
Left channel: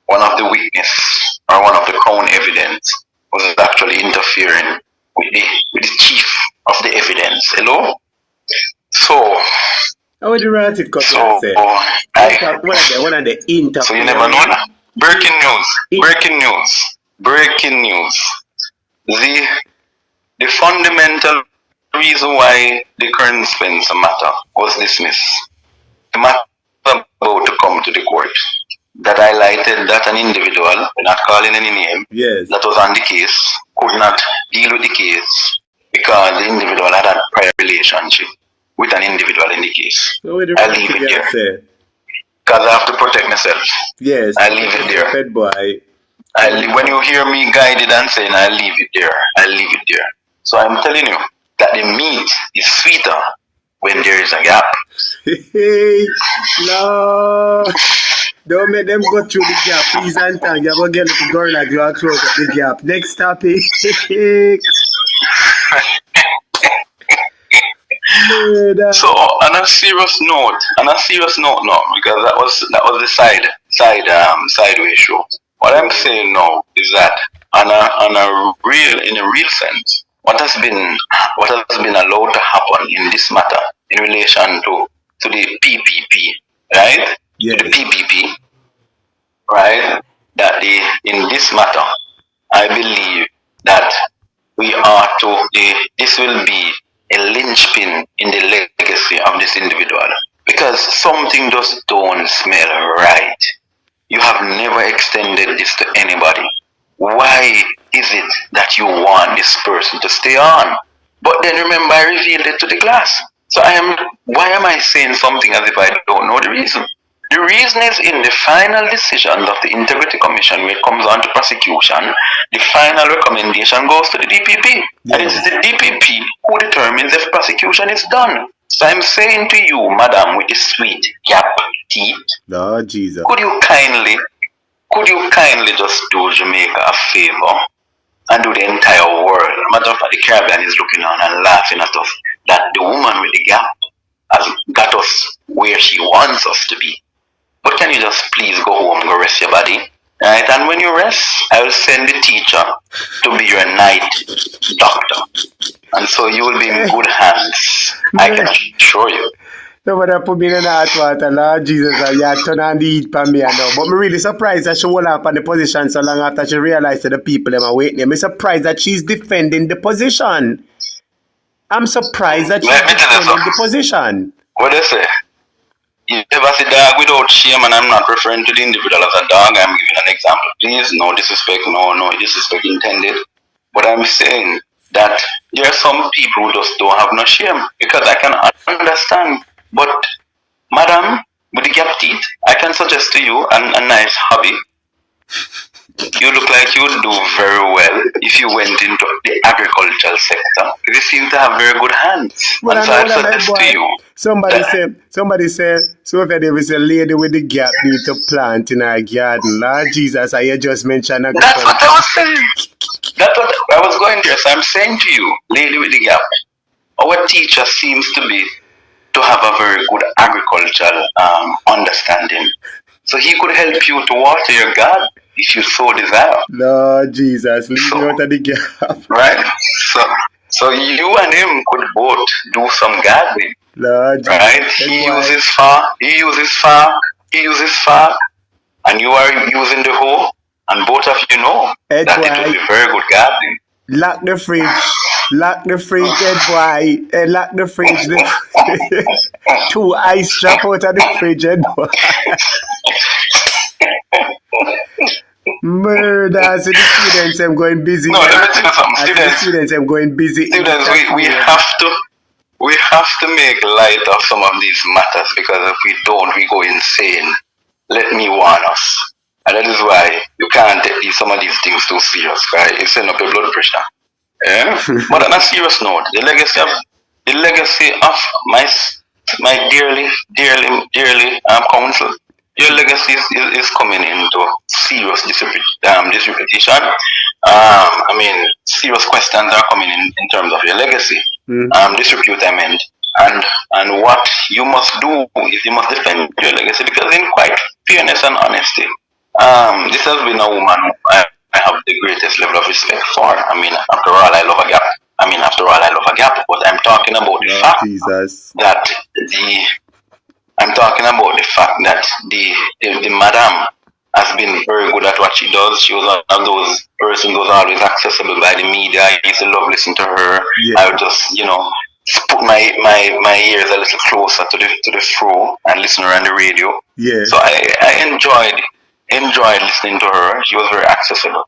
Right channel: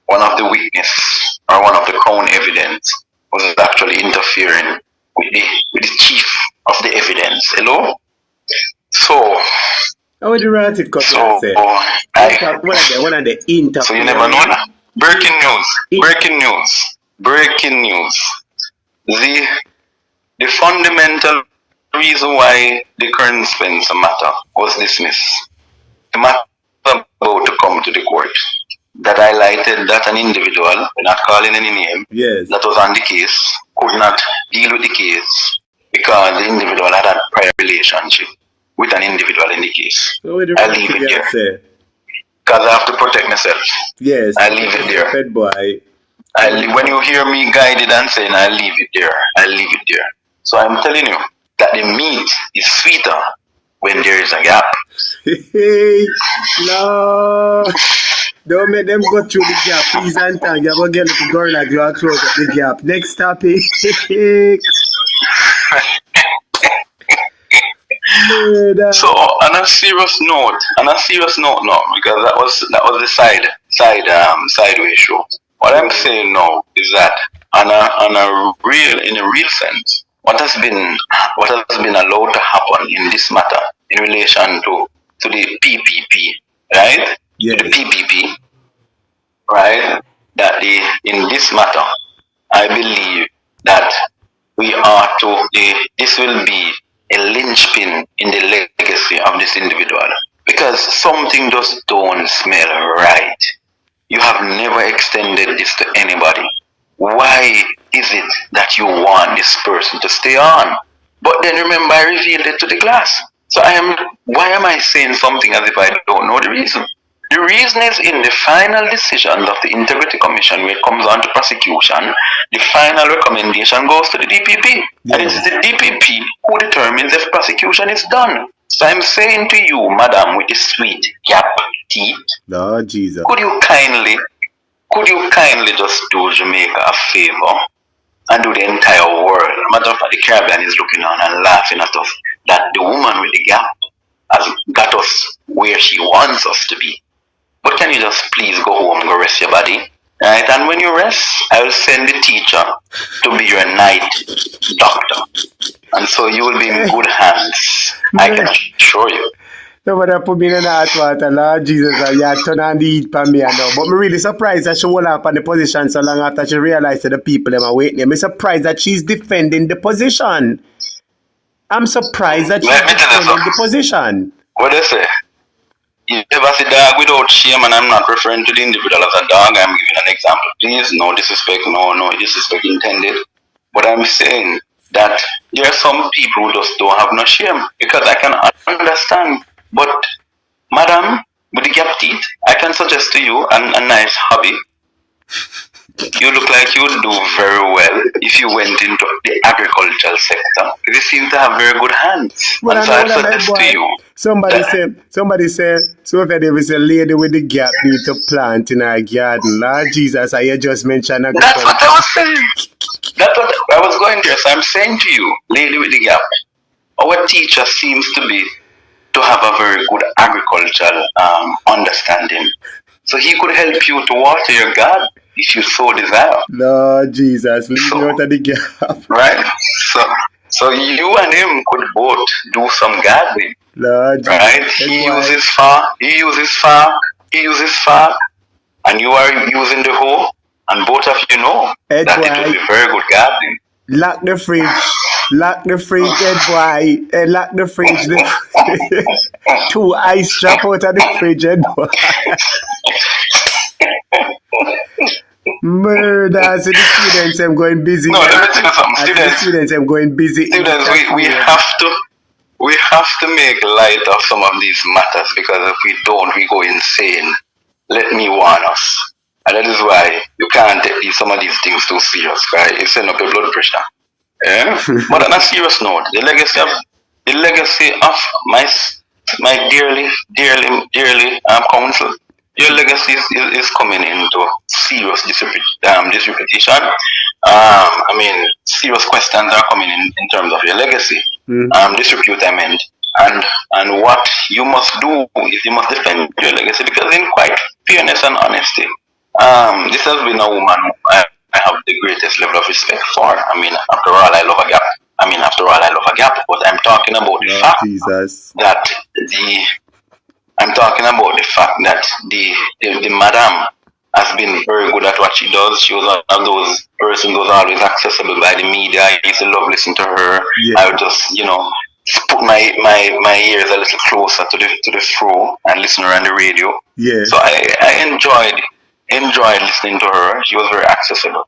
one of the witness or one of the crown evidence was actually interfering with the chief of the evidence. Hello? So how would you write it? So one of the interference. So you never know that? Breaking news. The fundamental reason why the current Spencer matter was dismissed. The matter about to come to the court that highlighted that an individual, not calling any name, that was on the case, could not deal with the case because the individual had a prior relationship with an individual in the case. I leave it there. Because I have to protect myself. Yes. I leave it there. Fed boy. When you hear me guided and saying I leave it there. So I'm telling you that the meat is sweeter when there is a gap. No. Don't make them go through the gap, please and thank. You're going to get the girl like you are close to the gap. Next topic. So on a serious note now, because that was the sideways show. What I'm saying now is that in a real sense, what has been allowed to happen in this matter in relation to the PPP, right? Yes. To the PPP, right? That in this matter, I believe that this will be a linchpin in the legacy of this individual, because something just don't smell right. You have never extended this to anybody. Why is it that you want this person to stay on? But then remember, I revealed it to the class. So why am I saying something as if I don't know the reason? The reason is in the final decision of the Integrity Commission, when it comes on to prosecution, the final recommendation goes to the DPP. And it's the DPP who determines if prosecution is done. So I'm saying to you, madam, with the sweet gap teeth, no, Jesus. Could you kindly just do Jamaica a favor and do the entire world? Matter of fact, the Caribbean is looking on and laughing at us that the woman with the gap has got us where she wants us to be. But can you just please go home and go rest your body? Right? And when you rest, I will send the teacher to be your night doctor. And so you will be in good hands. I can assure you. Somebody put me in the hot water, Lord Jesus, and you turn on the heat for me now. But I'm really surprised that she hold up on the position so long after she realized that the people them are waiting. I'm surprised that she's defending the position. I'm surprised that she's defending the position. What do you say? You never see dog without shame, and I'm not referring to the individual as a dog. I'm giving an example. Please, no disrespect, no disrespect intended. But I'm saying that there are some people who just don't have no shame, because I can understand. But, madam, with the gap teeth, I can suggest to you a nice hobby. You look like you would do very well if you went into the agricultural sector. You seem to have very good hands. Well, and so I suggest to you. Somebody said, so if there was a lady with the gap need to plant in her garden. Lord Jesus, I just mentioned agriculture. That's what I was saying. That's what I was going there. So I'm saying to you, lady with the gap, our teacher seems to have a very good agricultural understanding. So he could help you to water your garden if you so desire. Lord Jesus, leave me out of the gap. Right? So you and him could both do some gardening. Lord right? Jesus. He uses fork, and you are using the hoe, and both of you know that it will be very good gardening. Lock the fridge, head boy. Lock the fridge. 2 ice drop out of the fridge, head boy. Murder. So the students I'm going busy. No, let me tell you something. Students I'm going busy. Students, we have to make light of some of these matters, because if we don't, we go insane. Let me warn us. And that is why you can't take some of these things too serious, right? It sends up your blood pressure. Yeah? But on a serious note, the legacy of my dearly counsel, your legacy is coming into serious disreputation. Serious questions are coming in terms of your legacy. Disrepute, I meant. And what you must do is you must defend your legacy, because in quite fairness and honesty, this has been a woman I have the greatest level of respect for. After all, I love a gap. But I'm talking about the fact that the madam has been very good at what she does. She was one of those persons who was always accessible by the media. I used to love listening to her. Yeah. I would just, put my ears a little closer to the flow and listen to her on the radio. Yeah. So I enjoyed listening to her. She was very accessible.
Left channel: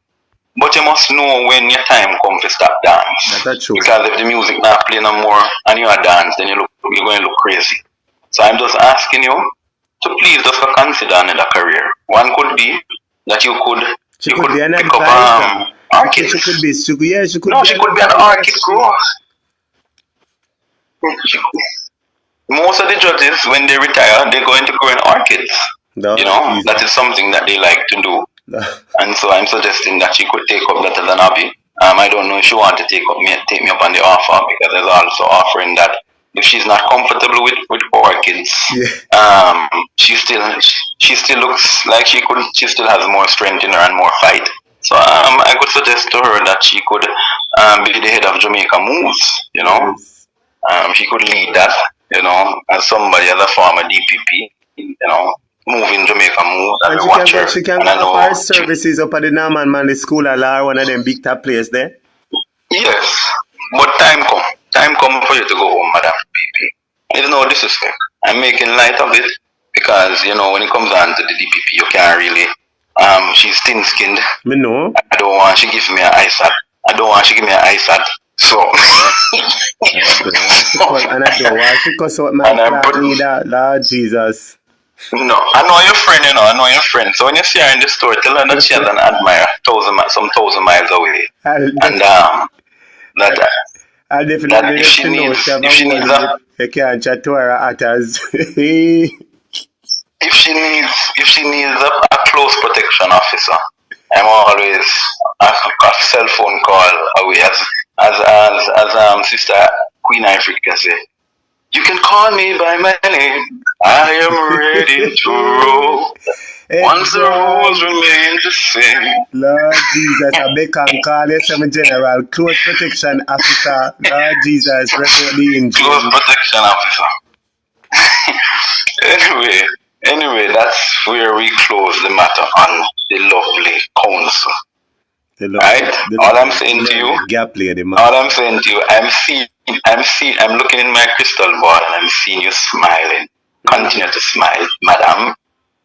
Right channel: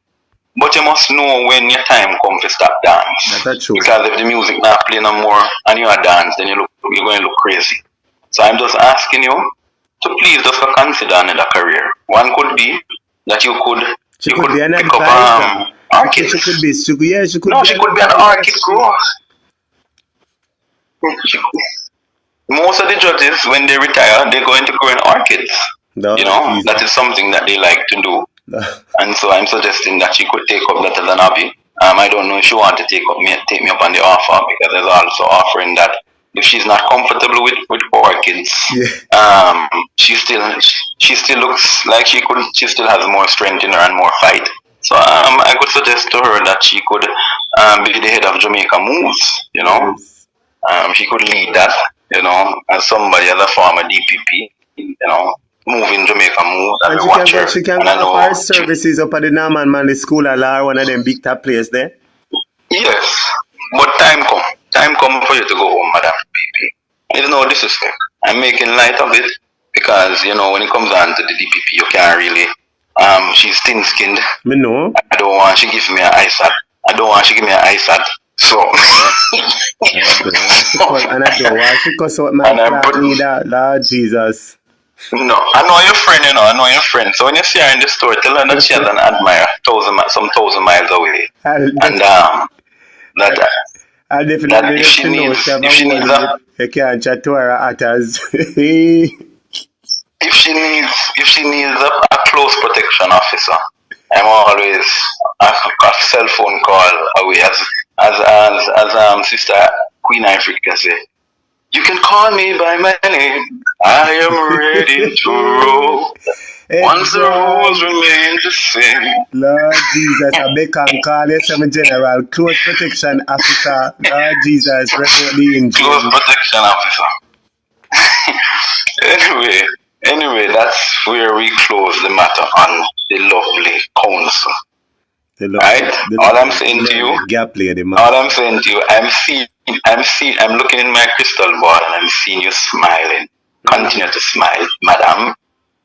But you must know when your time comes to stop dance. That's true. Because if the music not playing no more and you are dance, then you're going to look crazy. So I'm just asking you to please just consider another career. One could be that you could pick up orchids. She could be. She could be an orchid grower. Most of the judges, when they retire, they're going to grow in orchids. No, that is something that they like to do. And so I'm suggesting that she could take up that as an hobby. I don't know if she want to take me up on the offer, because there's also offering that if she's not comfortable with orchids, she still looks like she still has more strength in her and more fight. So I could suggest to her that she could be the head of Jamaica Moves. She could lead that, as somebody, as a former DPP, moving Jamaica Move, and she can offer her services up at the Norman Manley School or one of them big top players there. Yes, but time come for you to go home, Madam DPP. There's no disrespect. I'm making light of it because when it comes down to the DPP, you can't really. She's thin-skinned. Me know. I don't want she gives me an ice hat. So. And I don't want she cuss out my flat leader, Lord Jesus. No, I know your friend, So when you see her in the store, tell her that she has an admirer some 1,000 miles away. I'll definitely if she needs that, you can't chat to her actors. If she needs a close protection officer, I'm always a cell phone call away, as Sister Queen Africa say. You can call me by my name. I am ready to roll. Once the rules remain the same. Lord Jesus, I beg and call you some general close protection officer. Lord Jesus, report in close protection officer. Anyway, that's where we close the matter on the lovely council. Right? All I'm saying to you, I'm looking in my crystal ball and I'm seeing you smiling. Continue to smile, madam.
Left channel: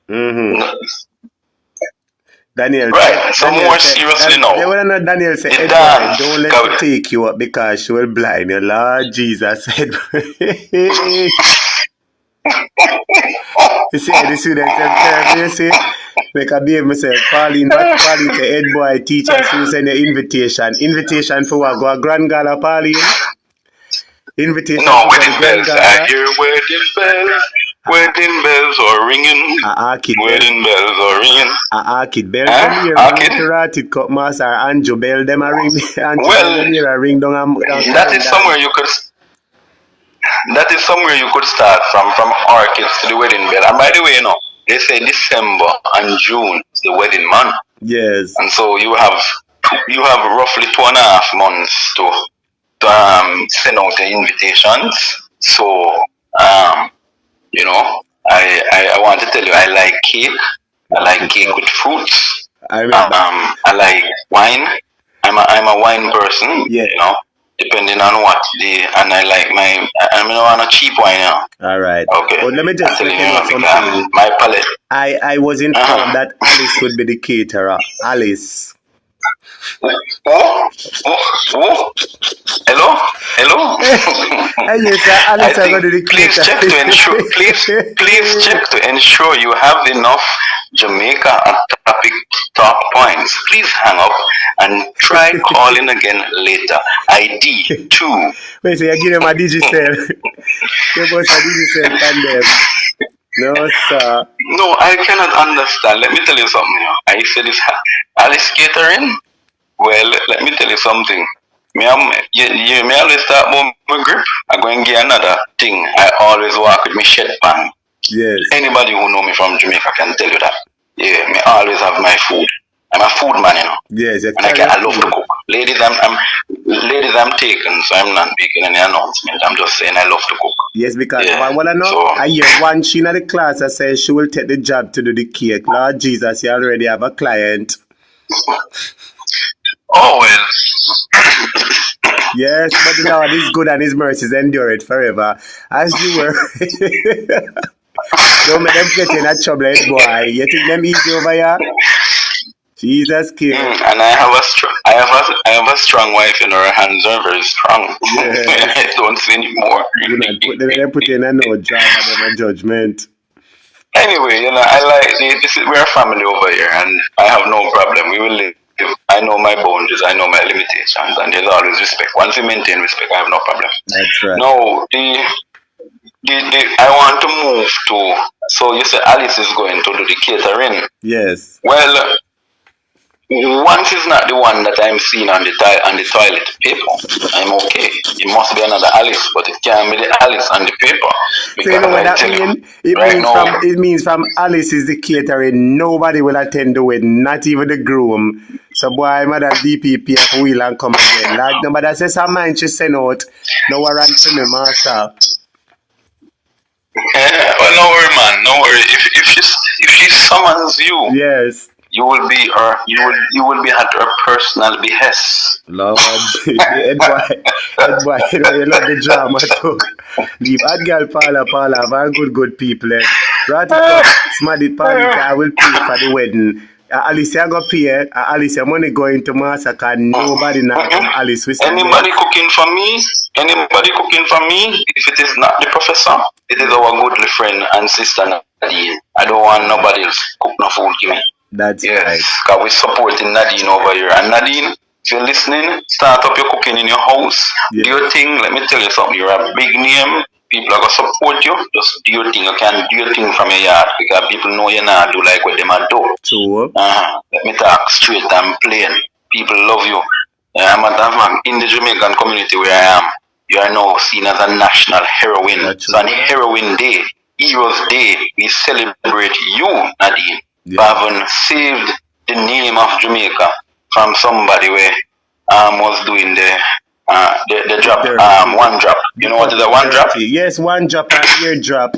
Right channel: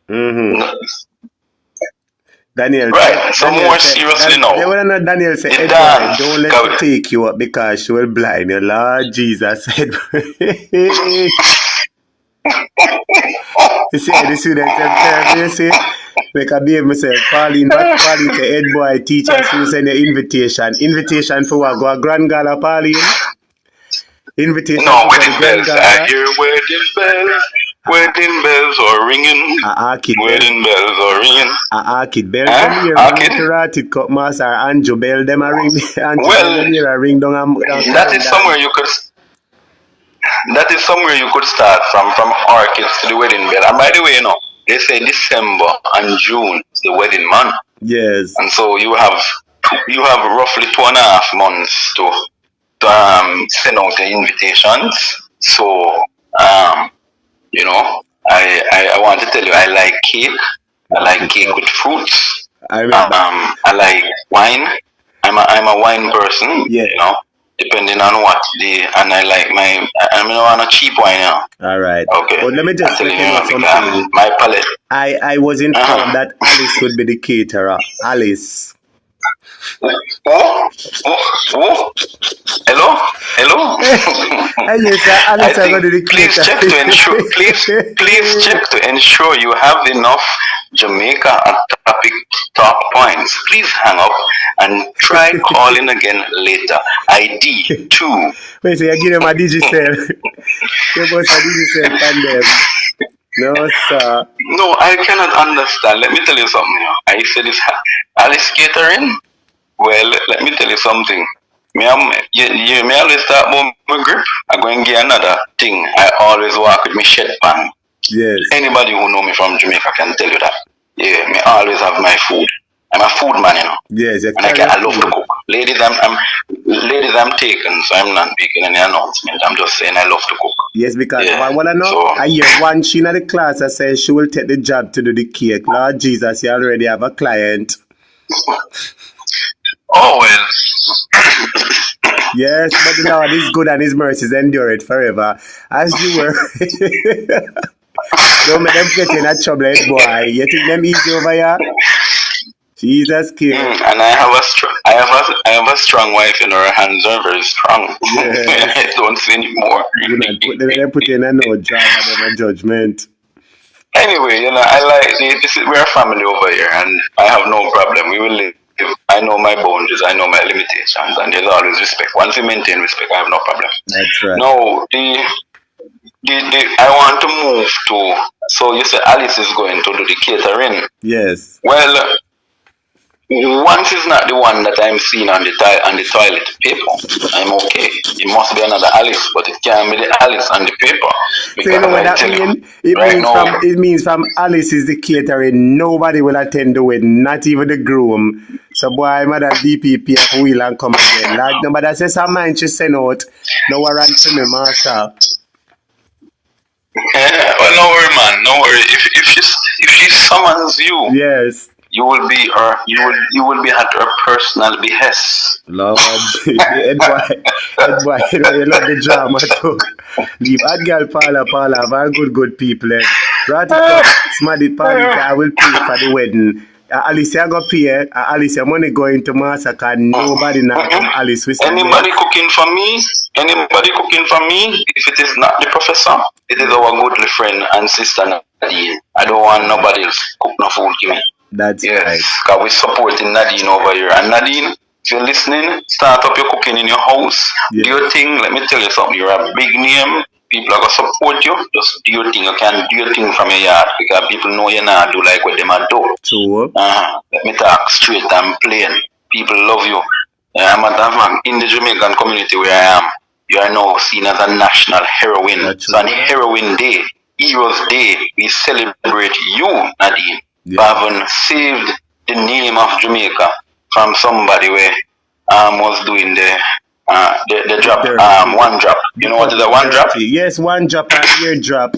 Mm-hmm. Daniel, right, so more seriously now. Daniel said, don't let her take you up because she will blind you. Lord Jesus. You see, the students you see, like I behave myself, Pauline say, head boy teacher, she will send an invitation. Invitation for what? Go a grand gala, Pauline? Invitation no, for the grand gala? I hear wedding bells. Wedding bells are ringing. Wedding bells are ringing. Kid bell Karate Cup Master Anjo bell them a ring. Well, ring down that is somewhere you could start from orchids to the wedding bell. And by the way, they say December and June is the wedding month. Yes. And so you have roughly 2.5 months to send out the invitations. So I want to tell you, I like cake. I like cake with fruits. I like wine. I'm a wine person. Yeah. Depending on what and I like I'm on a cheap wine now. All right. Okay. But let me just tell you something. My palate. I was informed that Alice would be the caterer. Alice. Hello? Please check to ensure you have enough Jamaica topic talk points. Please hang up and try calling again later. ID 2. Wait, so you give him a digicel. You must a digicel and them. No, sir. No, I cannot understand. Let me tell you something. I said this Alice catering. Well, let me tell you something. Me always start about my grip. I'm going to get another thing. I always walk with my shed pan. Yes. Anybody who know me from Jamaica can tell you that. Yeah, me always have my food. I'm a food man, Yes, and I love to cook. Ladies, I'm taken, so I'm not making any announcement. I'm just saying I love to cook. Yes, because Yeah. what I know, So, I hear one she in the class that says she will take the job to do the cake. Lord Jesus, you already have a client. oh well. Yes, but the Lord is good and his mercies endure it forever. As you were. Don't make them get in a trouble, boy. You think them easy over here? Jesus King. And I have a strong wife, and her hands are very strong. Yes. Don't say anymore. Put in a no drama, no judgment. Anyway, I like this. We're a family over here, and I have no problem. We will live. I know my boundaries, I know my limitations, and there's always respect. Once you maintain respect, I have no problem. That's right. No, I want to move to. So you said Alice is going to do the catering. Yes. Well, once is not the one that I'm seeing on the toilet paper, I'm okay. It must be another Alice, but it can't be the Alice on the paper. So you know what that means? It means from Alice is the catering, nobody will attend the wedding, not even the groom. So boy, mother DPP up wheel and come again. Like nobody says some man she send out, no warrant to me, master. Well, no worry, man, no worry. If she summons you, yes, you will be at her personal behest. Lord, head boy, you love the drama too. The bad girl Paula, very good people. Right, smarty party, I will pay for the wedding. Alicia go pay. Alicia money going to massacre. Nobody now. Alice, anybody cooking for me? Anybody cooking for me? If it is not the professor, it is our good friend and sister Nadine. I don't want nobody else cook no food give me. That's yes, right. Because we're supporting Nadine over here. And Nadine, if you're listening, start up your cooking in your house. Yeah. Do your thing. Let me tell you something. You're a big name. People are going to support you. Just do your thing. You can do your thing from your yard because people know you now do like what they might do. True. Let me talk straight and plain. People love you. In the Jamaican community where I am, you are now seen as a national heroine. So on Heroine Day, Heroes Day, we celebrate you, Nadine. Yeah. Having saved the name of Jamaica from somebody where was doing the drop, one drop. You know what is a one drop? Yes, one drop and ear drop.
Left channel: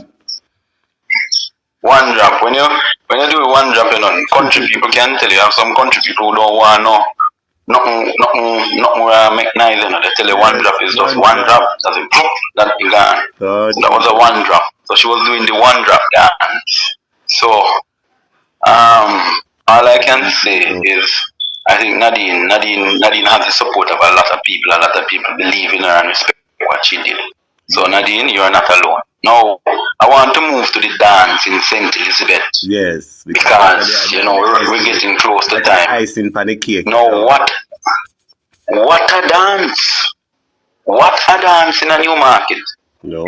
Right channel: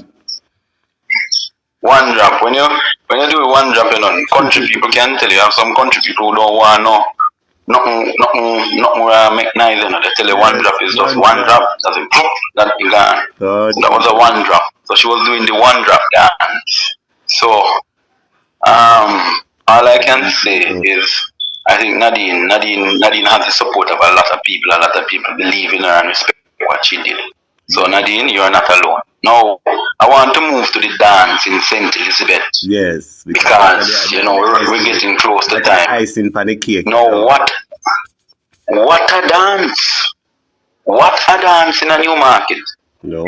One drop. When you do one drop, country people can tell you. Have some country people who don't want nothing make nice. They tell you one drop is just one drop. As in, that thing gone. That was a one drop. So she was doing the one drop dance. So all I can say is I think Nadine has the support of a lot of people. A lot of people believe in her and respect what she did. So Nadine, you're not alone. Now, I want to move to the dance in St. Elizabeth. Yes. Because we're getting close to time. Icing for the cake. Now, what a dance. What a dance in a new market. No,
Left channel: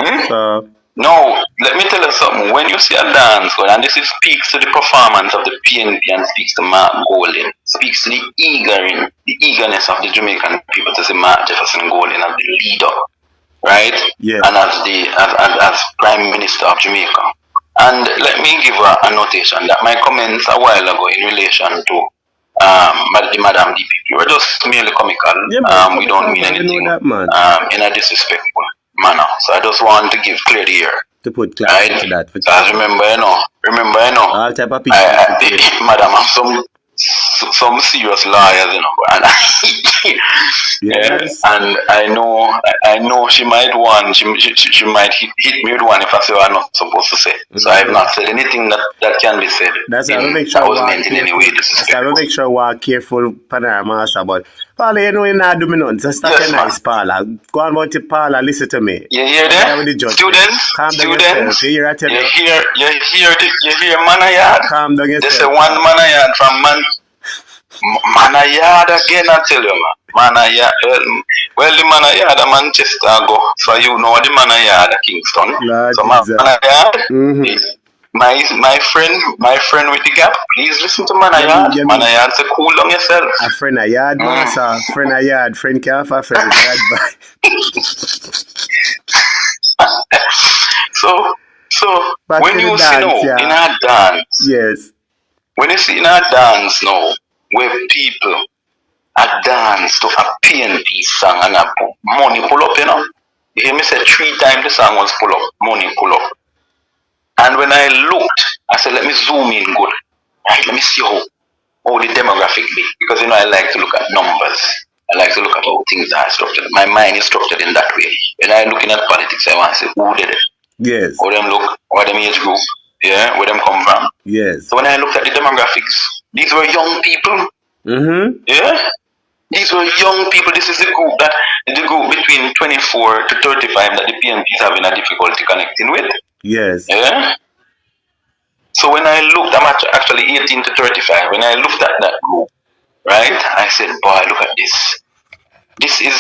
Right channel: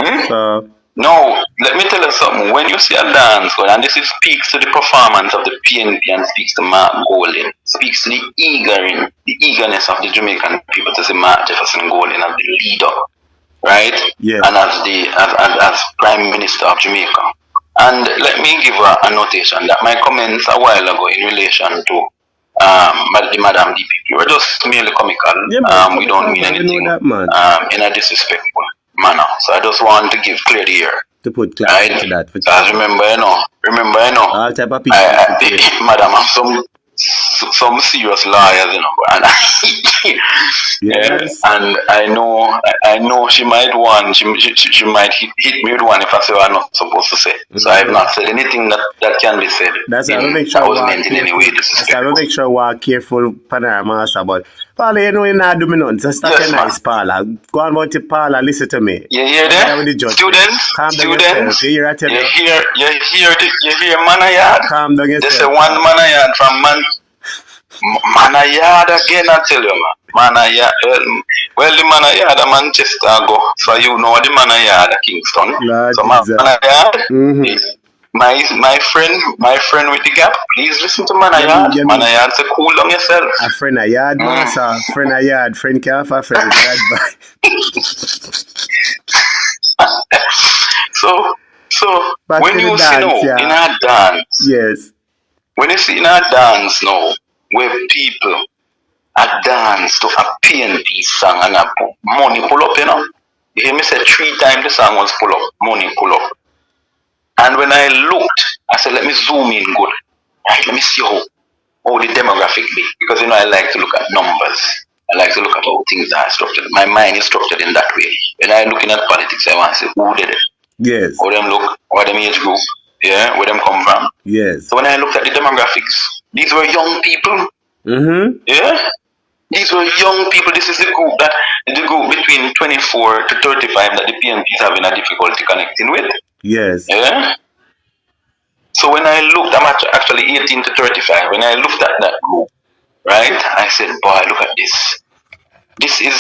No, let me tell you something. When you see a dance, and this speaks to the performance of the PNP and speaks to Mark Golding, speaks to the eagerness of the Jamaican people to see Mark Jefferson Golding as the leader, right? Yes. And as Prime Minister of Jamaica. And let me give a notation that my comments a while ago in relation to the Madam DPP were just merely comical. Yeah, we don't mean anything in a disrespectful manner. So I just want to give clear the ear. To put clarity to that. Because remember, all type of people. Madam, I'm some serious lawyers, and yes. And I know she might she might hit me with one if I say what I'm not supposed to say. So I have not said anything that can be said. That's how I make sure I make sure we're careful, Panorama, but Paula, you're not doing nothing. Just stop your nice, Paula. Go on about it, Paula. Listen to me. You hear that? Students, you hear Manayard? Calm down yourself. There's a one Manayard from Manayard again, I tell you, man. Manayard. Well, the Manayard Manchester go. So you know the Manayard Kingston. Lord so Manayard my friend with the gap, please listen to Manayard. Manayard say cool down yourself. A friend a yard, friend a yard, friend can't have a friend. So when you see in a dance, yes. When you see in a dance now, where people are dance to a PNP song and a money pull up, You hear me say 3 times the song was pull up, money pull up. And when I looked, I said, let me zoom in good. Right, let me see how the demographic be. Because I like to look at numbers. I like to look at how things are structured. My mind is structured in that way. When I'm looking at politics, I want to say, who did it? Yes. How them look, what them age group, yeah, where them come from. Yes. So when I looked at the demographics, these were young people. Mm-hmm. Yeah? These were young people. This is the group between 24 to 35 that the PNP is having a difficulty connecting with. Yes. Yeah? So when I looked, I'm actually 18 to 35. When I looked at that group, right, I said, boy, look at this. This is,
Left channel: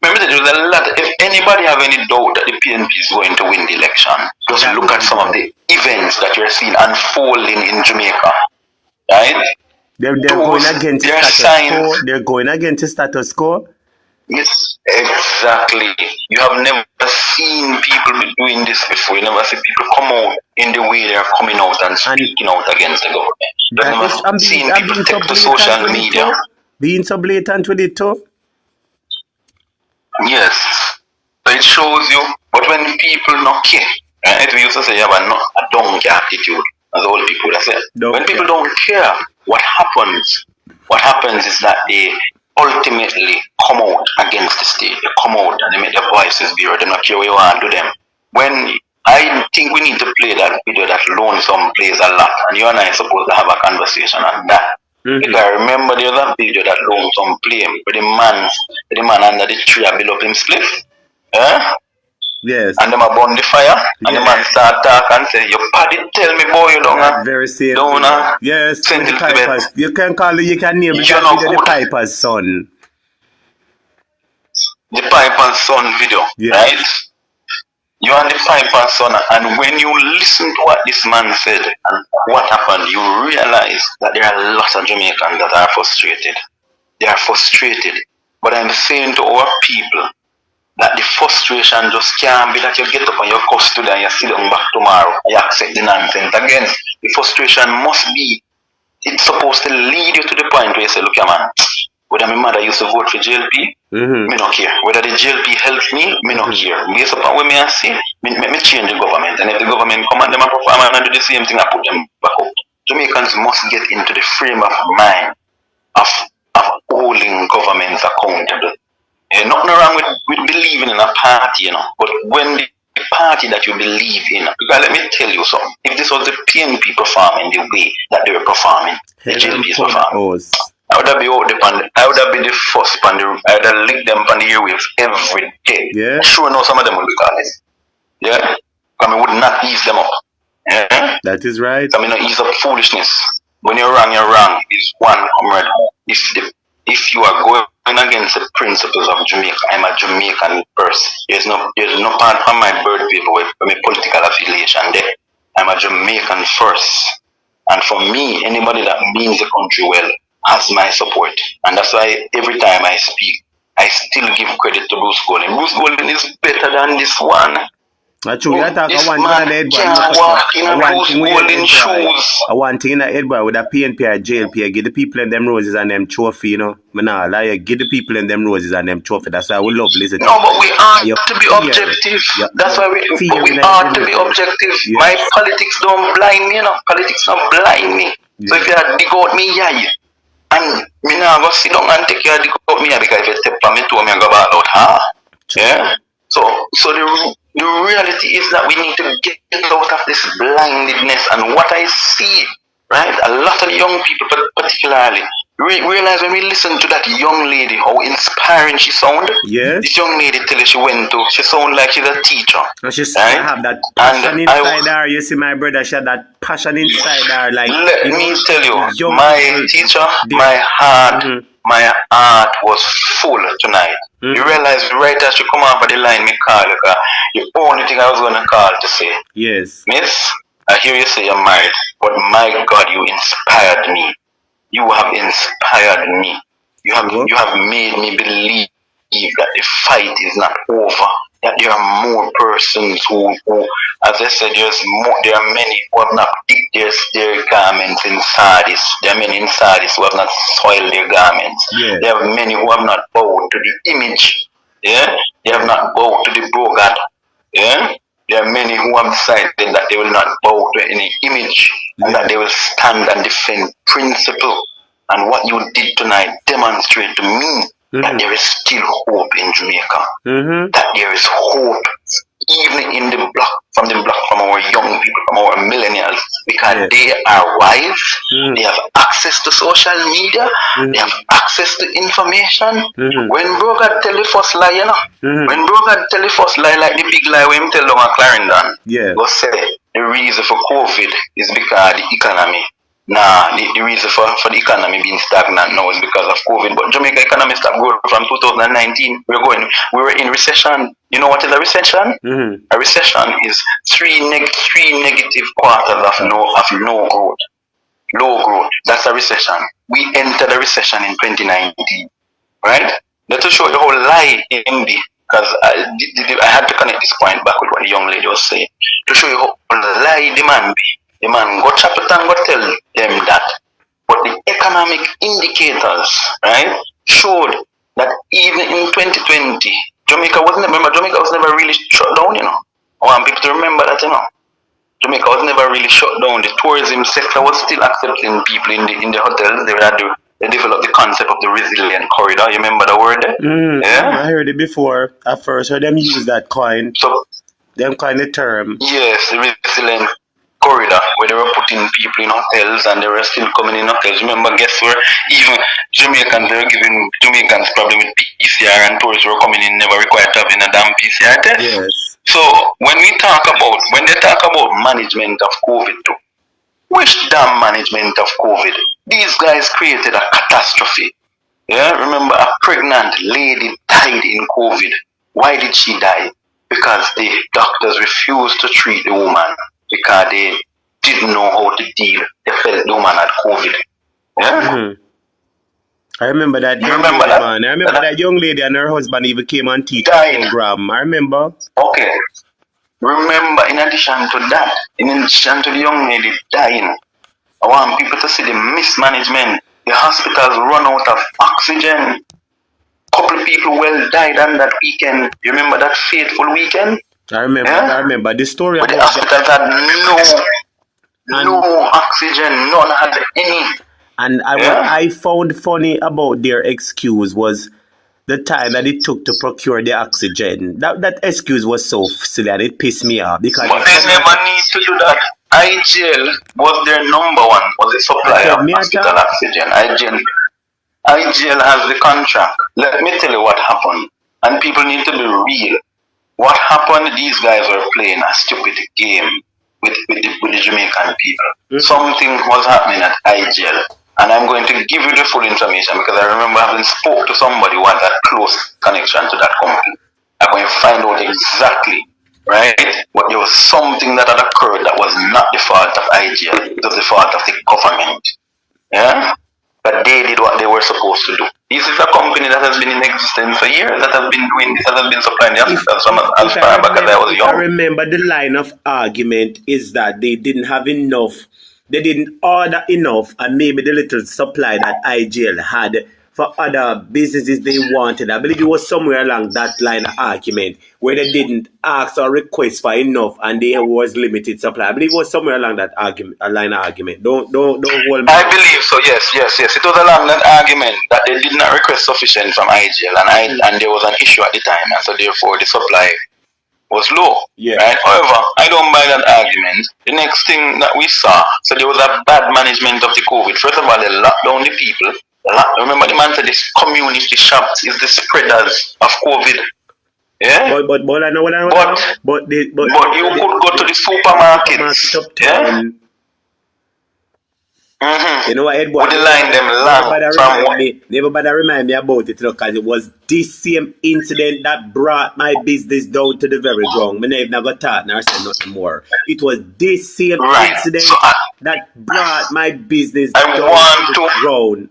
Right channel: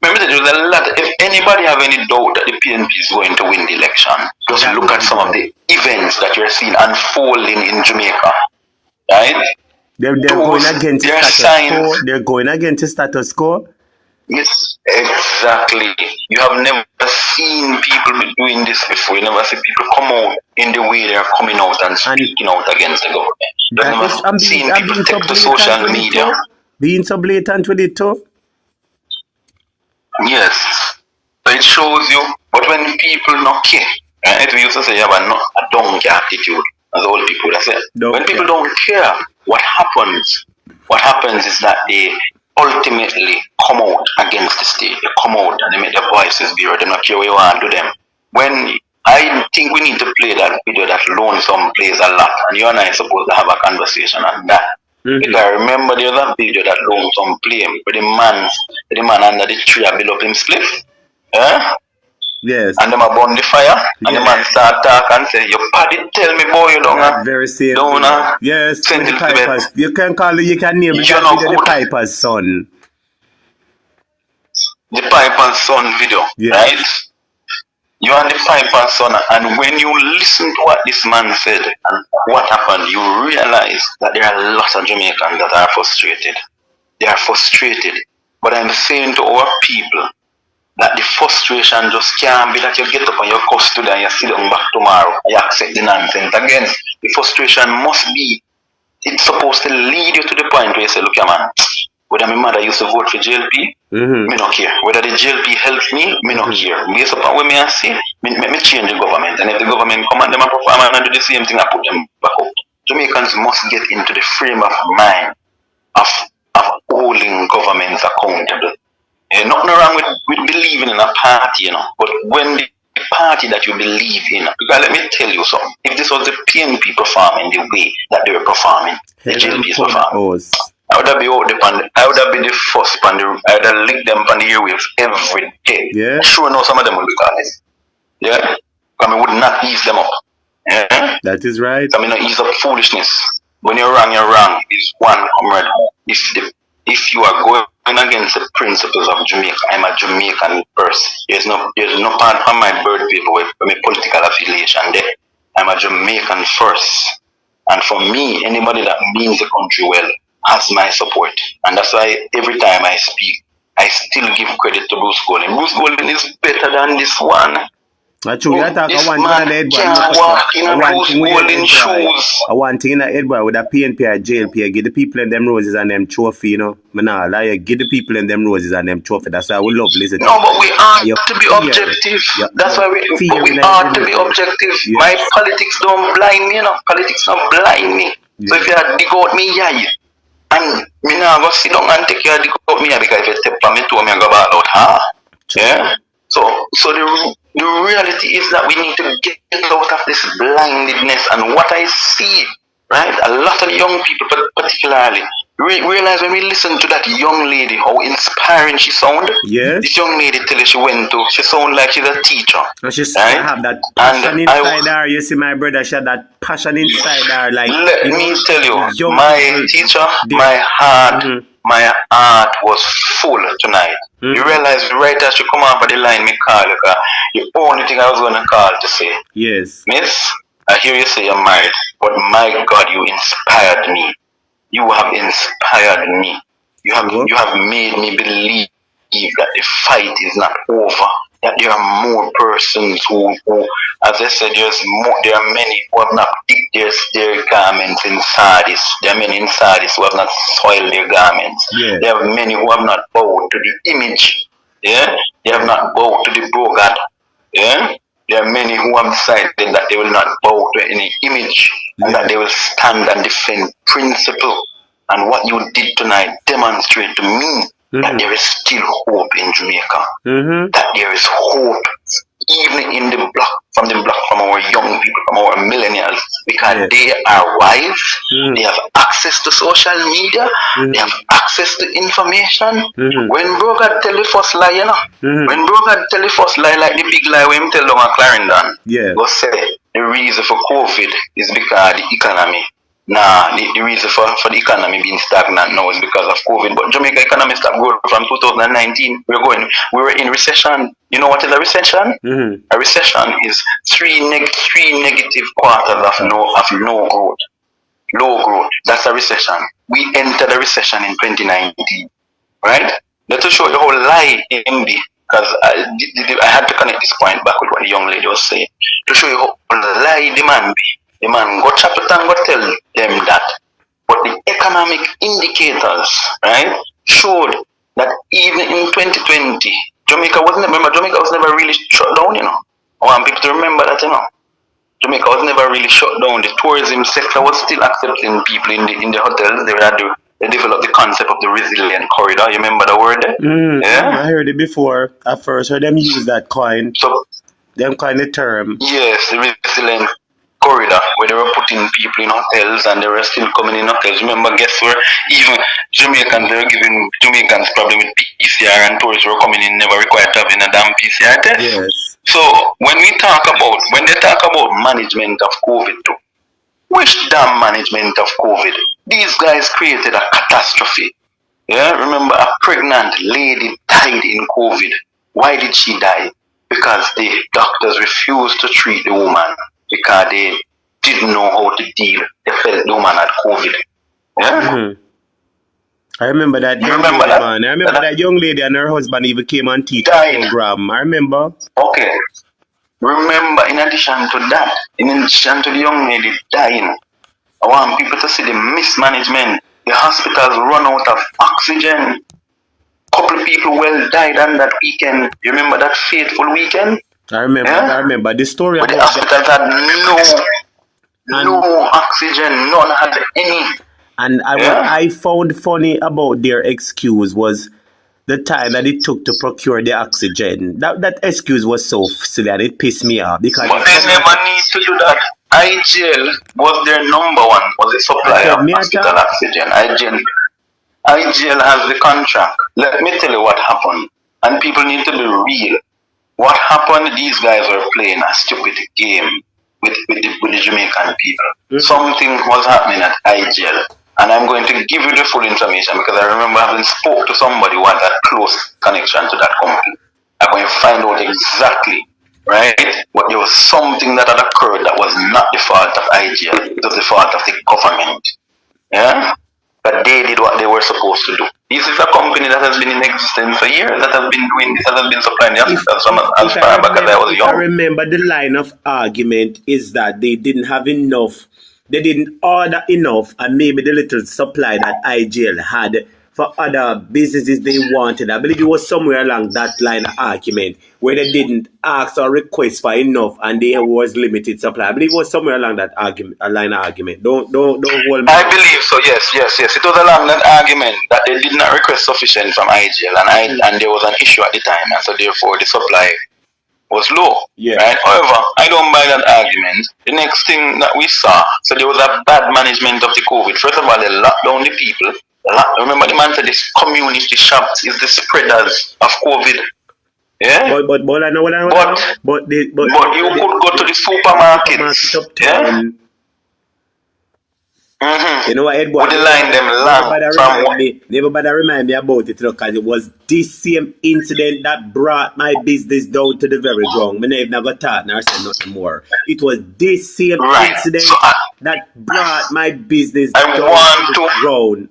remember that there's a lot, if anybody have any doubt that the PNP is going to win the election, just look at some of the events that you're seeing unfolding in Jamaica, right? They're going against the status quo. They're going against the status quo. Yes, exactly. You have never seen people doing this before. You never see people come out in the way they're coming out and speaking out against the government. You've never seen people take to social media. Being so blatant with it too. Yes. So it shows you, but when people not care, right? We used to say you have a donkey attitude, as old people would say. When people don't care, what happens? What happens is that they ultimately come out against the state. They come out and they make their voices be heard. They don't care what you want to do them. When I think we need to play that video that Lonesome plays a lot, and you and I are supposed to have a conversation on that. Because I remember there was a video that Lonesome played with the man under the tree and build up him spliff. Yes. And them a burn the fire, and the man start talk and say, "Your paddy tell me, boy, you don't very safe. Yes. Send the Pipers. You can name it the Piper's son. The Piper's son video, right? You are the Piper's son, and when you listen to what this man said and what happened, you realize that there are lots of Jamaicans that are frustrated. They are frustrated. But I'm saying to our people that the frustration just can't be that you get up and you cuss today and you sit down back tomorrow, you accept the nonsense again. The frustration must be, it's supposed to lead you to the point where you say, look, man, whether my mother used to vote for JLP, me not care. Whether the JLP helps me not care. Based upon what me I see, me change the government. And if the government come and them and perform and do the same thing, I put them back up. Jamaicans must get into the frame of mind of holding governments accountable. Nothing wrong with believing in a party, but when the party that you believe in, because let me tell you something, if this was the PNP performing the way that they were performing, the JLP is performing, I would have been the first I would have licked them on the airwaves every day. Yeah. Sure, no, some of them would be calling. Yeah. I mean, would not ease them up. Yeah? That is right. I mean, not ease up foolishness. When you're wrong, is one comrade. If you are going against the principles of Jamaica, I'm a Jamaican person. There's no part on my birth paper with my political affiliation there. I'm a Jamaican first. And for me, anybody that means the country well has my support. And that's why every time I speak, I still give credit to Bruce Golding. Bruce Golding is better than this one. This man can't walk in a Bruce Golding shoes. I want thing in the head, boy, with a PNP or JLP, give the people in them roses and them trophy, give the people in them roses and them trophy. That's why we love listening. No, but we are to be objective. That's why we are to be objective. My politics don't blind me, Politics don't blind me. So if you dig out me, and me now go sit down and take care of dig out me, because if you step on me to me, I go back out, Yeah? So the reality is that we need to get out of this blindedness. And what I see, right, a lot of young people particularly, realize when we listen to that young lady, how inspiring she sounded. Yes. This young lady till she sounded like she's a teacher. So she have that passion inside her. You see, my brother, she had that passion inside her. Like, let me tell you, my teacher, my heart was full tonight. You realize right as she come off of the line, me call her, the only thing I was going to call to say, yes, Miss, I hear you say you're married, but my God, you inspired me. You have inspired me. You have made me believe that the fight is not over. That there are more persons who as I said, there are many who have not dipped their garments in Sardis. There are many in Sardis who have not soiled their garments. Yeah. There are many who have not bowed to the image. Yeah? They have not bowed to the Brogad. Yeah? There are many who have decided that they will not bow to any image and that they will stand and defend principle. And what you did tonight demonstrate to me that there is still hope in Jamaica. That there is hope even in the block, from our young people, from our millennials, because they are wise, they have access to social media, they have access to information. When Brogad tell the first lie, you know, when Brogad tell the first lie, like the big lie when him tell them at Clarendon, go say the reason for COVID is because the economy. Nah, the reason for the economy being stagnant now is because of COVID. But Jamaica economy stopped growing from 2019. We were in recession. You know what is a recession? A recession is three negative quarters of no growth. Low growth. That's a recession. We entered a recession in 2019. Right? Let's show the whole lie in MB. Because I had to connect this point back with what the young lady was saying. To show you how lie the man be. The man go chap it and go tell them that. But the economic indicators, right, showed that even in 2020, Jamaica was never really shut down, you know. I want people to remember that, you know. Jamaica was never really shut down. The tourism sector was still accepting people in the hotels. They developed the concept of the resilient corridor. You remember the word there? Yeah? I heard it before. At first, I heard them use that coin. So, them kind of term. Yes, the resilient corridor, where they were putting people in hotels and they were still coming in hotels. Remember, guess where even Jamaicans were giving Jamaicans problem with PCR and tourists were coming in, never required to have a damn PCR test. Yes. So when they talk about management of COVID too, which damn management of COVID? These guys created a catastrophe. Yeah, remember a pregnant lady died in COVID. Why did she die? Because the doctors refused to treat the woman. Because they didn't know how to deal. They felt the woman had COVID. Yeah? I remember that. I remember that young lady and her husband even came on teach program. I remember. Okay. Remember, in addition to that, in addition to the young lady dying, I want people to see the mismanagement. The hospitals run out of oxygen. Couple people died on that weekend. You remember that fateful weekend? I remember the story. But the hospitals had no oxygen, none had any. And what I found funny about their excuse was the time that it took to procure the oxygen. That excuse was so silly and it pissed me off. Because but they never need to do that. IGL was their number one, was the supplier of hospital oxygen. IGL has the contract. Let me tell you what happened. And people need to be real. What happened, these guys were playing a stupid game with the Jamaican people. Something was happening at IGL. And I'm going to give you the full information because I remember having spoke to somebody who had that close connection to that company. I'm going to find out exactly, right? But there was something that had occurred that was not the fault of IGL. It was the fault of the government. Yeah? But they did what they were supposed to do. This is a company that has been in existence for years, that has been doing this, that has been supplying the hospitals as far back as I was young. I remember the line of argument is that they didn't have enough, they didn't order enough, and maybe the little supply that IGL had for other businesses they wanted. I believe it was somewhere along that line of argument where they didn't ask or request for enough and there was limited supply. I believe it was somewhere along that line of argument. Don't hold me. I believe so, yes. It was along that argument that they did not request sufficient from IGL and there was an issue at the time, and so therefore the supply was low. Yeah. Right? However, I don't buy that argument. The next thing that we saw, so there was a bad management of the COVID. First of all, they locked down the people. Remember the man said this community shops is the spreaders of COVID. Yeah? But I know what I know. But you could go to the supermarkets. Yeah? You know what, Edward? Would the line them long never bother remind me about it, because it was this same incident that brought my business down to the very ground. I never thought nor said nothing more. It was this same incident that brought my business down to the ground.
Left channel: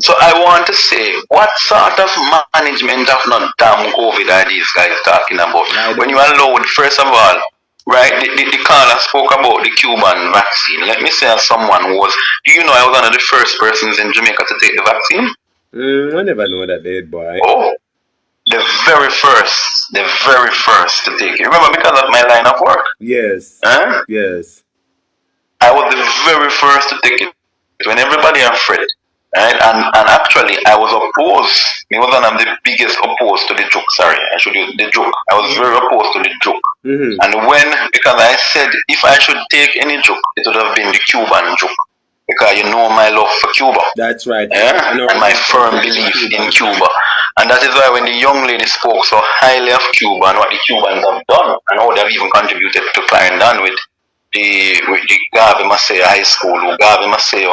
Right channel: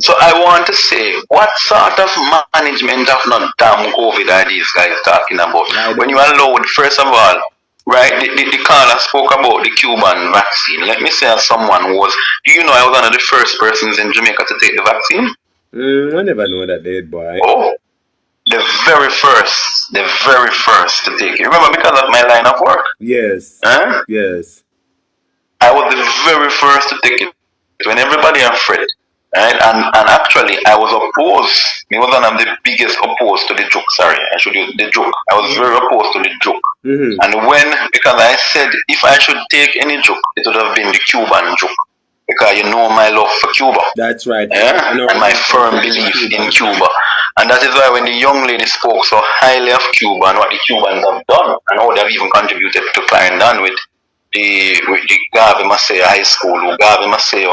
So I want to say, what sort of management of not damn COVID are these guys talking about? When you allowed, first of all, right, the caller spoke about the Cuban vaccine. Let me say as someone who was, do you know I was one of the first persons in Jamaica to take the vaccine? I never know that, boy. Oh, the very first to take it. Remember, because of my line of work. Yes. Huh? Yes. I was the very first to take it when everybody afraid. Right? And actually, I was opposed. I was one of the biggest opposed to the joke. Sorry, I should use the joke. I was very opposed to the joke. And because I said if I should take any joke, it would have been the Cuban joke. Because you know my love for Cuba. That's right. Yeah? And my firm belief in Cuba. And that is why when the young lady spoke so highly of Cuba and what the Cubans have done, and how they have even contributed to Clarendon with the Garvey Maceo High School, Garvey Maceo.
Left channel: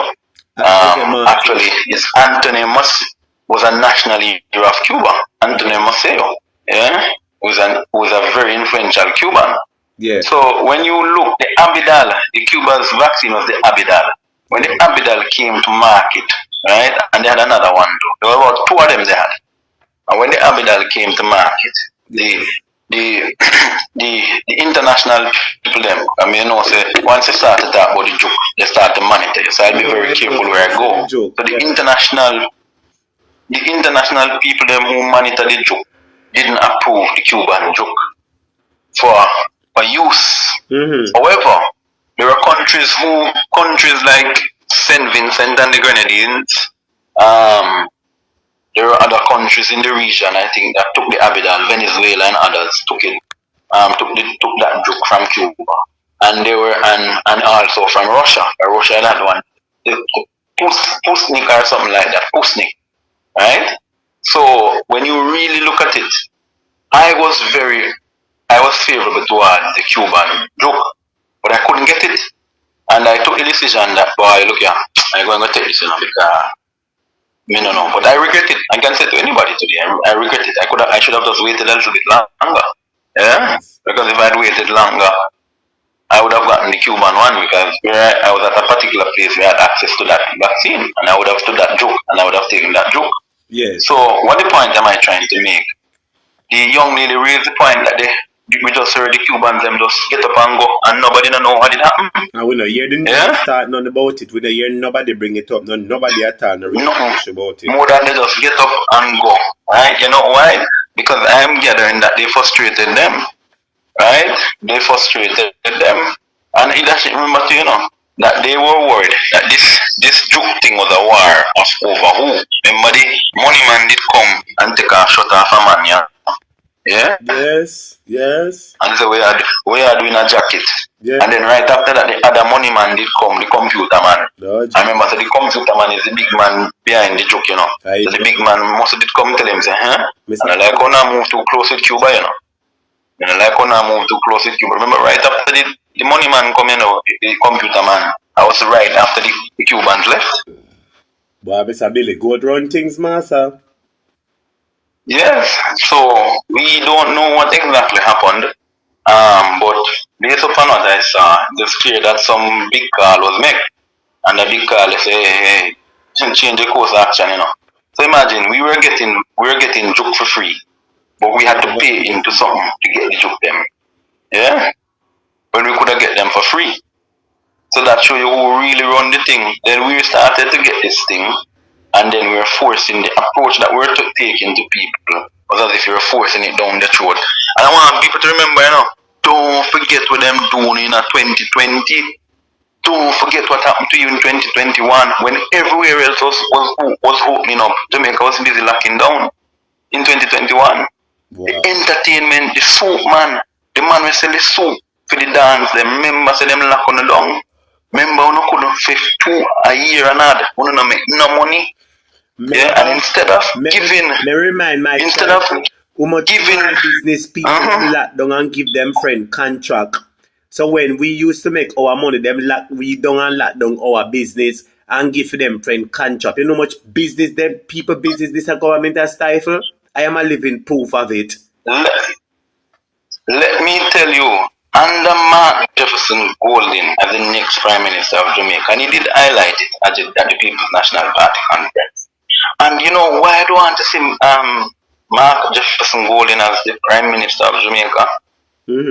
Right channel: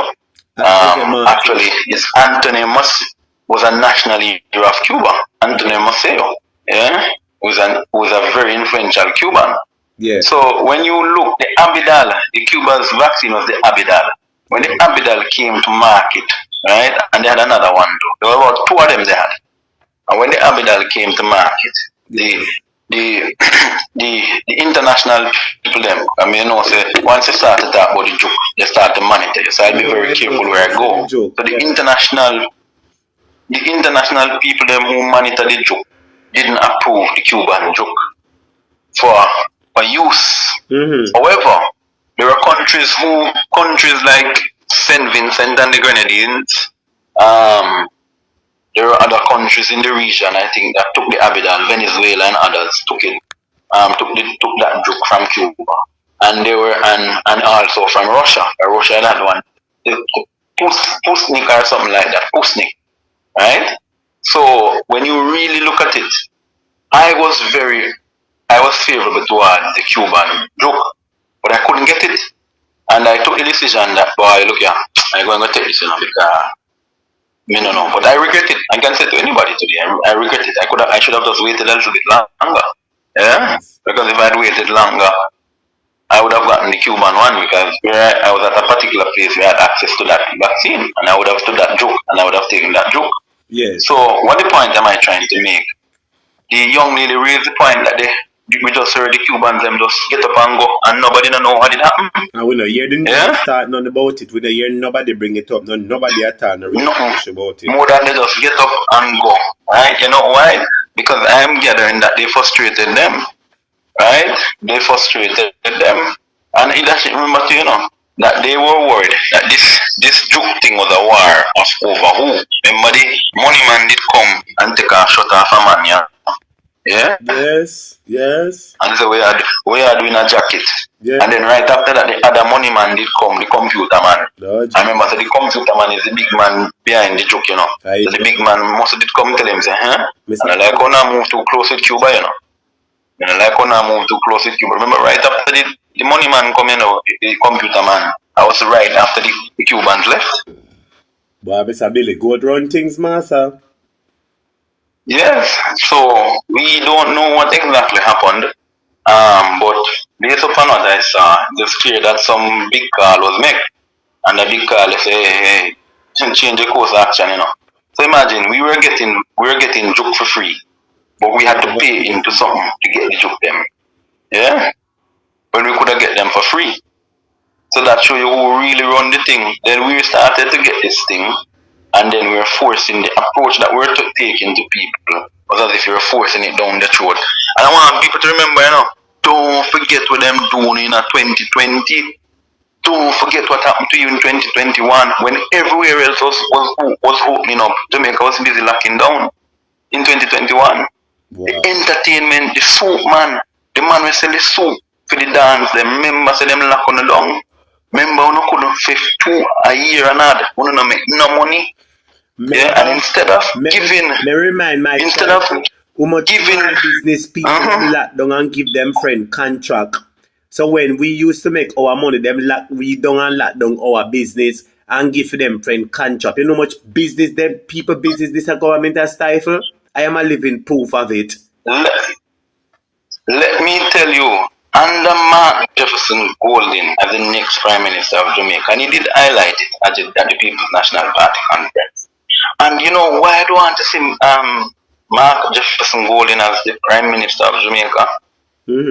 Actually, it's Anthony Maceo was a national leader of Cuba. Anthony Maceo, yeah, was a very influential Cuban. Yeah. So when you look, the Abidal, the Cuban's vaccine was the Abidal. When the Abidal came to market, right, and they had another one too. There were about 2 of them they had. And when the Abidal came to market, the international people them, I mean, you know, say once you start to talk about the joke, they start to monitor you. So I'll be very careful where I go. So the international people them who monitor the joke didn't approve the Cuban joke for use. However, there are countries like St. Vincent and the Grenadines, there are other countries in the region, I think, that took the Abidal, Venezuela and others took it, took that joke from Cuba. And they were, and also from Russia. Russia had one, the Pusnik or something like that, Pusnik, right? So when you really look at it, I was favorable towards the Cuban joke, but I couldn't get it. And I took the decision that, boy, look here, I'm going to take this, you know, because me no know. But I regret it. I can say to anybody today, I regret it. I should have just waited a little bit longer. Yeah? Because if I had waited longer, I would have gotten the Cuban one, because I was at a particular place where I had access to that vaccine, and I would have stood that joke, and I would have taken that joke. Yes. So what the point am I trying to make? The young lady raised the point that we just heard the Cubans them just get up and go, and nobody don't know what did happen. And we don't hear the start none about it. We don't hear nobody bring it up. Nobody at all research about it. More than they just get up and go. Right? You know why? Because I am gathering that they frustrated them. Right? They frustrated them. And it doesn't remember to, you know, that they were worried that this joke thing was a war of over who. Remember the money man did come and take a shot off a man, yeah? Yeah? Yes. And so we are doing a jacket. Yeah. And then right after that, the other money man did come, the computer man. I remember, so the computer man is the big man behind the joke, you know. So the big man must did come tell him, say, huh? And I like when I move too close with Cuba, you know. And I like when I move too close with Cuba. Remember, right after the money man come, you know, the computer man, I was right after the Cubans left. Boy, Mr. Billy, go run things, master. Yes, so we don't know what exactly happened, but based upon what I saw, it's clear that some big call was made, and the big call say, hey, change the course of action, you know. So imagine we were getting joke for free, but we had to pay into something to get the joke them, yeah. When we could have get them for free, so that show you who really run the thing. Then we started to get this thing. And then we were forcing the approach that we're taking to people was as if you were forcing it down the throat. And I want people to remember, you know, don't forget what them doing in 2020. Don't forget what happened to you in 2021 when everywhere else was opening up. Jamaica was busy locking down in 2021. Wow. The entertainment, the soup man, the man who sell the soup for the dance, the members of them lock on the down. Remember, we couldn't fix 2 a year and odd. We don't make no money. And instead of giving, business people lock down and give them friend contract. So when we used to make our money, we don't lock down our business and give them friend contract. You know how much business them people business this government has stifled? I am a living proof of it. Let me tell you, under Mark Jefferson Golding as the next Prime Minister of Jamaica, and he did highlight it at the People's National Party Conference. And you know why I don't want to see Mark Jefferson Golding as the Prime Minister of Jamaica?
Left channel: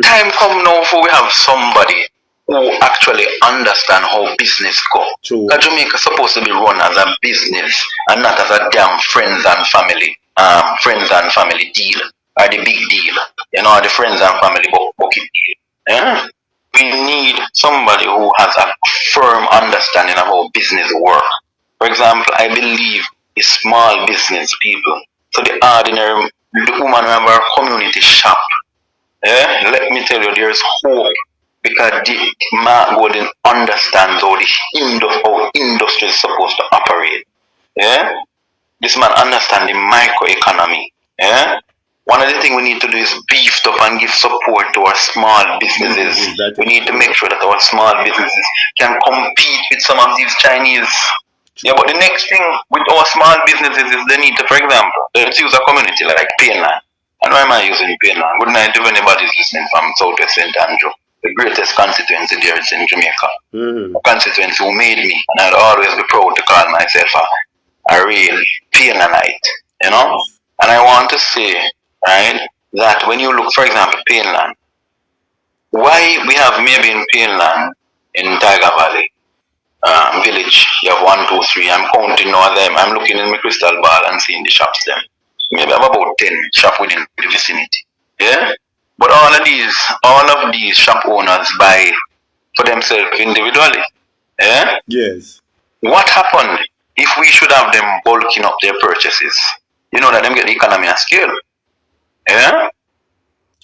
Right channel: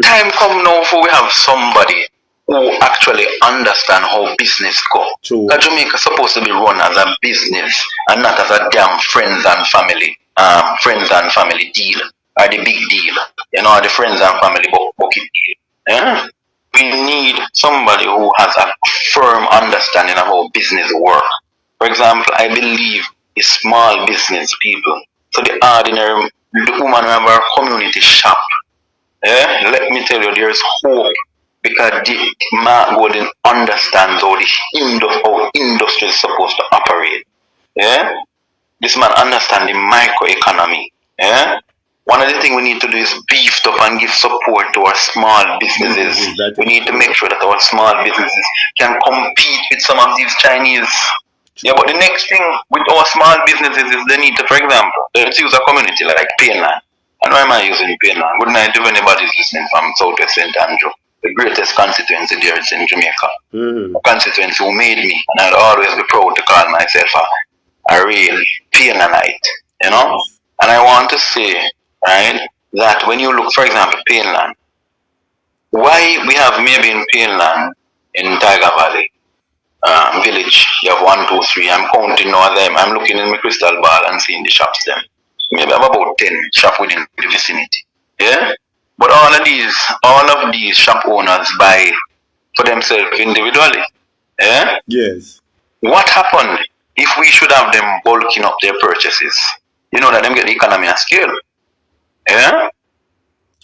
Time come now for we have somebody who actually understand how business go. Because Jamaica is supposed to be run as a business and not as a damn friends and family deal. are the big deal. You know, the friends and family bucket deal. Yeah? We need somebody who has a firm understanding of how business works. For example, I believe it's small business people. So the ordinary, the woman who have our community shop. Yeah? Let me tell you, there's hope. Because Mark Golden understands how how industry is supposed to operate. Yeah? This man understands the microeconomy. Yeah? One of the things we need to do is beef up and give support to our small businesses. We need to make sure that our small businesses can compete with some of these Chinese. Yeah, but the next thing with our small businesses is they need to, for example, let's use a community like Painland. And why am I using Painland? Good night if anybody's listening from Southwest St. Andrew. The greatest constituency there is in Jamaica. A constituency who made me, and I'll always be proud to call myself a real Painlandite, you know? And I want to say, right, that when you look, for example, Painland, why we have maybe in Painland, in Tiger Valley village, you have 1, 2, 3, I'm counting all of them, I'm looking in my crystal ball and seeing the shops them. Maybe I'm about 10 shops within the vicinity. Yeah? But all of these shop owners buy for themselves individually. Yeah? Yes. What happened if we should have them bulking up their purchases? You know that them get the economy of scale. Yeah?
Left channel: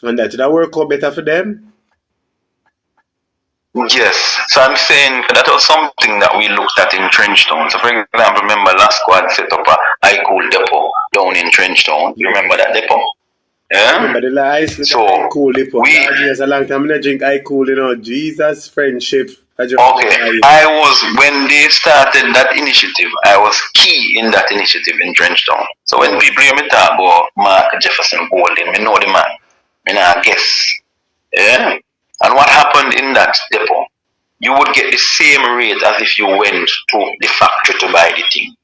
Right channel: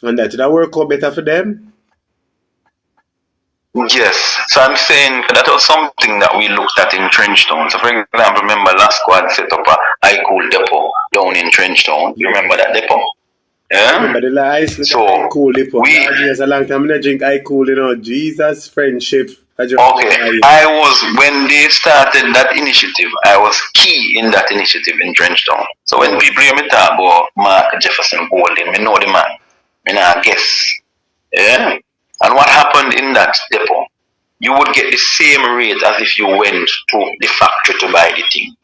And that would work out better for them? Yes. So I'm saying that was something that we looked at in Trenchtown. So for example, remember last squad set up a iCool depot down in Trenchtown. You remember that depot? Yeah? Remember the lies with So iCool depot. There's a long time I drink iCool, you know, Jesus, friendship. Okay, I was, when they started that initiative, I was key in that initiative in Trenchtown. So when people hear me talk about Mark Jefferson Golden, I know the man, I guess. Yeah? And what happened in that depot, you would get the same rate as if you went to the factory to buy the thing.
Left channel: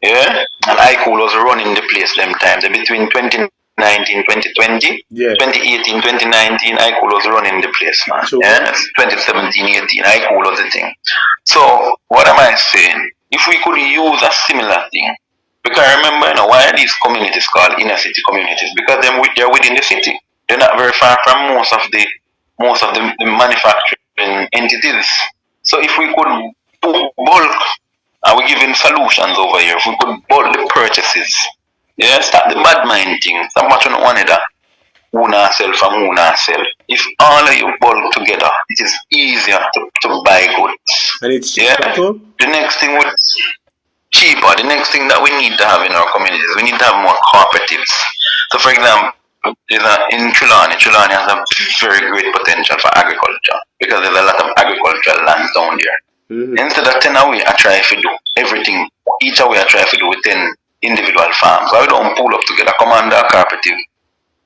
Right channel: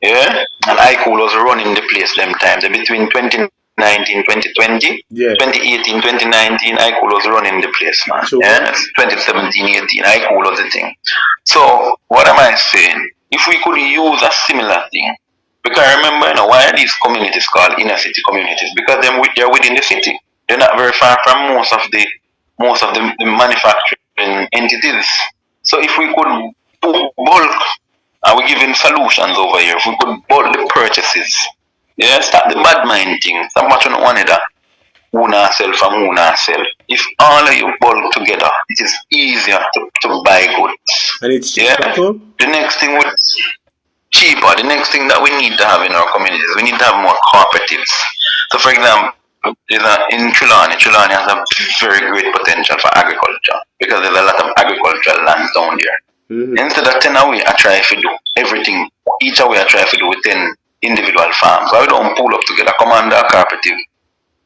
Yeah? And iCool was running the place them times. Between 2019, 2020, 2018, 2019, iCool was running the place, man. Sure. Yeah? 2017, 18, iCool was the thing. So, what am I saying? If we could use a similar thing, because remember, you know, why are these communities called inner city communities? Because they're within the city. They're not very far from most of the manufacturing entities. So if we could do bulk, and we're giving solutions over here, if we could bulk the purchases, yeah, start the bad mind thing, stop watching one another, who not sell from who not sell. If all of you bulk together, it is easier to buy goods. And it's cheaper too? The next thing would cheaper. The next thing that we need to have in our communities, we need to have more cooperatives. So for example, in Trelawney has a very great potential for agriculture because there's a lot of agricultural lands down there. Instead of 10 away, I try to do everything. Each away I try to do with 10 individual farms. I don't pull up together, come under a cooperative,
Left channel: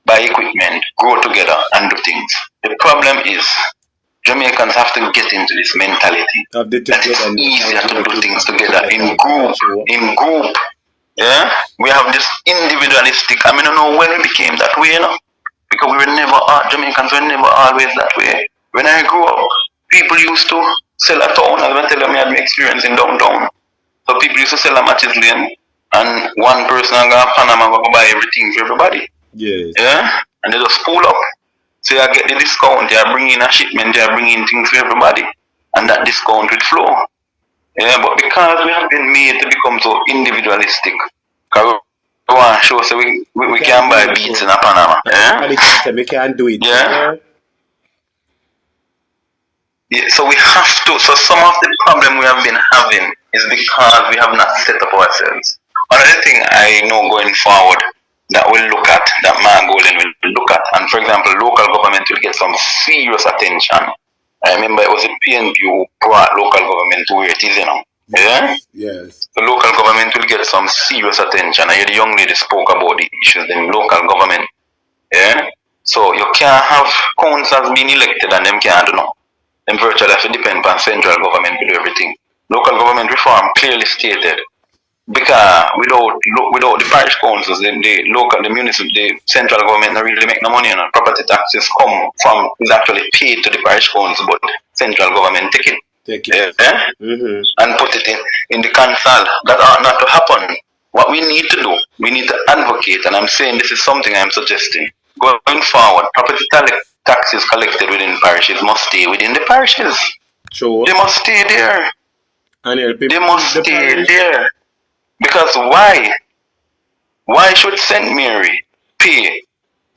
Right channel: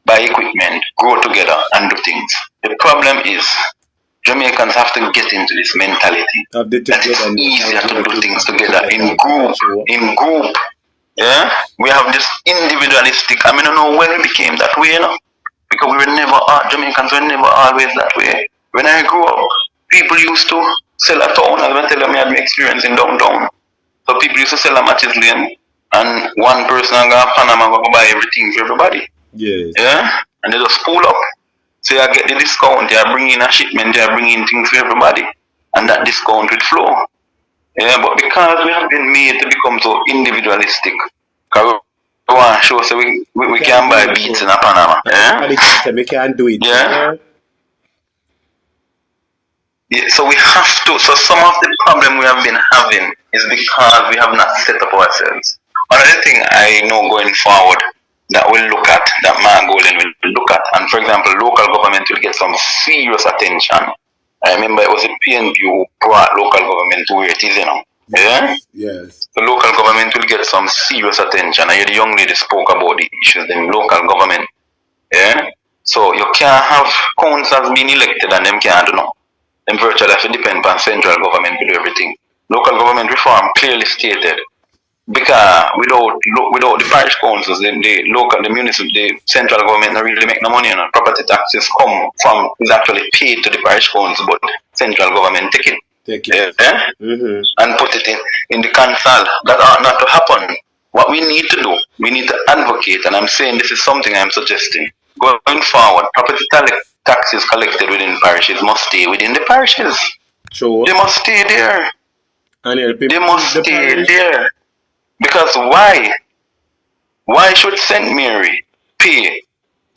buy equipment, grow together and do things. The problem is Jamaicans have to get into this mentality that it's easier to do things together in group. Yeah, we have this individualistic. I mean, I don't know when it became that way, you know, because we were never, Jamaicans were never always that way. When I grew up, people used to sell a town, as I tell them, I had my experience in downtown. So people used to sell a matches lane, and one person go to Panama go buy everything for everybody. Yes. Yeah, and they just pull up. So I get the discount, they are bringing a shipment, they are bringing things for everybody, and that discount will flow. Yeah, but because we have been made to become so individualistic, because we want to show so we can buy beats in a Panama. Yeah? We can't do it. Yeah. Yeah, so we have to. So some of the problem we have been having is because we have not set up ourselves. Another thing I know going forward that we'll look at, that Mark Golden will look at, and for example, local government will get some serious attention. I remember it was the PNP who brought local government to where it is, you know. Yeah? Yes. The local government will get some serious attention. I hear the young lady spoke about the issues in local government. Yeah? So you can't have councils being elected and them can't do no. Them virtually have to depend on central government to do everything. Local government reform clearly stated. Because without the parish councils, the municipal, the central government don't really make no money. You know? Property taxes is actually paid to the parish council, but central government take it. And put it in the council. That ought not to happen. What we need to do, we need to advocate, and I'm saying this is something I'm suggesting. going forward, property taxes collected within parishes must stay within the parishes. True. They must stay there. And help They must stay there. Because why? Why should St. Mary pay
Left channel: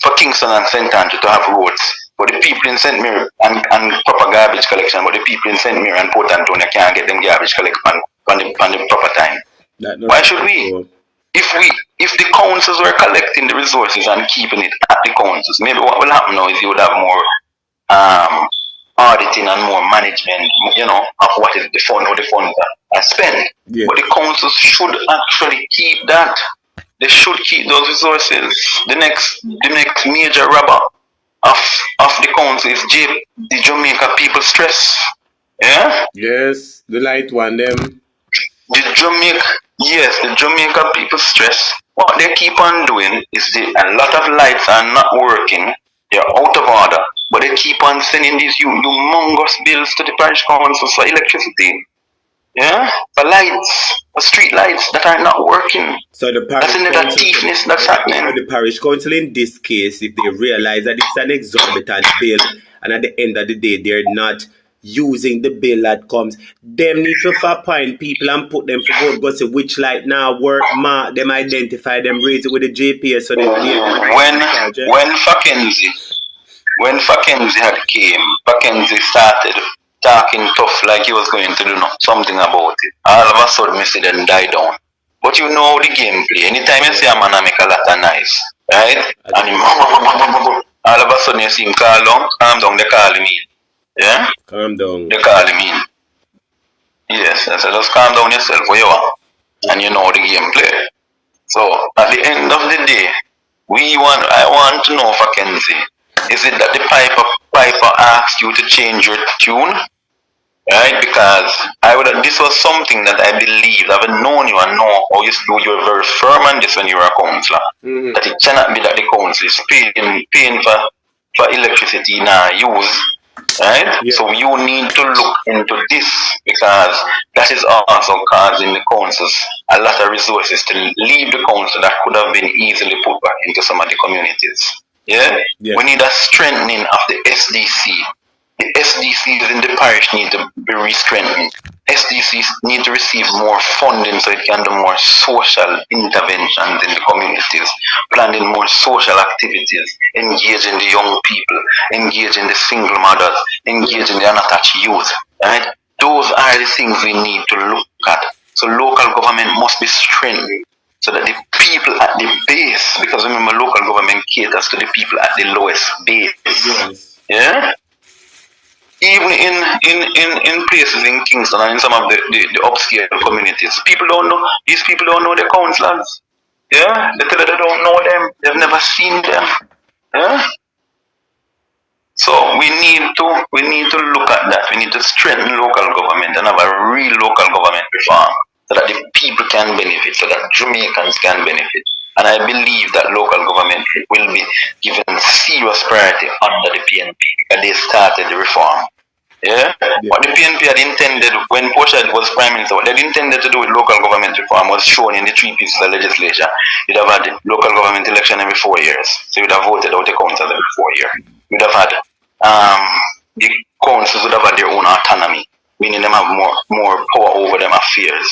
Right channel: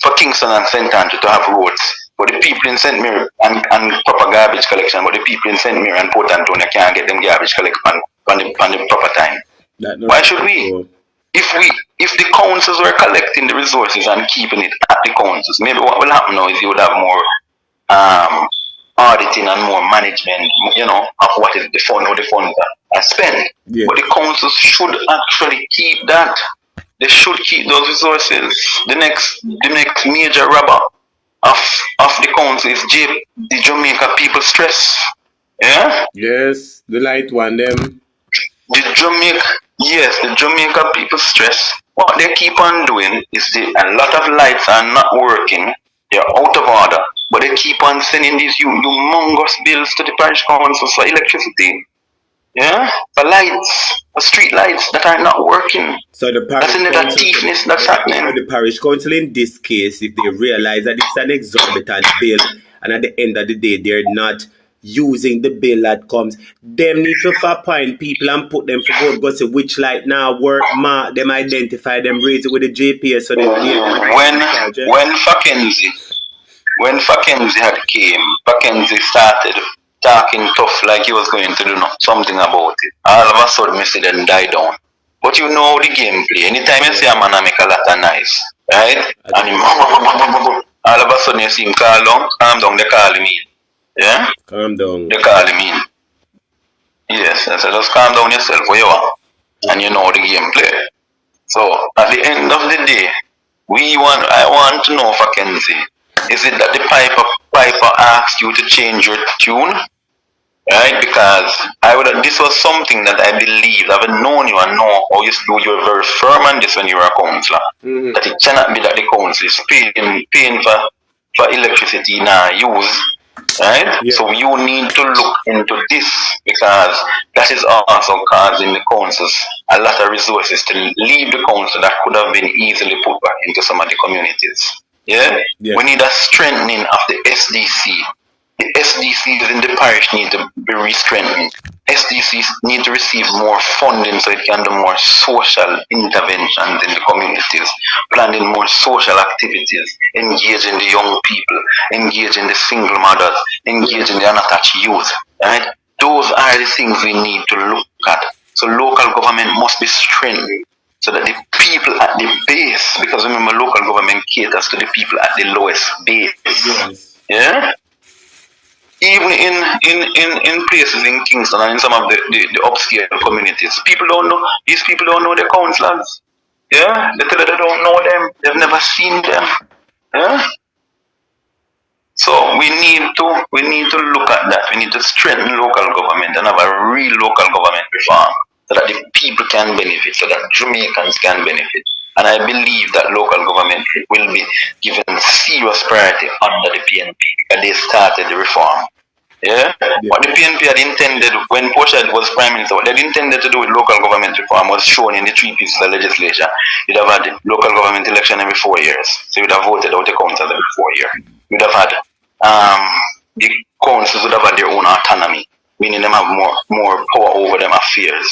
for Kingston and St. Andrew to have roads, but the people in St. Mary and proper garbage collection, but the people in St. Mary and Port Antonio can't get them garbage collected on the proper time? Why should we? True. If the councils were collecting the resources and keeping it at the councils, maybe what will happen now is you would have more auditing and more management, of what is the fund or the funds are spent. Yeah. But the councils should actually keep that. They should keep those resources. The next major robber of the council is the Jamaica people stress. Yeah? Yes, the light one them. The Jamaica people stress. What they keep on doing is a lot of lights are not working. They're out of order. But they keep on sending these humongous bills to the parish councils for electricity. Yeah? For lights, for street lights that are not working. So the parish that's another thiefness that's happening. The parish council in this case, if they realize that it's an exorbitant bill, and at the end of the day they're not using the bill that comes, they need to appoint people and put them for go see which light now work, mark them, identify them, raise it with the JPS. So when Mackenzie Mackenzie started talking tough like he was going to do something about it. All of a sudden, Mr. then die down. But you know the gameplay. Anytime you see a man make a lot of noise, right? And all of a sudden you see him calm down, they call him in. Yeah? Calm down. They call him in. Yes, I said just calm down yourself where you are. And you know the gameplay. So at the end of the day, I want to know, Mackenzie, is it that the Piper asked you to change your tune? Right? Because this was something that I believe, I've known you and know how you do. You're very firm on this when you're a councillor. Mm-hmm. That it cannot be that the council is paying for electricity now use. Right? Yeah. So you need to look into this, because that is also causing the councils a lot of resources to leave the council that could have been easily put back into some of the communities. Yeah? We need a strengthening of the SDC. The SDCs in the parish need to be re-strengthened. SDCs need to receive more funding so it can do more social interventions in the communities, planning more social activities, engaging the young people, engaging the single mothers, engaging the unattached youth. Right? Those are the things we need to look at. So local government must be strengthened, so that the people at the base, because remember local government caters to the people at the lowest base. Yes. Yeah? Even in places in Kingston and in some of the upscale communities, these people don't know their councillors. Yeah? The people that don't know them, they've never seen them. Yeah? So we need to look at that. We need to strengthen local government and have a real local government reform, so that the people can benefit, so that Jamaicans can benefit. And I believe that local government will be given serious priority under the PNP, and they started the reform. Yeah? What the PNP had intended when Portia was Prime Minister, what they intended to do with local government reform was shown in the 3 pieces of legislation. You'd have had local government election every 4 years. So you'd have voted out the councils every 4 years. You'd have had the councils would have had their own autonomy, meaning them have more power over them affairs.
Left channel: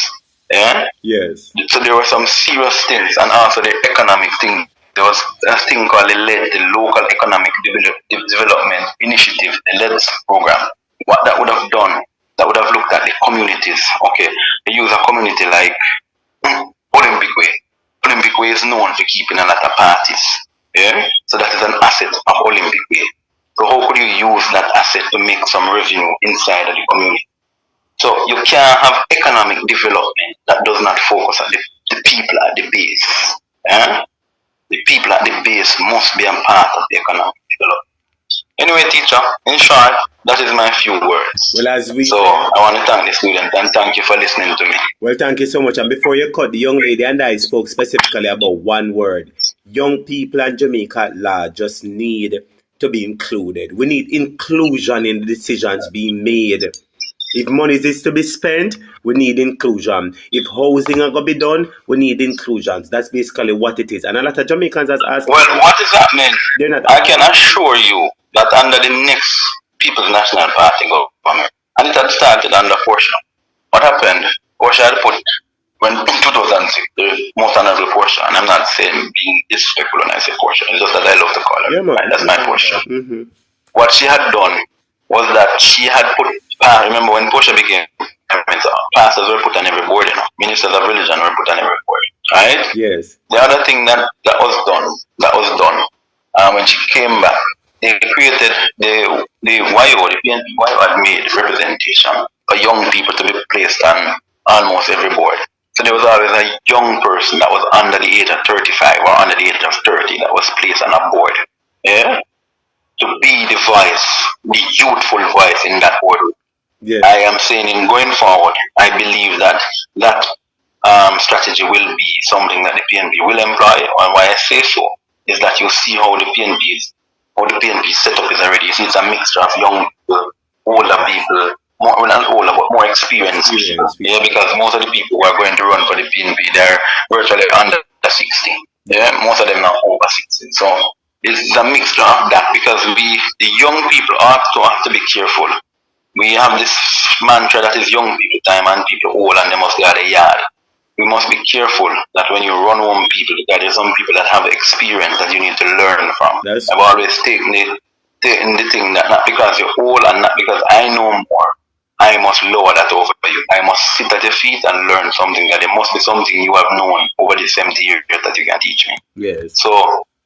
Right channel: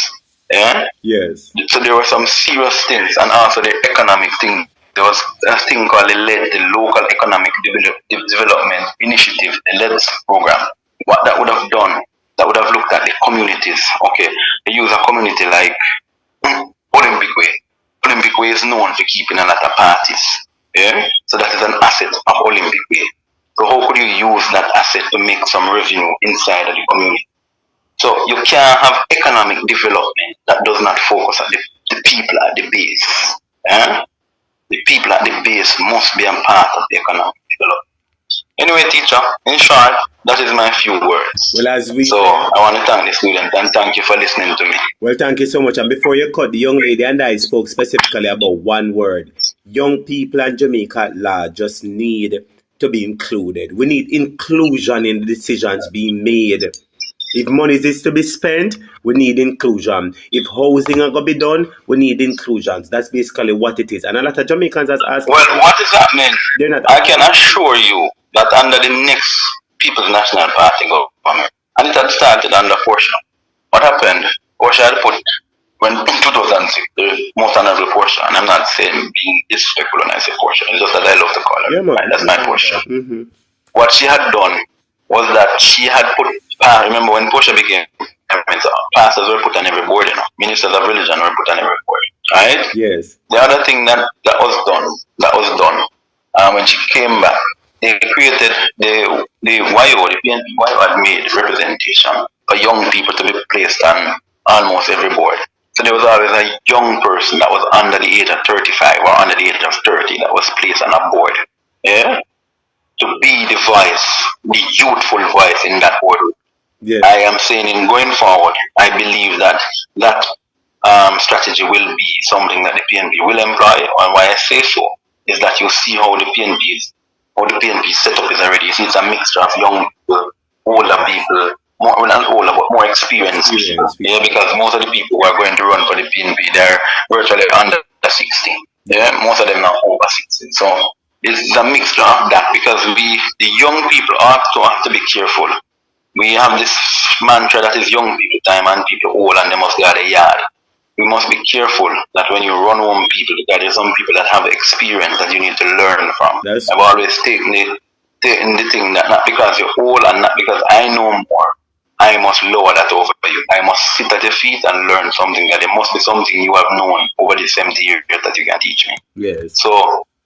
Yeah? Yes. So there were some serious things, and also the economic thing. There was a thing called the Local Economic Development Initiative, the LEDS program. What that would have done, that would have looked at the communities. Okay, they use a community like Olympic Way. Olympic Way is known for keeping a lot of parties. Yeah? So that is an asset of Olympic Way. So how could you use that asset to make some revenue inside of the community? So you can't have economic development that does not focus on the people at the base. Eh? The people at the base must be a part of the economic development. Anyway, teacher, in short, that is my few words. Well, I want to thank the student and thank you for listening to me. Well, thank you so much. And before you cut, the young lady and I spoke specifically about one word. Young people and Jamaica at large just need to be included. We need inclusion in the decisions being made. If money is to be spent, we need inclusion. If housing are going to be done, we need inclusions. That's basically what it is. And a lot of Jamaicans has asked. Well, what is happening? I can assure you that under the next People's National Party government, and it had started under Portia. What happened? Portia had put, when in 2006, the most honorable Portia, and I'm not saying being disrespectful when I say Portia, it's just that I love to call her. Yeah, right? That's my Portia. Mm-hmm. What she had done was that she had put, remember when Portia became, pastors were put on every board, ministers of religion were put on every board, right? Yes. The other thing that was done, when she came back, they created the YO, the PNP YO had made representation for young people to be placed on almost every board. So there was always a young person that was under the age of 35 or under the age of 30 that was placed on a board. Yeah? To be the voice, the youthful voice in that board. Yeah. I am saying in going forward, I believe that strategy will be something that the PNP will employ. And why I say so is that you see how the PNP setup is already. It's a mixture of young people, older people, not older, but more experienced people. Yeah, because most of the people who are going to run for the PNP, they're virtually under 60. Yeah, most of them are over 60. So it's a mixture of that because the young people also have to be careful. We have this mantra that is young people time and people old and they must guard a yard. We must be careful that when you run home people, that there's some people that have experience that you need to learn from. I've always taken the thing that not because you're old and not because I know more, I must lower that over you. I must sit at your feet and learn something that it must be something you have known over the 70 years that you can teach me. Yes. So,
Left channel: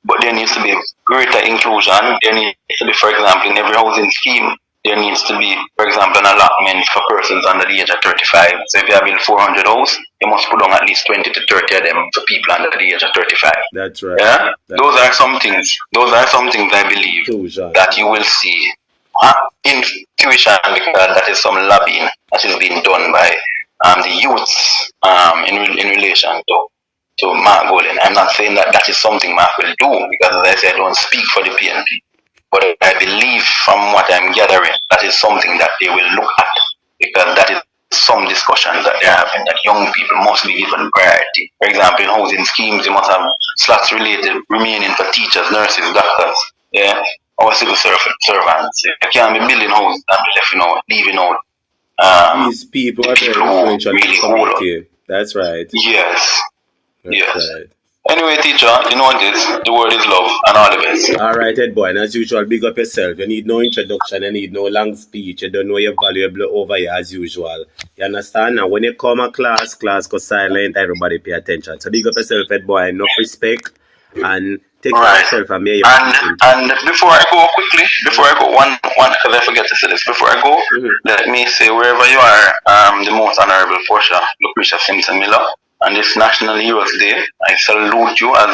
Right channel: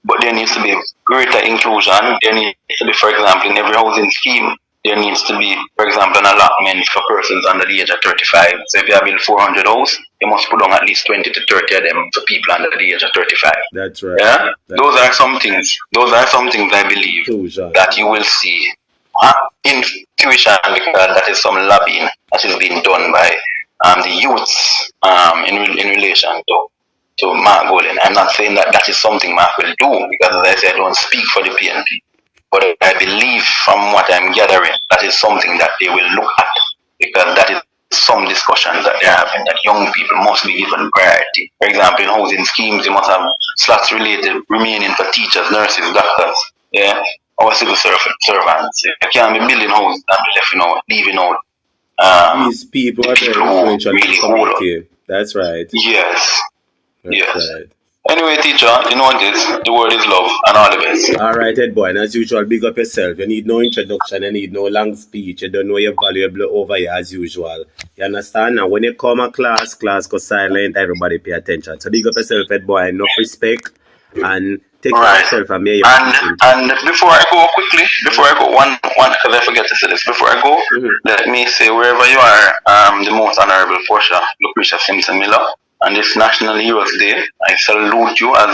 but there needs to be greater inclusion. There needs to be, for example, in every housing scheme, there needs to be, for example, an allotment for persons under the age of 35. So if you have built 400 houses, you must put on at least 20 to 30 of them for people under the age of 35. That's right. Yeah? Those are some things I believe that you will see in tuition, because that is some lobbying that is being done by the youths in relation to Mark Golden. I'm not saying that is something Mark will do, because as I said, I don't speak for the PNP. But I believe from what I'm gathering, that is something that they will look at, because that is some discussions that they're having, that young people must be given priority. For example, in housing schemes, you must have slots remaining for teachers, nurses, doctors, yeah, our civil servants. I can't be building houses and leaving out these people are influential really hold. That's right. Yes. That's yes. Right. Anyway, teacher, you know what it is? The word is love, and all the best. All right, Ed boy, and as usual, big up yourself. You need no introduction, you need no long speech. You don't know you're valuable over here as usual. You understand? Now, when you come a class go silent, everybody pay attention. So big up yourself, Ed boy, enough respect, and take care of yourself and may and before I go quickly, one, because I forget to say this, before I go, let me say, wherever you are, the most honorable Portia Lucretia Simpson Miller, on this National Heroes Day, I salute you as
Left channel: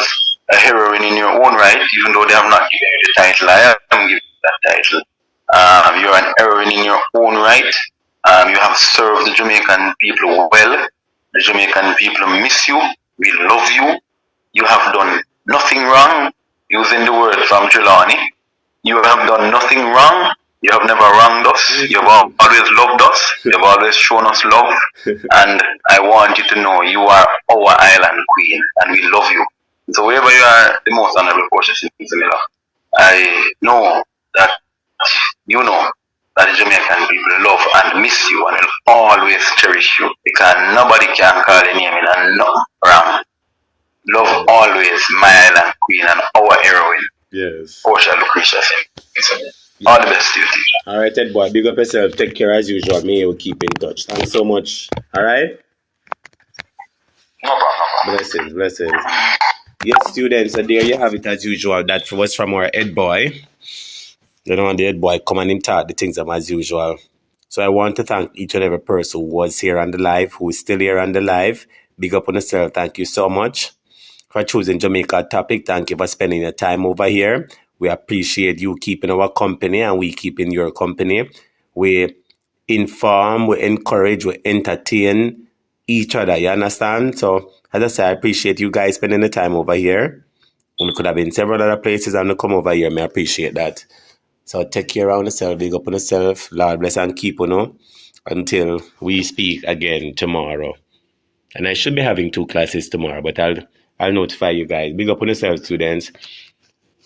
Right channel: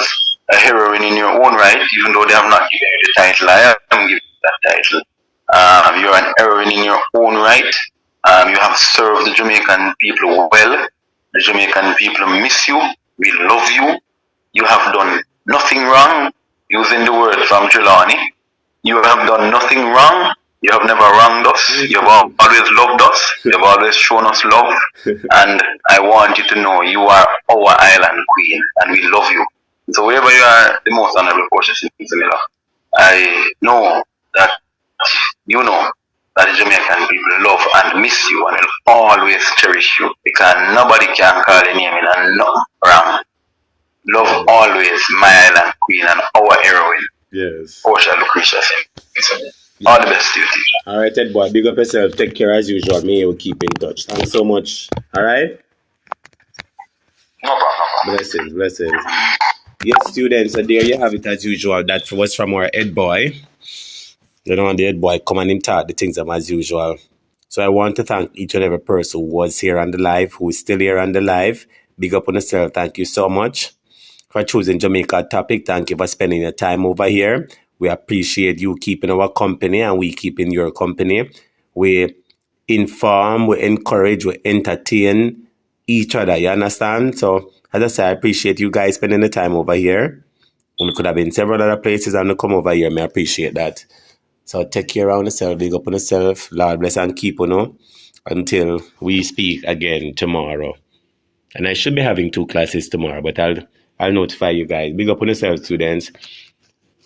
a heroine in your own right, even though they have not given you the title. I am giving you that title. You're an heroine in your own right. You have served the Jamaican people well. The Jamaican people miss you. We love you. You have done nothing wrong, using the word from Jelani. You have done nothing wrong. You have never wronged us. You have always loved us. You have always shown us love. And I want you to know you are our island queen, and we love you. So wherever you are, the most honorable Portia Simpson Miller, I know that you know that the Jamaican people love and miss you and will always cherish you, because nobody can call your name in and nothing wrong. Love always my island queen and our heroine. Yes. Portia Lucretia Simpson. All the best to you, teacher. All right, Ed boy. Big up yourself. Take care as usual. May you keep in touch. Thanks so much. All right? No problem. Blessings. Yes, students. So there you have it as usual. That was from our Ed boy. You know, the Ed boy come and him talk the things as usual. So I want to thank each and every person who was here on the live, who is still here on the live. Big up on yourself. Thank you so much for choosing Jamaica topic. Thank you for spending your time over here. We appreciate you keeping our company and we keeping your company. We inform, we encourage, we entertain each other. You understand? So, as I say, I appreciate you guys spending the time over here. We could have been several other places and to come over here. I appreciate that. So, take care of yourself. Big up on yourself. Lord bless and keep you know. until we speak again tomorrow. And I should be having 2 classes tomorrow, but I'll notify you guys. Big up on yourself, students.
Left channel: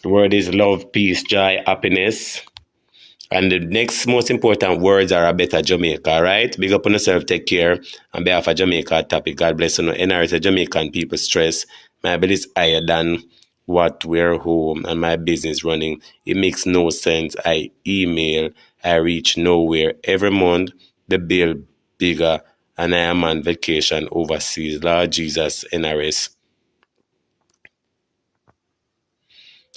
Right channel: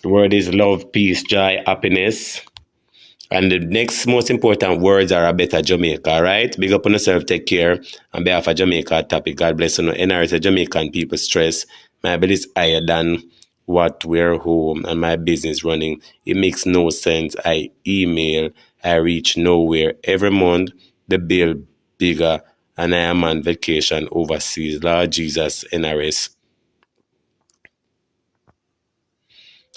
The word is love, peace, joy, happiness. And the next most important words are a better Jamaica, all right? Big up on yourself, take care. On behalf of Jamaica topic, God bless you. NRS, a Jamaican people stress. My bill is higher than what we're home and my business running. It makes no sense. I email, I reach nowhere. Every month, the bill bigger and I am on vacation overseas. Lord Jesus, NRS.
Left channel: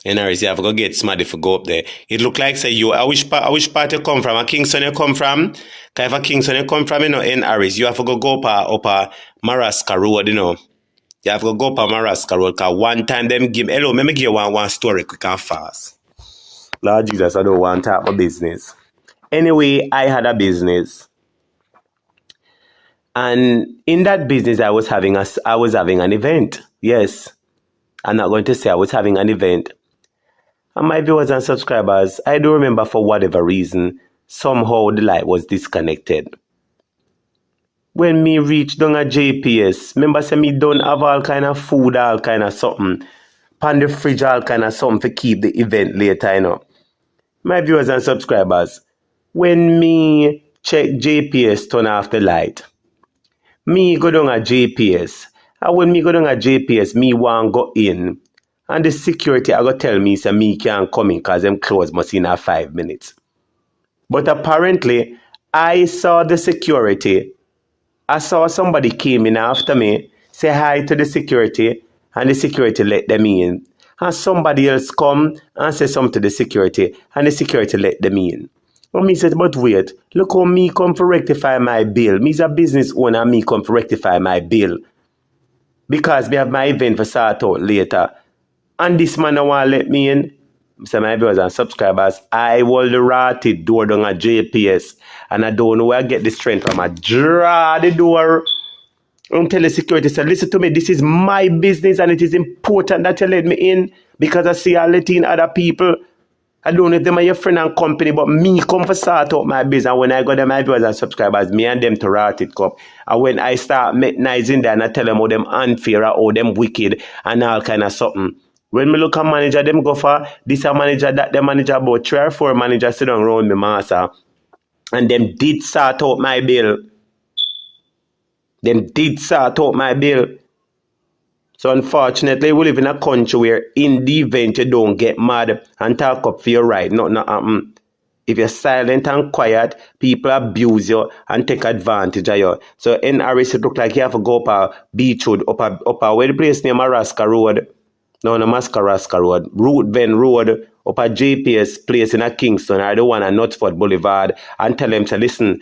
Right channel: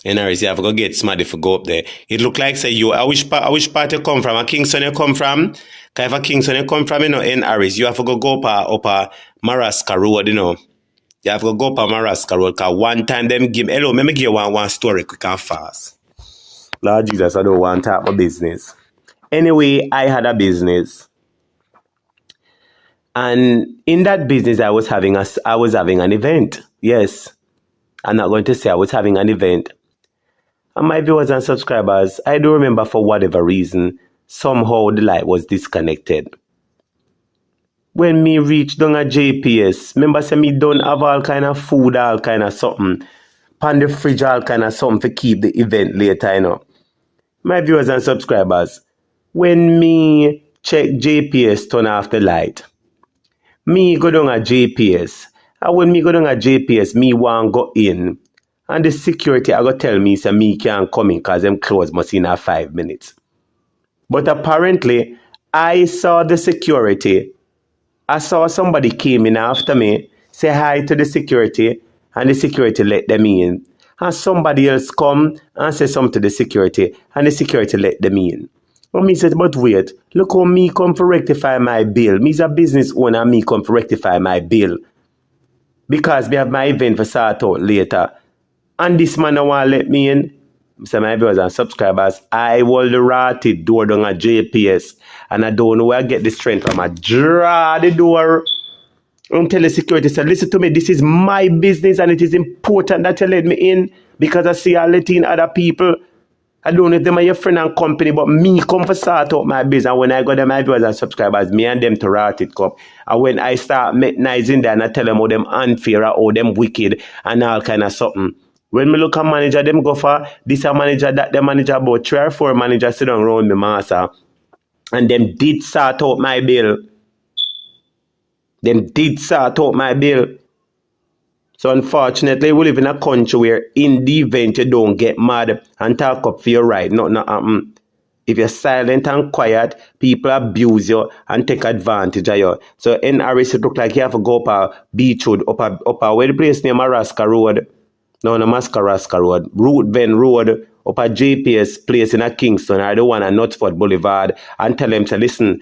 NRS, you have to go get somebody to go up there. It look like say you, I wish part you come from, a Kingston you come from. If a Kingston you come from, you know, NRS, you have to go up a Maraska Road, you know. You have to go up a Maraska Road, because one time them give, hello, let me give you one story quick and fast. Lord Jesus, I don't want to talk about business. Anyway, I had a business. And in that business, I was having an event. Yes. I'm not going to say I was having an event. And my viewers and subscribers, I do remember for whatever reason, somehow the light was disconnected. When me reached down at JPS, remember say me don't have all kind of food, all kind of something. Pan the fridge, all kind of something to keep the event later, you know. My viewers and subscribers, when me check JPS, turn off the light, me go down at JPS. And when me go down at JPS, me want go in. And the security I go tell me, say me can't come in because them close must in 5 minutes. But apparently, I saw the security. I saw somebody came in after me, say hi to the security, and the security let them in. And somebody else come and say something to the security, and the security let them in. And me said, but wait, look how me come to rectify my bill. Me's a business owner, and me come to rectify my bill. Because we have my event for start out later. And this man don't want to let me in. So my viewers and subscribers, I hold the rotted door down at JPS. And I don't know where I get the strength from. I draw the door and tell the security, say, listen to me, this is my business and it is important that you let me in. Because I see I let in other people. I don't know if them are your friend and company, but me come for start out my business. And when I go to my viewers and subscribers, me and them to rat it come. And when I start metnizing them, I tell them how them unfair or how them wicked and all kind of something. When me look at manager, them go for this a manager, that the manager, about 3 or 4 managers sit down around me, master. And them did sort out my bill. So unfortunately, we live in a country where in the event you don't get mad and talk up for your right, nothing happen. If you're silent and quiet, people abuse you and take advantage of you. So in Aris, it look like you have to go up a Beachwood, up a where the place named Maraska Road. No, Mascaraska Road. Root Van Road, up a JPS place in a Kingston, or the one at Knutsford Boulevard, and tell them to listen.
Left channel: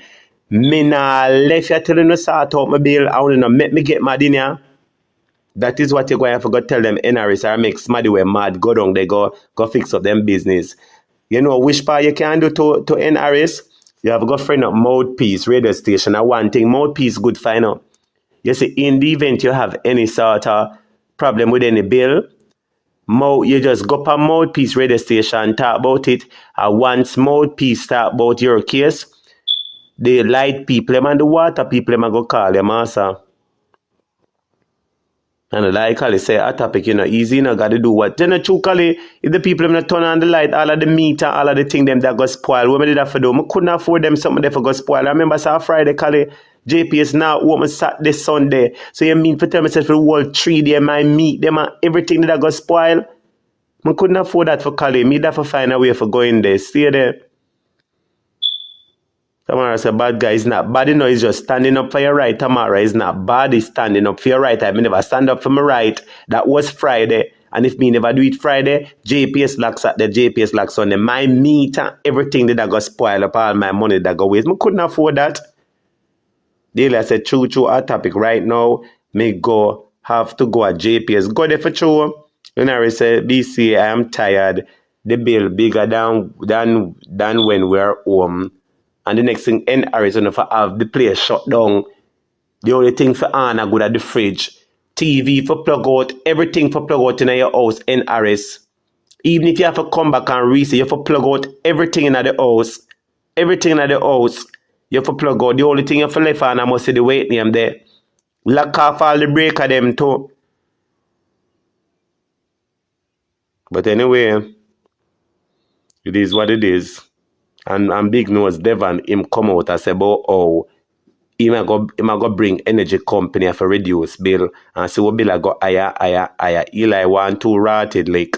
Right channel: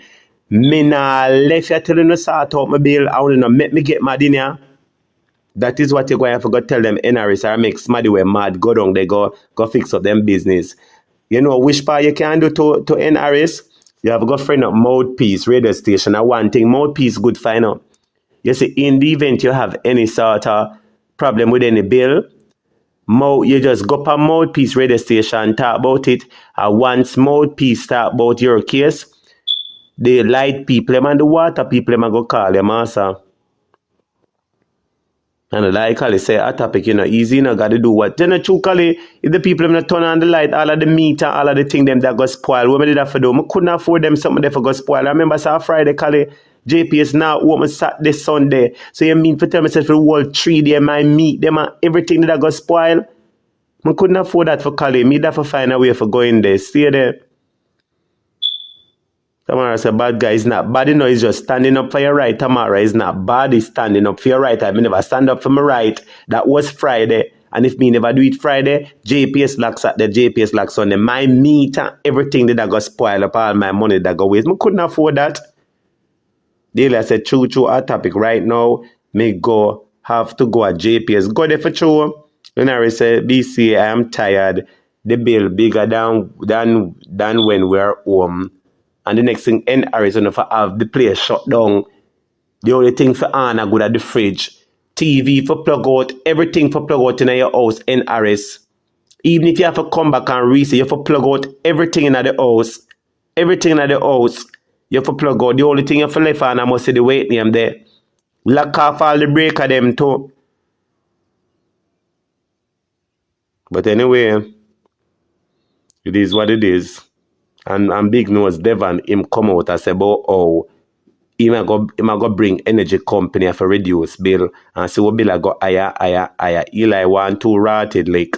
Me nah left you telling you sort out my bill. I want to make me get mad in here. That is what you're going to have to go tell them NRS or make somebody were mad, go down, they go fix up them business. You know which part you can do to NRS? You have to go friend up Mouthpiece radio station. And one thing, Mouthpiece good find out. You see, in the event you have any sort of problem with any bill, you just go up Mouthpiece radio station and talk about it. And once Mouthpiece talk about your case, the light people and the water people go call them answer. And like I say, a topic, easy, got to do what. Then truthfully, if the people have not turn on the light, all of the meter, all of the thing them that got spoiled, what did I for do? I couldn't afford them something that got spoiled. I remember Friday, Kali, JPS now open Saturday, Sunday. So you mean for tell myself the whole 3 day, my meat, them everything that got spoiled. I couldn't afford that for Kali. Me that for find a way for going there. Stay there. Tamara said, bad guy is not bad, it's just standing up for your right. Tamara is not bad, it's standing up for your right. I never stand up for my right. That was Friday. And if me never do it Friday, JPS locks at the JPS locks on the my meter, everything that I got spoiled up, all my money that got waste. I couldn't afford that. Daily, I said, true, our topic right now, me have to go at JPS. Go there for true. Then I said, BC, I am tired. The bill bigger than when we're home. And the next thing, in Arizona, for have the place shut down. The only thing for Anna good at the fridge. TV for plug out, everything for plug out in your house in Aris. Even if you have to come back and reset, you have to plug out everything in the house. Everything in the house. You have to plug out. The only thing you have to left on, I must see the weight name there. Lock off all the breaker them too. But anyway, it is what it is. And Big Nose Devon, him come out and say about how he might go bring energy company for reduce bill. And so what bill I go higher. Eli 1 2 rotted like.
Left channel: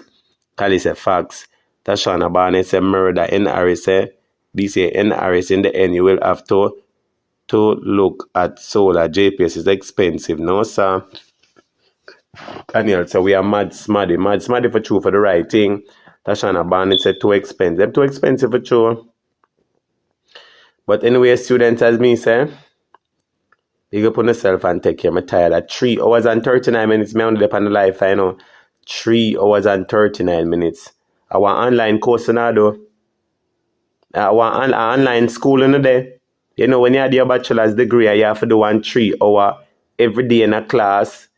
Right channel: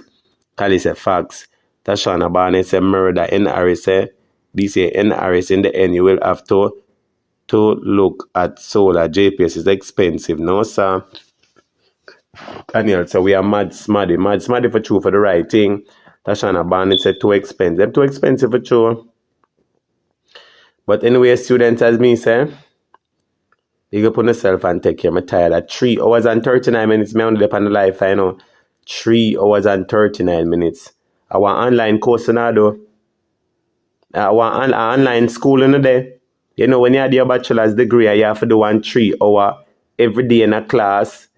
Kali say facts. Tashana Barnett say murder. NRS say, BC NRS in the end you will have to look at solar. JPS is expensive. No, sir. Daniel, so we are mad smaddy for true for the right thing. Tashana Barnett said too expensive. Too expensive for true. But anyway, students, as me say, you go put yourself and take care. I'm tired at 3 hours and 39 minutes. Me only on the life, I know. 3 hours and 39 minutes. I want online course now though. I want online school in the day. You know, when you have your bachelor's degree, you have to do 1 3 hour every day in a class.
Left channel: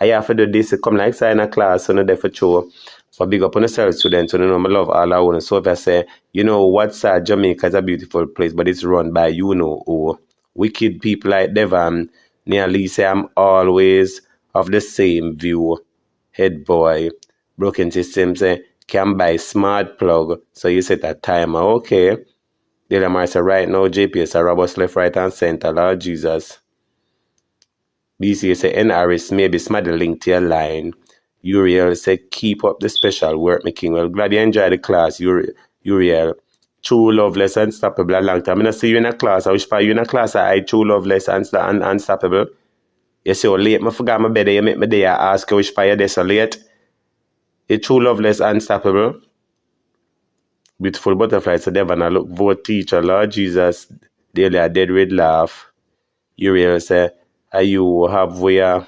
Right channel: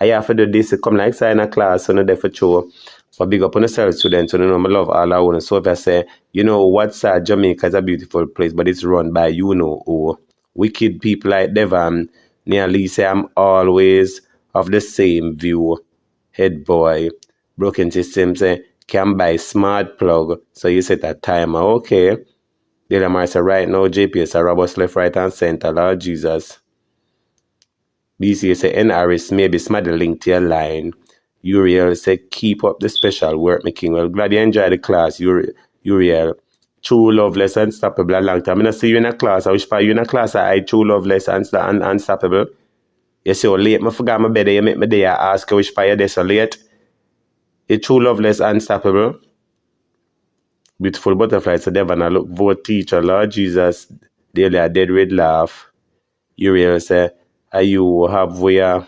I have to do this, come like say in a class on the day for sure. So big up on yourself, students. So you know, I love all I want. So if I say, you know, what's Jamaica is a beautiful place, but it's run by you know who. Wicked people like Devon. Nearly say I'm always of the same view. Head boy. Broken system say can buy smart plug. So you set a timer. Okay. Delamar say right now JPS are robust left, right and center. Lord Jesus. BCA say NRS maybe smart the link to your line. Uriel say keep up the special work making. Well, glad you enjoy the class, Uriel. True, loveless, unstoppable a long time. I don't see you in a class. I wish for you in a class I true, loveless, and unstoppable. You say, oh, late, I forgot my bed. You make me there. I ask you which part you're so late. You true, loveless, unstoppable. Beautiful butterfly. So Devon, I look, vote teacher, Lord Jesus. Daily a dead red laugh. Uriel say, are you have where?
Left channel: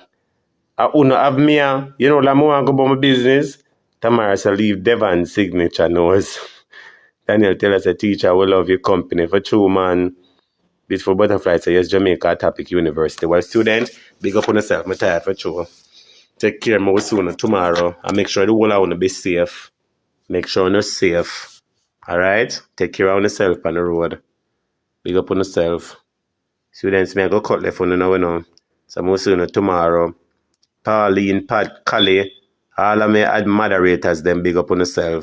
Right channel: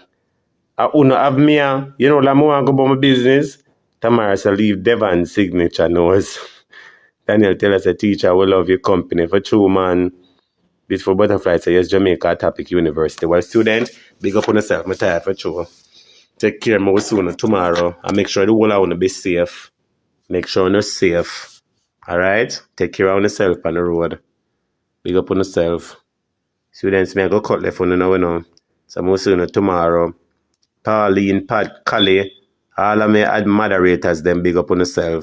I don't have me. You know, like, I want to go about my business. Tamara say, leave Devon's signature nose. Daniel tell us a teacher will love your company. For true, man. Beautiful butterfly say, yes, Jamaica Topic University. Well, students, big up on yourself. I'm tired for true. Take care more soon tomorrow. And make sure the whole I want to be safe. Make sure you're safe. Alright? Take care of yourself on the road. Big up on yourself. Students, may I go cut left on the now. So I'm soon tomorrow. Pauline, Pat, Kali, all of my moderators, them big up on yourself.